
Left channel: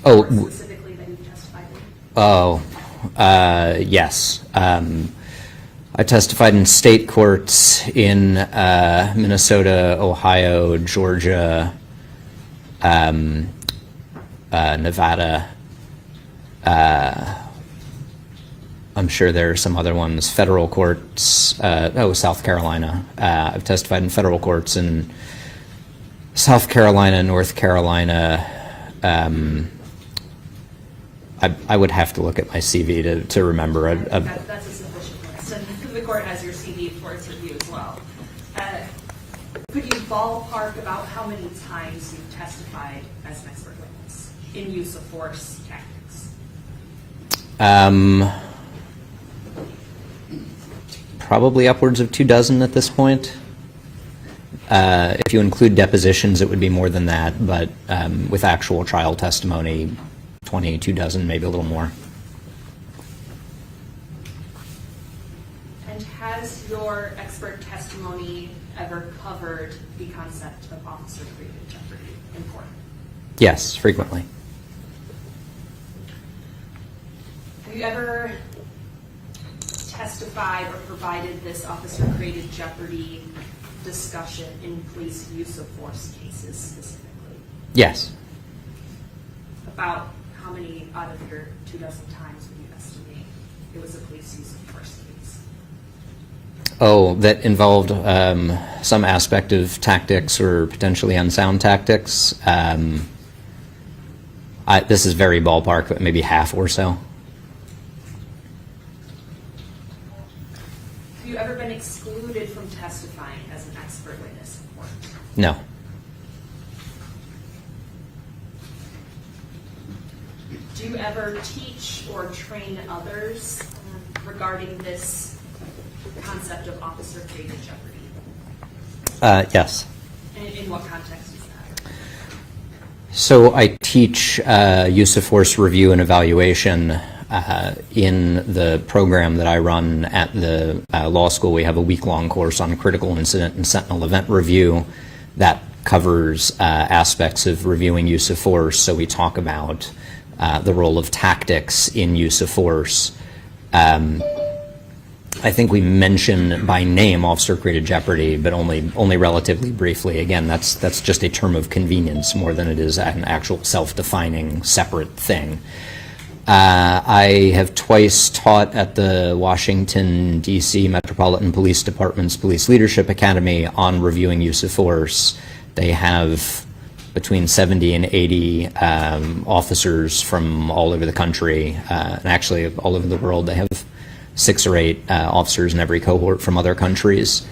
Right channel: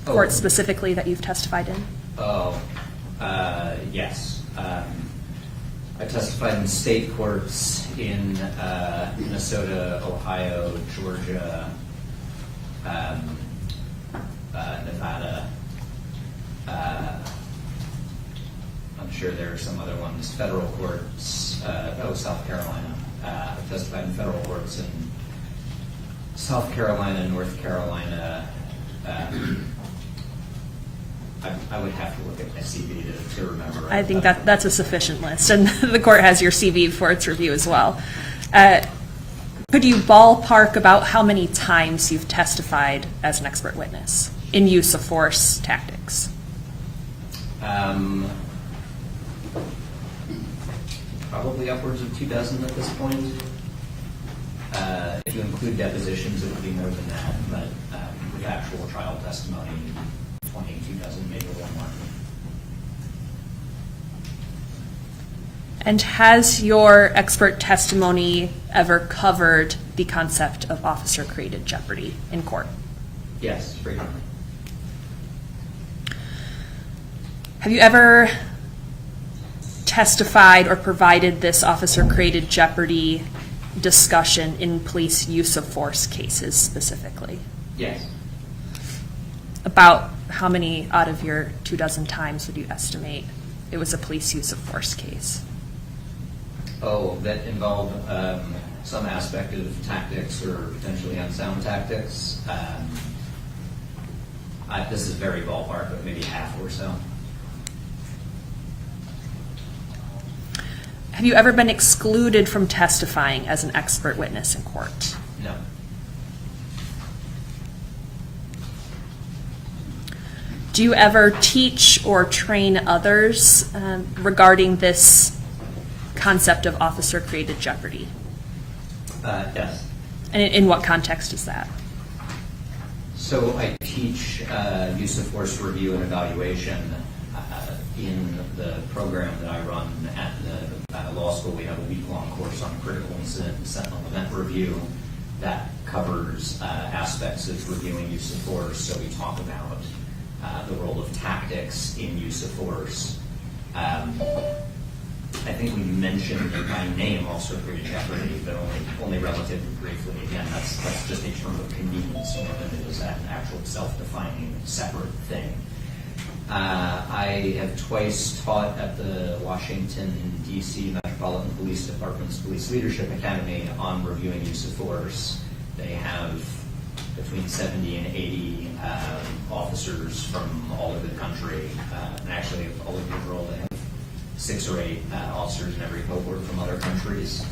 courts specifically that you've testified in? Yes. I testified in state courts in Minnesota, Ohio, Georgia, Nevada. I'm sure there are some other ones. Federal courts, South Carolina. I've testified in federal courts in South Carolina, North Carolina. I would have to look at my CV to remember. I think that's a sufficient list, and the court has your CV for its review as well. Could you ballpark about how many times you've testified as an expert witness in use of force tactics? Probably upwards of 24 at this point. If you include depositions, it would be more than that, but with actual trial testimony, 24, maybe a little more. And has your expert testimony ever covered the concept of officer-created jeopardy in court? Yes, frequently. Have you ever testified or provided this officer-created jeopardy discussion in police use of force cases specifically? Yes. About how many out of your 24 times would you estimate it was a police use of force case? That involved some aspect of tactics or potentially unsound tactics. This is very ballpark, but maybe half or so. Have you ever been excluded from testifying as an expert witness in court? No. Do you ever teach or train others regarding this concept of officer-created jeopardy? Yes. And in what context is that? So I teach use of force review and evaluation in the program that I run at the law school. We have a week-long course on critical incident and sentinel event review that covers aspects of reviewing use of force. So we talk about the role of tactics in use of force. I think we mention by name officer-created jeopardy, but only relatively briefly. Again, that's just a term of convenience more than it is an actual self-defining separate thing. I have twice taught at the Washington, D.C. Metropolitan Police Department's Police Leadership Academy on reviewing use of force. They have between 70 and 80 officers from all over the country, and actually all over the world. They have 6 or 8 officers in every cohort from other countries.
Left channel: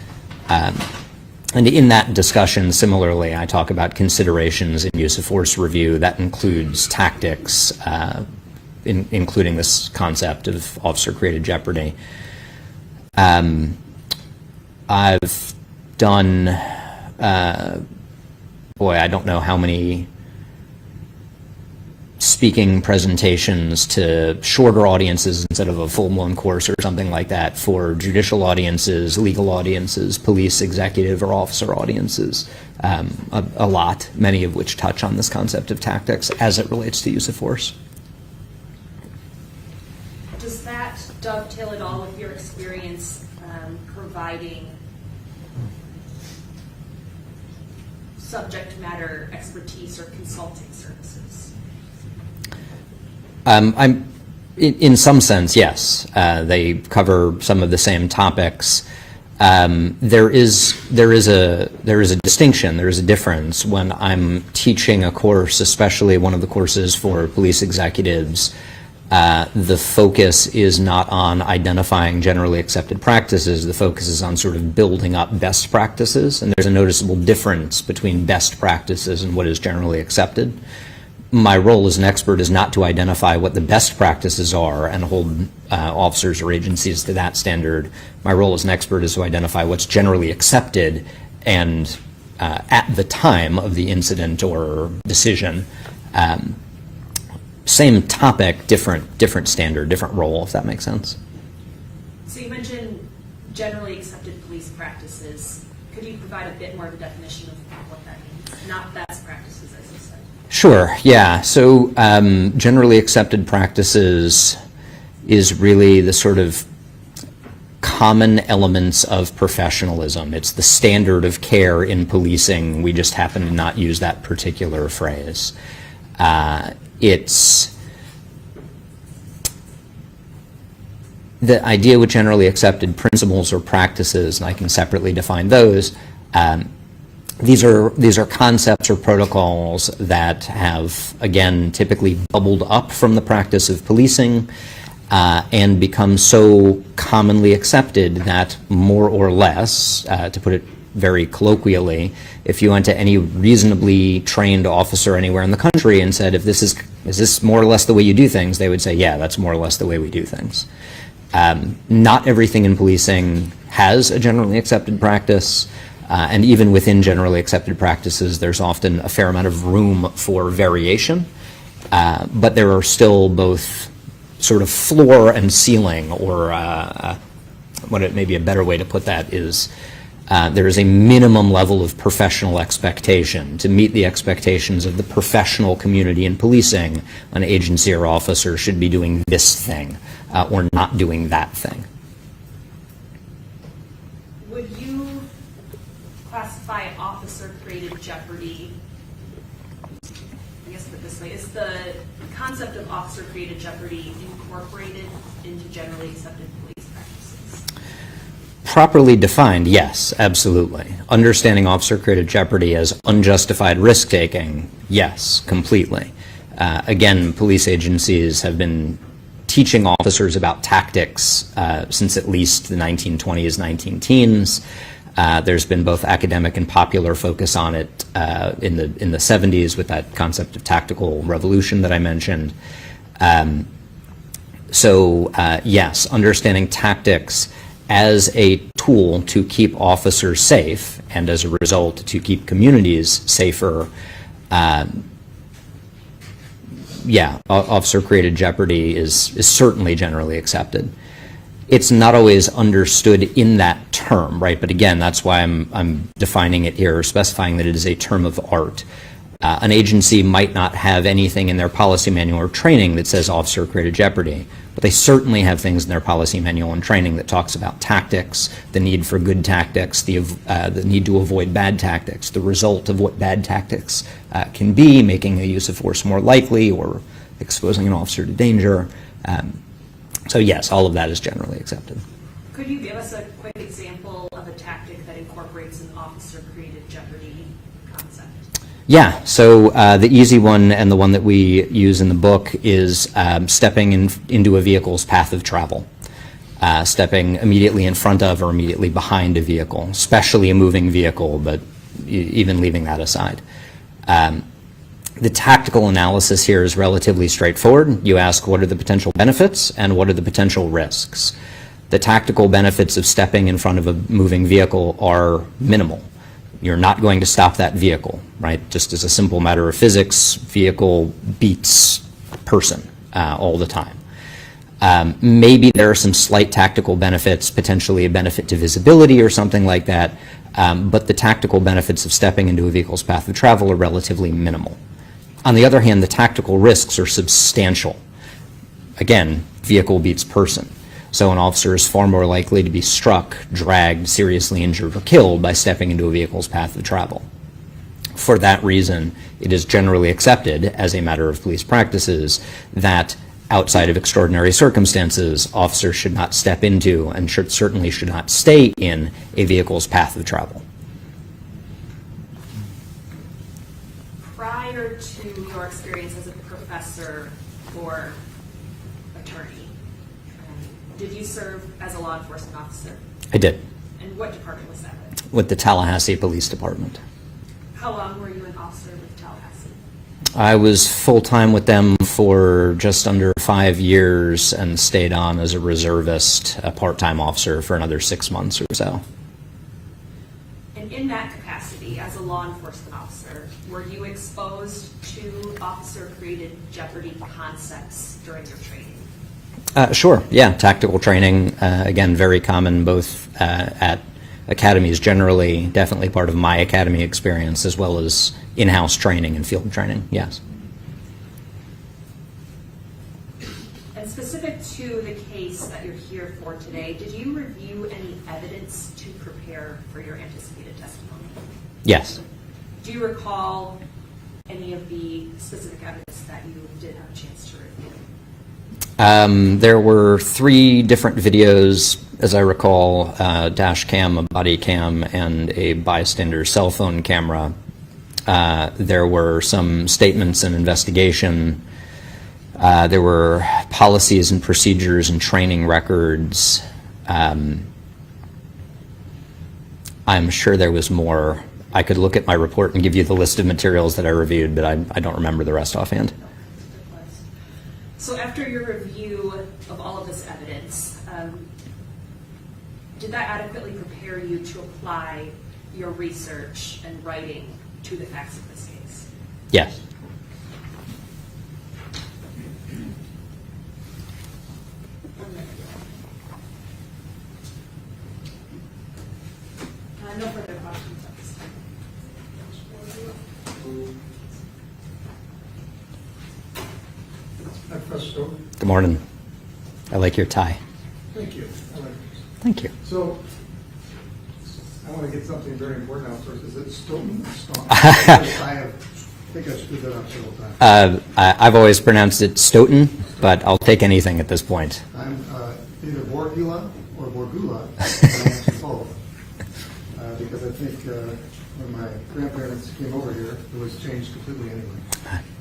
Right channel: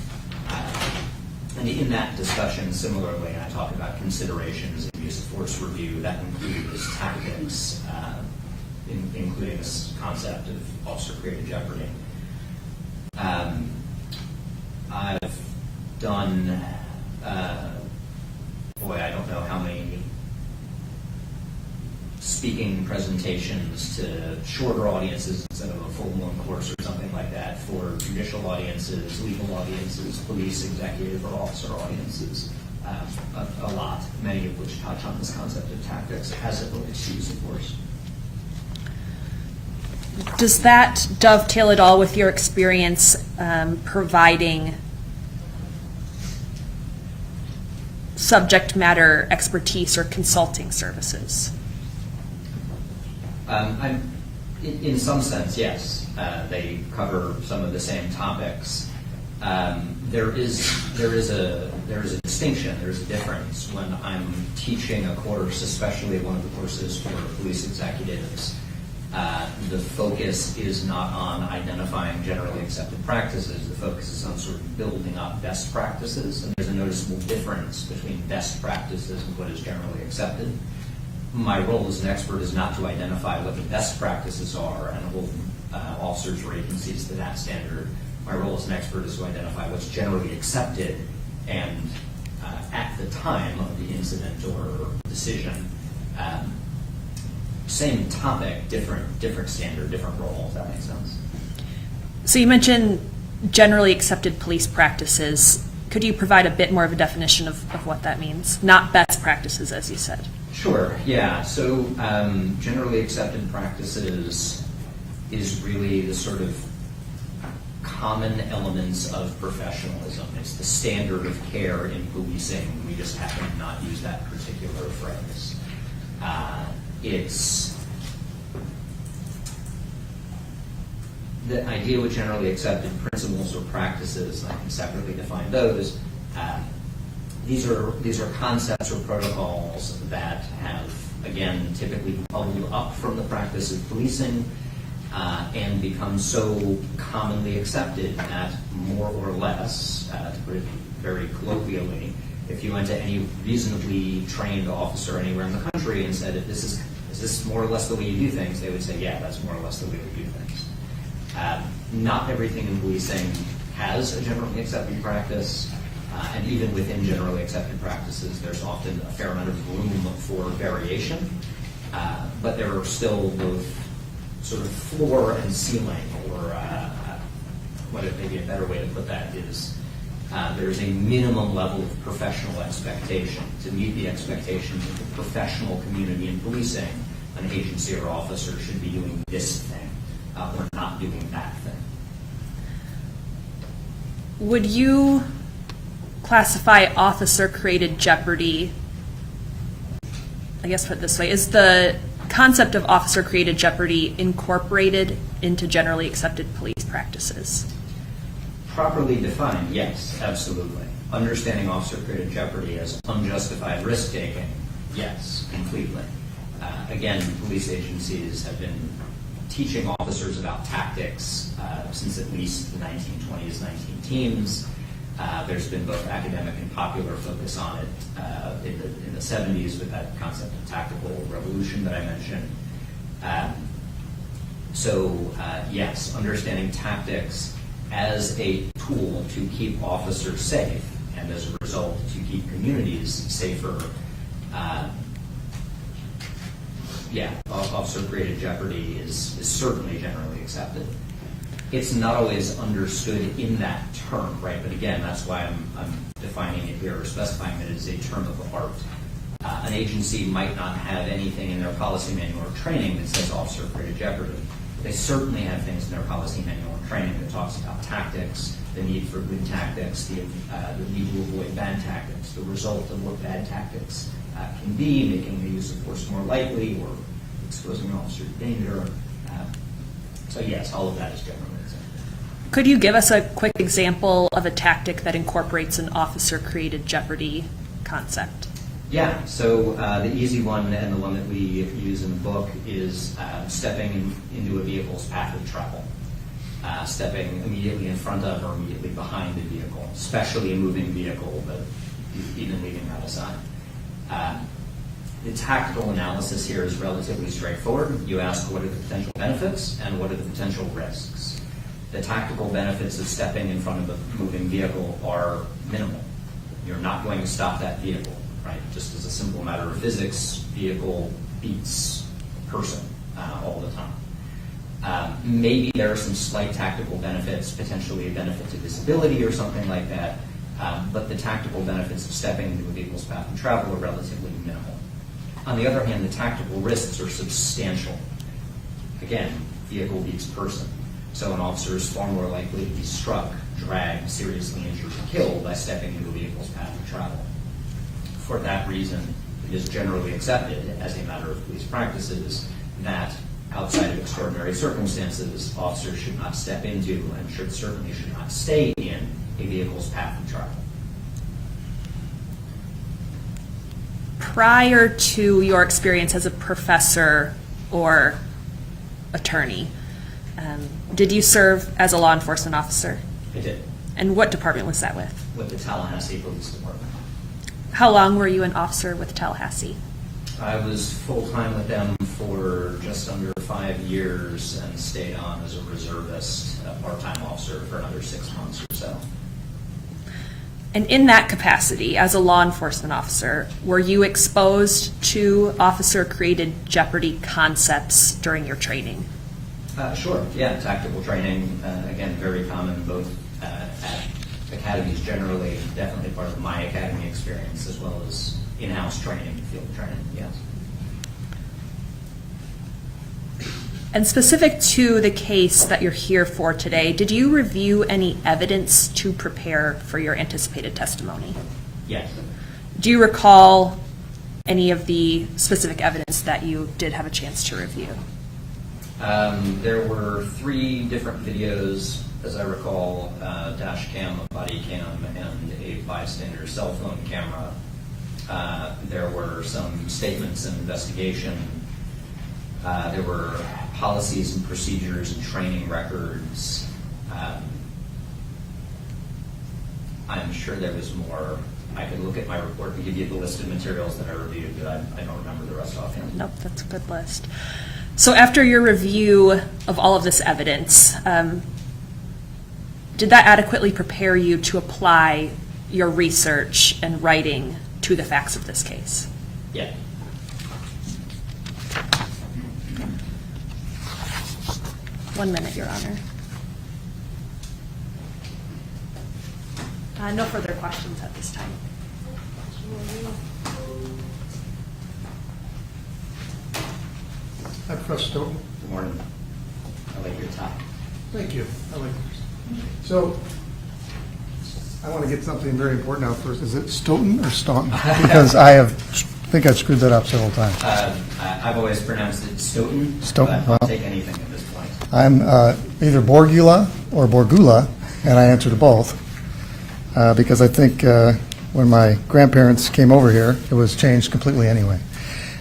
And in that discussion, similarly, I talk about considerations in use of force review. That includes tactics, including this concept of officer-created jeopardy. I've done, I don't know how many speaking presentations to shorter audiences instead of a full-blown course or something like that for judicial audiences, legal audiences, police, executive, or officer audiences. A lot, many of which touch on this concept of tactics as it relates to use of force. Does that dovetail at all with your experience providing subject matter expertise or consulting services? In some sense, yes. They cover some of the same topics. There is a distinction. There is a difference when I'm teaching a course, especially one of the courses for police executives. The focus is not on identifying generally accepted practices. The focus is on sort of building up best practices, and there's a noticeable difference between best practices and what is generally accepted. My role as an expert is not to identify what the best practices are and hold officers or agencies to that standard. My role as an expert is to identify what's generally accepted and at the time of the incident or decision. Same topic, different standard, different role, if that makes sense. So you mentioned generally accepted police practices. Could you provide a bit more of a definition of what that means? Not best practices, as you said. Sure, yeah. So generally accepted practices is really the sort of common elements of professionalism. It's the standard of care in policing. We just happen to not use that particular phrase. It's the idea with generally accepted principles or practices, and I can separately define those. These are concepts or protocols that have, again, typically bubbled up from the practice of policing and become so commonly accepted that more or less, to put it very colloquially, if you went to any reasonably trained officer anywhere in the country and said, is this more or less the way you do things, they would say, yeah, that's more or less the way we do things. Not everything in policing has a generally accepted practice. And even within generally accepted practices, there's often a fair amount of room for variation. But there are still both sort of floor and ceiling, or maybe a better way to put that is there is a minimum level of professional expectation. To meet the expectations of the professional community in policing, an agency or officer should be doing this thing or not doing that thing. Would you classify officer-created jeopardy, I guess put it this way, is the concept of officer-created jeopardy incorporated into generally accepted police practices? Properly defined, yes, absolutely. Understanding officer-created jeopardy as unjustified risk-taking, yes, completely. Again, police agencies have been teaching officers about tactics since at least the 1920s, 19-teens. There's been both academic and popular focus on it in the 70s with that concept of tactical revolution that I mentioned. Yes, understanding tactics as a tool to keep officers safe and as a result to keep communities safer. Officer-created jeopardy is certainly generally accepted. It's not always understood in that term, right? But again, that's why I'm defining it here, or specifying that it is a term of art. An agency might not have anything in their policy manual or training that says officer-created jeopardy, but they certainly have things in their policy manual and training that talks about tactics, the need for good tactics, the need to avoid bad tactics, the result of what bad tactics can be, making a use of force more likely or exposing an officer to danger. So yes, all of that is generally accepted. Could you give us a quick example of a tactic that incorporates an officer-created jeopardy concept? Yeah, so the easy one and the one that we use in the book is stepping into a vehicle's path of travel. Stepping immediately in front of or immediately behind a vehicle, especially a moving vehicle, but even leaving that aside. The tactical analysis here is relatively straightforward. You ask what are the potential benefits and what are the potential risks. The tactical benefits of stepping in front of a moving vehicle are minimal. You're not going to stop that vehicle, right? Just as a simple matter of physics, vehicle beats person all the time. Maybe there are some slight tactical benefits, potentially a benefit to visibility or something like that, but the tactical benefits of stepping into a vehicle's path of travel are relatively minimal. On the other hand, the tactical risks are substantial. Again, vehicle beats person. So an officer is far more likely to be struck, dragged, seriously injured, or killed by stepping into a vehicle's path of travel. For that reason, it is generally accepted as a matter of police practices that outside of extraordinary circumstances, officers should not step into and certainly should not stay in a vehicle's path of travel. Prior to your experience as a professor or attorney, did you serve as a law enforcement officer? I did, And what department was that with? with the Tallahassee Police Department. How long were you an officer with Tallahassee? I was full-time with them for just under 5 years and stayed on as a reservist, a part-time officer for another 6 months or so. And in that capacity, as a law enforcement officer, were you exposed to officer-created jeopardy concepts during your training? Sure, yeah, tactical training, again, very common both at academies generally, definitely part of my academy experience, as well as in-house training and field training, yes. And specific to the case that you're here for today, did you review any evidence to prepare for your anticipated testimony? Yes. Do you recall any of the specific evidence that you did have a chance to review? There were 3 different videos, as I recall, dash cam, a body cam, and a bystander's cell phone camera. There were some statements and investigation. There were policies and procedures and training records. I'm sure there was more. I could look at my report and give you the list of materials that I reviewed, but I don't remember the rest offhand. Nope, that's a good list. So after your review of all of this evidence, did that adequately prepare you to apply your research and writing to the facts of this case? Yes. One minute, Your Honor. No further questions at this time. I'm Professor Stoughton. Good morning. I like your tie. Thank you. I like yours. Thank you. So, I want to get something very important out first. Is it Stoughton or Staunton? Because I think I've screwed that up several times. I've always pronounced it Stoughton, Stoughton, but I'll well. take anything at this point. I'm either Borgula or Borgula, and I answer to both. Because I think when my grandparents came over here, it was changed completely anyway.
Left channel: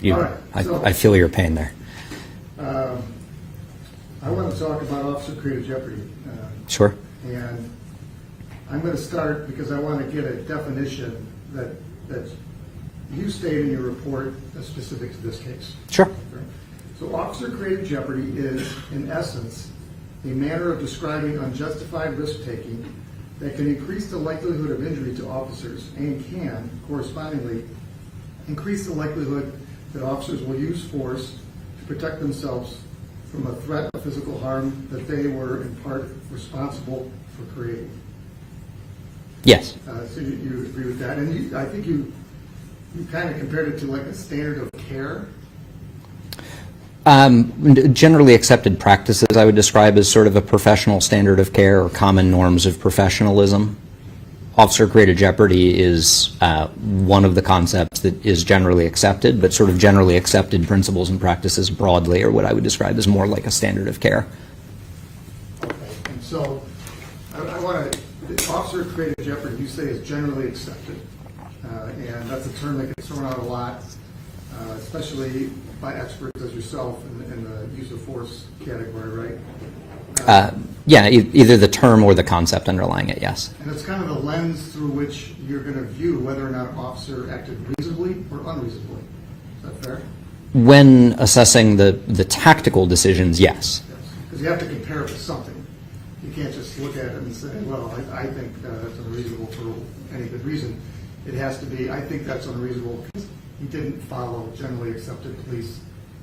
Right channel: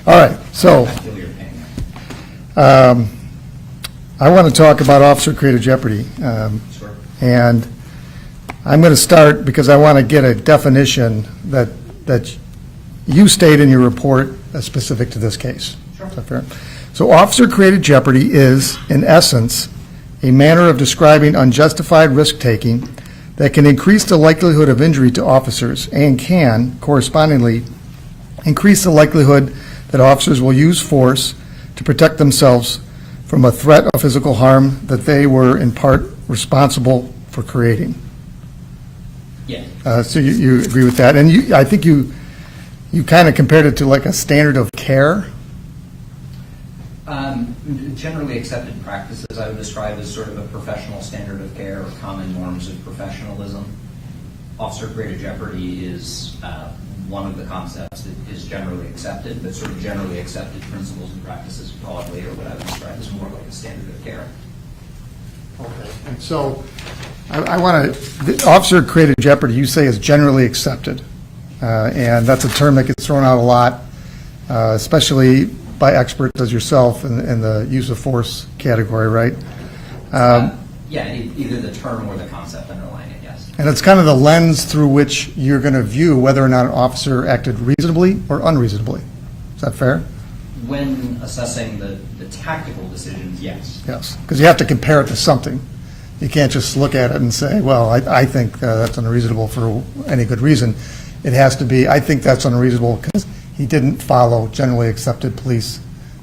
Yeah, All right, so I feel your pain there. I want to talk about officer-created jeopardy. Sure. And I'm going to start because I want to get a definition that you state in your report as specific to this case. Sure. Is that fair? So officer-created jeopardy is, in essence, a manner of describing unjustified risk-taking that can increase the likelihood of injury to officers and can, correspondingly, increase the likelihood that officers will use force to protect themselves from a threat of physical harm that they were in part responsible for creating. Yes. So you agree with that? And I think you kind of compared it to like a standard of care? Generally accepted practices I would describe as sort of a professional standard of care or common norms of professionalism. Officer-created jeopardy is one of the concepts that is generally accepted, but sort of generally accepted principles and practices broadly are what I would describe as more like a standard of care. Okay. And so I want to, officer-created jeopardy, you say is generally accepted. And that's a term that gets thrown out a lot, especially by experts as yourself in the use of force category, right? Yeah, either the term or the concept underlying it, yes. And it's kind of the lens through which you're going to view whether or not an officer acted reasonably or unreasonably. Is that fair? When assessing the tactical decisions, yes. Yes, because you have to compare it to something. You can't just look at it and say, well, I think that's unreasonable for any good reason. It has to be, I think that's unreasonable because he didn't follow generally accepted police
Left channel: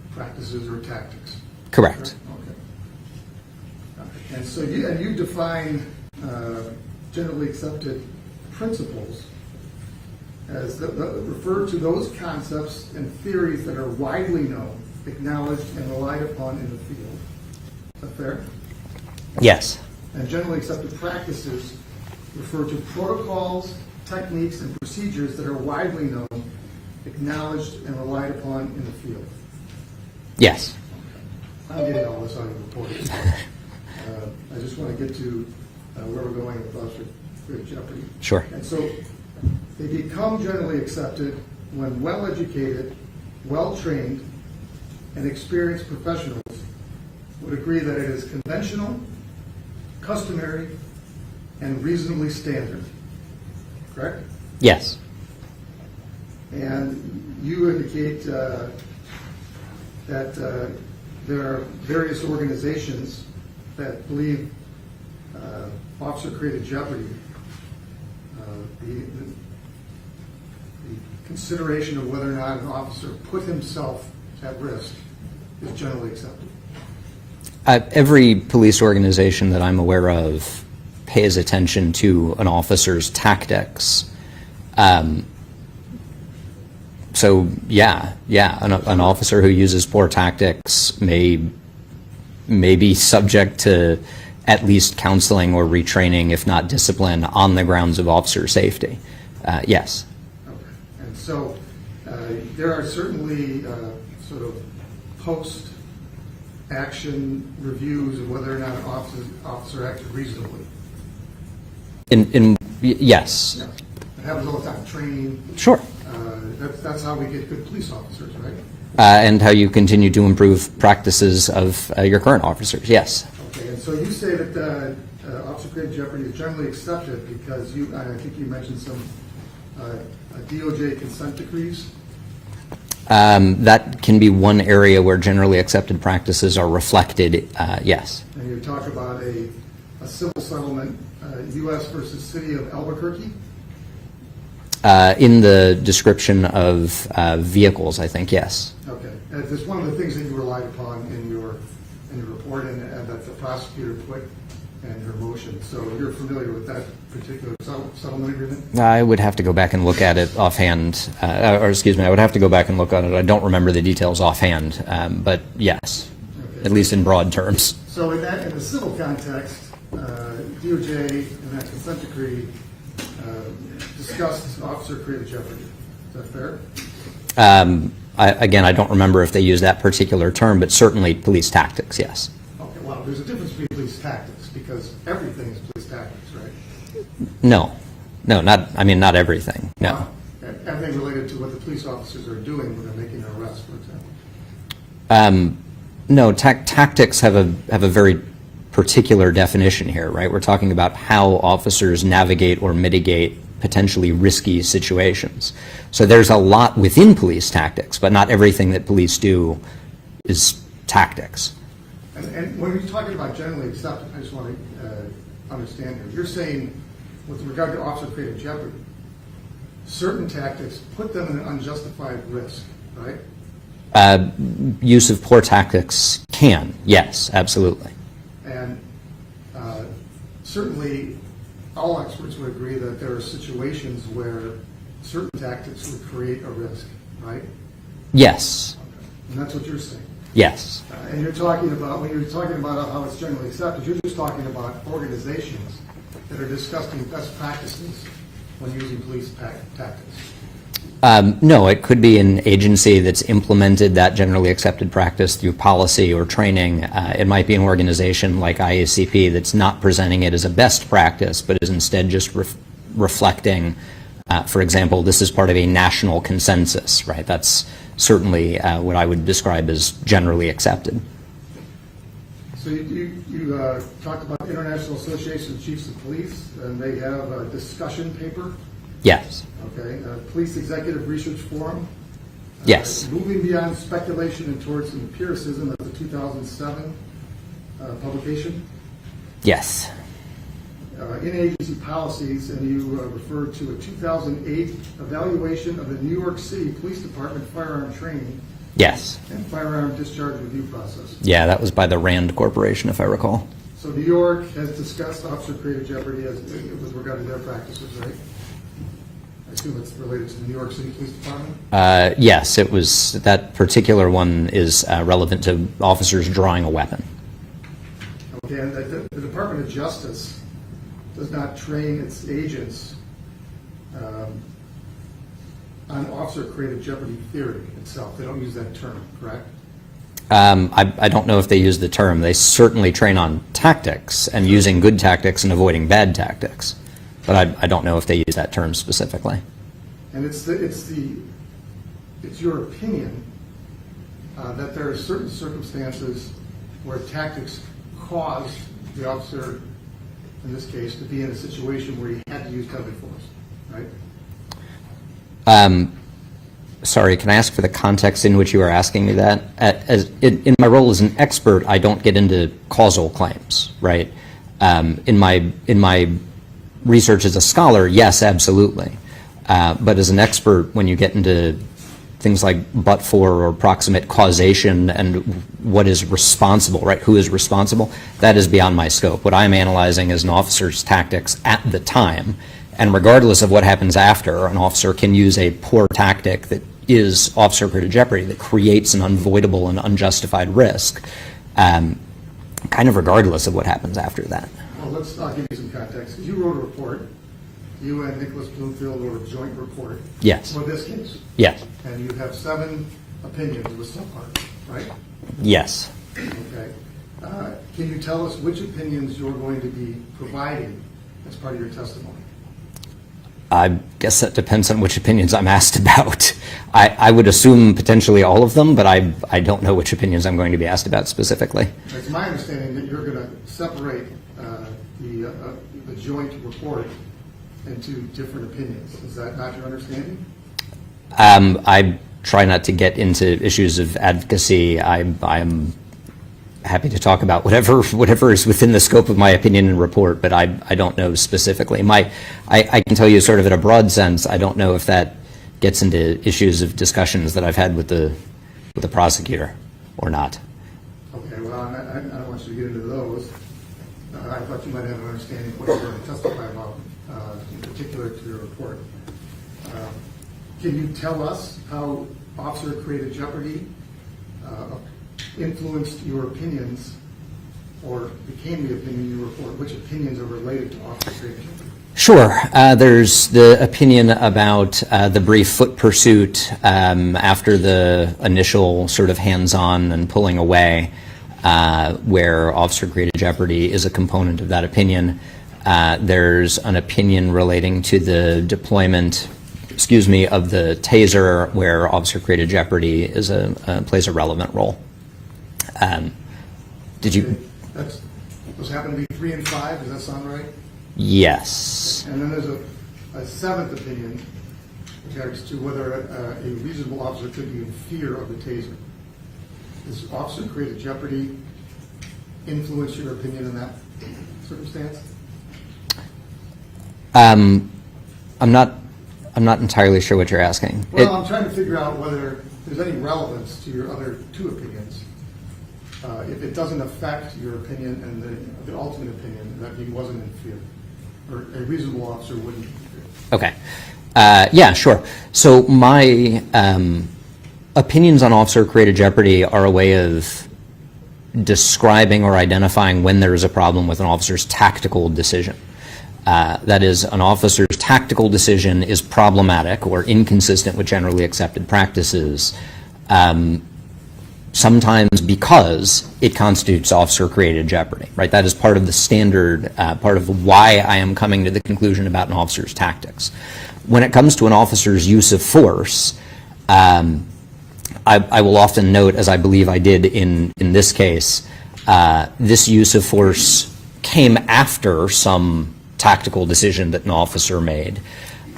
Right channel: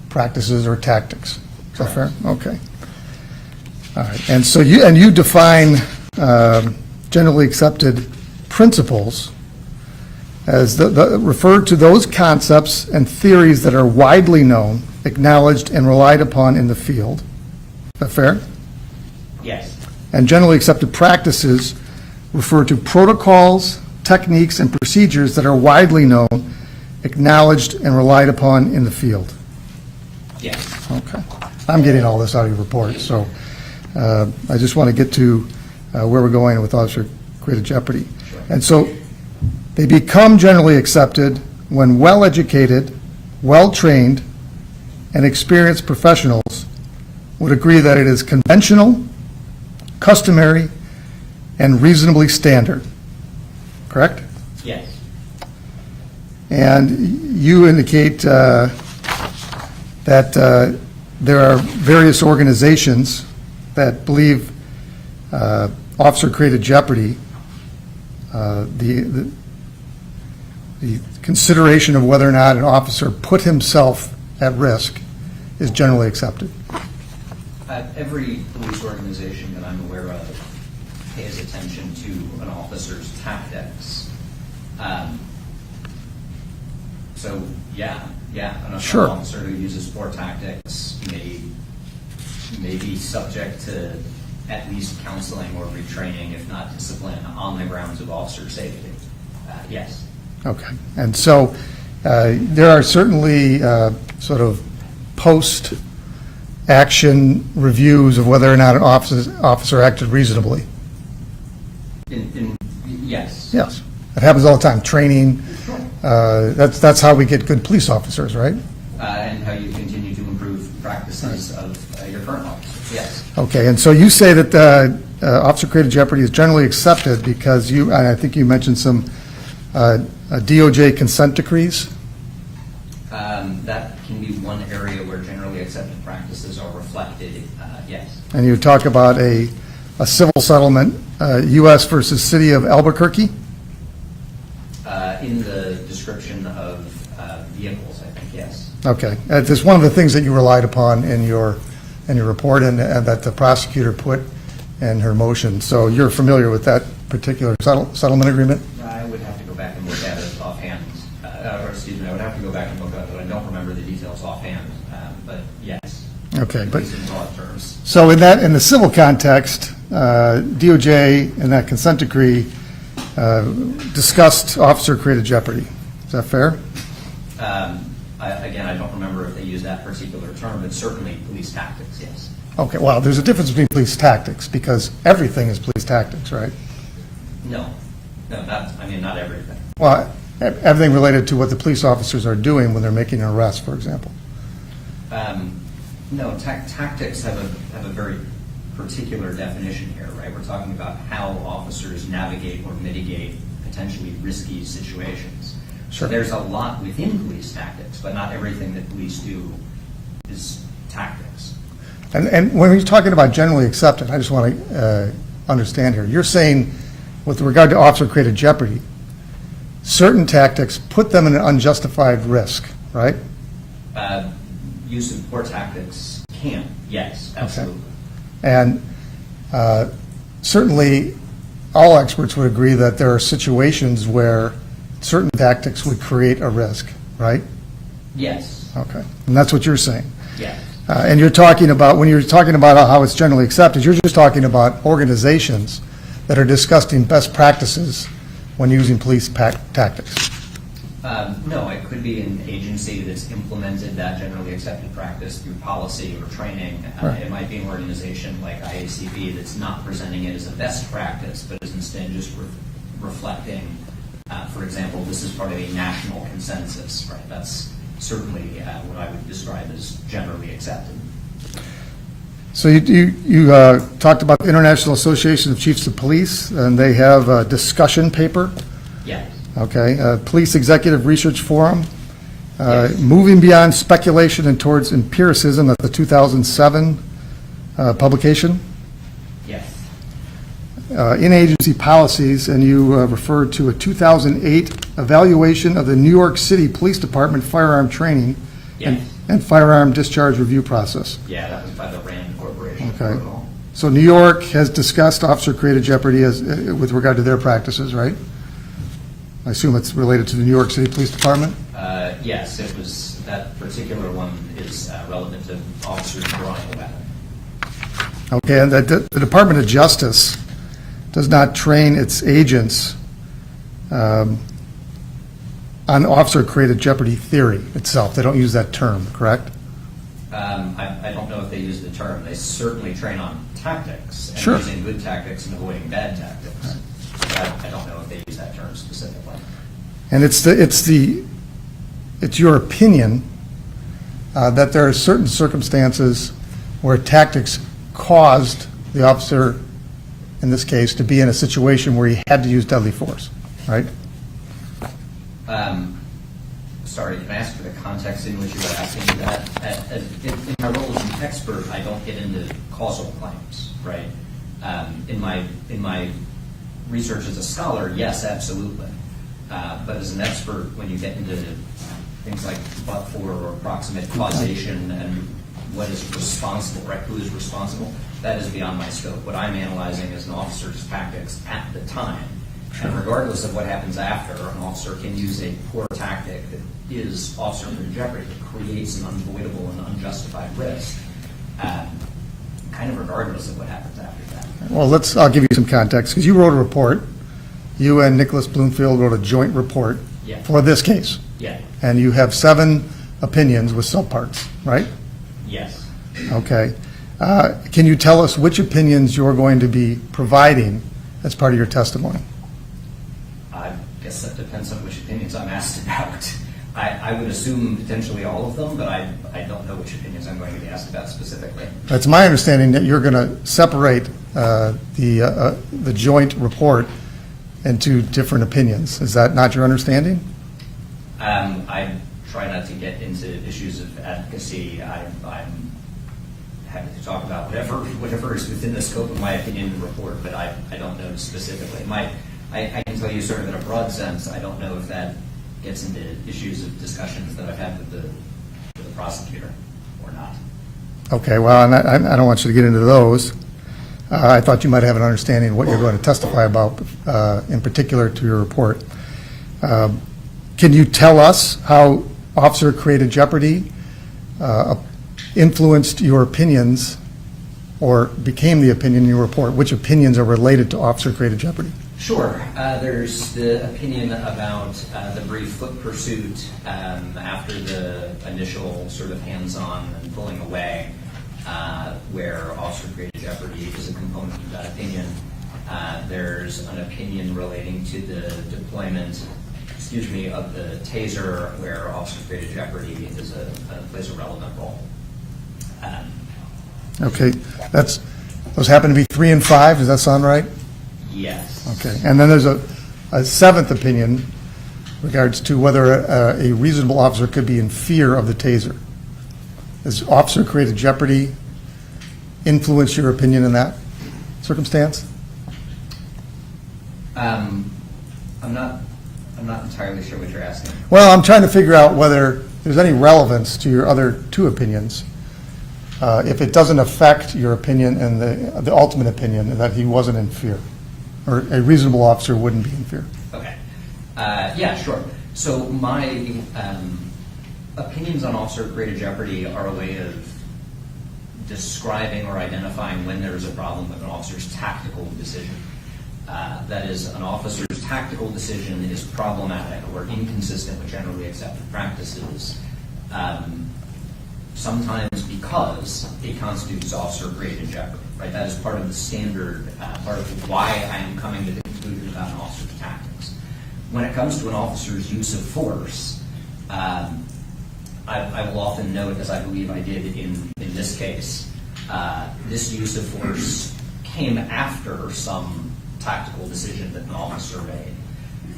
practices or tactics. Correct. Is that fair? Okay. All right. And so you define generally accepted principles as referred to those concepts and theories that are widely known, acknowledged, and relied upon in the field. Is that fair? Yes. And generally accepted practices refer to protocols techniques, and procedures that are widely known, acknowledged, and relied upon in the field. Yes. Okay. I'm getting all this out of your report, so I just want to get to where we're going with officer-created jeopardy. Sure. And so they become generally accepted when well-educated, well-trained, and experienced professionals would agree that it is conventional, customary, and reasonably standard. Correct? Yes. And you indicate that there are various organizations that believe officer-created jeopardy, the consideration of whether or not an officer put himself at risk is generally accepted. Every police organization that I'm aware of pays attention to an officer's tactics. So an Sure. officer who uses poor tactics may be subject to at least counseling or retraining, if not discipline, on the grounds of officer safety. Yes. Okay. And so there are certainly sort of post-action reviews of whether or not an officer acted reasonably. Yes. Yes. It happens all the time. Training. Sure. That's how we get good police officers, right? And how you continue to improve practices of your current officers, yes. Okay, and so you say that officer-created jeopardy is generally accepted because I think you mentioned some DOJ consent decrees? That can be one area where generally accepted practices are reflected, yes. And you talk about a civil settlement, U.S. versus City of Albuquerque? In the description of vehicles, I think, yes. Okay. It's one of the things that you relied upon in your report and that the prosecutor put in her motion. So you're familiar with that particular settlement agreement? I would have to go back and look at it offhand, I would have to go back and look at it. I don't remember the details offhand, but yes. Okay. At least in broad terms. So in the civil context, DOJ in that consent decree discussed officer-created jeopardy. Is that fair? Again, I don't remember if they use that particular term, but certainly police tactics, yes. Okay, well, there's a difference between police tactics because everything is police tactics, right? No, not everything. Well, everything related to what the police officers are doing when they're making an arrest, for example. No, tactics have a very particular definition here, right? We're talking about how officers navigate or mitigate potentially risky situations. So there's a lot within police tactics, but not everything that police do is tactics. And when you're talking about generally accepted, I just want to understand here. You're saying, with regard to officer-created jeopardy, certain tactics put them in an unjustified risk, right? Use of poor tactics can, yes, absolutely. And certainly, all experts would agree that there are situations where certain tactics would create a risk, right? Yes. Okay, and that's what you're saying. Yes. And you're talking about, when you're talking about how it's generally accepted, you're just talking about organizations that are discussing best practices when using police tactics. No, it could be an agency that's implemented that generally accepted practice through policy or training. It might be an organization like IACP that's not presenting it as a best practice, but is instead just reflecting, for example, this is part of a national consensus, right? That's certainly what I would describe as generally accepted. So you talked about the International Association of Chiefs of Police, and they have a discussion paper. Yes. Okay, Police Executive Research Forum. Yes. Moving beyond speculation and towards empiricism, at the 2007 publication. Yes. In-agency policies, and you referred to a 2008 evaluation of the New York City Police Department firearm training. Yes. And firearm discharge review process. Yeah, that was by the Rand Corporation, if I recall. So New York has discussed officer-created jeopardy with regard to their practices, right? I assume it's related to the New York City Police Department? Yes, it was. That particular one is relevant to officers drawing a weapon. Okay, and the Department of Justice does not train its agents on officer-created jeopardy theory itself. They don't use that term, correct? I don't know if they use the term. They certainly train on tactics and Sure. using good tactics and avoiding bad tactics. But I don't know if they use that term specifically. And it's your opinion that there are certain circumstances where tactics caused the officer, in this case, to be in a situation where he had to use deadly force, right? Sorry, can I ask for the context in which you are asking me that? In my role as an expert, I don't get into causal claims, right? In my research as a scholar, yes, absolutely. But as an expert, when you get into things like but-for or proximate causation and what is responsible, right? Who is responsible? That is beyond my scope. What I'm analyzing is an officer's tactics at the time, and regardless of what happens after, an officer can use a poor tactic that is officer-created jeopardy, that creates an unavoidable and unjustified risk, kind of regardless of what happens after that. Well, I'll give you some context, because you wrote a report. You and Nicholas Bloomfield wrote a joint report. Yes. For this case. Yes. And you have 7 opinions with subparts, right? Yes. Okay. Can you tell us which opinions you're going to be providing as part of your testimony? I guess that depends on which opinions I'm asked about. I would assume potentially all of them, but I don't know which opinions I'm going to be asked about specifically. It's my understanding that you're going to separate the joint report into different opinions. Is that not your understanding? I try not to get into issues of advocacy. I'm happy to talk about whatever is within the scope of my opinion and report, but I don't know specifically. I can tell you sort of in a broad sense, I don't know if that gets into issues of discussions that I've had with the prosecutor or not. Okay, well, and I don't want you to get into those. I thought you might have an understanding of what you're going to testify about, in particular to your report. Can you tell us how officer-created jeopardy influenced your opinions or became the opinion in your report? Which opinions are related to officer-created jeopardy? Sure. There's the opinion about the brief foot pursuit after the initial sort of hands-on and pulling away, where officer-created jeopardy is a component of that opinion. There's an opinion relating to the deployment, of the Taser, where officer-created jeopardy plays a relevant role. Those happen to be 3 and 5. Does that sound right? Yes. Okay. And then there's a 7th opinion regards to whether a reasonable officer could be in fear of the Taser. Does officer-created jeopardy influence your opinion in that circumstance? I'm not entirely sure what you're asking. Well, I'm trying to figure out whether there's any relevance to your other 2 opinions. If it doesn't affect your opinion and the ultimate opinion that he wasn't in fear, or a reasonable officer wouldn't be in fear. Okay. Yeah, sure. So my opinions on officer-created jeopardy are a way of describing or identifying when there is a problem with an officer's tactical decision. That is, an officer's tactical decision is problematic or inconsistent with generally accepted practices, sometimes because it constitutes officer-created jeopardy, right? That is part of the standard, part of why I am coming to the conclusion about an officer's tactics. When it comes to an officer's use of force, I will often note, as I believe I did in this case, this use of force came after some tactical decision that an officer made.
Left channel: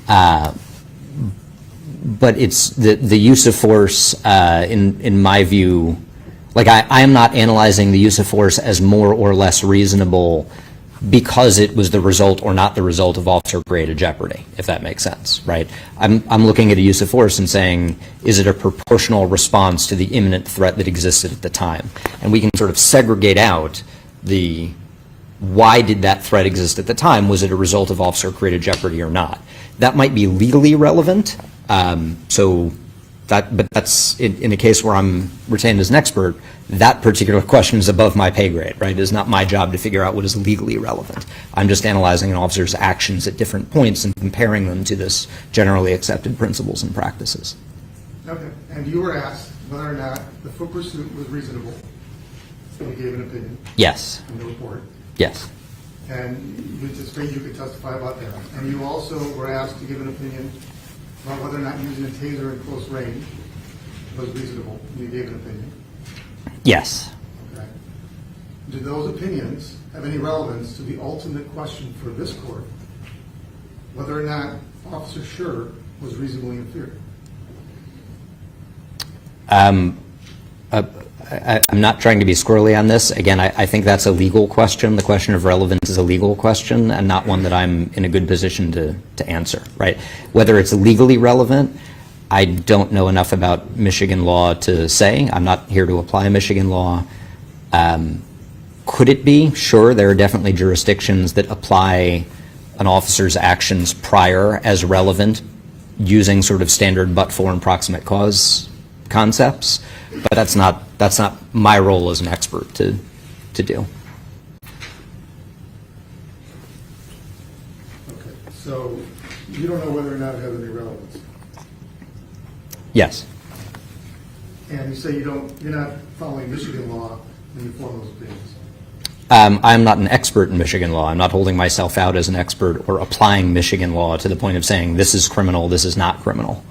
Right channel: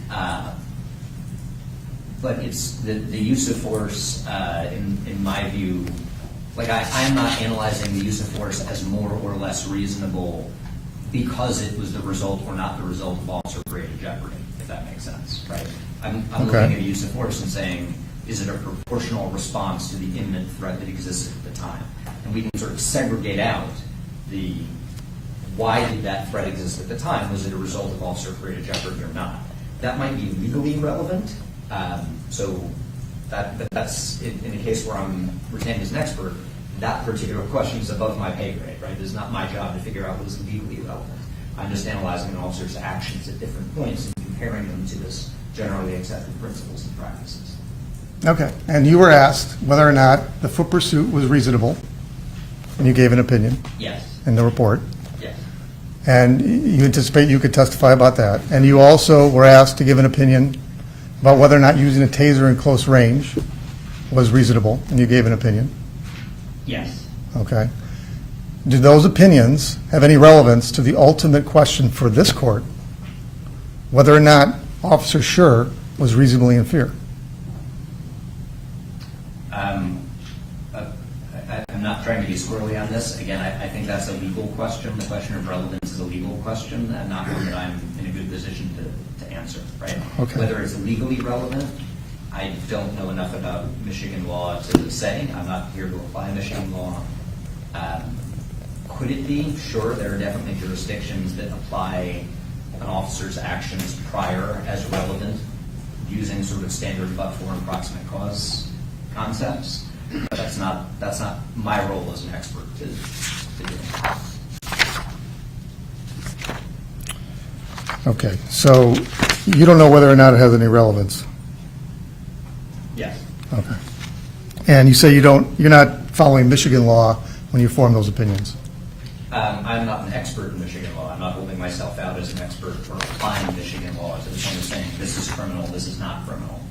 But it's the use of force, in my view, like I am not analyzing the use of force as more or less reasonable because it was the result or not the result of officer-created jeopardy, if that makes sense, right? I'm looking at a use of force and saying, is it a proportional response to the imminent threat that existed at the time? And we can sort of segregate out why did that threat exist at the time? Was it a result of officer-created jeopardy or not? That might be legally relevant. So But that's, in a case where I'm retained as an expert, that particular question is above my pay grade, right? It is not my job to figure out what is legally relevant. I'm just analyzing an officer's actions at different points and comparing them to this generally accepted principles and practices. Okay, and you were asked whether or not the foot pursuit was reasonable, and you gave an opinion Yes, in the report, yes, and you anticipate you could testify about that. And you also were asked to give an opinion about whether or not using a taser in close range was reasonable, and you gave an opinion. yes. Okay. Do those opinions have any relevance to the ultimate question for this court, whether or not Officer Schurr was reasonably in fear? I'm not trying to be squirrely on this. Again, I think that's a legal question. The question of relevance is a legal question and not one that I'm in a good position to answer, right? Okay. Whether it's legally relevant, I don't know enough about Michigan law to say. I'm not here to apply Michigan law. Could it be? Sure, there are definitely jurisdictions that apply an officer's actions prior as relevant using sort of standard but-for and proximate cause concepts, but that's not my role as an expert to do. Okay, so you don't know whether or not it has any relevance? Yes. Okay. And you say you're not following Michigan law when you form those opinions? I'm not an expert in Michigan law. I'm not holding myself out as an expert or applying Michigan law to the point of saying this is criminal, this is not criminal.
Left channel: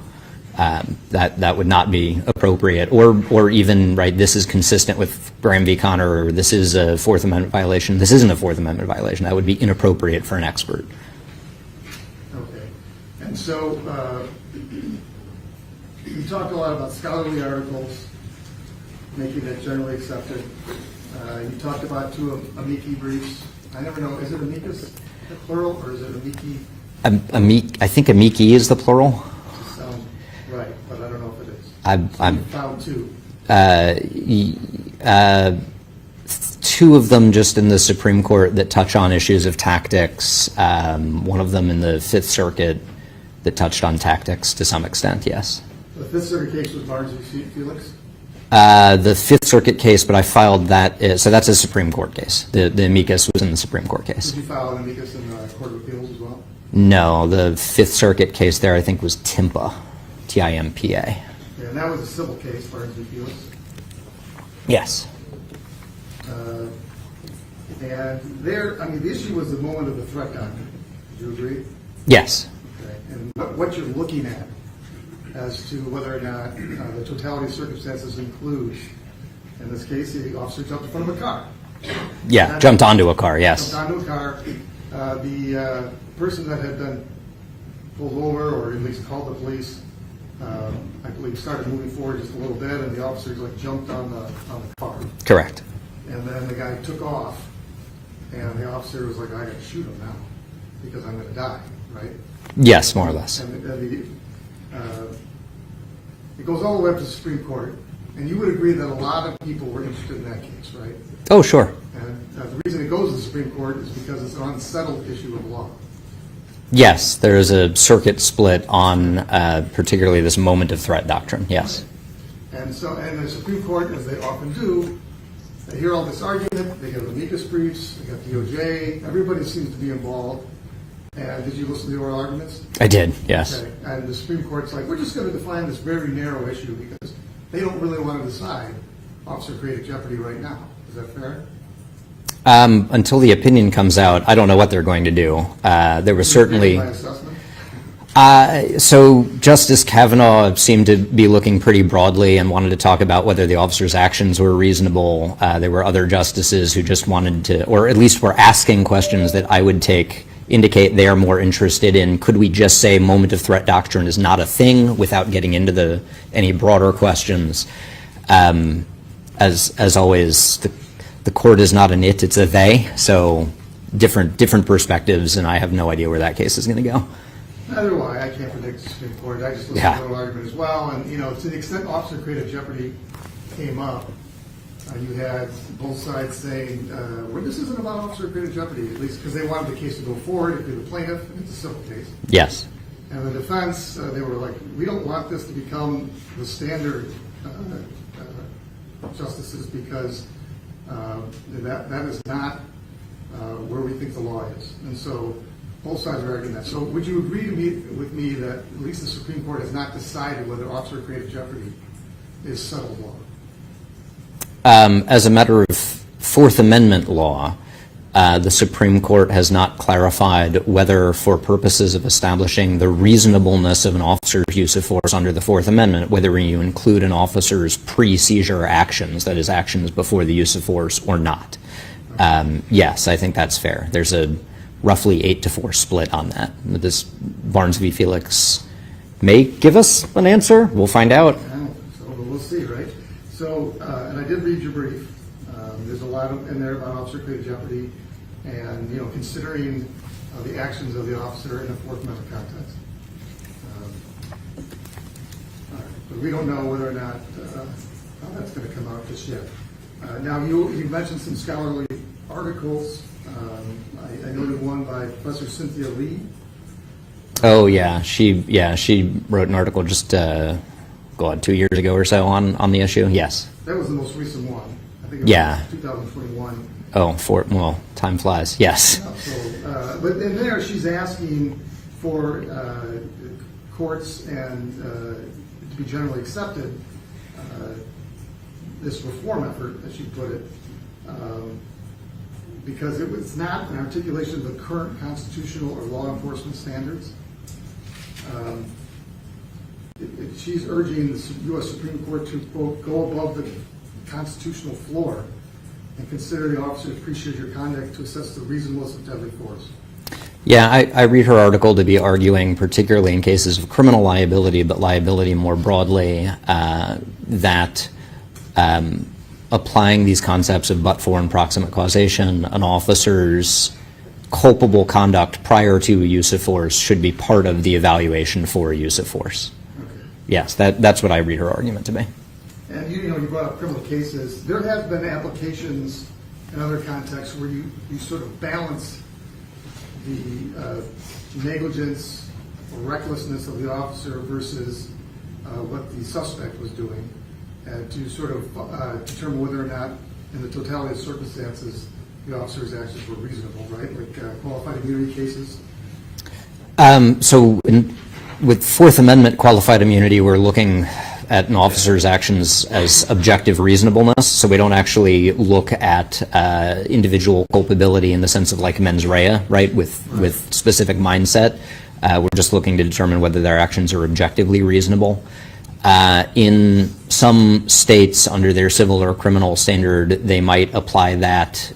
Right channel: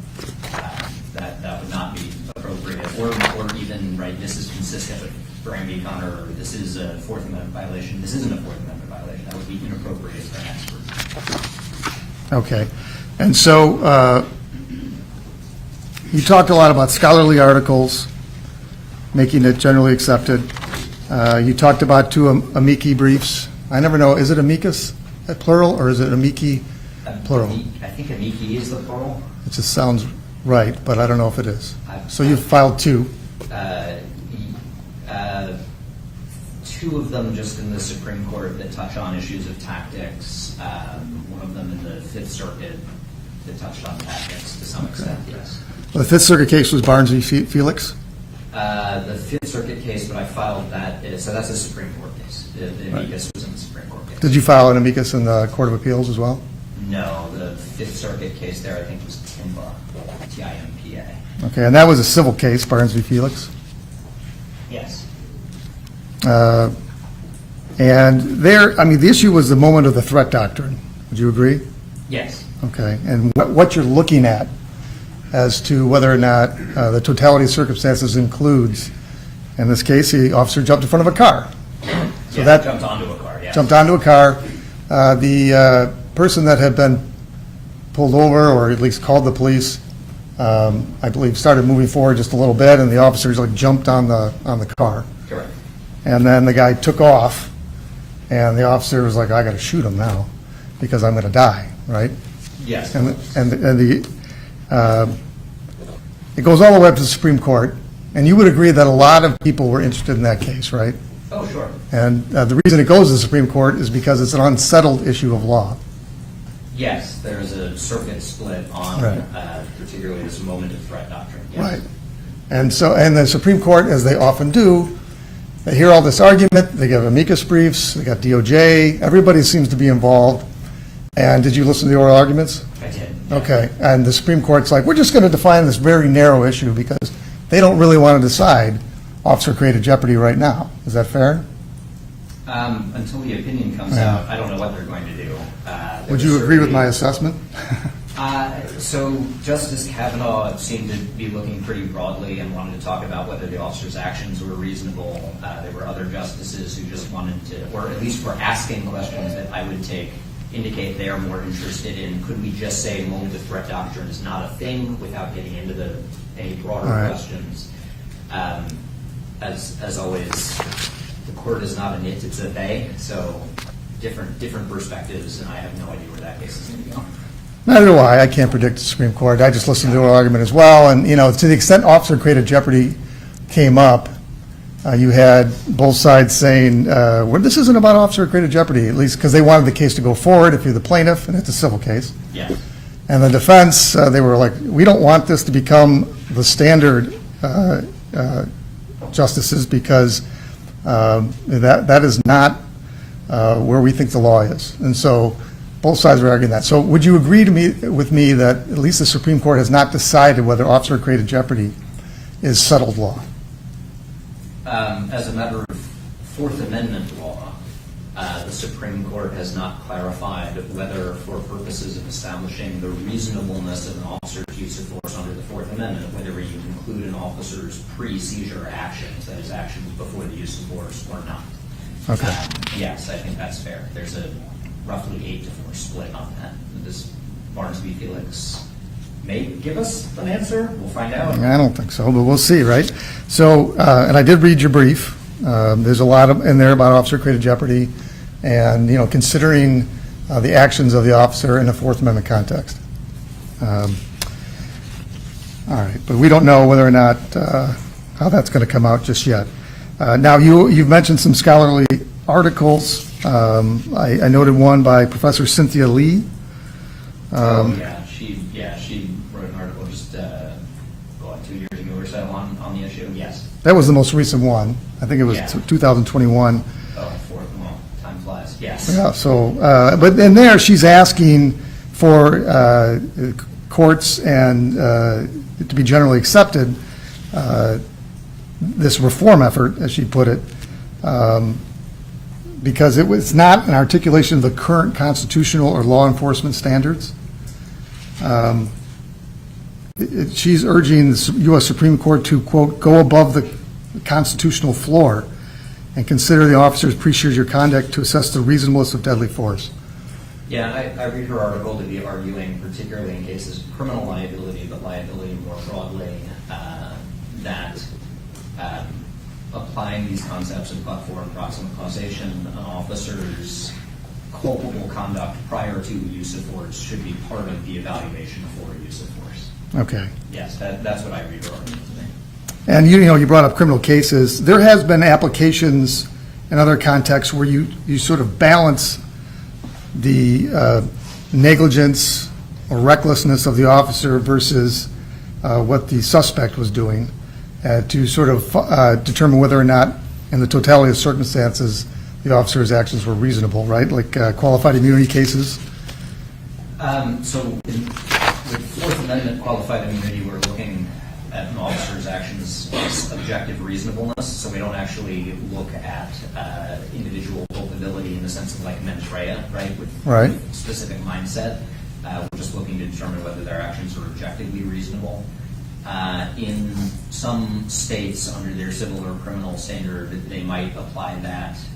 That would not be appropriate, or even, right, this is consistent with Graham v. Connor, or this is a Fourth Amendment violation. This isn't a Fourth Amendment violation. That would be inappropriate for an expert. Okay. And so you talked a lot about scholarly articles, making it generally accepted. You talked about 2 amici briefs. I never know, is it amicus plural, or is it amici plural? I think amici is the plural. It just sounds right, but I don't know if it is. So I'm- you've filed 2. 2 of them just in the Supreme Court that touch on issues of tactics. One of them in the Fifth Circuit that touched on tactics to some extent, yes. The Fifth Circuit case was Barnes v. Felix? The Fifth Circuit case, but I filed that, so that's a Supreme Court case. The amicus was in the Supreme Court case. Did you file an amicus in the Court of Appeals as well? No, the Fifth Circuit case there I think was TIMPA, T-I-M-P-A. Okay, and that was a civil case, Barnes v. Felix? Yes. And there, I mean, the issue was the moment of the threat doctrine. Would you agree? Yes. Okay, and what you're looking at as to whether or not the totality of circumstances includes, in this case, the officer jumped in front of a car. Yeah, that- jumped onto a car, yes. Jumped onto a car. The person that had been pulled over, or at least called the police, I believe started moving forward just a little bit, and the officers like jumped on the car. Correct. And then the guy took off, and the officer was like, I got to shoot him now because I'm going to die, right? Yes, more or less. And it goes all the way up to the Supreme Court, and you would agree that a lot of people were interested in that case, right? Oh, sure. And the reason it goes to the Supreme Court is because it's an unsettled issue of law. Yes, there is a circuit split on Right. particularly this moment of threat doctrine, yes. Right. And so, and the Supreme Court, as they often do, they hear all this argument, they give amicus briefs, they got DOJ, everybody seems to be involved. And did you listen to the oral arguments? I did, yes. Okay, and the Supreme Court's like, we're just going to define this very narrow issue because they don't really want to decide officer-created jeopardy right now. Is that fair? Until the opinion comes out, I don't know what they're going to do. There Would was you agree with certainly. my assessment? So Justice Kavanaugh seemed to be looking pretty broadly and wanted to talk about whether the officer's actions were reasonable. There were other justices who just wanted to, or at least were asking questions that I would indicate they are more interested in. Could we just say moment of threat doctrine is not a thing without getting into any broader questions? As always, the court is not an it, it's a they. So different perspectives, and I have no idea where that case is going to go. Neither do I. I can't predict the Supreme Court. I just listened to Yeah. the argument as well. And, you know, to the extent officer-created jeopardy came up, you had both sides saying, well, this isn't about officer-created jeopardy, at least because they wanted the case to go forward if you're the plaintiff, and it's a civil case. Yes. And the defense, they were like, we don't want this to become the standard, justices, because that is not where we think the law is. And so both sides were arguing that. So would you agree with me that at least the Supreme Court has not decided whether officer-created jeopardy is settled law? As a matter of Fourth Amendment law, the Supreme Court has not clarified whether, for purposes of establishing the reasonableness of an officer's use of force under the Fourth Amendment, whether you include an officer's pre-seizure actions, that is, actions before the use of force, or not. Okay. Yes, I think that's fair. There's a roughly 8-4 split on that. This Barnes v. Felix may give us an answer. We'll find out. I don't think so, but we'll see, right? So, and I did read your brief. There's a lot in there about officer-created jeopardy and, considering the actions of the officer in a Fourth Amendment context. All right, but we don't know whether or not how that's going to come out just yet. Now, you've mentioned some scholarly articles. I noted one by Professor Cynthia Lee. She wrote an article just 2 years ago or so on the issue. Yes, that was the most recent one. I think it was 2021. Time flies. Yes. Yeah. So, but in there, she's asking for courts and to be generally accepted this reform effort, as she put it, because it was not an articulation of the current constitutional or law enforcement standards. She's urging the U.S. Supreme Court to, quote, go above the constitutional floor and consider the officer's pre-seizure conduct to assess the reasonableness of deadly force. Yeah, I read her article to be arguing, particularly in cases of criminal liability, but liability more broadly, that applying these concepts of but-for and proximate causation, an officer's culpable conduct prior to use of force should be part of the evaluation for use of force. Okay. Yes, that's what I read her argument to be. And you brought up criminal cases. There has been applications in other contexts where you sort of balance the negligence or recklessness of the officer versus what the suspect was doing to sort of determine whether or not, in the totality of circumstances, the officer's actions were reasonable, right? Like qualified immunity cases? With Fourth Amendment qualified immunity, we're looking at an officer's actions as objective reasonableness, so we don't actually look at individual culpability in the sense of like mens rea, right, with specific mindset. We're just looking to determine whether their actions are objectively reasonable. In some states, under their civil or criminal standard, they might apply that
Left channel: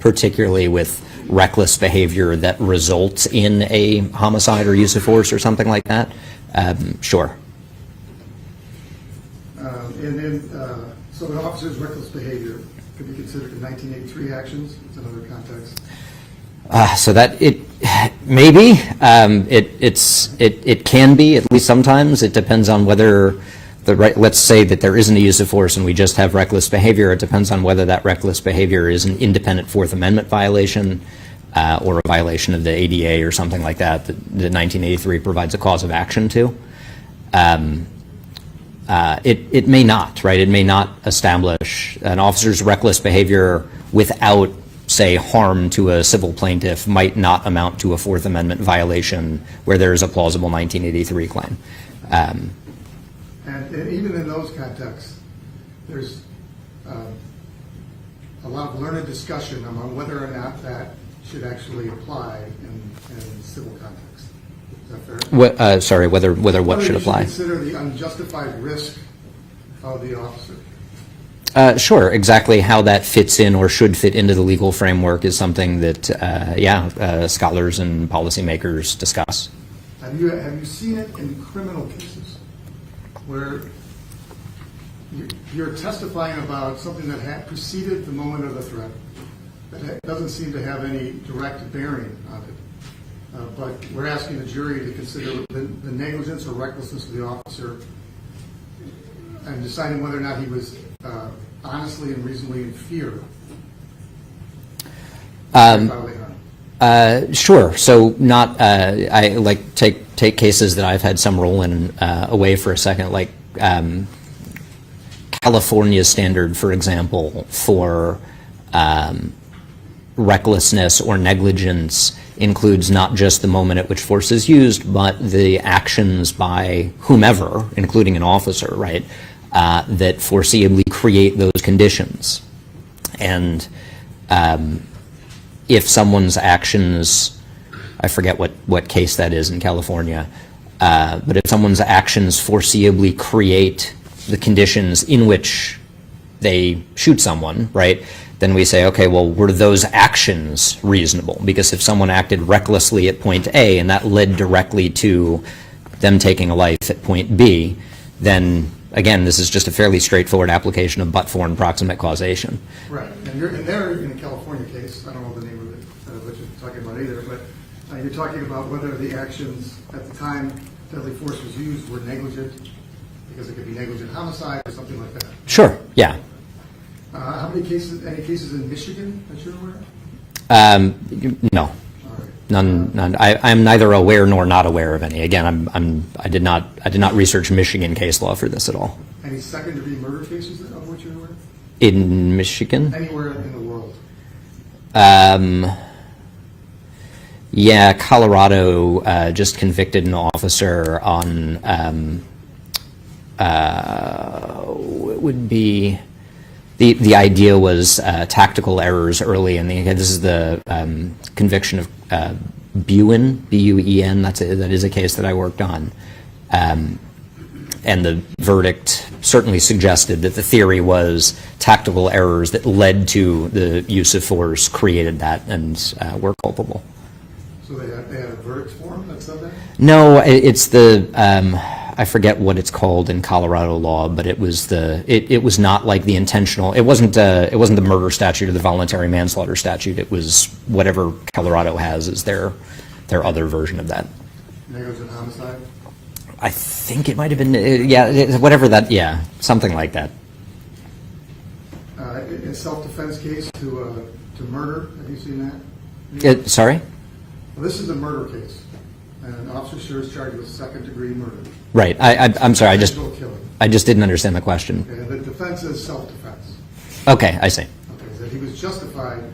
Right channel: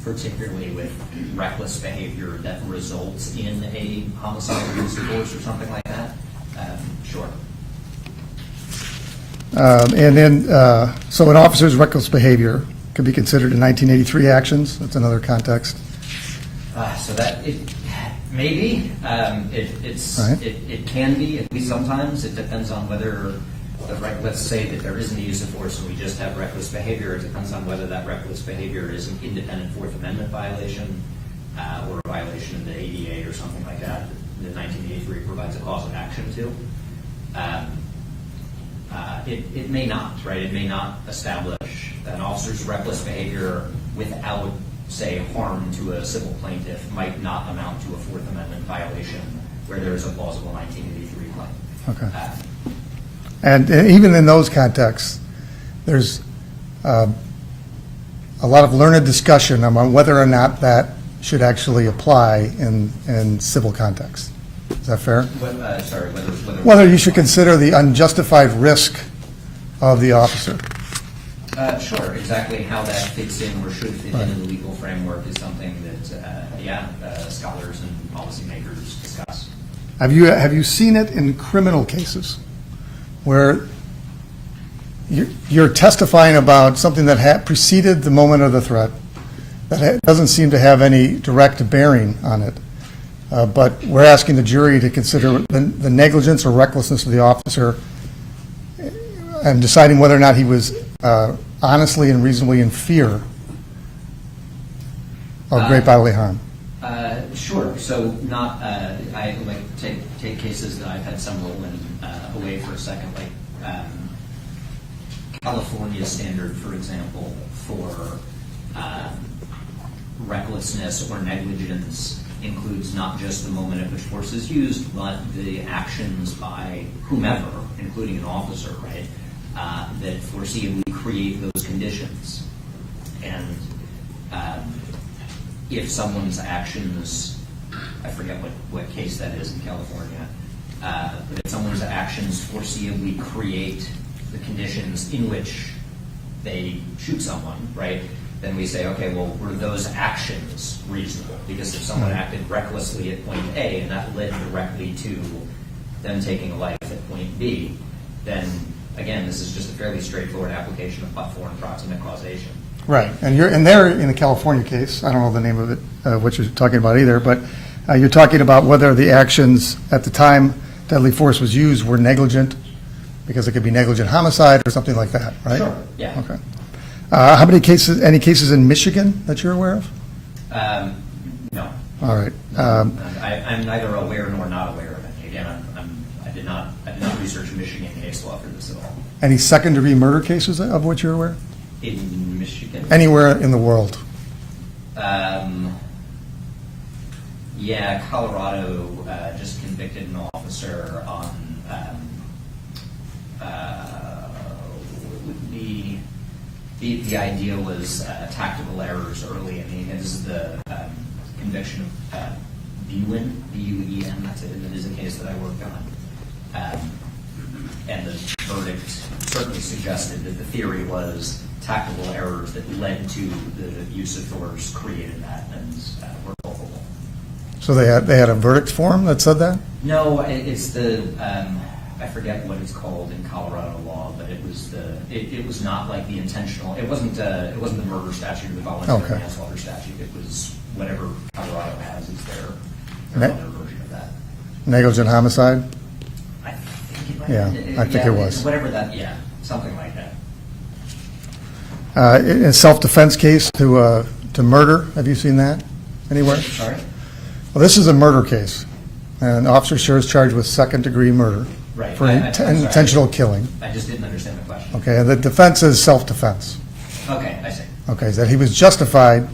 particularly with reckless behavior that results in a homicide or use of force or something like that. Sure. And then, so an officer's reckless behavior could be considered in 1983 actions. That's another context. So that it maybe it can be, at least sometimes. It depends on whether let's say that there isn't a use of force and we just have reckless behavior. It depends on whether that reckless behavior is an independent Fourth Amendment violation or a violation of the ADA or something like that the 1983 provides a cause of action to. It may not, right? It may not establish an officer's reckless behavior without, say, harm to a civil plaintiff might not amount to a Fourth Amendment violation where there is a plausible 1983 claim. Okay. And even in those contexts, there's a lot of learned discussion on whether or not that should actually apply in civil contexts. Is that fair? Sorry, whether you should consider the unjustified risk of the officer. Sure. Exactly how that fits in or should fit into the legal framework is something that, scholars and policymakers discuss. Have you seen it in criminal cases where you're testifying about something that preceded the moment of the threat that doesn't seem to have any direct bearing on it? But we're asking the jury to consider the negligence or recklessness of the officer and deciding whether or not he was honestly and reasonably in fear of great bodily harm. Sure. So not, I like take cases that I've had some role in away for a second, like California's standard, for example, for recklessness or negligence includes not just the moment at which force is used, but the actions by whomever, including an officer, right, that foreseeably create those conditions. And if someone's actions, I forget what case that is in California, but if someone's actions foreseeably create the conditions in which they shoot someone, right, then we say, okay, well, were those actions reasonable? Because if someone acted recklessly at point A and that led directly to them taking a life at point B, then again, this is just a fairly straightforward application of but-for and proximate causation. Right, and they're in a California case, I don't know the name of it, what you're talking about either, but you're talking about whether the actions at the time deadly force was used were negligent, because it could be negligent homicide or something like that, right? Sure, yeah. Okay. How many cases, any cases in Michigan that you're aware of? No. All right. None. I'm neither aware nor not aware of any. Again, I did not research Michigan case law for this at all. Any second-degree murder cases of which you're aware? In Michigan? Anywhere in the world? Yeah, Colorado just convicted an officer on what would be the idea was tactical errors early in the. This is the conviction of Buen, B-U-E-N. That is a case that I worked on, and the verdict certainly suggested that the theory was tactical errors that led to the use of force created that and were culpable. So they had a verdict form that said that? No, it's the. I forget what it's called in Colorado law, but it was it was not like the intentional. It wasn't the murder statute or the voluntary manslaughter statute. It was whatever Colorado has as their other version of that. Negligent homicide? I think it might have been whatever that something like that. A self-defense case to murder. Have you seen that anywhere? Sorry? Well, this is a murder case. And Officer Schurr is charged with second-degree murder. Right. I'm sorry. Intentional killing. I just didn't understand the question. Okay. And the defense is self-defense. Okay, I see. Okay. That he was justified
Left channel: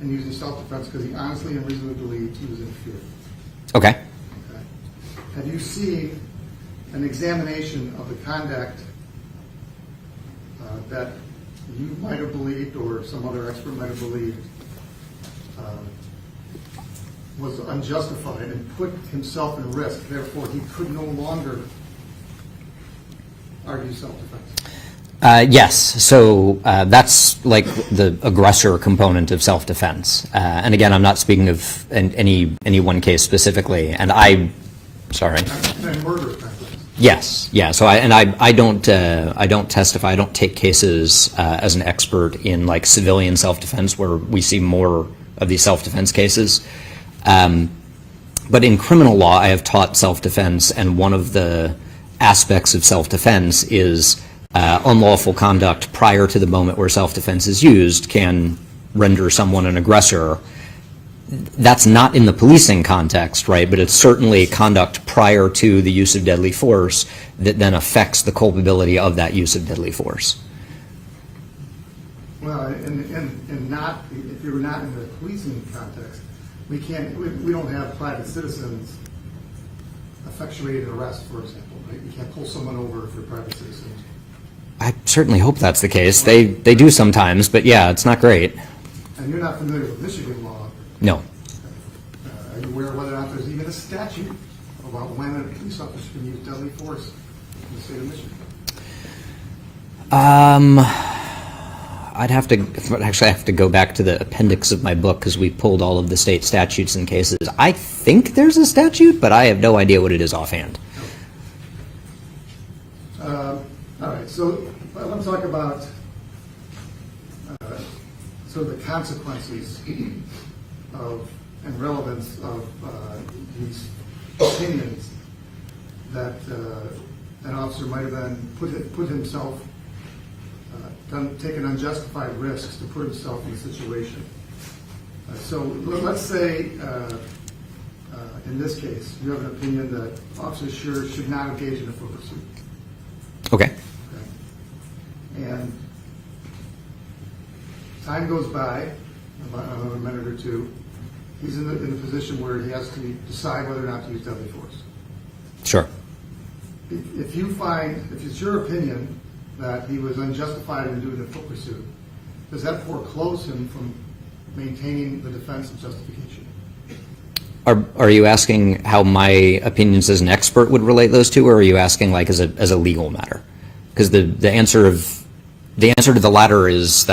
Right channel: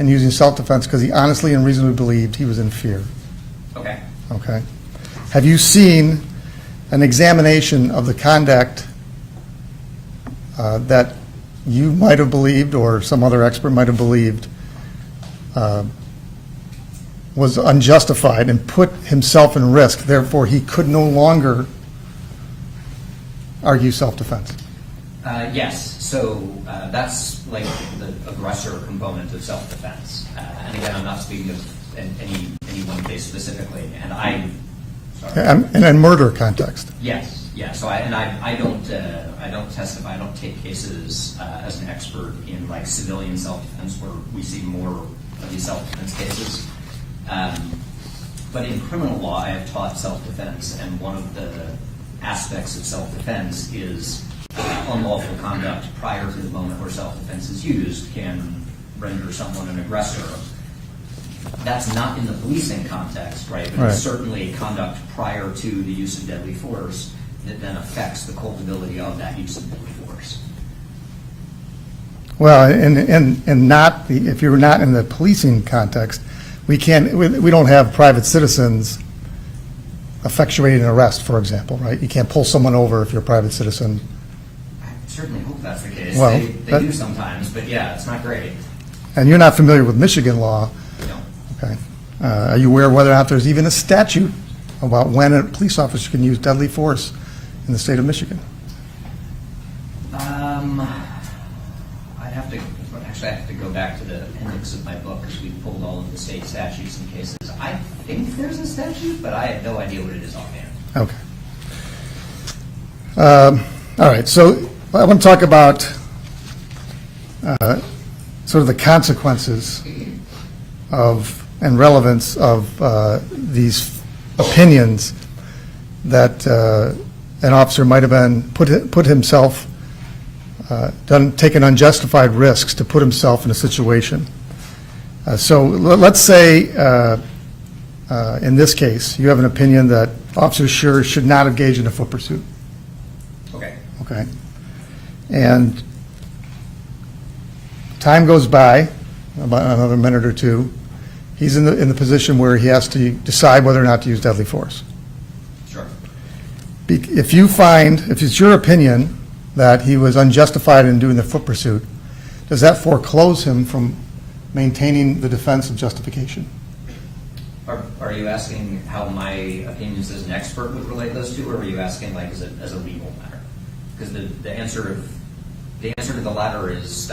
in using self-defense because he honestly and reasonably believed he was in fear. Okay. Okay. Have you seen an examination of the conduct that you might have believed or some other expert might have believed was unjustified and put himself in risk, therefore he could no longer argue self-defense? Yes. So that's like the aggressor component of self-defense. And again, I'm not speaking of any one case specifically. And sorry. In a murder context. Yes. Yeah. So I don't testify. I don't take cases as an expert in like civilian self-defense where we see more of these self-defense cases. But in criminal law, I have taught self-defense, and one of the aspects of self-defense is unlawful conduct prior to the moment where self-defense is used can render someone an aggressor. That's not in the policing context, right? But it's certainly conduct prior to the use of deadly force that then affects the culpability of that use of deadly force. Well, and not if you're not in the policing context, we don't have private citizens effectuating an arrest, for example, right? You can't pull someone over if you're a private citizen. I certainly hope that's the case. Well, they do sometimes, but yeah, it's not great. And you're not familiar with Michigan law? No. Okay. Are you aware whether or not there's even a statute about when a police officer can use deadly force in the state of Michigan? I'd have to go back to the appendix of my book because we pulled all of the state statutes and cases. I think there's a statute, but I have no idea what it is offhand. Okay. All right. So I want to talk about sort of the consequences of and relevance of these opinions that an officer might have been put himself taken unjustified risks to put himself in a situation. So let's say, in this case, you have an opinion that Officer Schurr should not engage in a foot pursuit. Okay. Okay. And time goes by, about another minute or two. He's in the position where he has to decide whether or not to use deadly force. Sure. If it's your opinion that he was unjustified in doing the foot pursuit, does that foreclose him from maintaining the defense of justification? Are you asking how my opinions as an expert would relate those two, or are you asking like as a legal matter? Because the answer to the latter is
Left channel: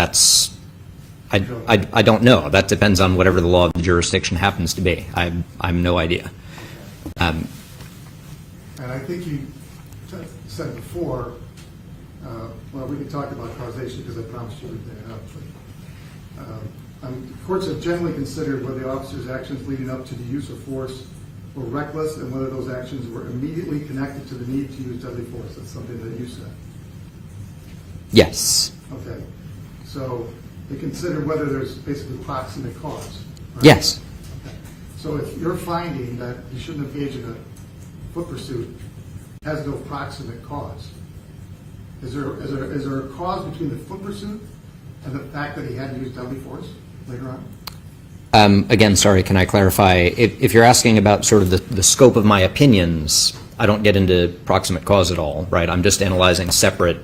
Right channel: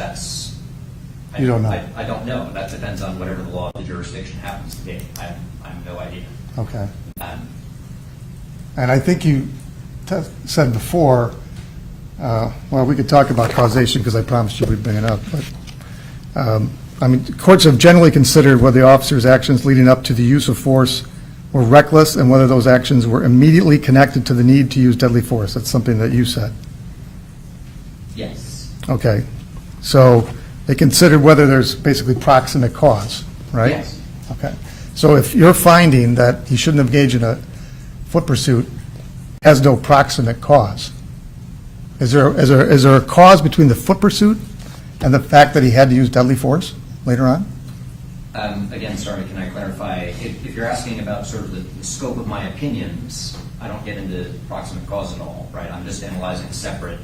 I You don't know. I don't know. That depends on whatever the law of the jurisdiction happens to be. I'm no idea. Okay. And I think you said before, well, we could talk about causation because I promised you we'd bring it up, but I mean, courts have generally considered whether the officer's actions leading up to the use of force were reckless and whether those actions were immediately connected to the need to use deadly force. That's something that you said. Yes. Okay. So they considered whether there's basically proximate cause, right? Yes. Okay. So if you're finding that he shouldn't have engaged in a foot pursuit has no proximate cause, is there a cause between the foot pursuit and the fact that he had to use deadly force later on? Again, sorry, can I clarify? If you're asking about sort of the scope of my opinions, I don't get into proximate cause at all, right? I'm just analyzing separate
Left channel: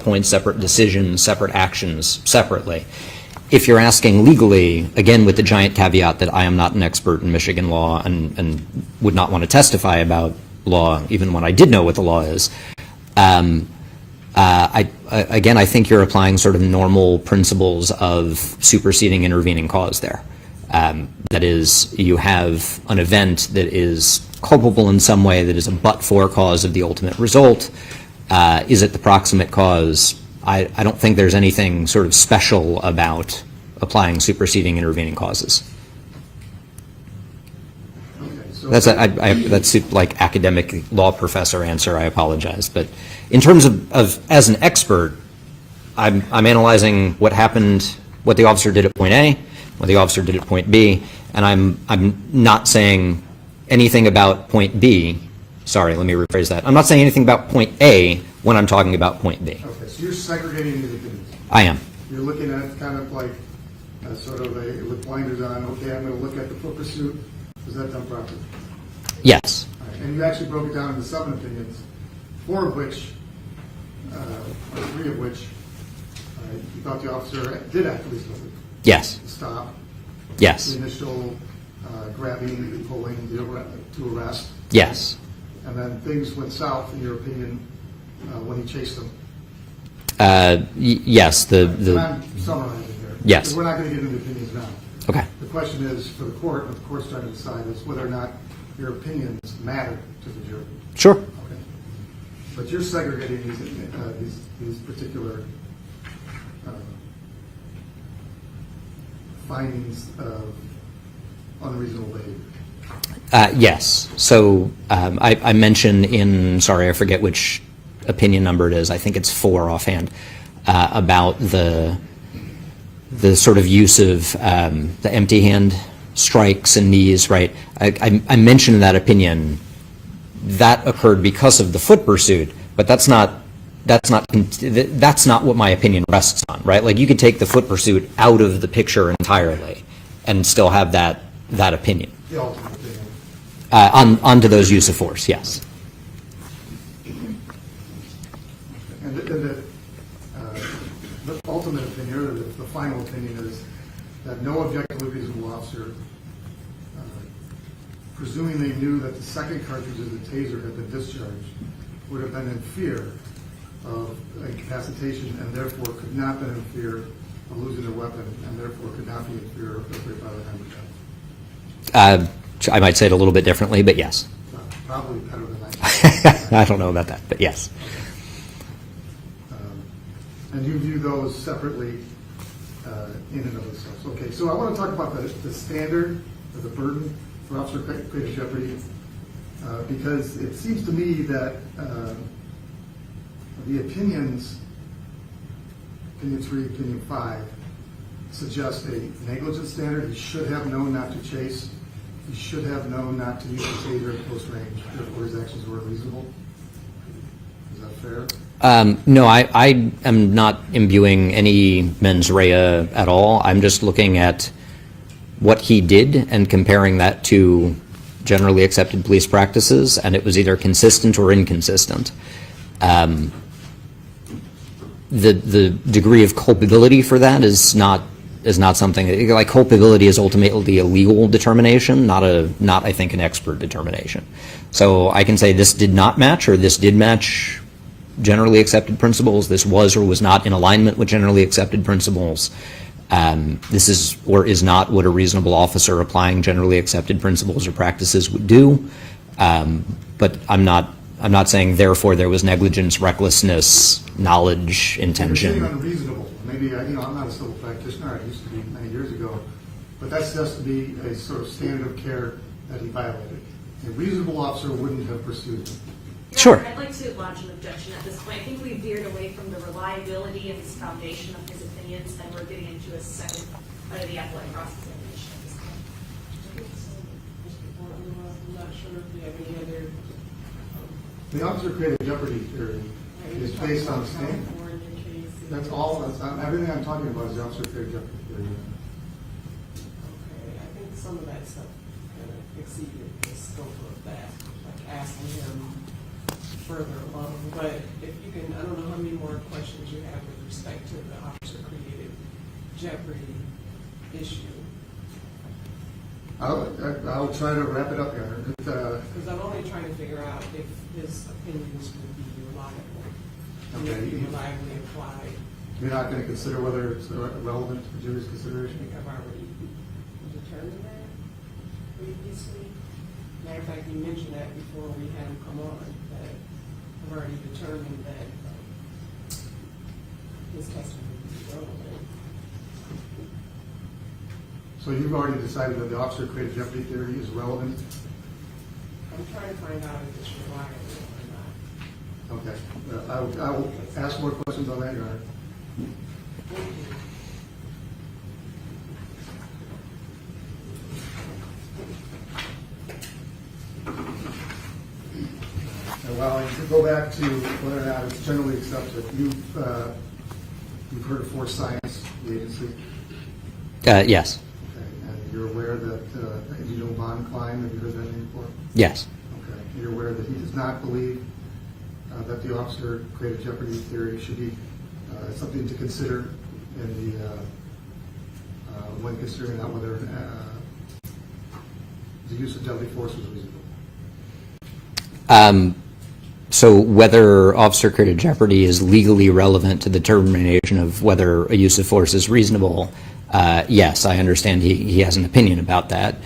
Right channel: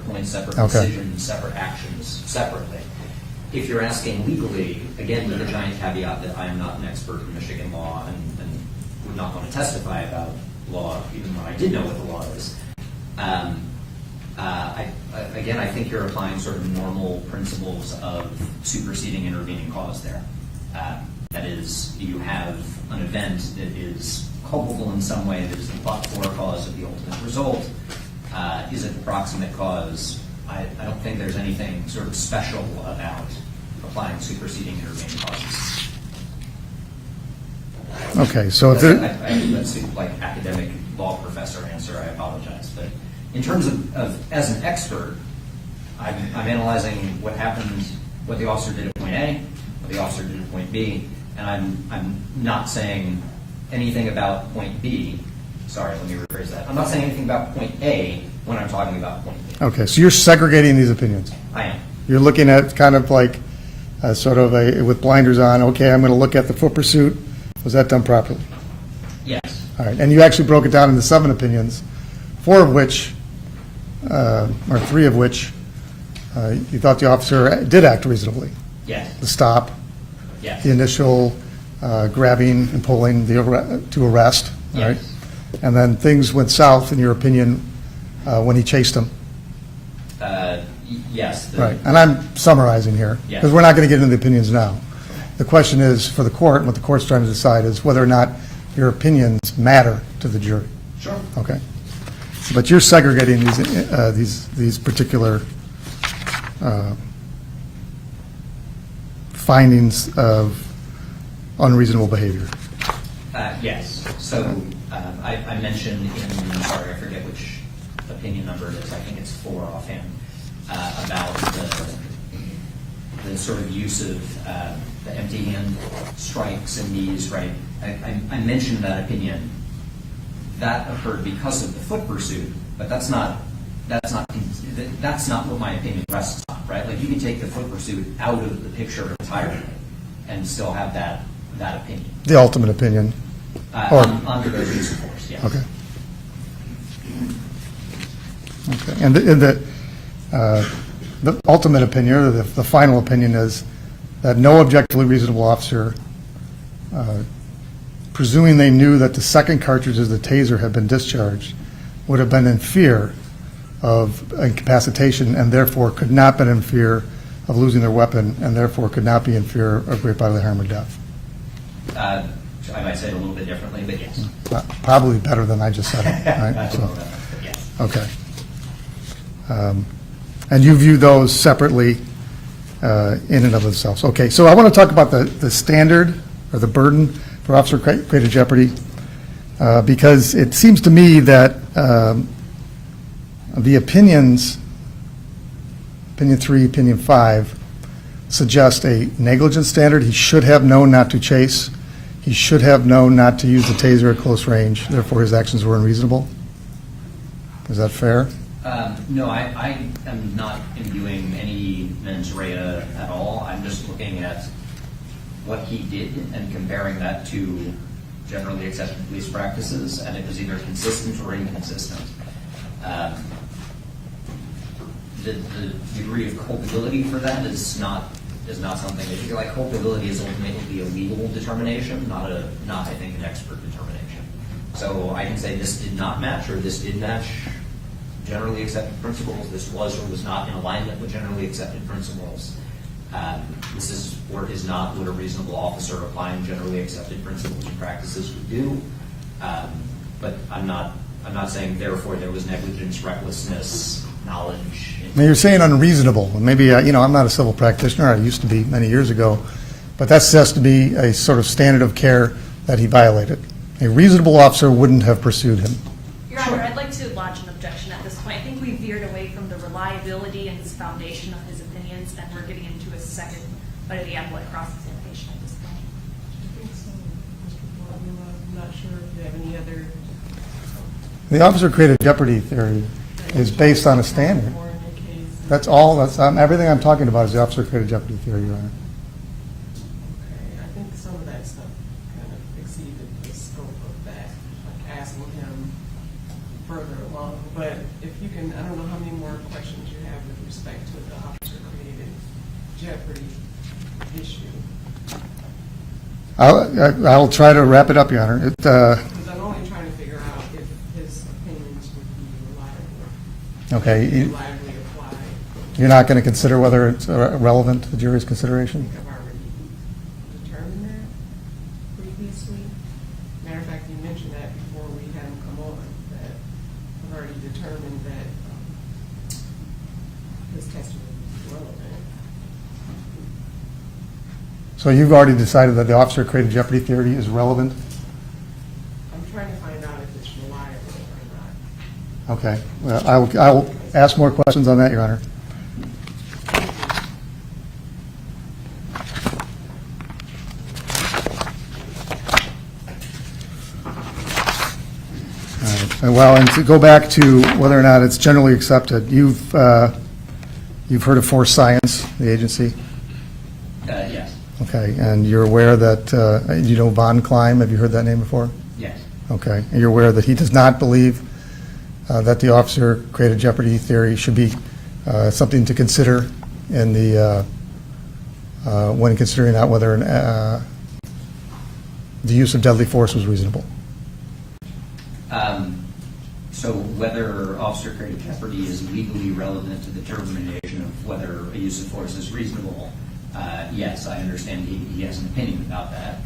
points, separate decisions, separate actions separately. If you're asking legally, again, with the giant caveat that I am not an expert in Michigan law and would not want to testify about law, even when I did know what the law is, again, I think you're applying sort of normal principles of superseding intervening cause there. That is, you have an event that is culpable in some way that is a but-for cause of the ultimate result. Is it the proximate cause? I don't think there's anything sort of special about applying superseding intervening causes. Okay, so that's like academic law professor answer. I apologize, but in terms of as an expert, I'm analyzing what happened, what the officer did at point A, what the officer did at point B, and I'm not saying anything about point B. Sorry, let me rephrase that. I'm not saying anything about point A when I'm talking about point B. Okay, so you're segregating these opinions. I am. You're looking at kind of like sort of with blinders on, okay, I'm going to look at the foot pursuit. Was that done properly? Yes. All right, and you actually broke it down into 7 opinions, 4 of which, or 3 of which, you thought the officer did act reasonably. Yes. The stop. Yes. The initial grabbing and pulling to arrest. Yes. Right? And then things went south, in your opinion, when he chased him. Yes. Right. And I'm summarizing here. Yes. Because we're not going to get into the opinions now. Okay. The question is, for the court, and what the court's trying to decide is whether or not your opinions matter to the jury. Sure. Okay. But you're segregating these particular findings of unreasonable behavior. Yes. So I mentioned in, sorry, I forget which opinion number it is. I think it's 4 offhand, about the sort of use of the empty hand strikes and knees, right? I mentioned in that opinion that occurred because of the foot pursuit, but that's not what my opinion rests on, right? Like you could take the foot pursuit out of the picture entirely and still have that opinion. The ultimate opinion. Onto those use of force, yes. Okay. And the ultimate opinion, or the final opinion, is that no objectively reasonable officer, presuming they knew that the second cartridge of the taser had been discharged, would have been in fear of incapacitation and therefore could not have been in fear of losing their weapon and therefore could not be in fear of great bodily harm or death. I might say it a little bit differently, but yes. Probably better than I just said. Right? I don't know about that, but yes. Okay. And you view those separately in and of themselves. Okay, so I want to talk about the standard or the burden for officer-created jeopardy, because it seems to me that the opinions, opinion 3, opinion 5, suggest a negligence standard. He should have known not to chase. He should have known not to use the taser at close range. Therefore, his actions were unreasonable. Is that fair? No, I am not imbuing any mens rea at all. I'm just looking at what he did and comparing that to generally accepted police practices, and it was either consistent or inconsistent. The degree of culpability for that is not something, like, culpability is ultimately a legal determination, not I think an expert determination. So I can say this did not match, or this did match generally accepted principles. This was or was not in alignment with generally accepted principles. This is or is not what a reasonable officer applying generally accepted principles or practices would do. But I'm not saying therefore there was negligence, recklessness, knowledge, intention. Now, you're saying unreasonable. Maybe, I'm not a civil practitioner. I used to be many years ago. But that has to be a sort of standard of care that he violated. A reasonable officer wouldn't have pursued him. Your Sure. Honor, I'd like to lodge an objection at this point. I think we veered away from the reliability and his foundation of his opinions, and we're getting into a second bite of the apple at cross-examination at this point. I think so, Mr. Gordon. I'm not sure if you have any other. The officer-created jeopardy theory is based on a standard. That's all, everything I'm talking about is the officer-created jeopardy theory, Your Honor. Okay, I think some of that stuff kind of exceeded the scope of that, like asking him further along. But if you can, I don't know how many more questions you have with respect to the officer-created jeopardy issue. I'll try to wrap it up, Your Honor. Because I'm only trying to figure out if his opinions would be reliable. Okay. Reliably applied. You're not going to consider whether it's relevant to the jury's I consideration? think I've already determined that previously. Matter of fact, you mentioned that before we had him come on, that I've already determined that his testimony is relevant. So you've already decided that the officer-created jeopardy theory is relevant? I'm trying to find out if it's reliable or not. Okay. Well, I'll ask more questions on that, Your Honor. All right. Well, and to go back to whether or not it's generally accepted, you've heard of Force Science, the agency? Yes. Okay, and you're aware that, you know Von Klein, have you heard that name before? Yes. Okay, and you're aware that he does not believe that the officer-created jeopardy theory should be something to consider in the, when considering out whether the use of deadly force was reasonable? So whether officer-created jeopardy is legally relevant to the determination of whether a use of force is reasonable, yes, I understand he has an opinion about that.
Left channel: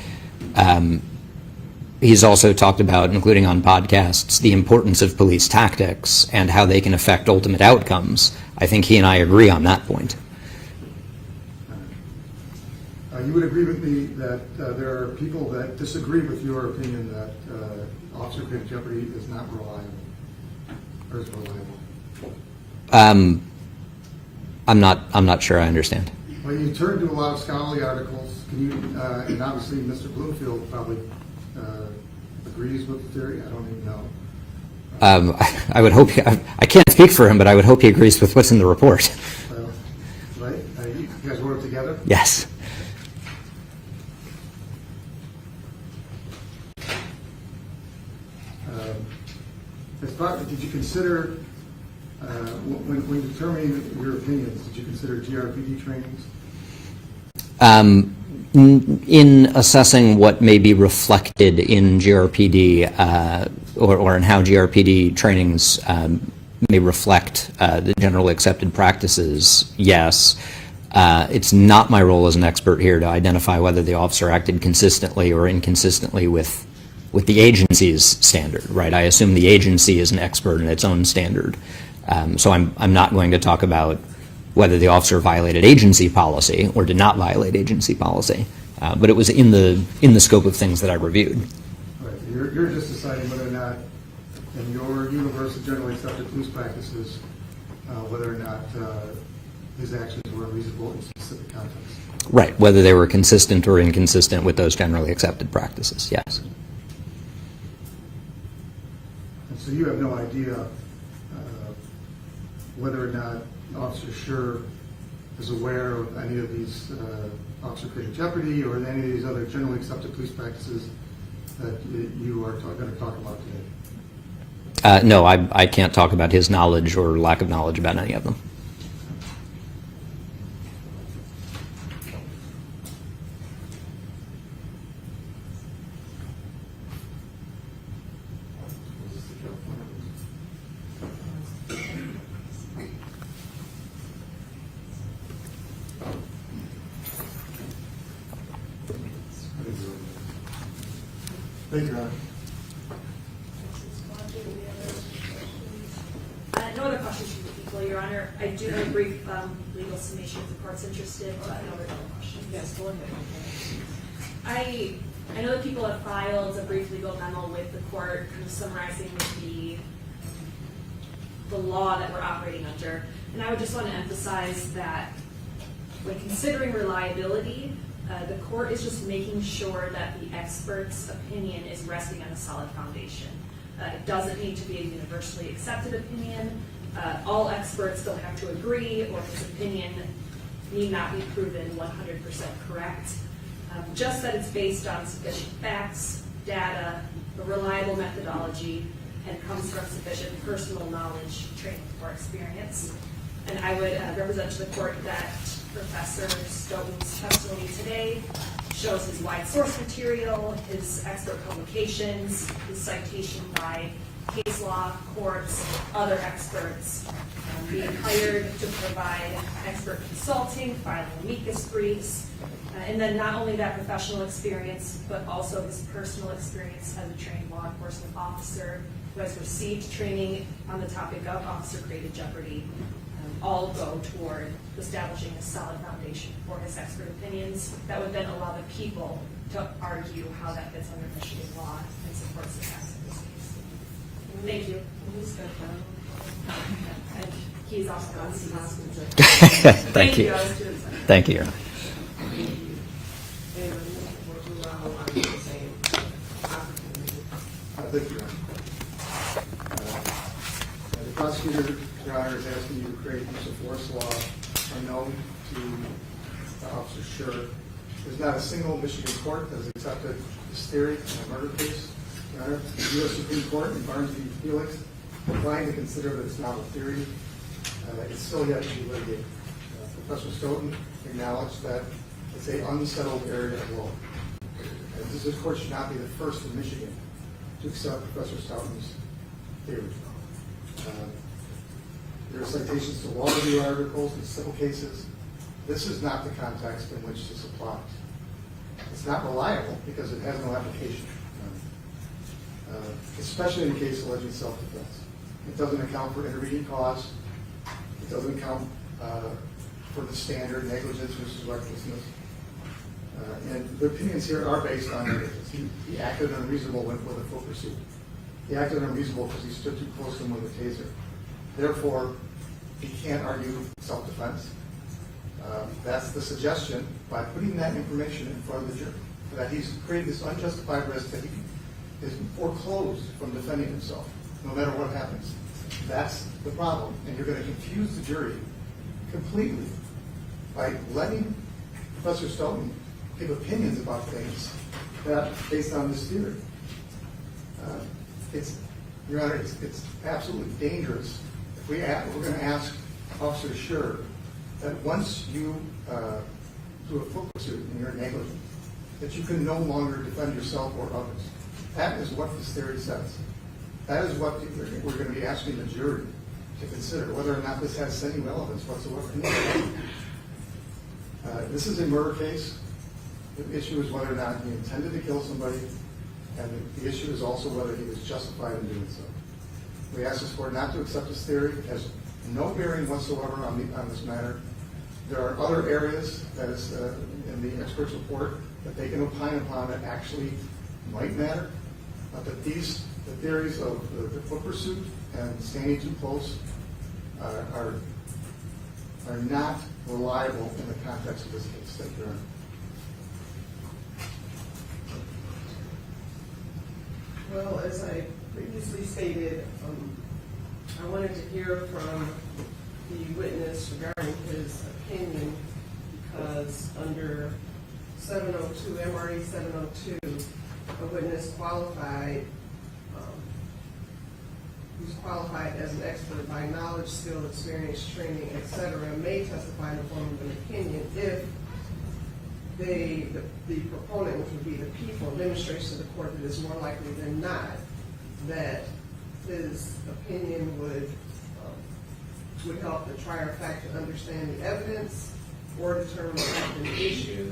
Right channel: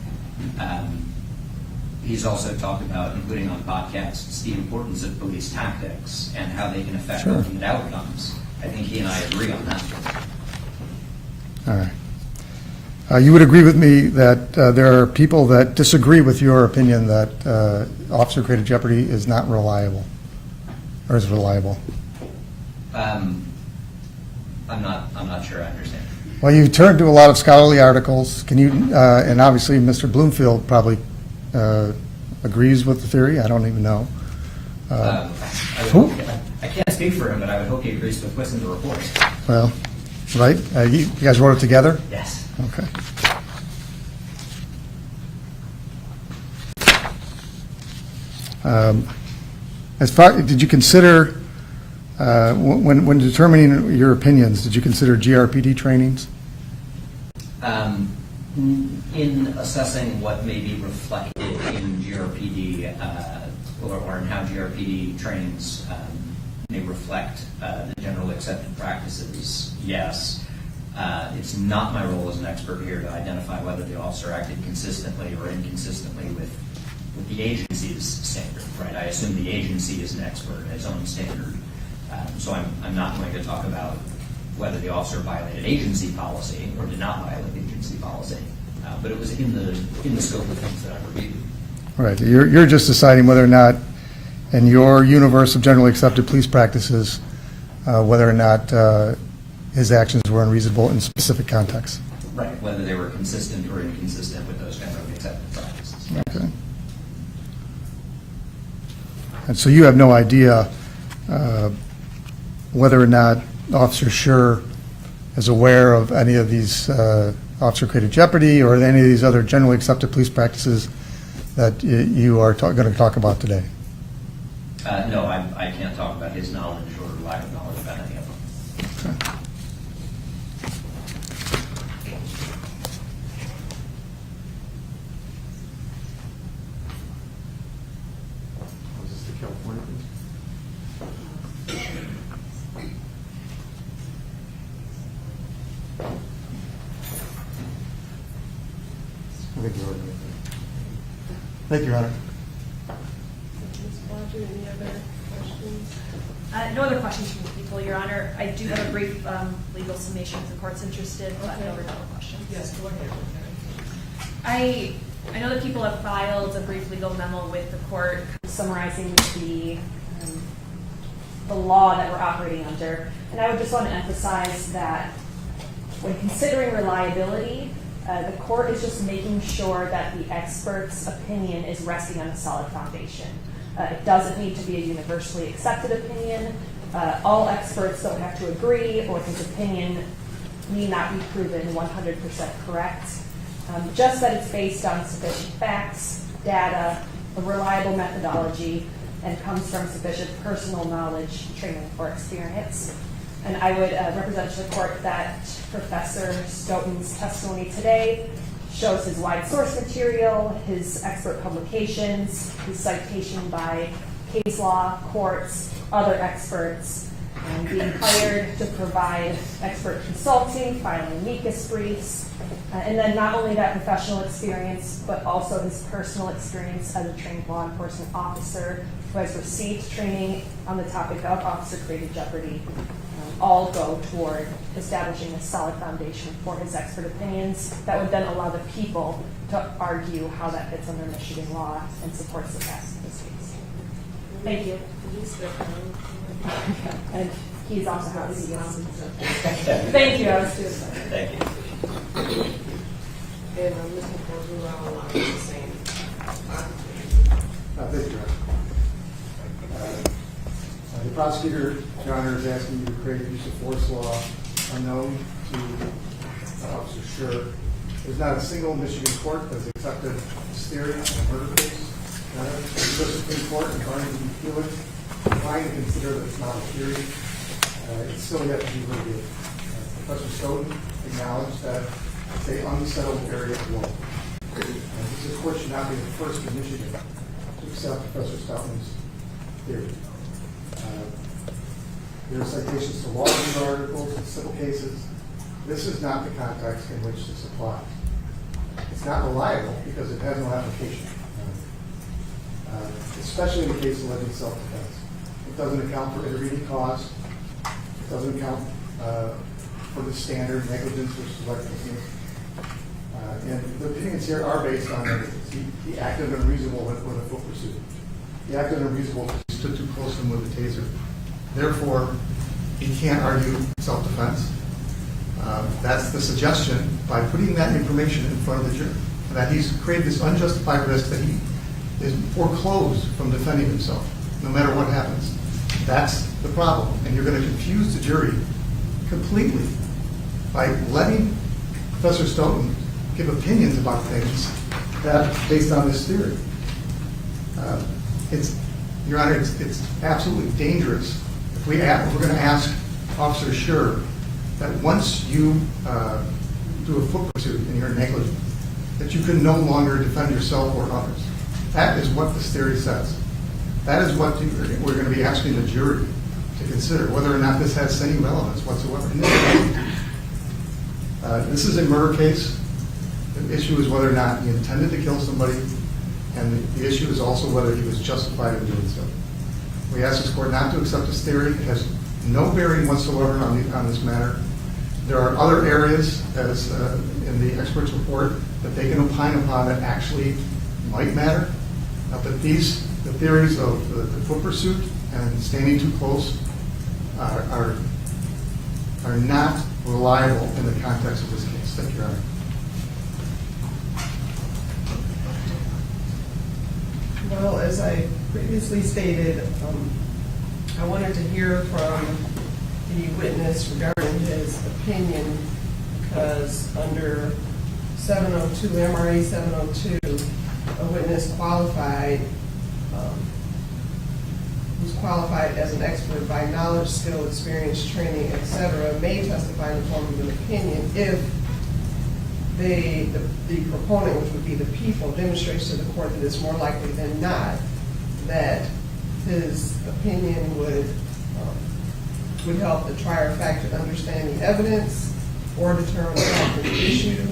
He's also talked about, including on podcasts, the importance of police tactics and how they can affect ultimate outcomes. I think he and I agree on that point. All right. You would agree with me that there are people that disagree with your opinion that officer-created jeopardy is not reliable, or is reliable? I'm not sure I understand. Well, you've turned to a lot of scholarly articles. Can you, and obviously Mr. Bloomfield probably agrees with the theory. I don't even know. I would hope, I can't speak for him, but I would hope he agrees with what's in the report. Well, right? You guys wrote it together? Yes. Okay. Did you consider, when determining your opinions, did you consider GRPD trainings? In assessing what may be reflected in GRPD or in how GRPD trainings may reflect the generally accepted practices, yes. It's not my role as an expert here to identify whether the officer acted consistently or inconsistently with the agency's standard, right? I assume the agency is an expert in its own standard. So I'm not going to talk about whether the officer violated agency policy or did not violate agency policy. But it was in the scope of things that I reviewed. Right. You're just deciding whether or not, in your universe of generally accepted police practices, whether or not his actions were unreasonable in specific contexts. Right, whether they were consistent or inconsistent with those generally accepted practices, yes. Okay. And so you have no idea whether or not Officer Schurr is aware of any of these officer-created jeopardy or any of these other generally accepted police practices that you are going to talk about today? No, I can't talk about his knowledge or lack of knowledge about any of them. Okay. Thank you, Your Honor. Ms. Blodgett, any other questions? No other questions from the people, Your Honor. I do have a brief legal summation if the court's interested, but no other questions. Yes, go ahead. I know that people have filed a brief legal memo with the court summarizing the law that we're operating under. And I would just want to emphasize that when considering reliability, the court is just making sure that the expert's opinion is resting on a solid foundation. It doesn't need to be a universally accepted opinion. All experts don't have to agree, or his opinion need not be proven 100% correct. Just that it's based on sufficient facts, data, a reliable methodology, and comes from sufficient personal knowledge, training, or experience. And I would represent to the court that Professor Stoughton's testimony today shows his wide source material, his expert publications, his citation by case law, courts, other experts, and being hired to provide expert consulting, filing amicus briefs, and then not only that professional experience, but also his personal experience as a trained law enforcement officer who has received training on the topic of officer-created jeopardy, all go toward establishing a solid foundation for his expert opinions that would then allow the people to argue how that fits under Michigan law and supports the facts of this case. Thank you. And he's also how he Thank you. Thank you. And I'm looking for around like the same. Thank you, Your Honor. The prosecutor, Your Honor, is asking you to create use of force law unknown to Officer Schurr. There's not a single Michigan court that has accepted this theory in a murder case. Your Honor, the U.S. Supreme Court in Barrington v. Felix declined to consider that it's not a theory. It's still yet to be litigated. Professor Stoughton acknowledged that it's an unsettled area of law. And this court should not be the first in Michigan to accept Professor Stoughton's theory. There are citations to law review articles and civil cases. This is not the context in which this applies. It's not reliable because it has no application, especially in the case alleging self-defense. It doesn't account for intervening cause. It doesn't account for the standard negligence versus recklessness. And the opinions here are based on negligence. He acted unreasonable with a foot pursuit. He acted unreasonable because he stood too close to him with a taser. Therefore, he can't argue self-defense. That's the suggestion by putting that information in front of the jury, that he's created this unjustified risk that he is foreclosed from defending himself, no matter what happens. That's the problem. And you're going to confuse the jury completely by letting Professor Stoughton give opinions about things that based on this theory. Your Honor, it's absolutely dangerous if we're going to ask Officer Schurr that once you do a foot pursuit and you're negligent, that you can no longer defend yourself or others. That is what this theory says. That is what we're going to be asking the jury to consider, whether or not this has any relevance whatsoever. This is a murder case. The issue is whether or not he intended to kill somebody, and the issue is also whether he was justified in doing so. We ask this court not to accept this theory. It has no bearing whatsoever on this matter. There are other areas, as in the expert's report, that they can opine upon that actually might matter. But the theories of the foot pursuit and standing too close are are not reliable in the context of this case. Thank you, Your Honor. Well, as I previously stated, I wanted to hear from the witness regarding his opinion because under 702, MRA 702, a witness qualified, who's qualified as an expert by knowledge, skill, experience, training, etc., may testify in the form of an opinion if the proponent, which would be the people, demonstrates to the court that it's more likely than not that his opinion would help the trier of fact to understand the evidence or determine the fact of the issue,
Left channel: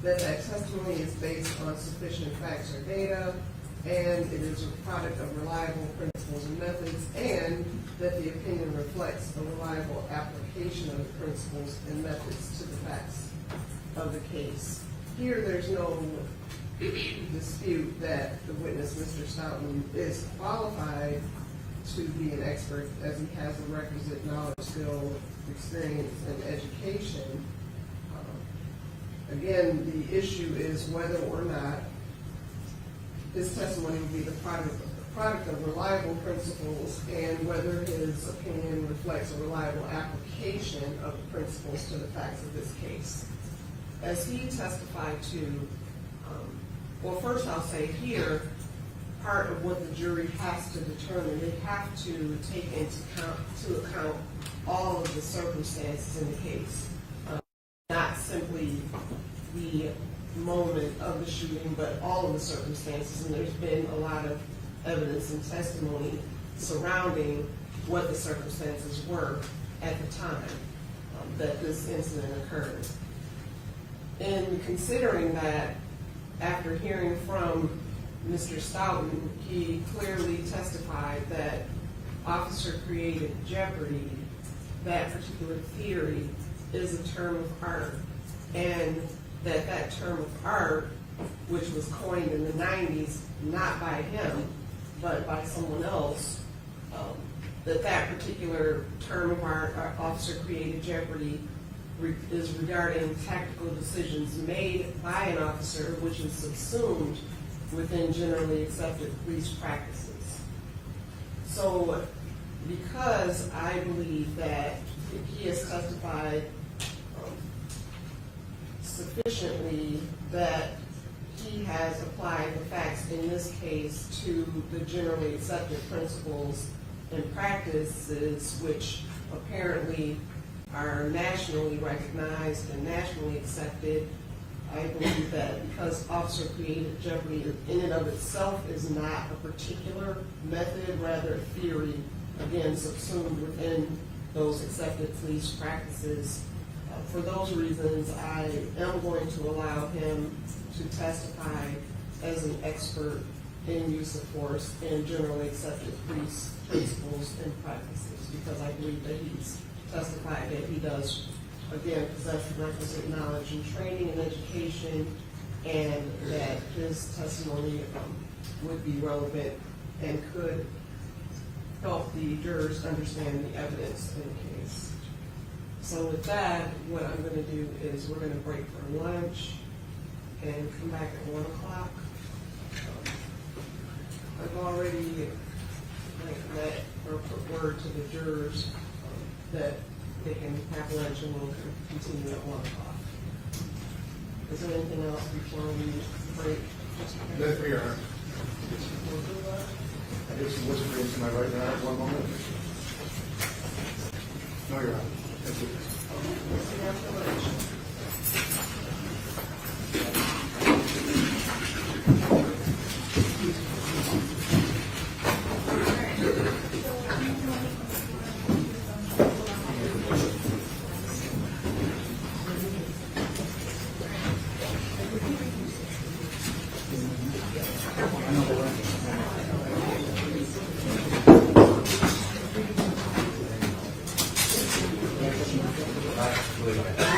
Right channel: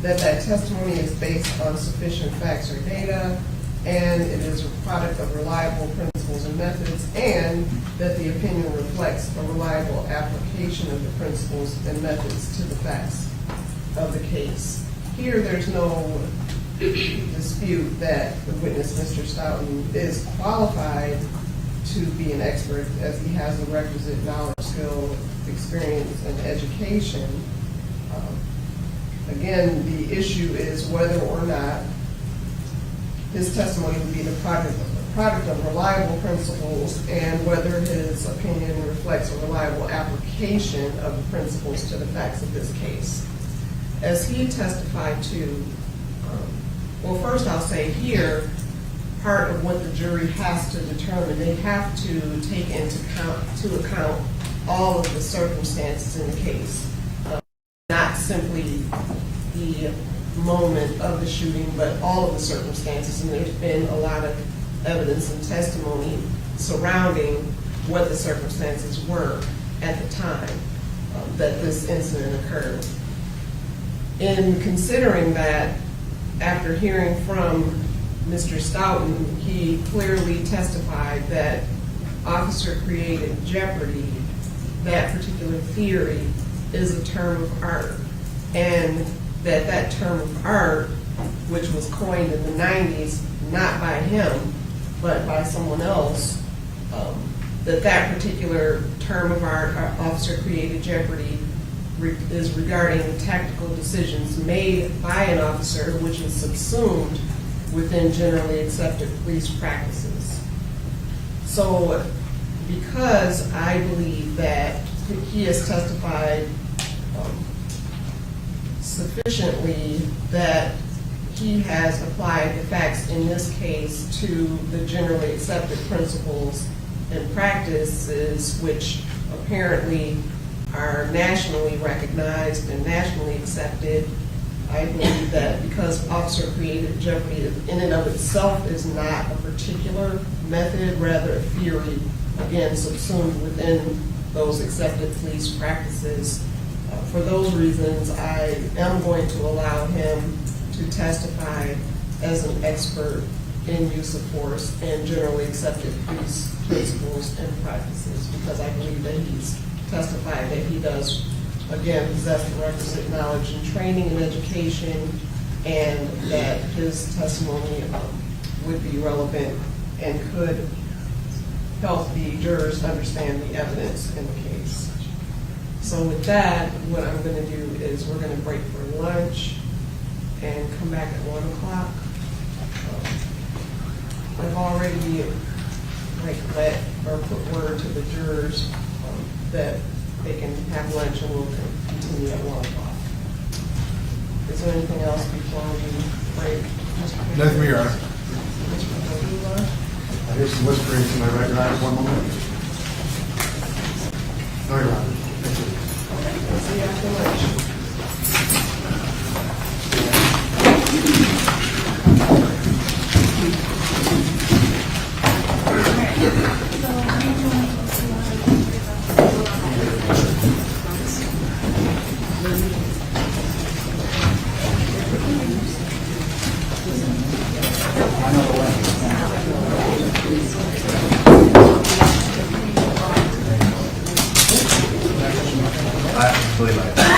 that testimony is based on sufficient facts or data, and it is a product of reliable principles and methods, and that the opinion reflects a reliable application of the principles and methods to the facts of the case. Here, there's no dispute that the witness, Mr. Stoughton, is qualified to be an expert as he has the requisite knowledge, skill, experience, and education. Again, the issue is whether or not his testimony would be the product of reliable principles and whether his opinion reflects a reliable application of the principles to the facts of this case. As he testified to, well, first I'll say here, part of what the jury has to determine, they have to take into account all of the circumstances in the case, not simply the moment of the shooting, but all of the circumstances. And there's been a lot of evidence and testimony surrounding what the circumstances were at the time that this incident occurred. In considering that, after hearing from Mr. Stoughton, he clearly testified that officer created jeopardy, that particular theory is a term of art, and that term of art, which was coined in the 90s, not by him, but by someone else, that particular term of art, officer created jeopardy, is regarding tactical decisions made by an officer which is subsumed within generally accepted police practices. So because I believe that he has testified sufficiently that he has applied the facts in this case to the generally accepted principles and practices which apparently are nationally recognized and nationally accepted, I believe that because officer created jeopardy in and of itself is not a particular method, rather a theory, again, subsumed within those accepted police practices. For those reasons, I am going to allow him to testify as an expert in use of force and generally accepted police principles and practices, because I believe that he's testified that he does, again, possess the requisite knowledge and training and education, and that his testimony would be relevant and could help the jurors understand the evidence in the case. So with that, what I'm going to do is we're going to break for lunch and come back at 1 o'clock. I've already let or put word to the jurors that they can have lunch and we'll continue at 1 o'clock. Is there anything else before we break? Nothing, Your Honor. Mr. Padula? I hear some whispering to my right, Your Honor. 1 moment. No, Your Honor. Thank you. Okay, we'll see you after lunch. I believe I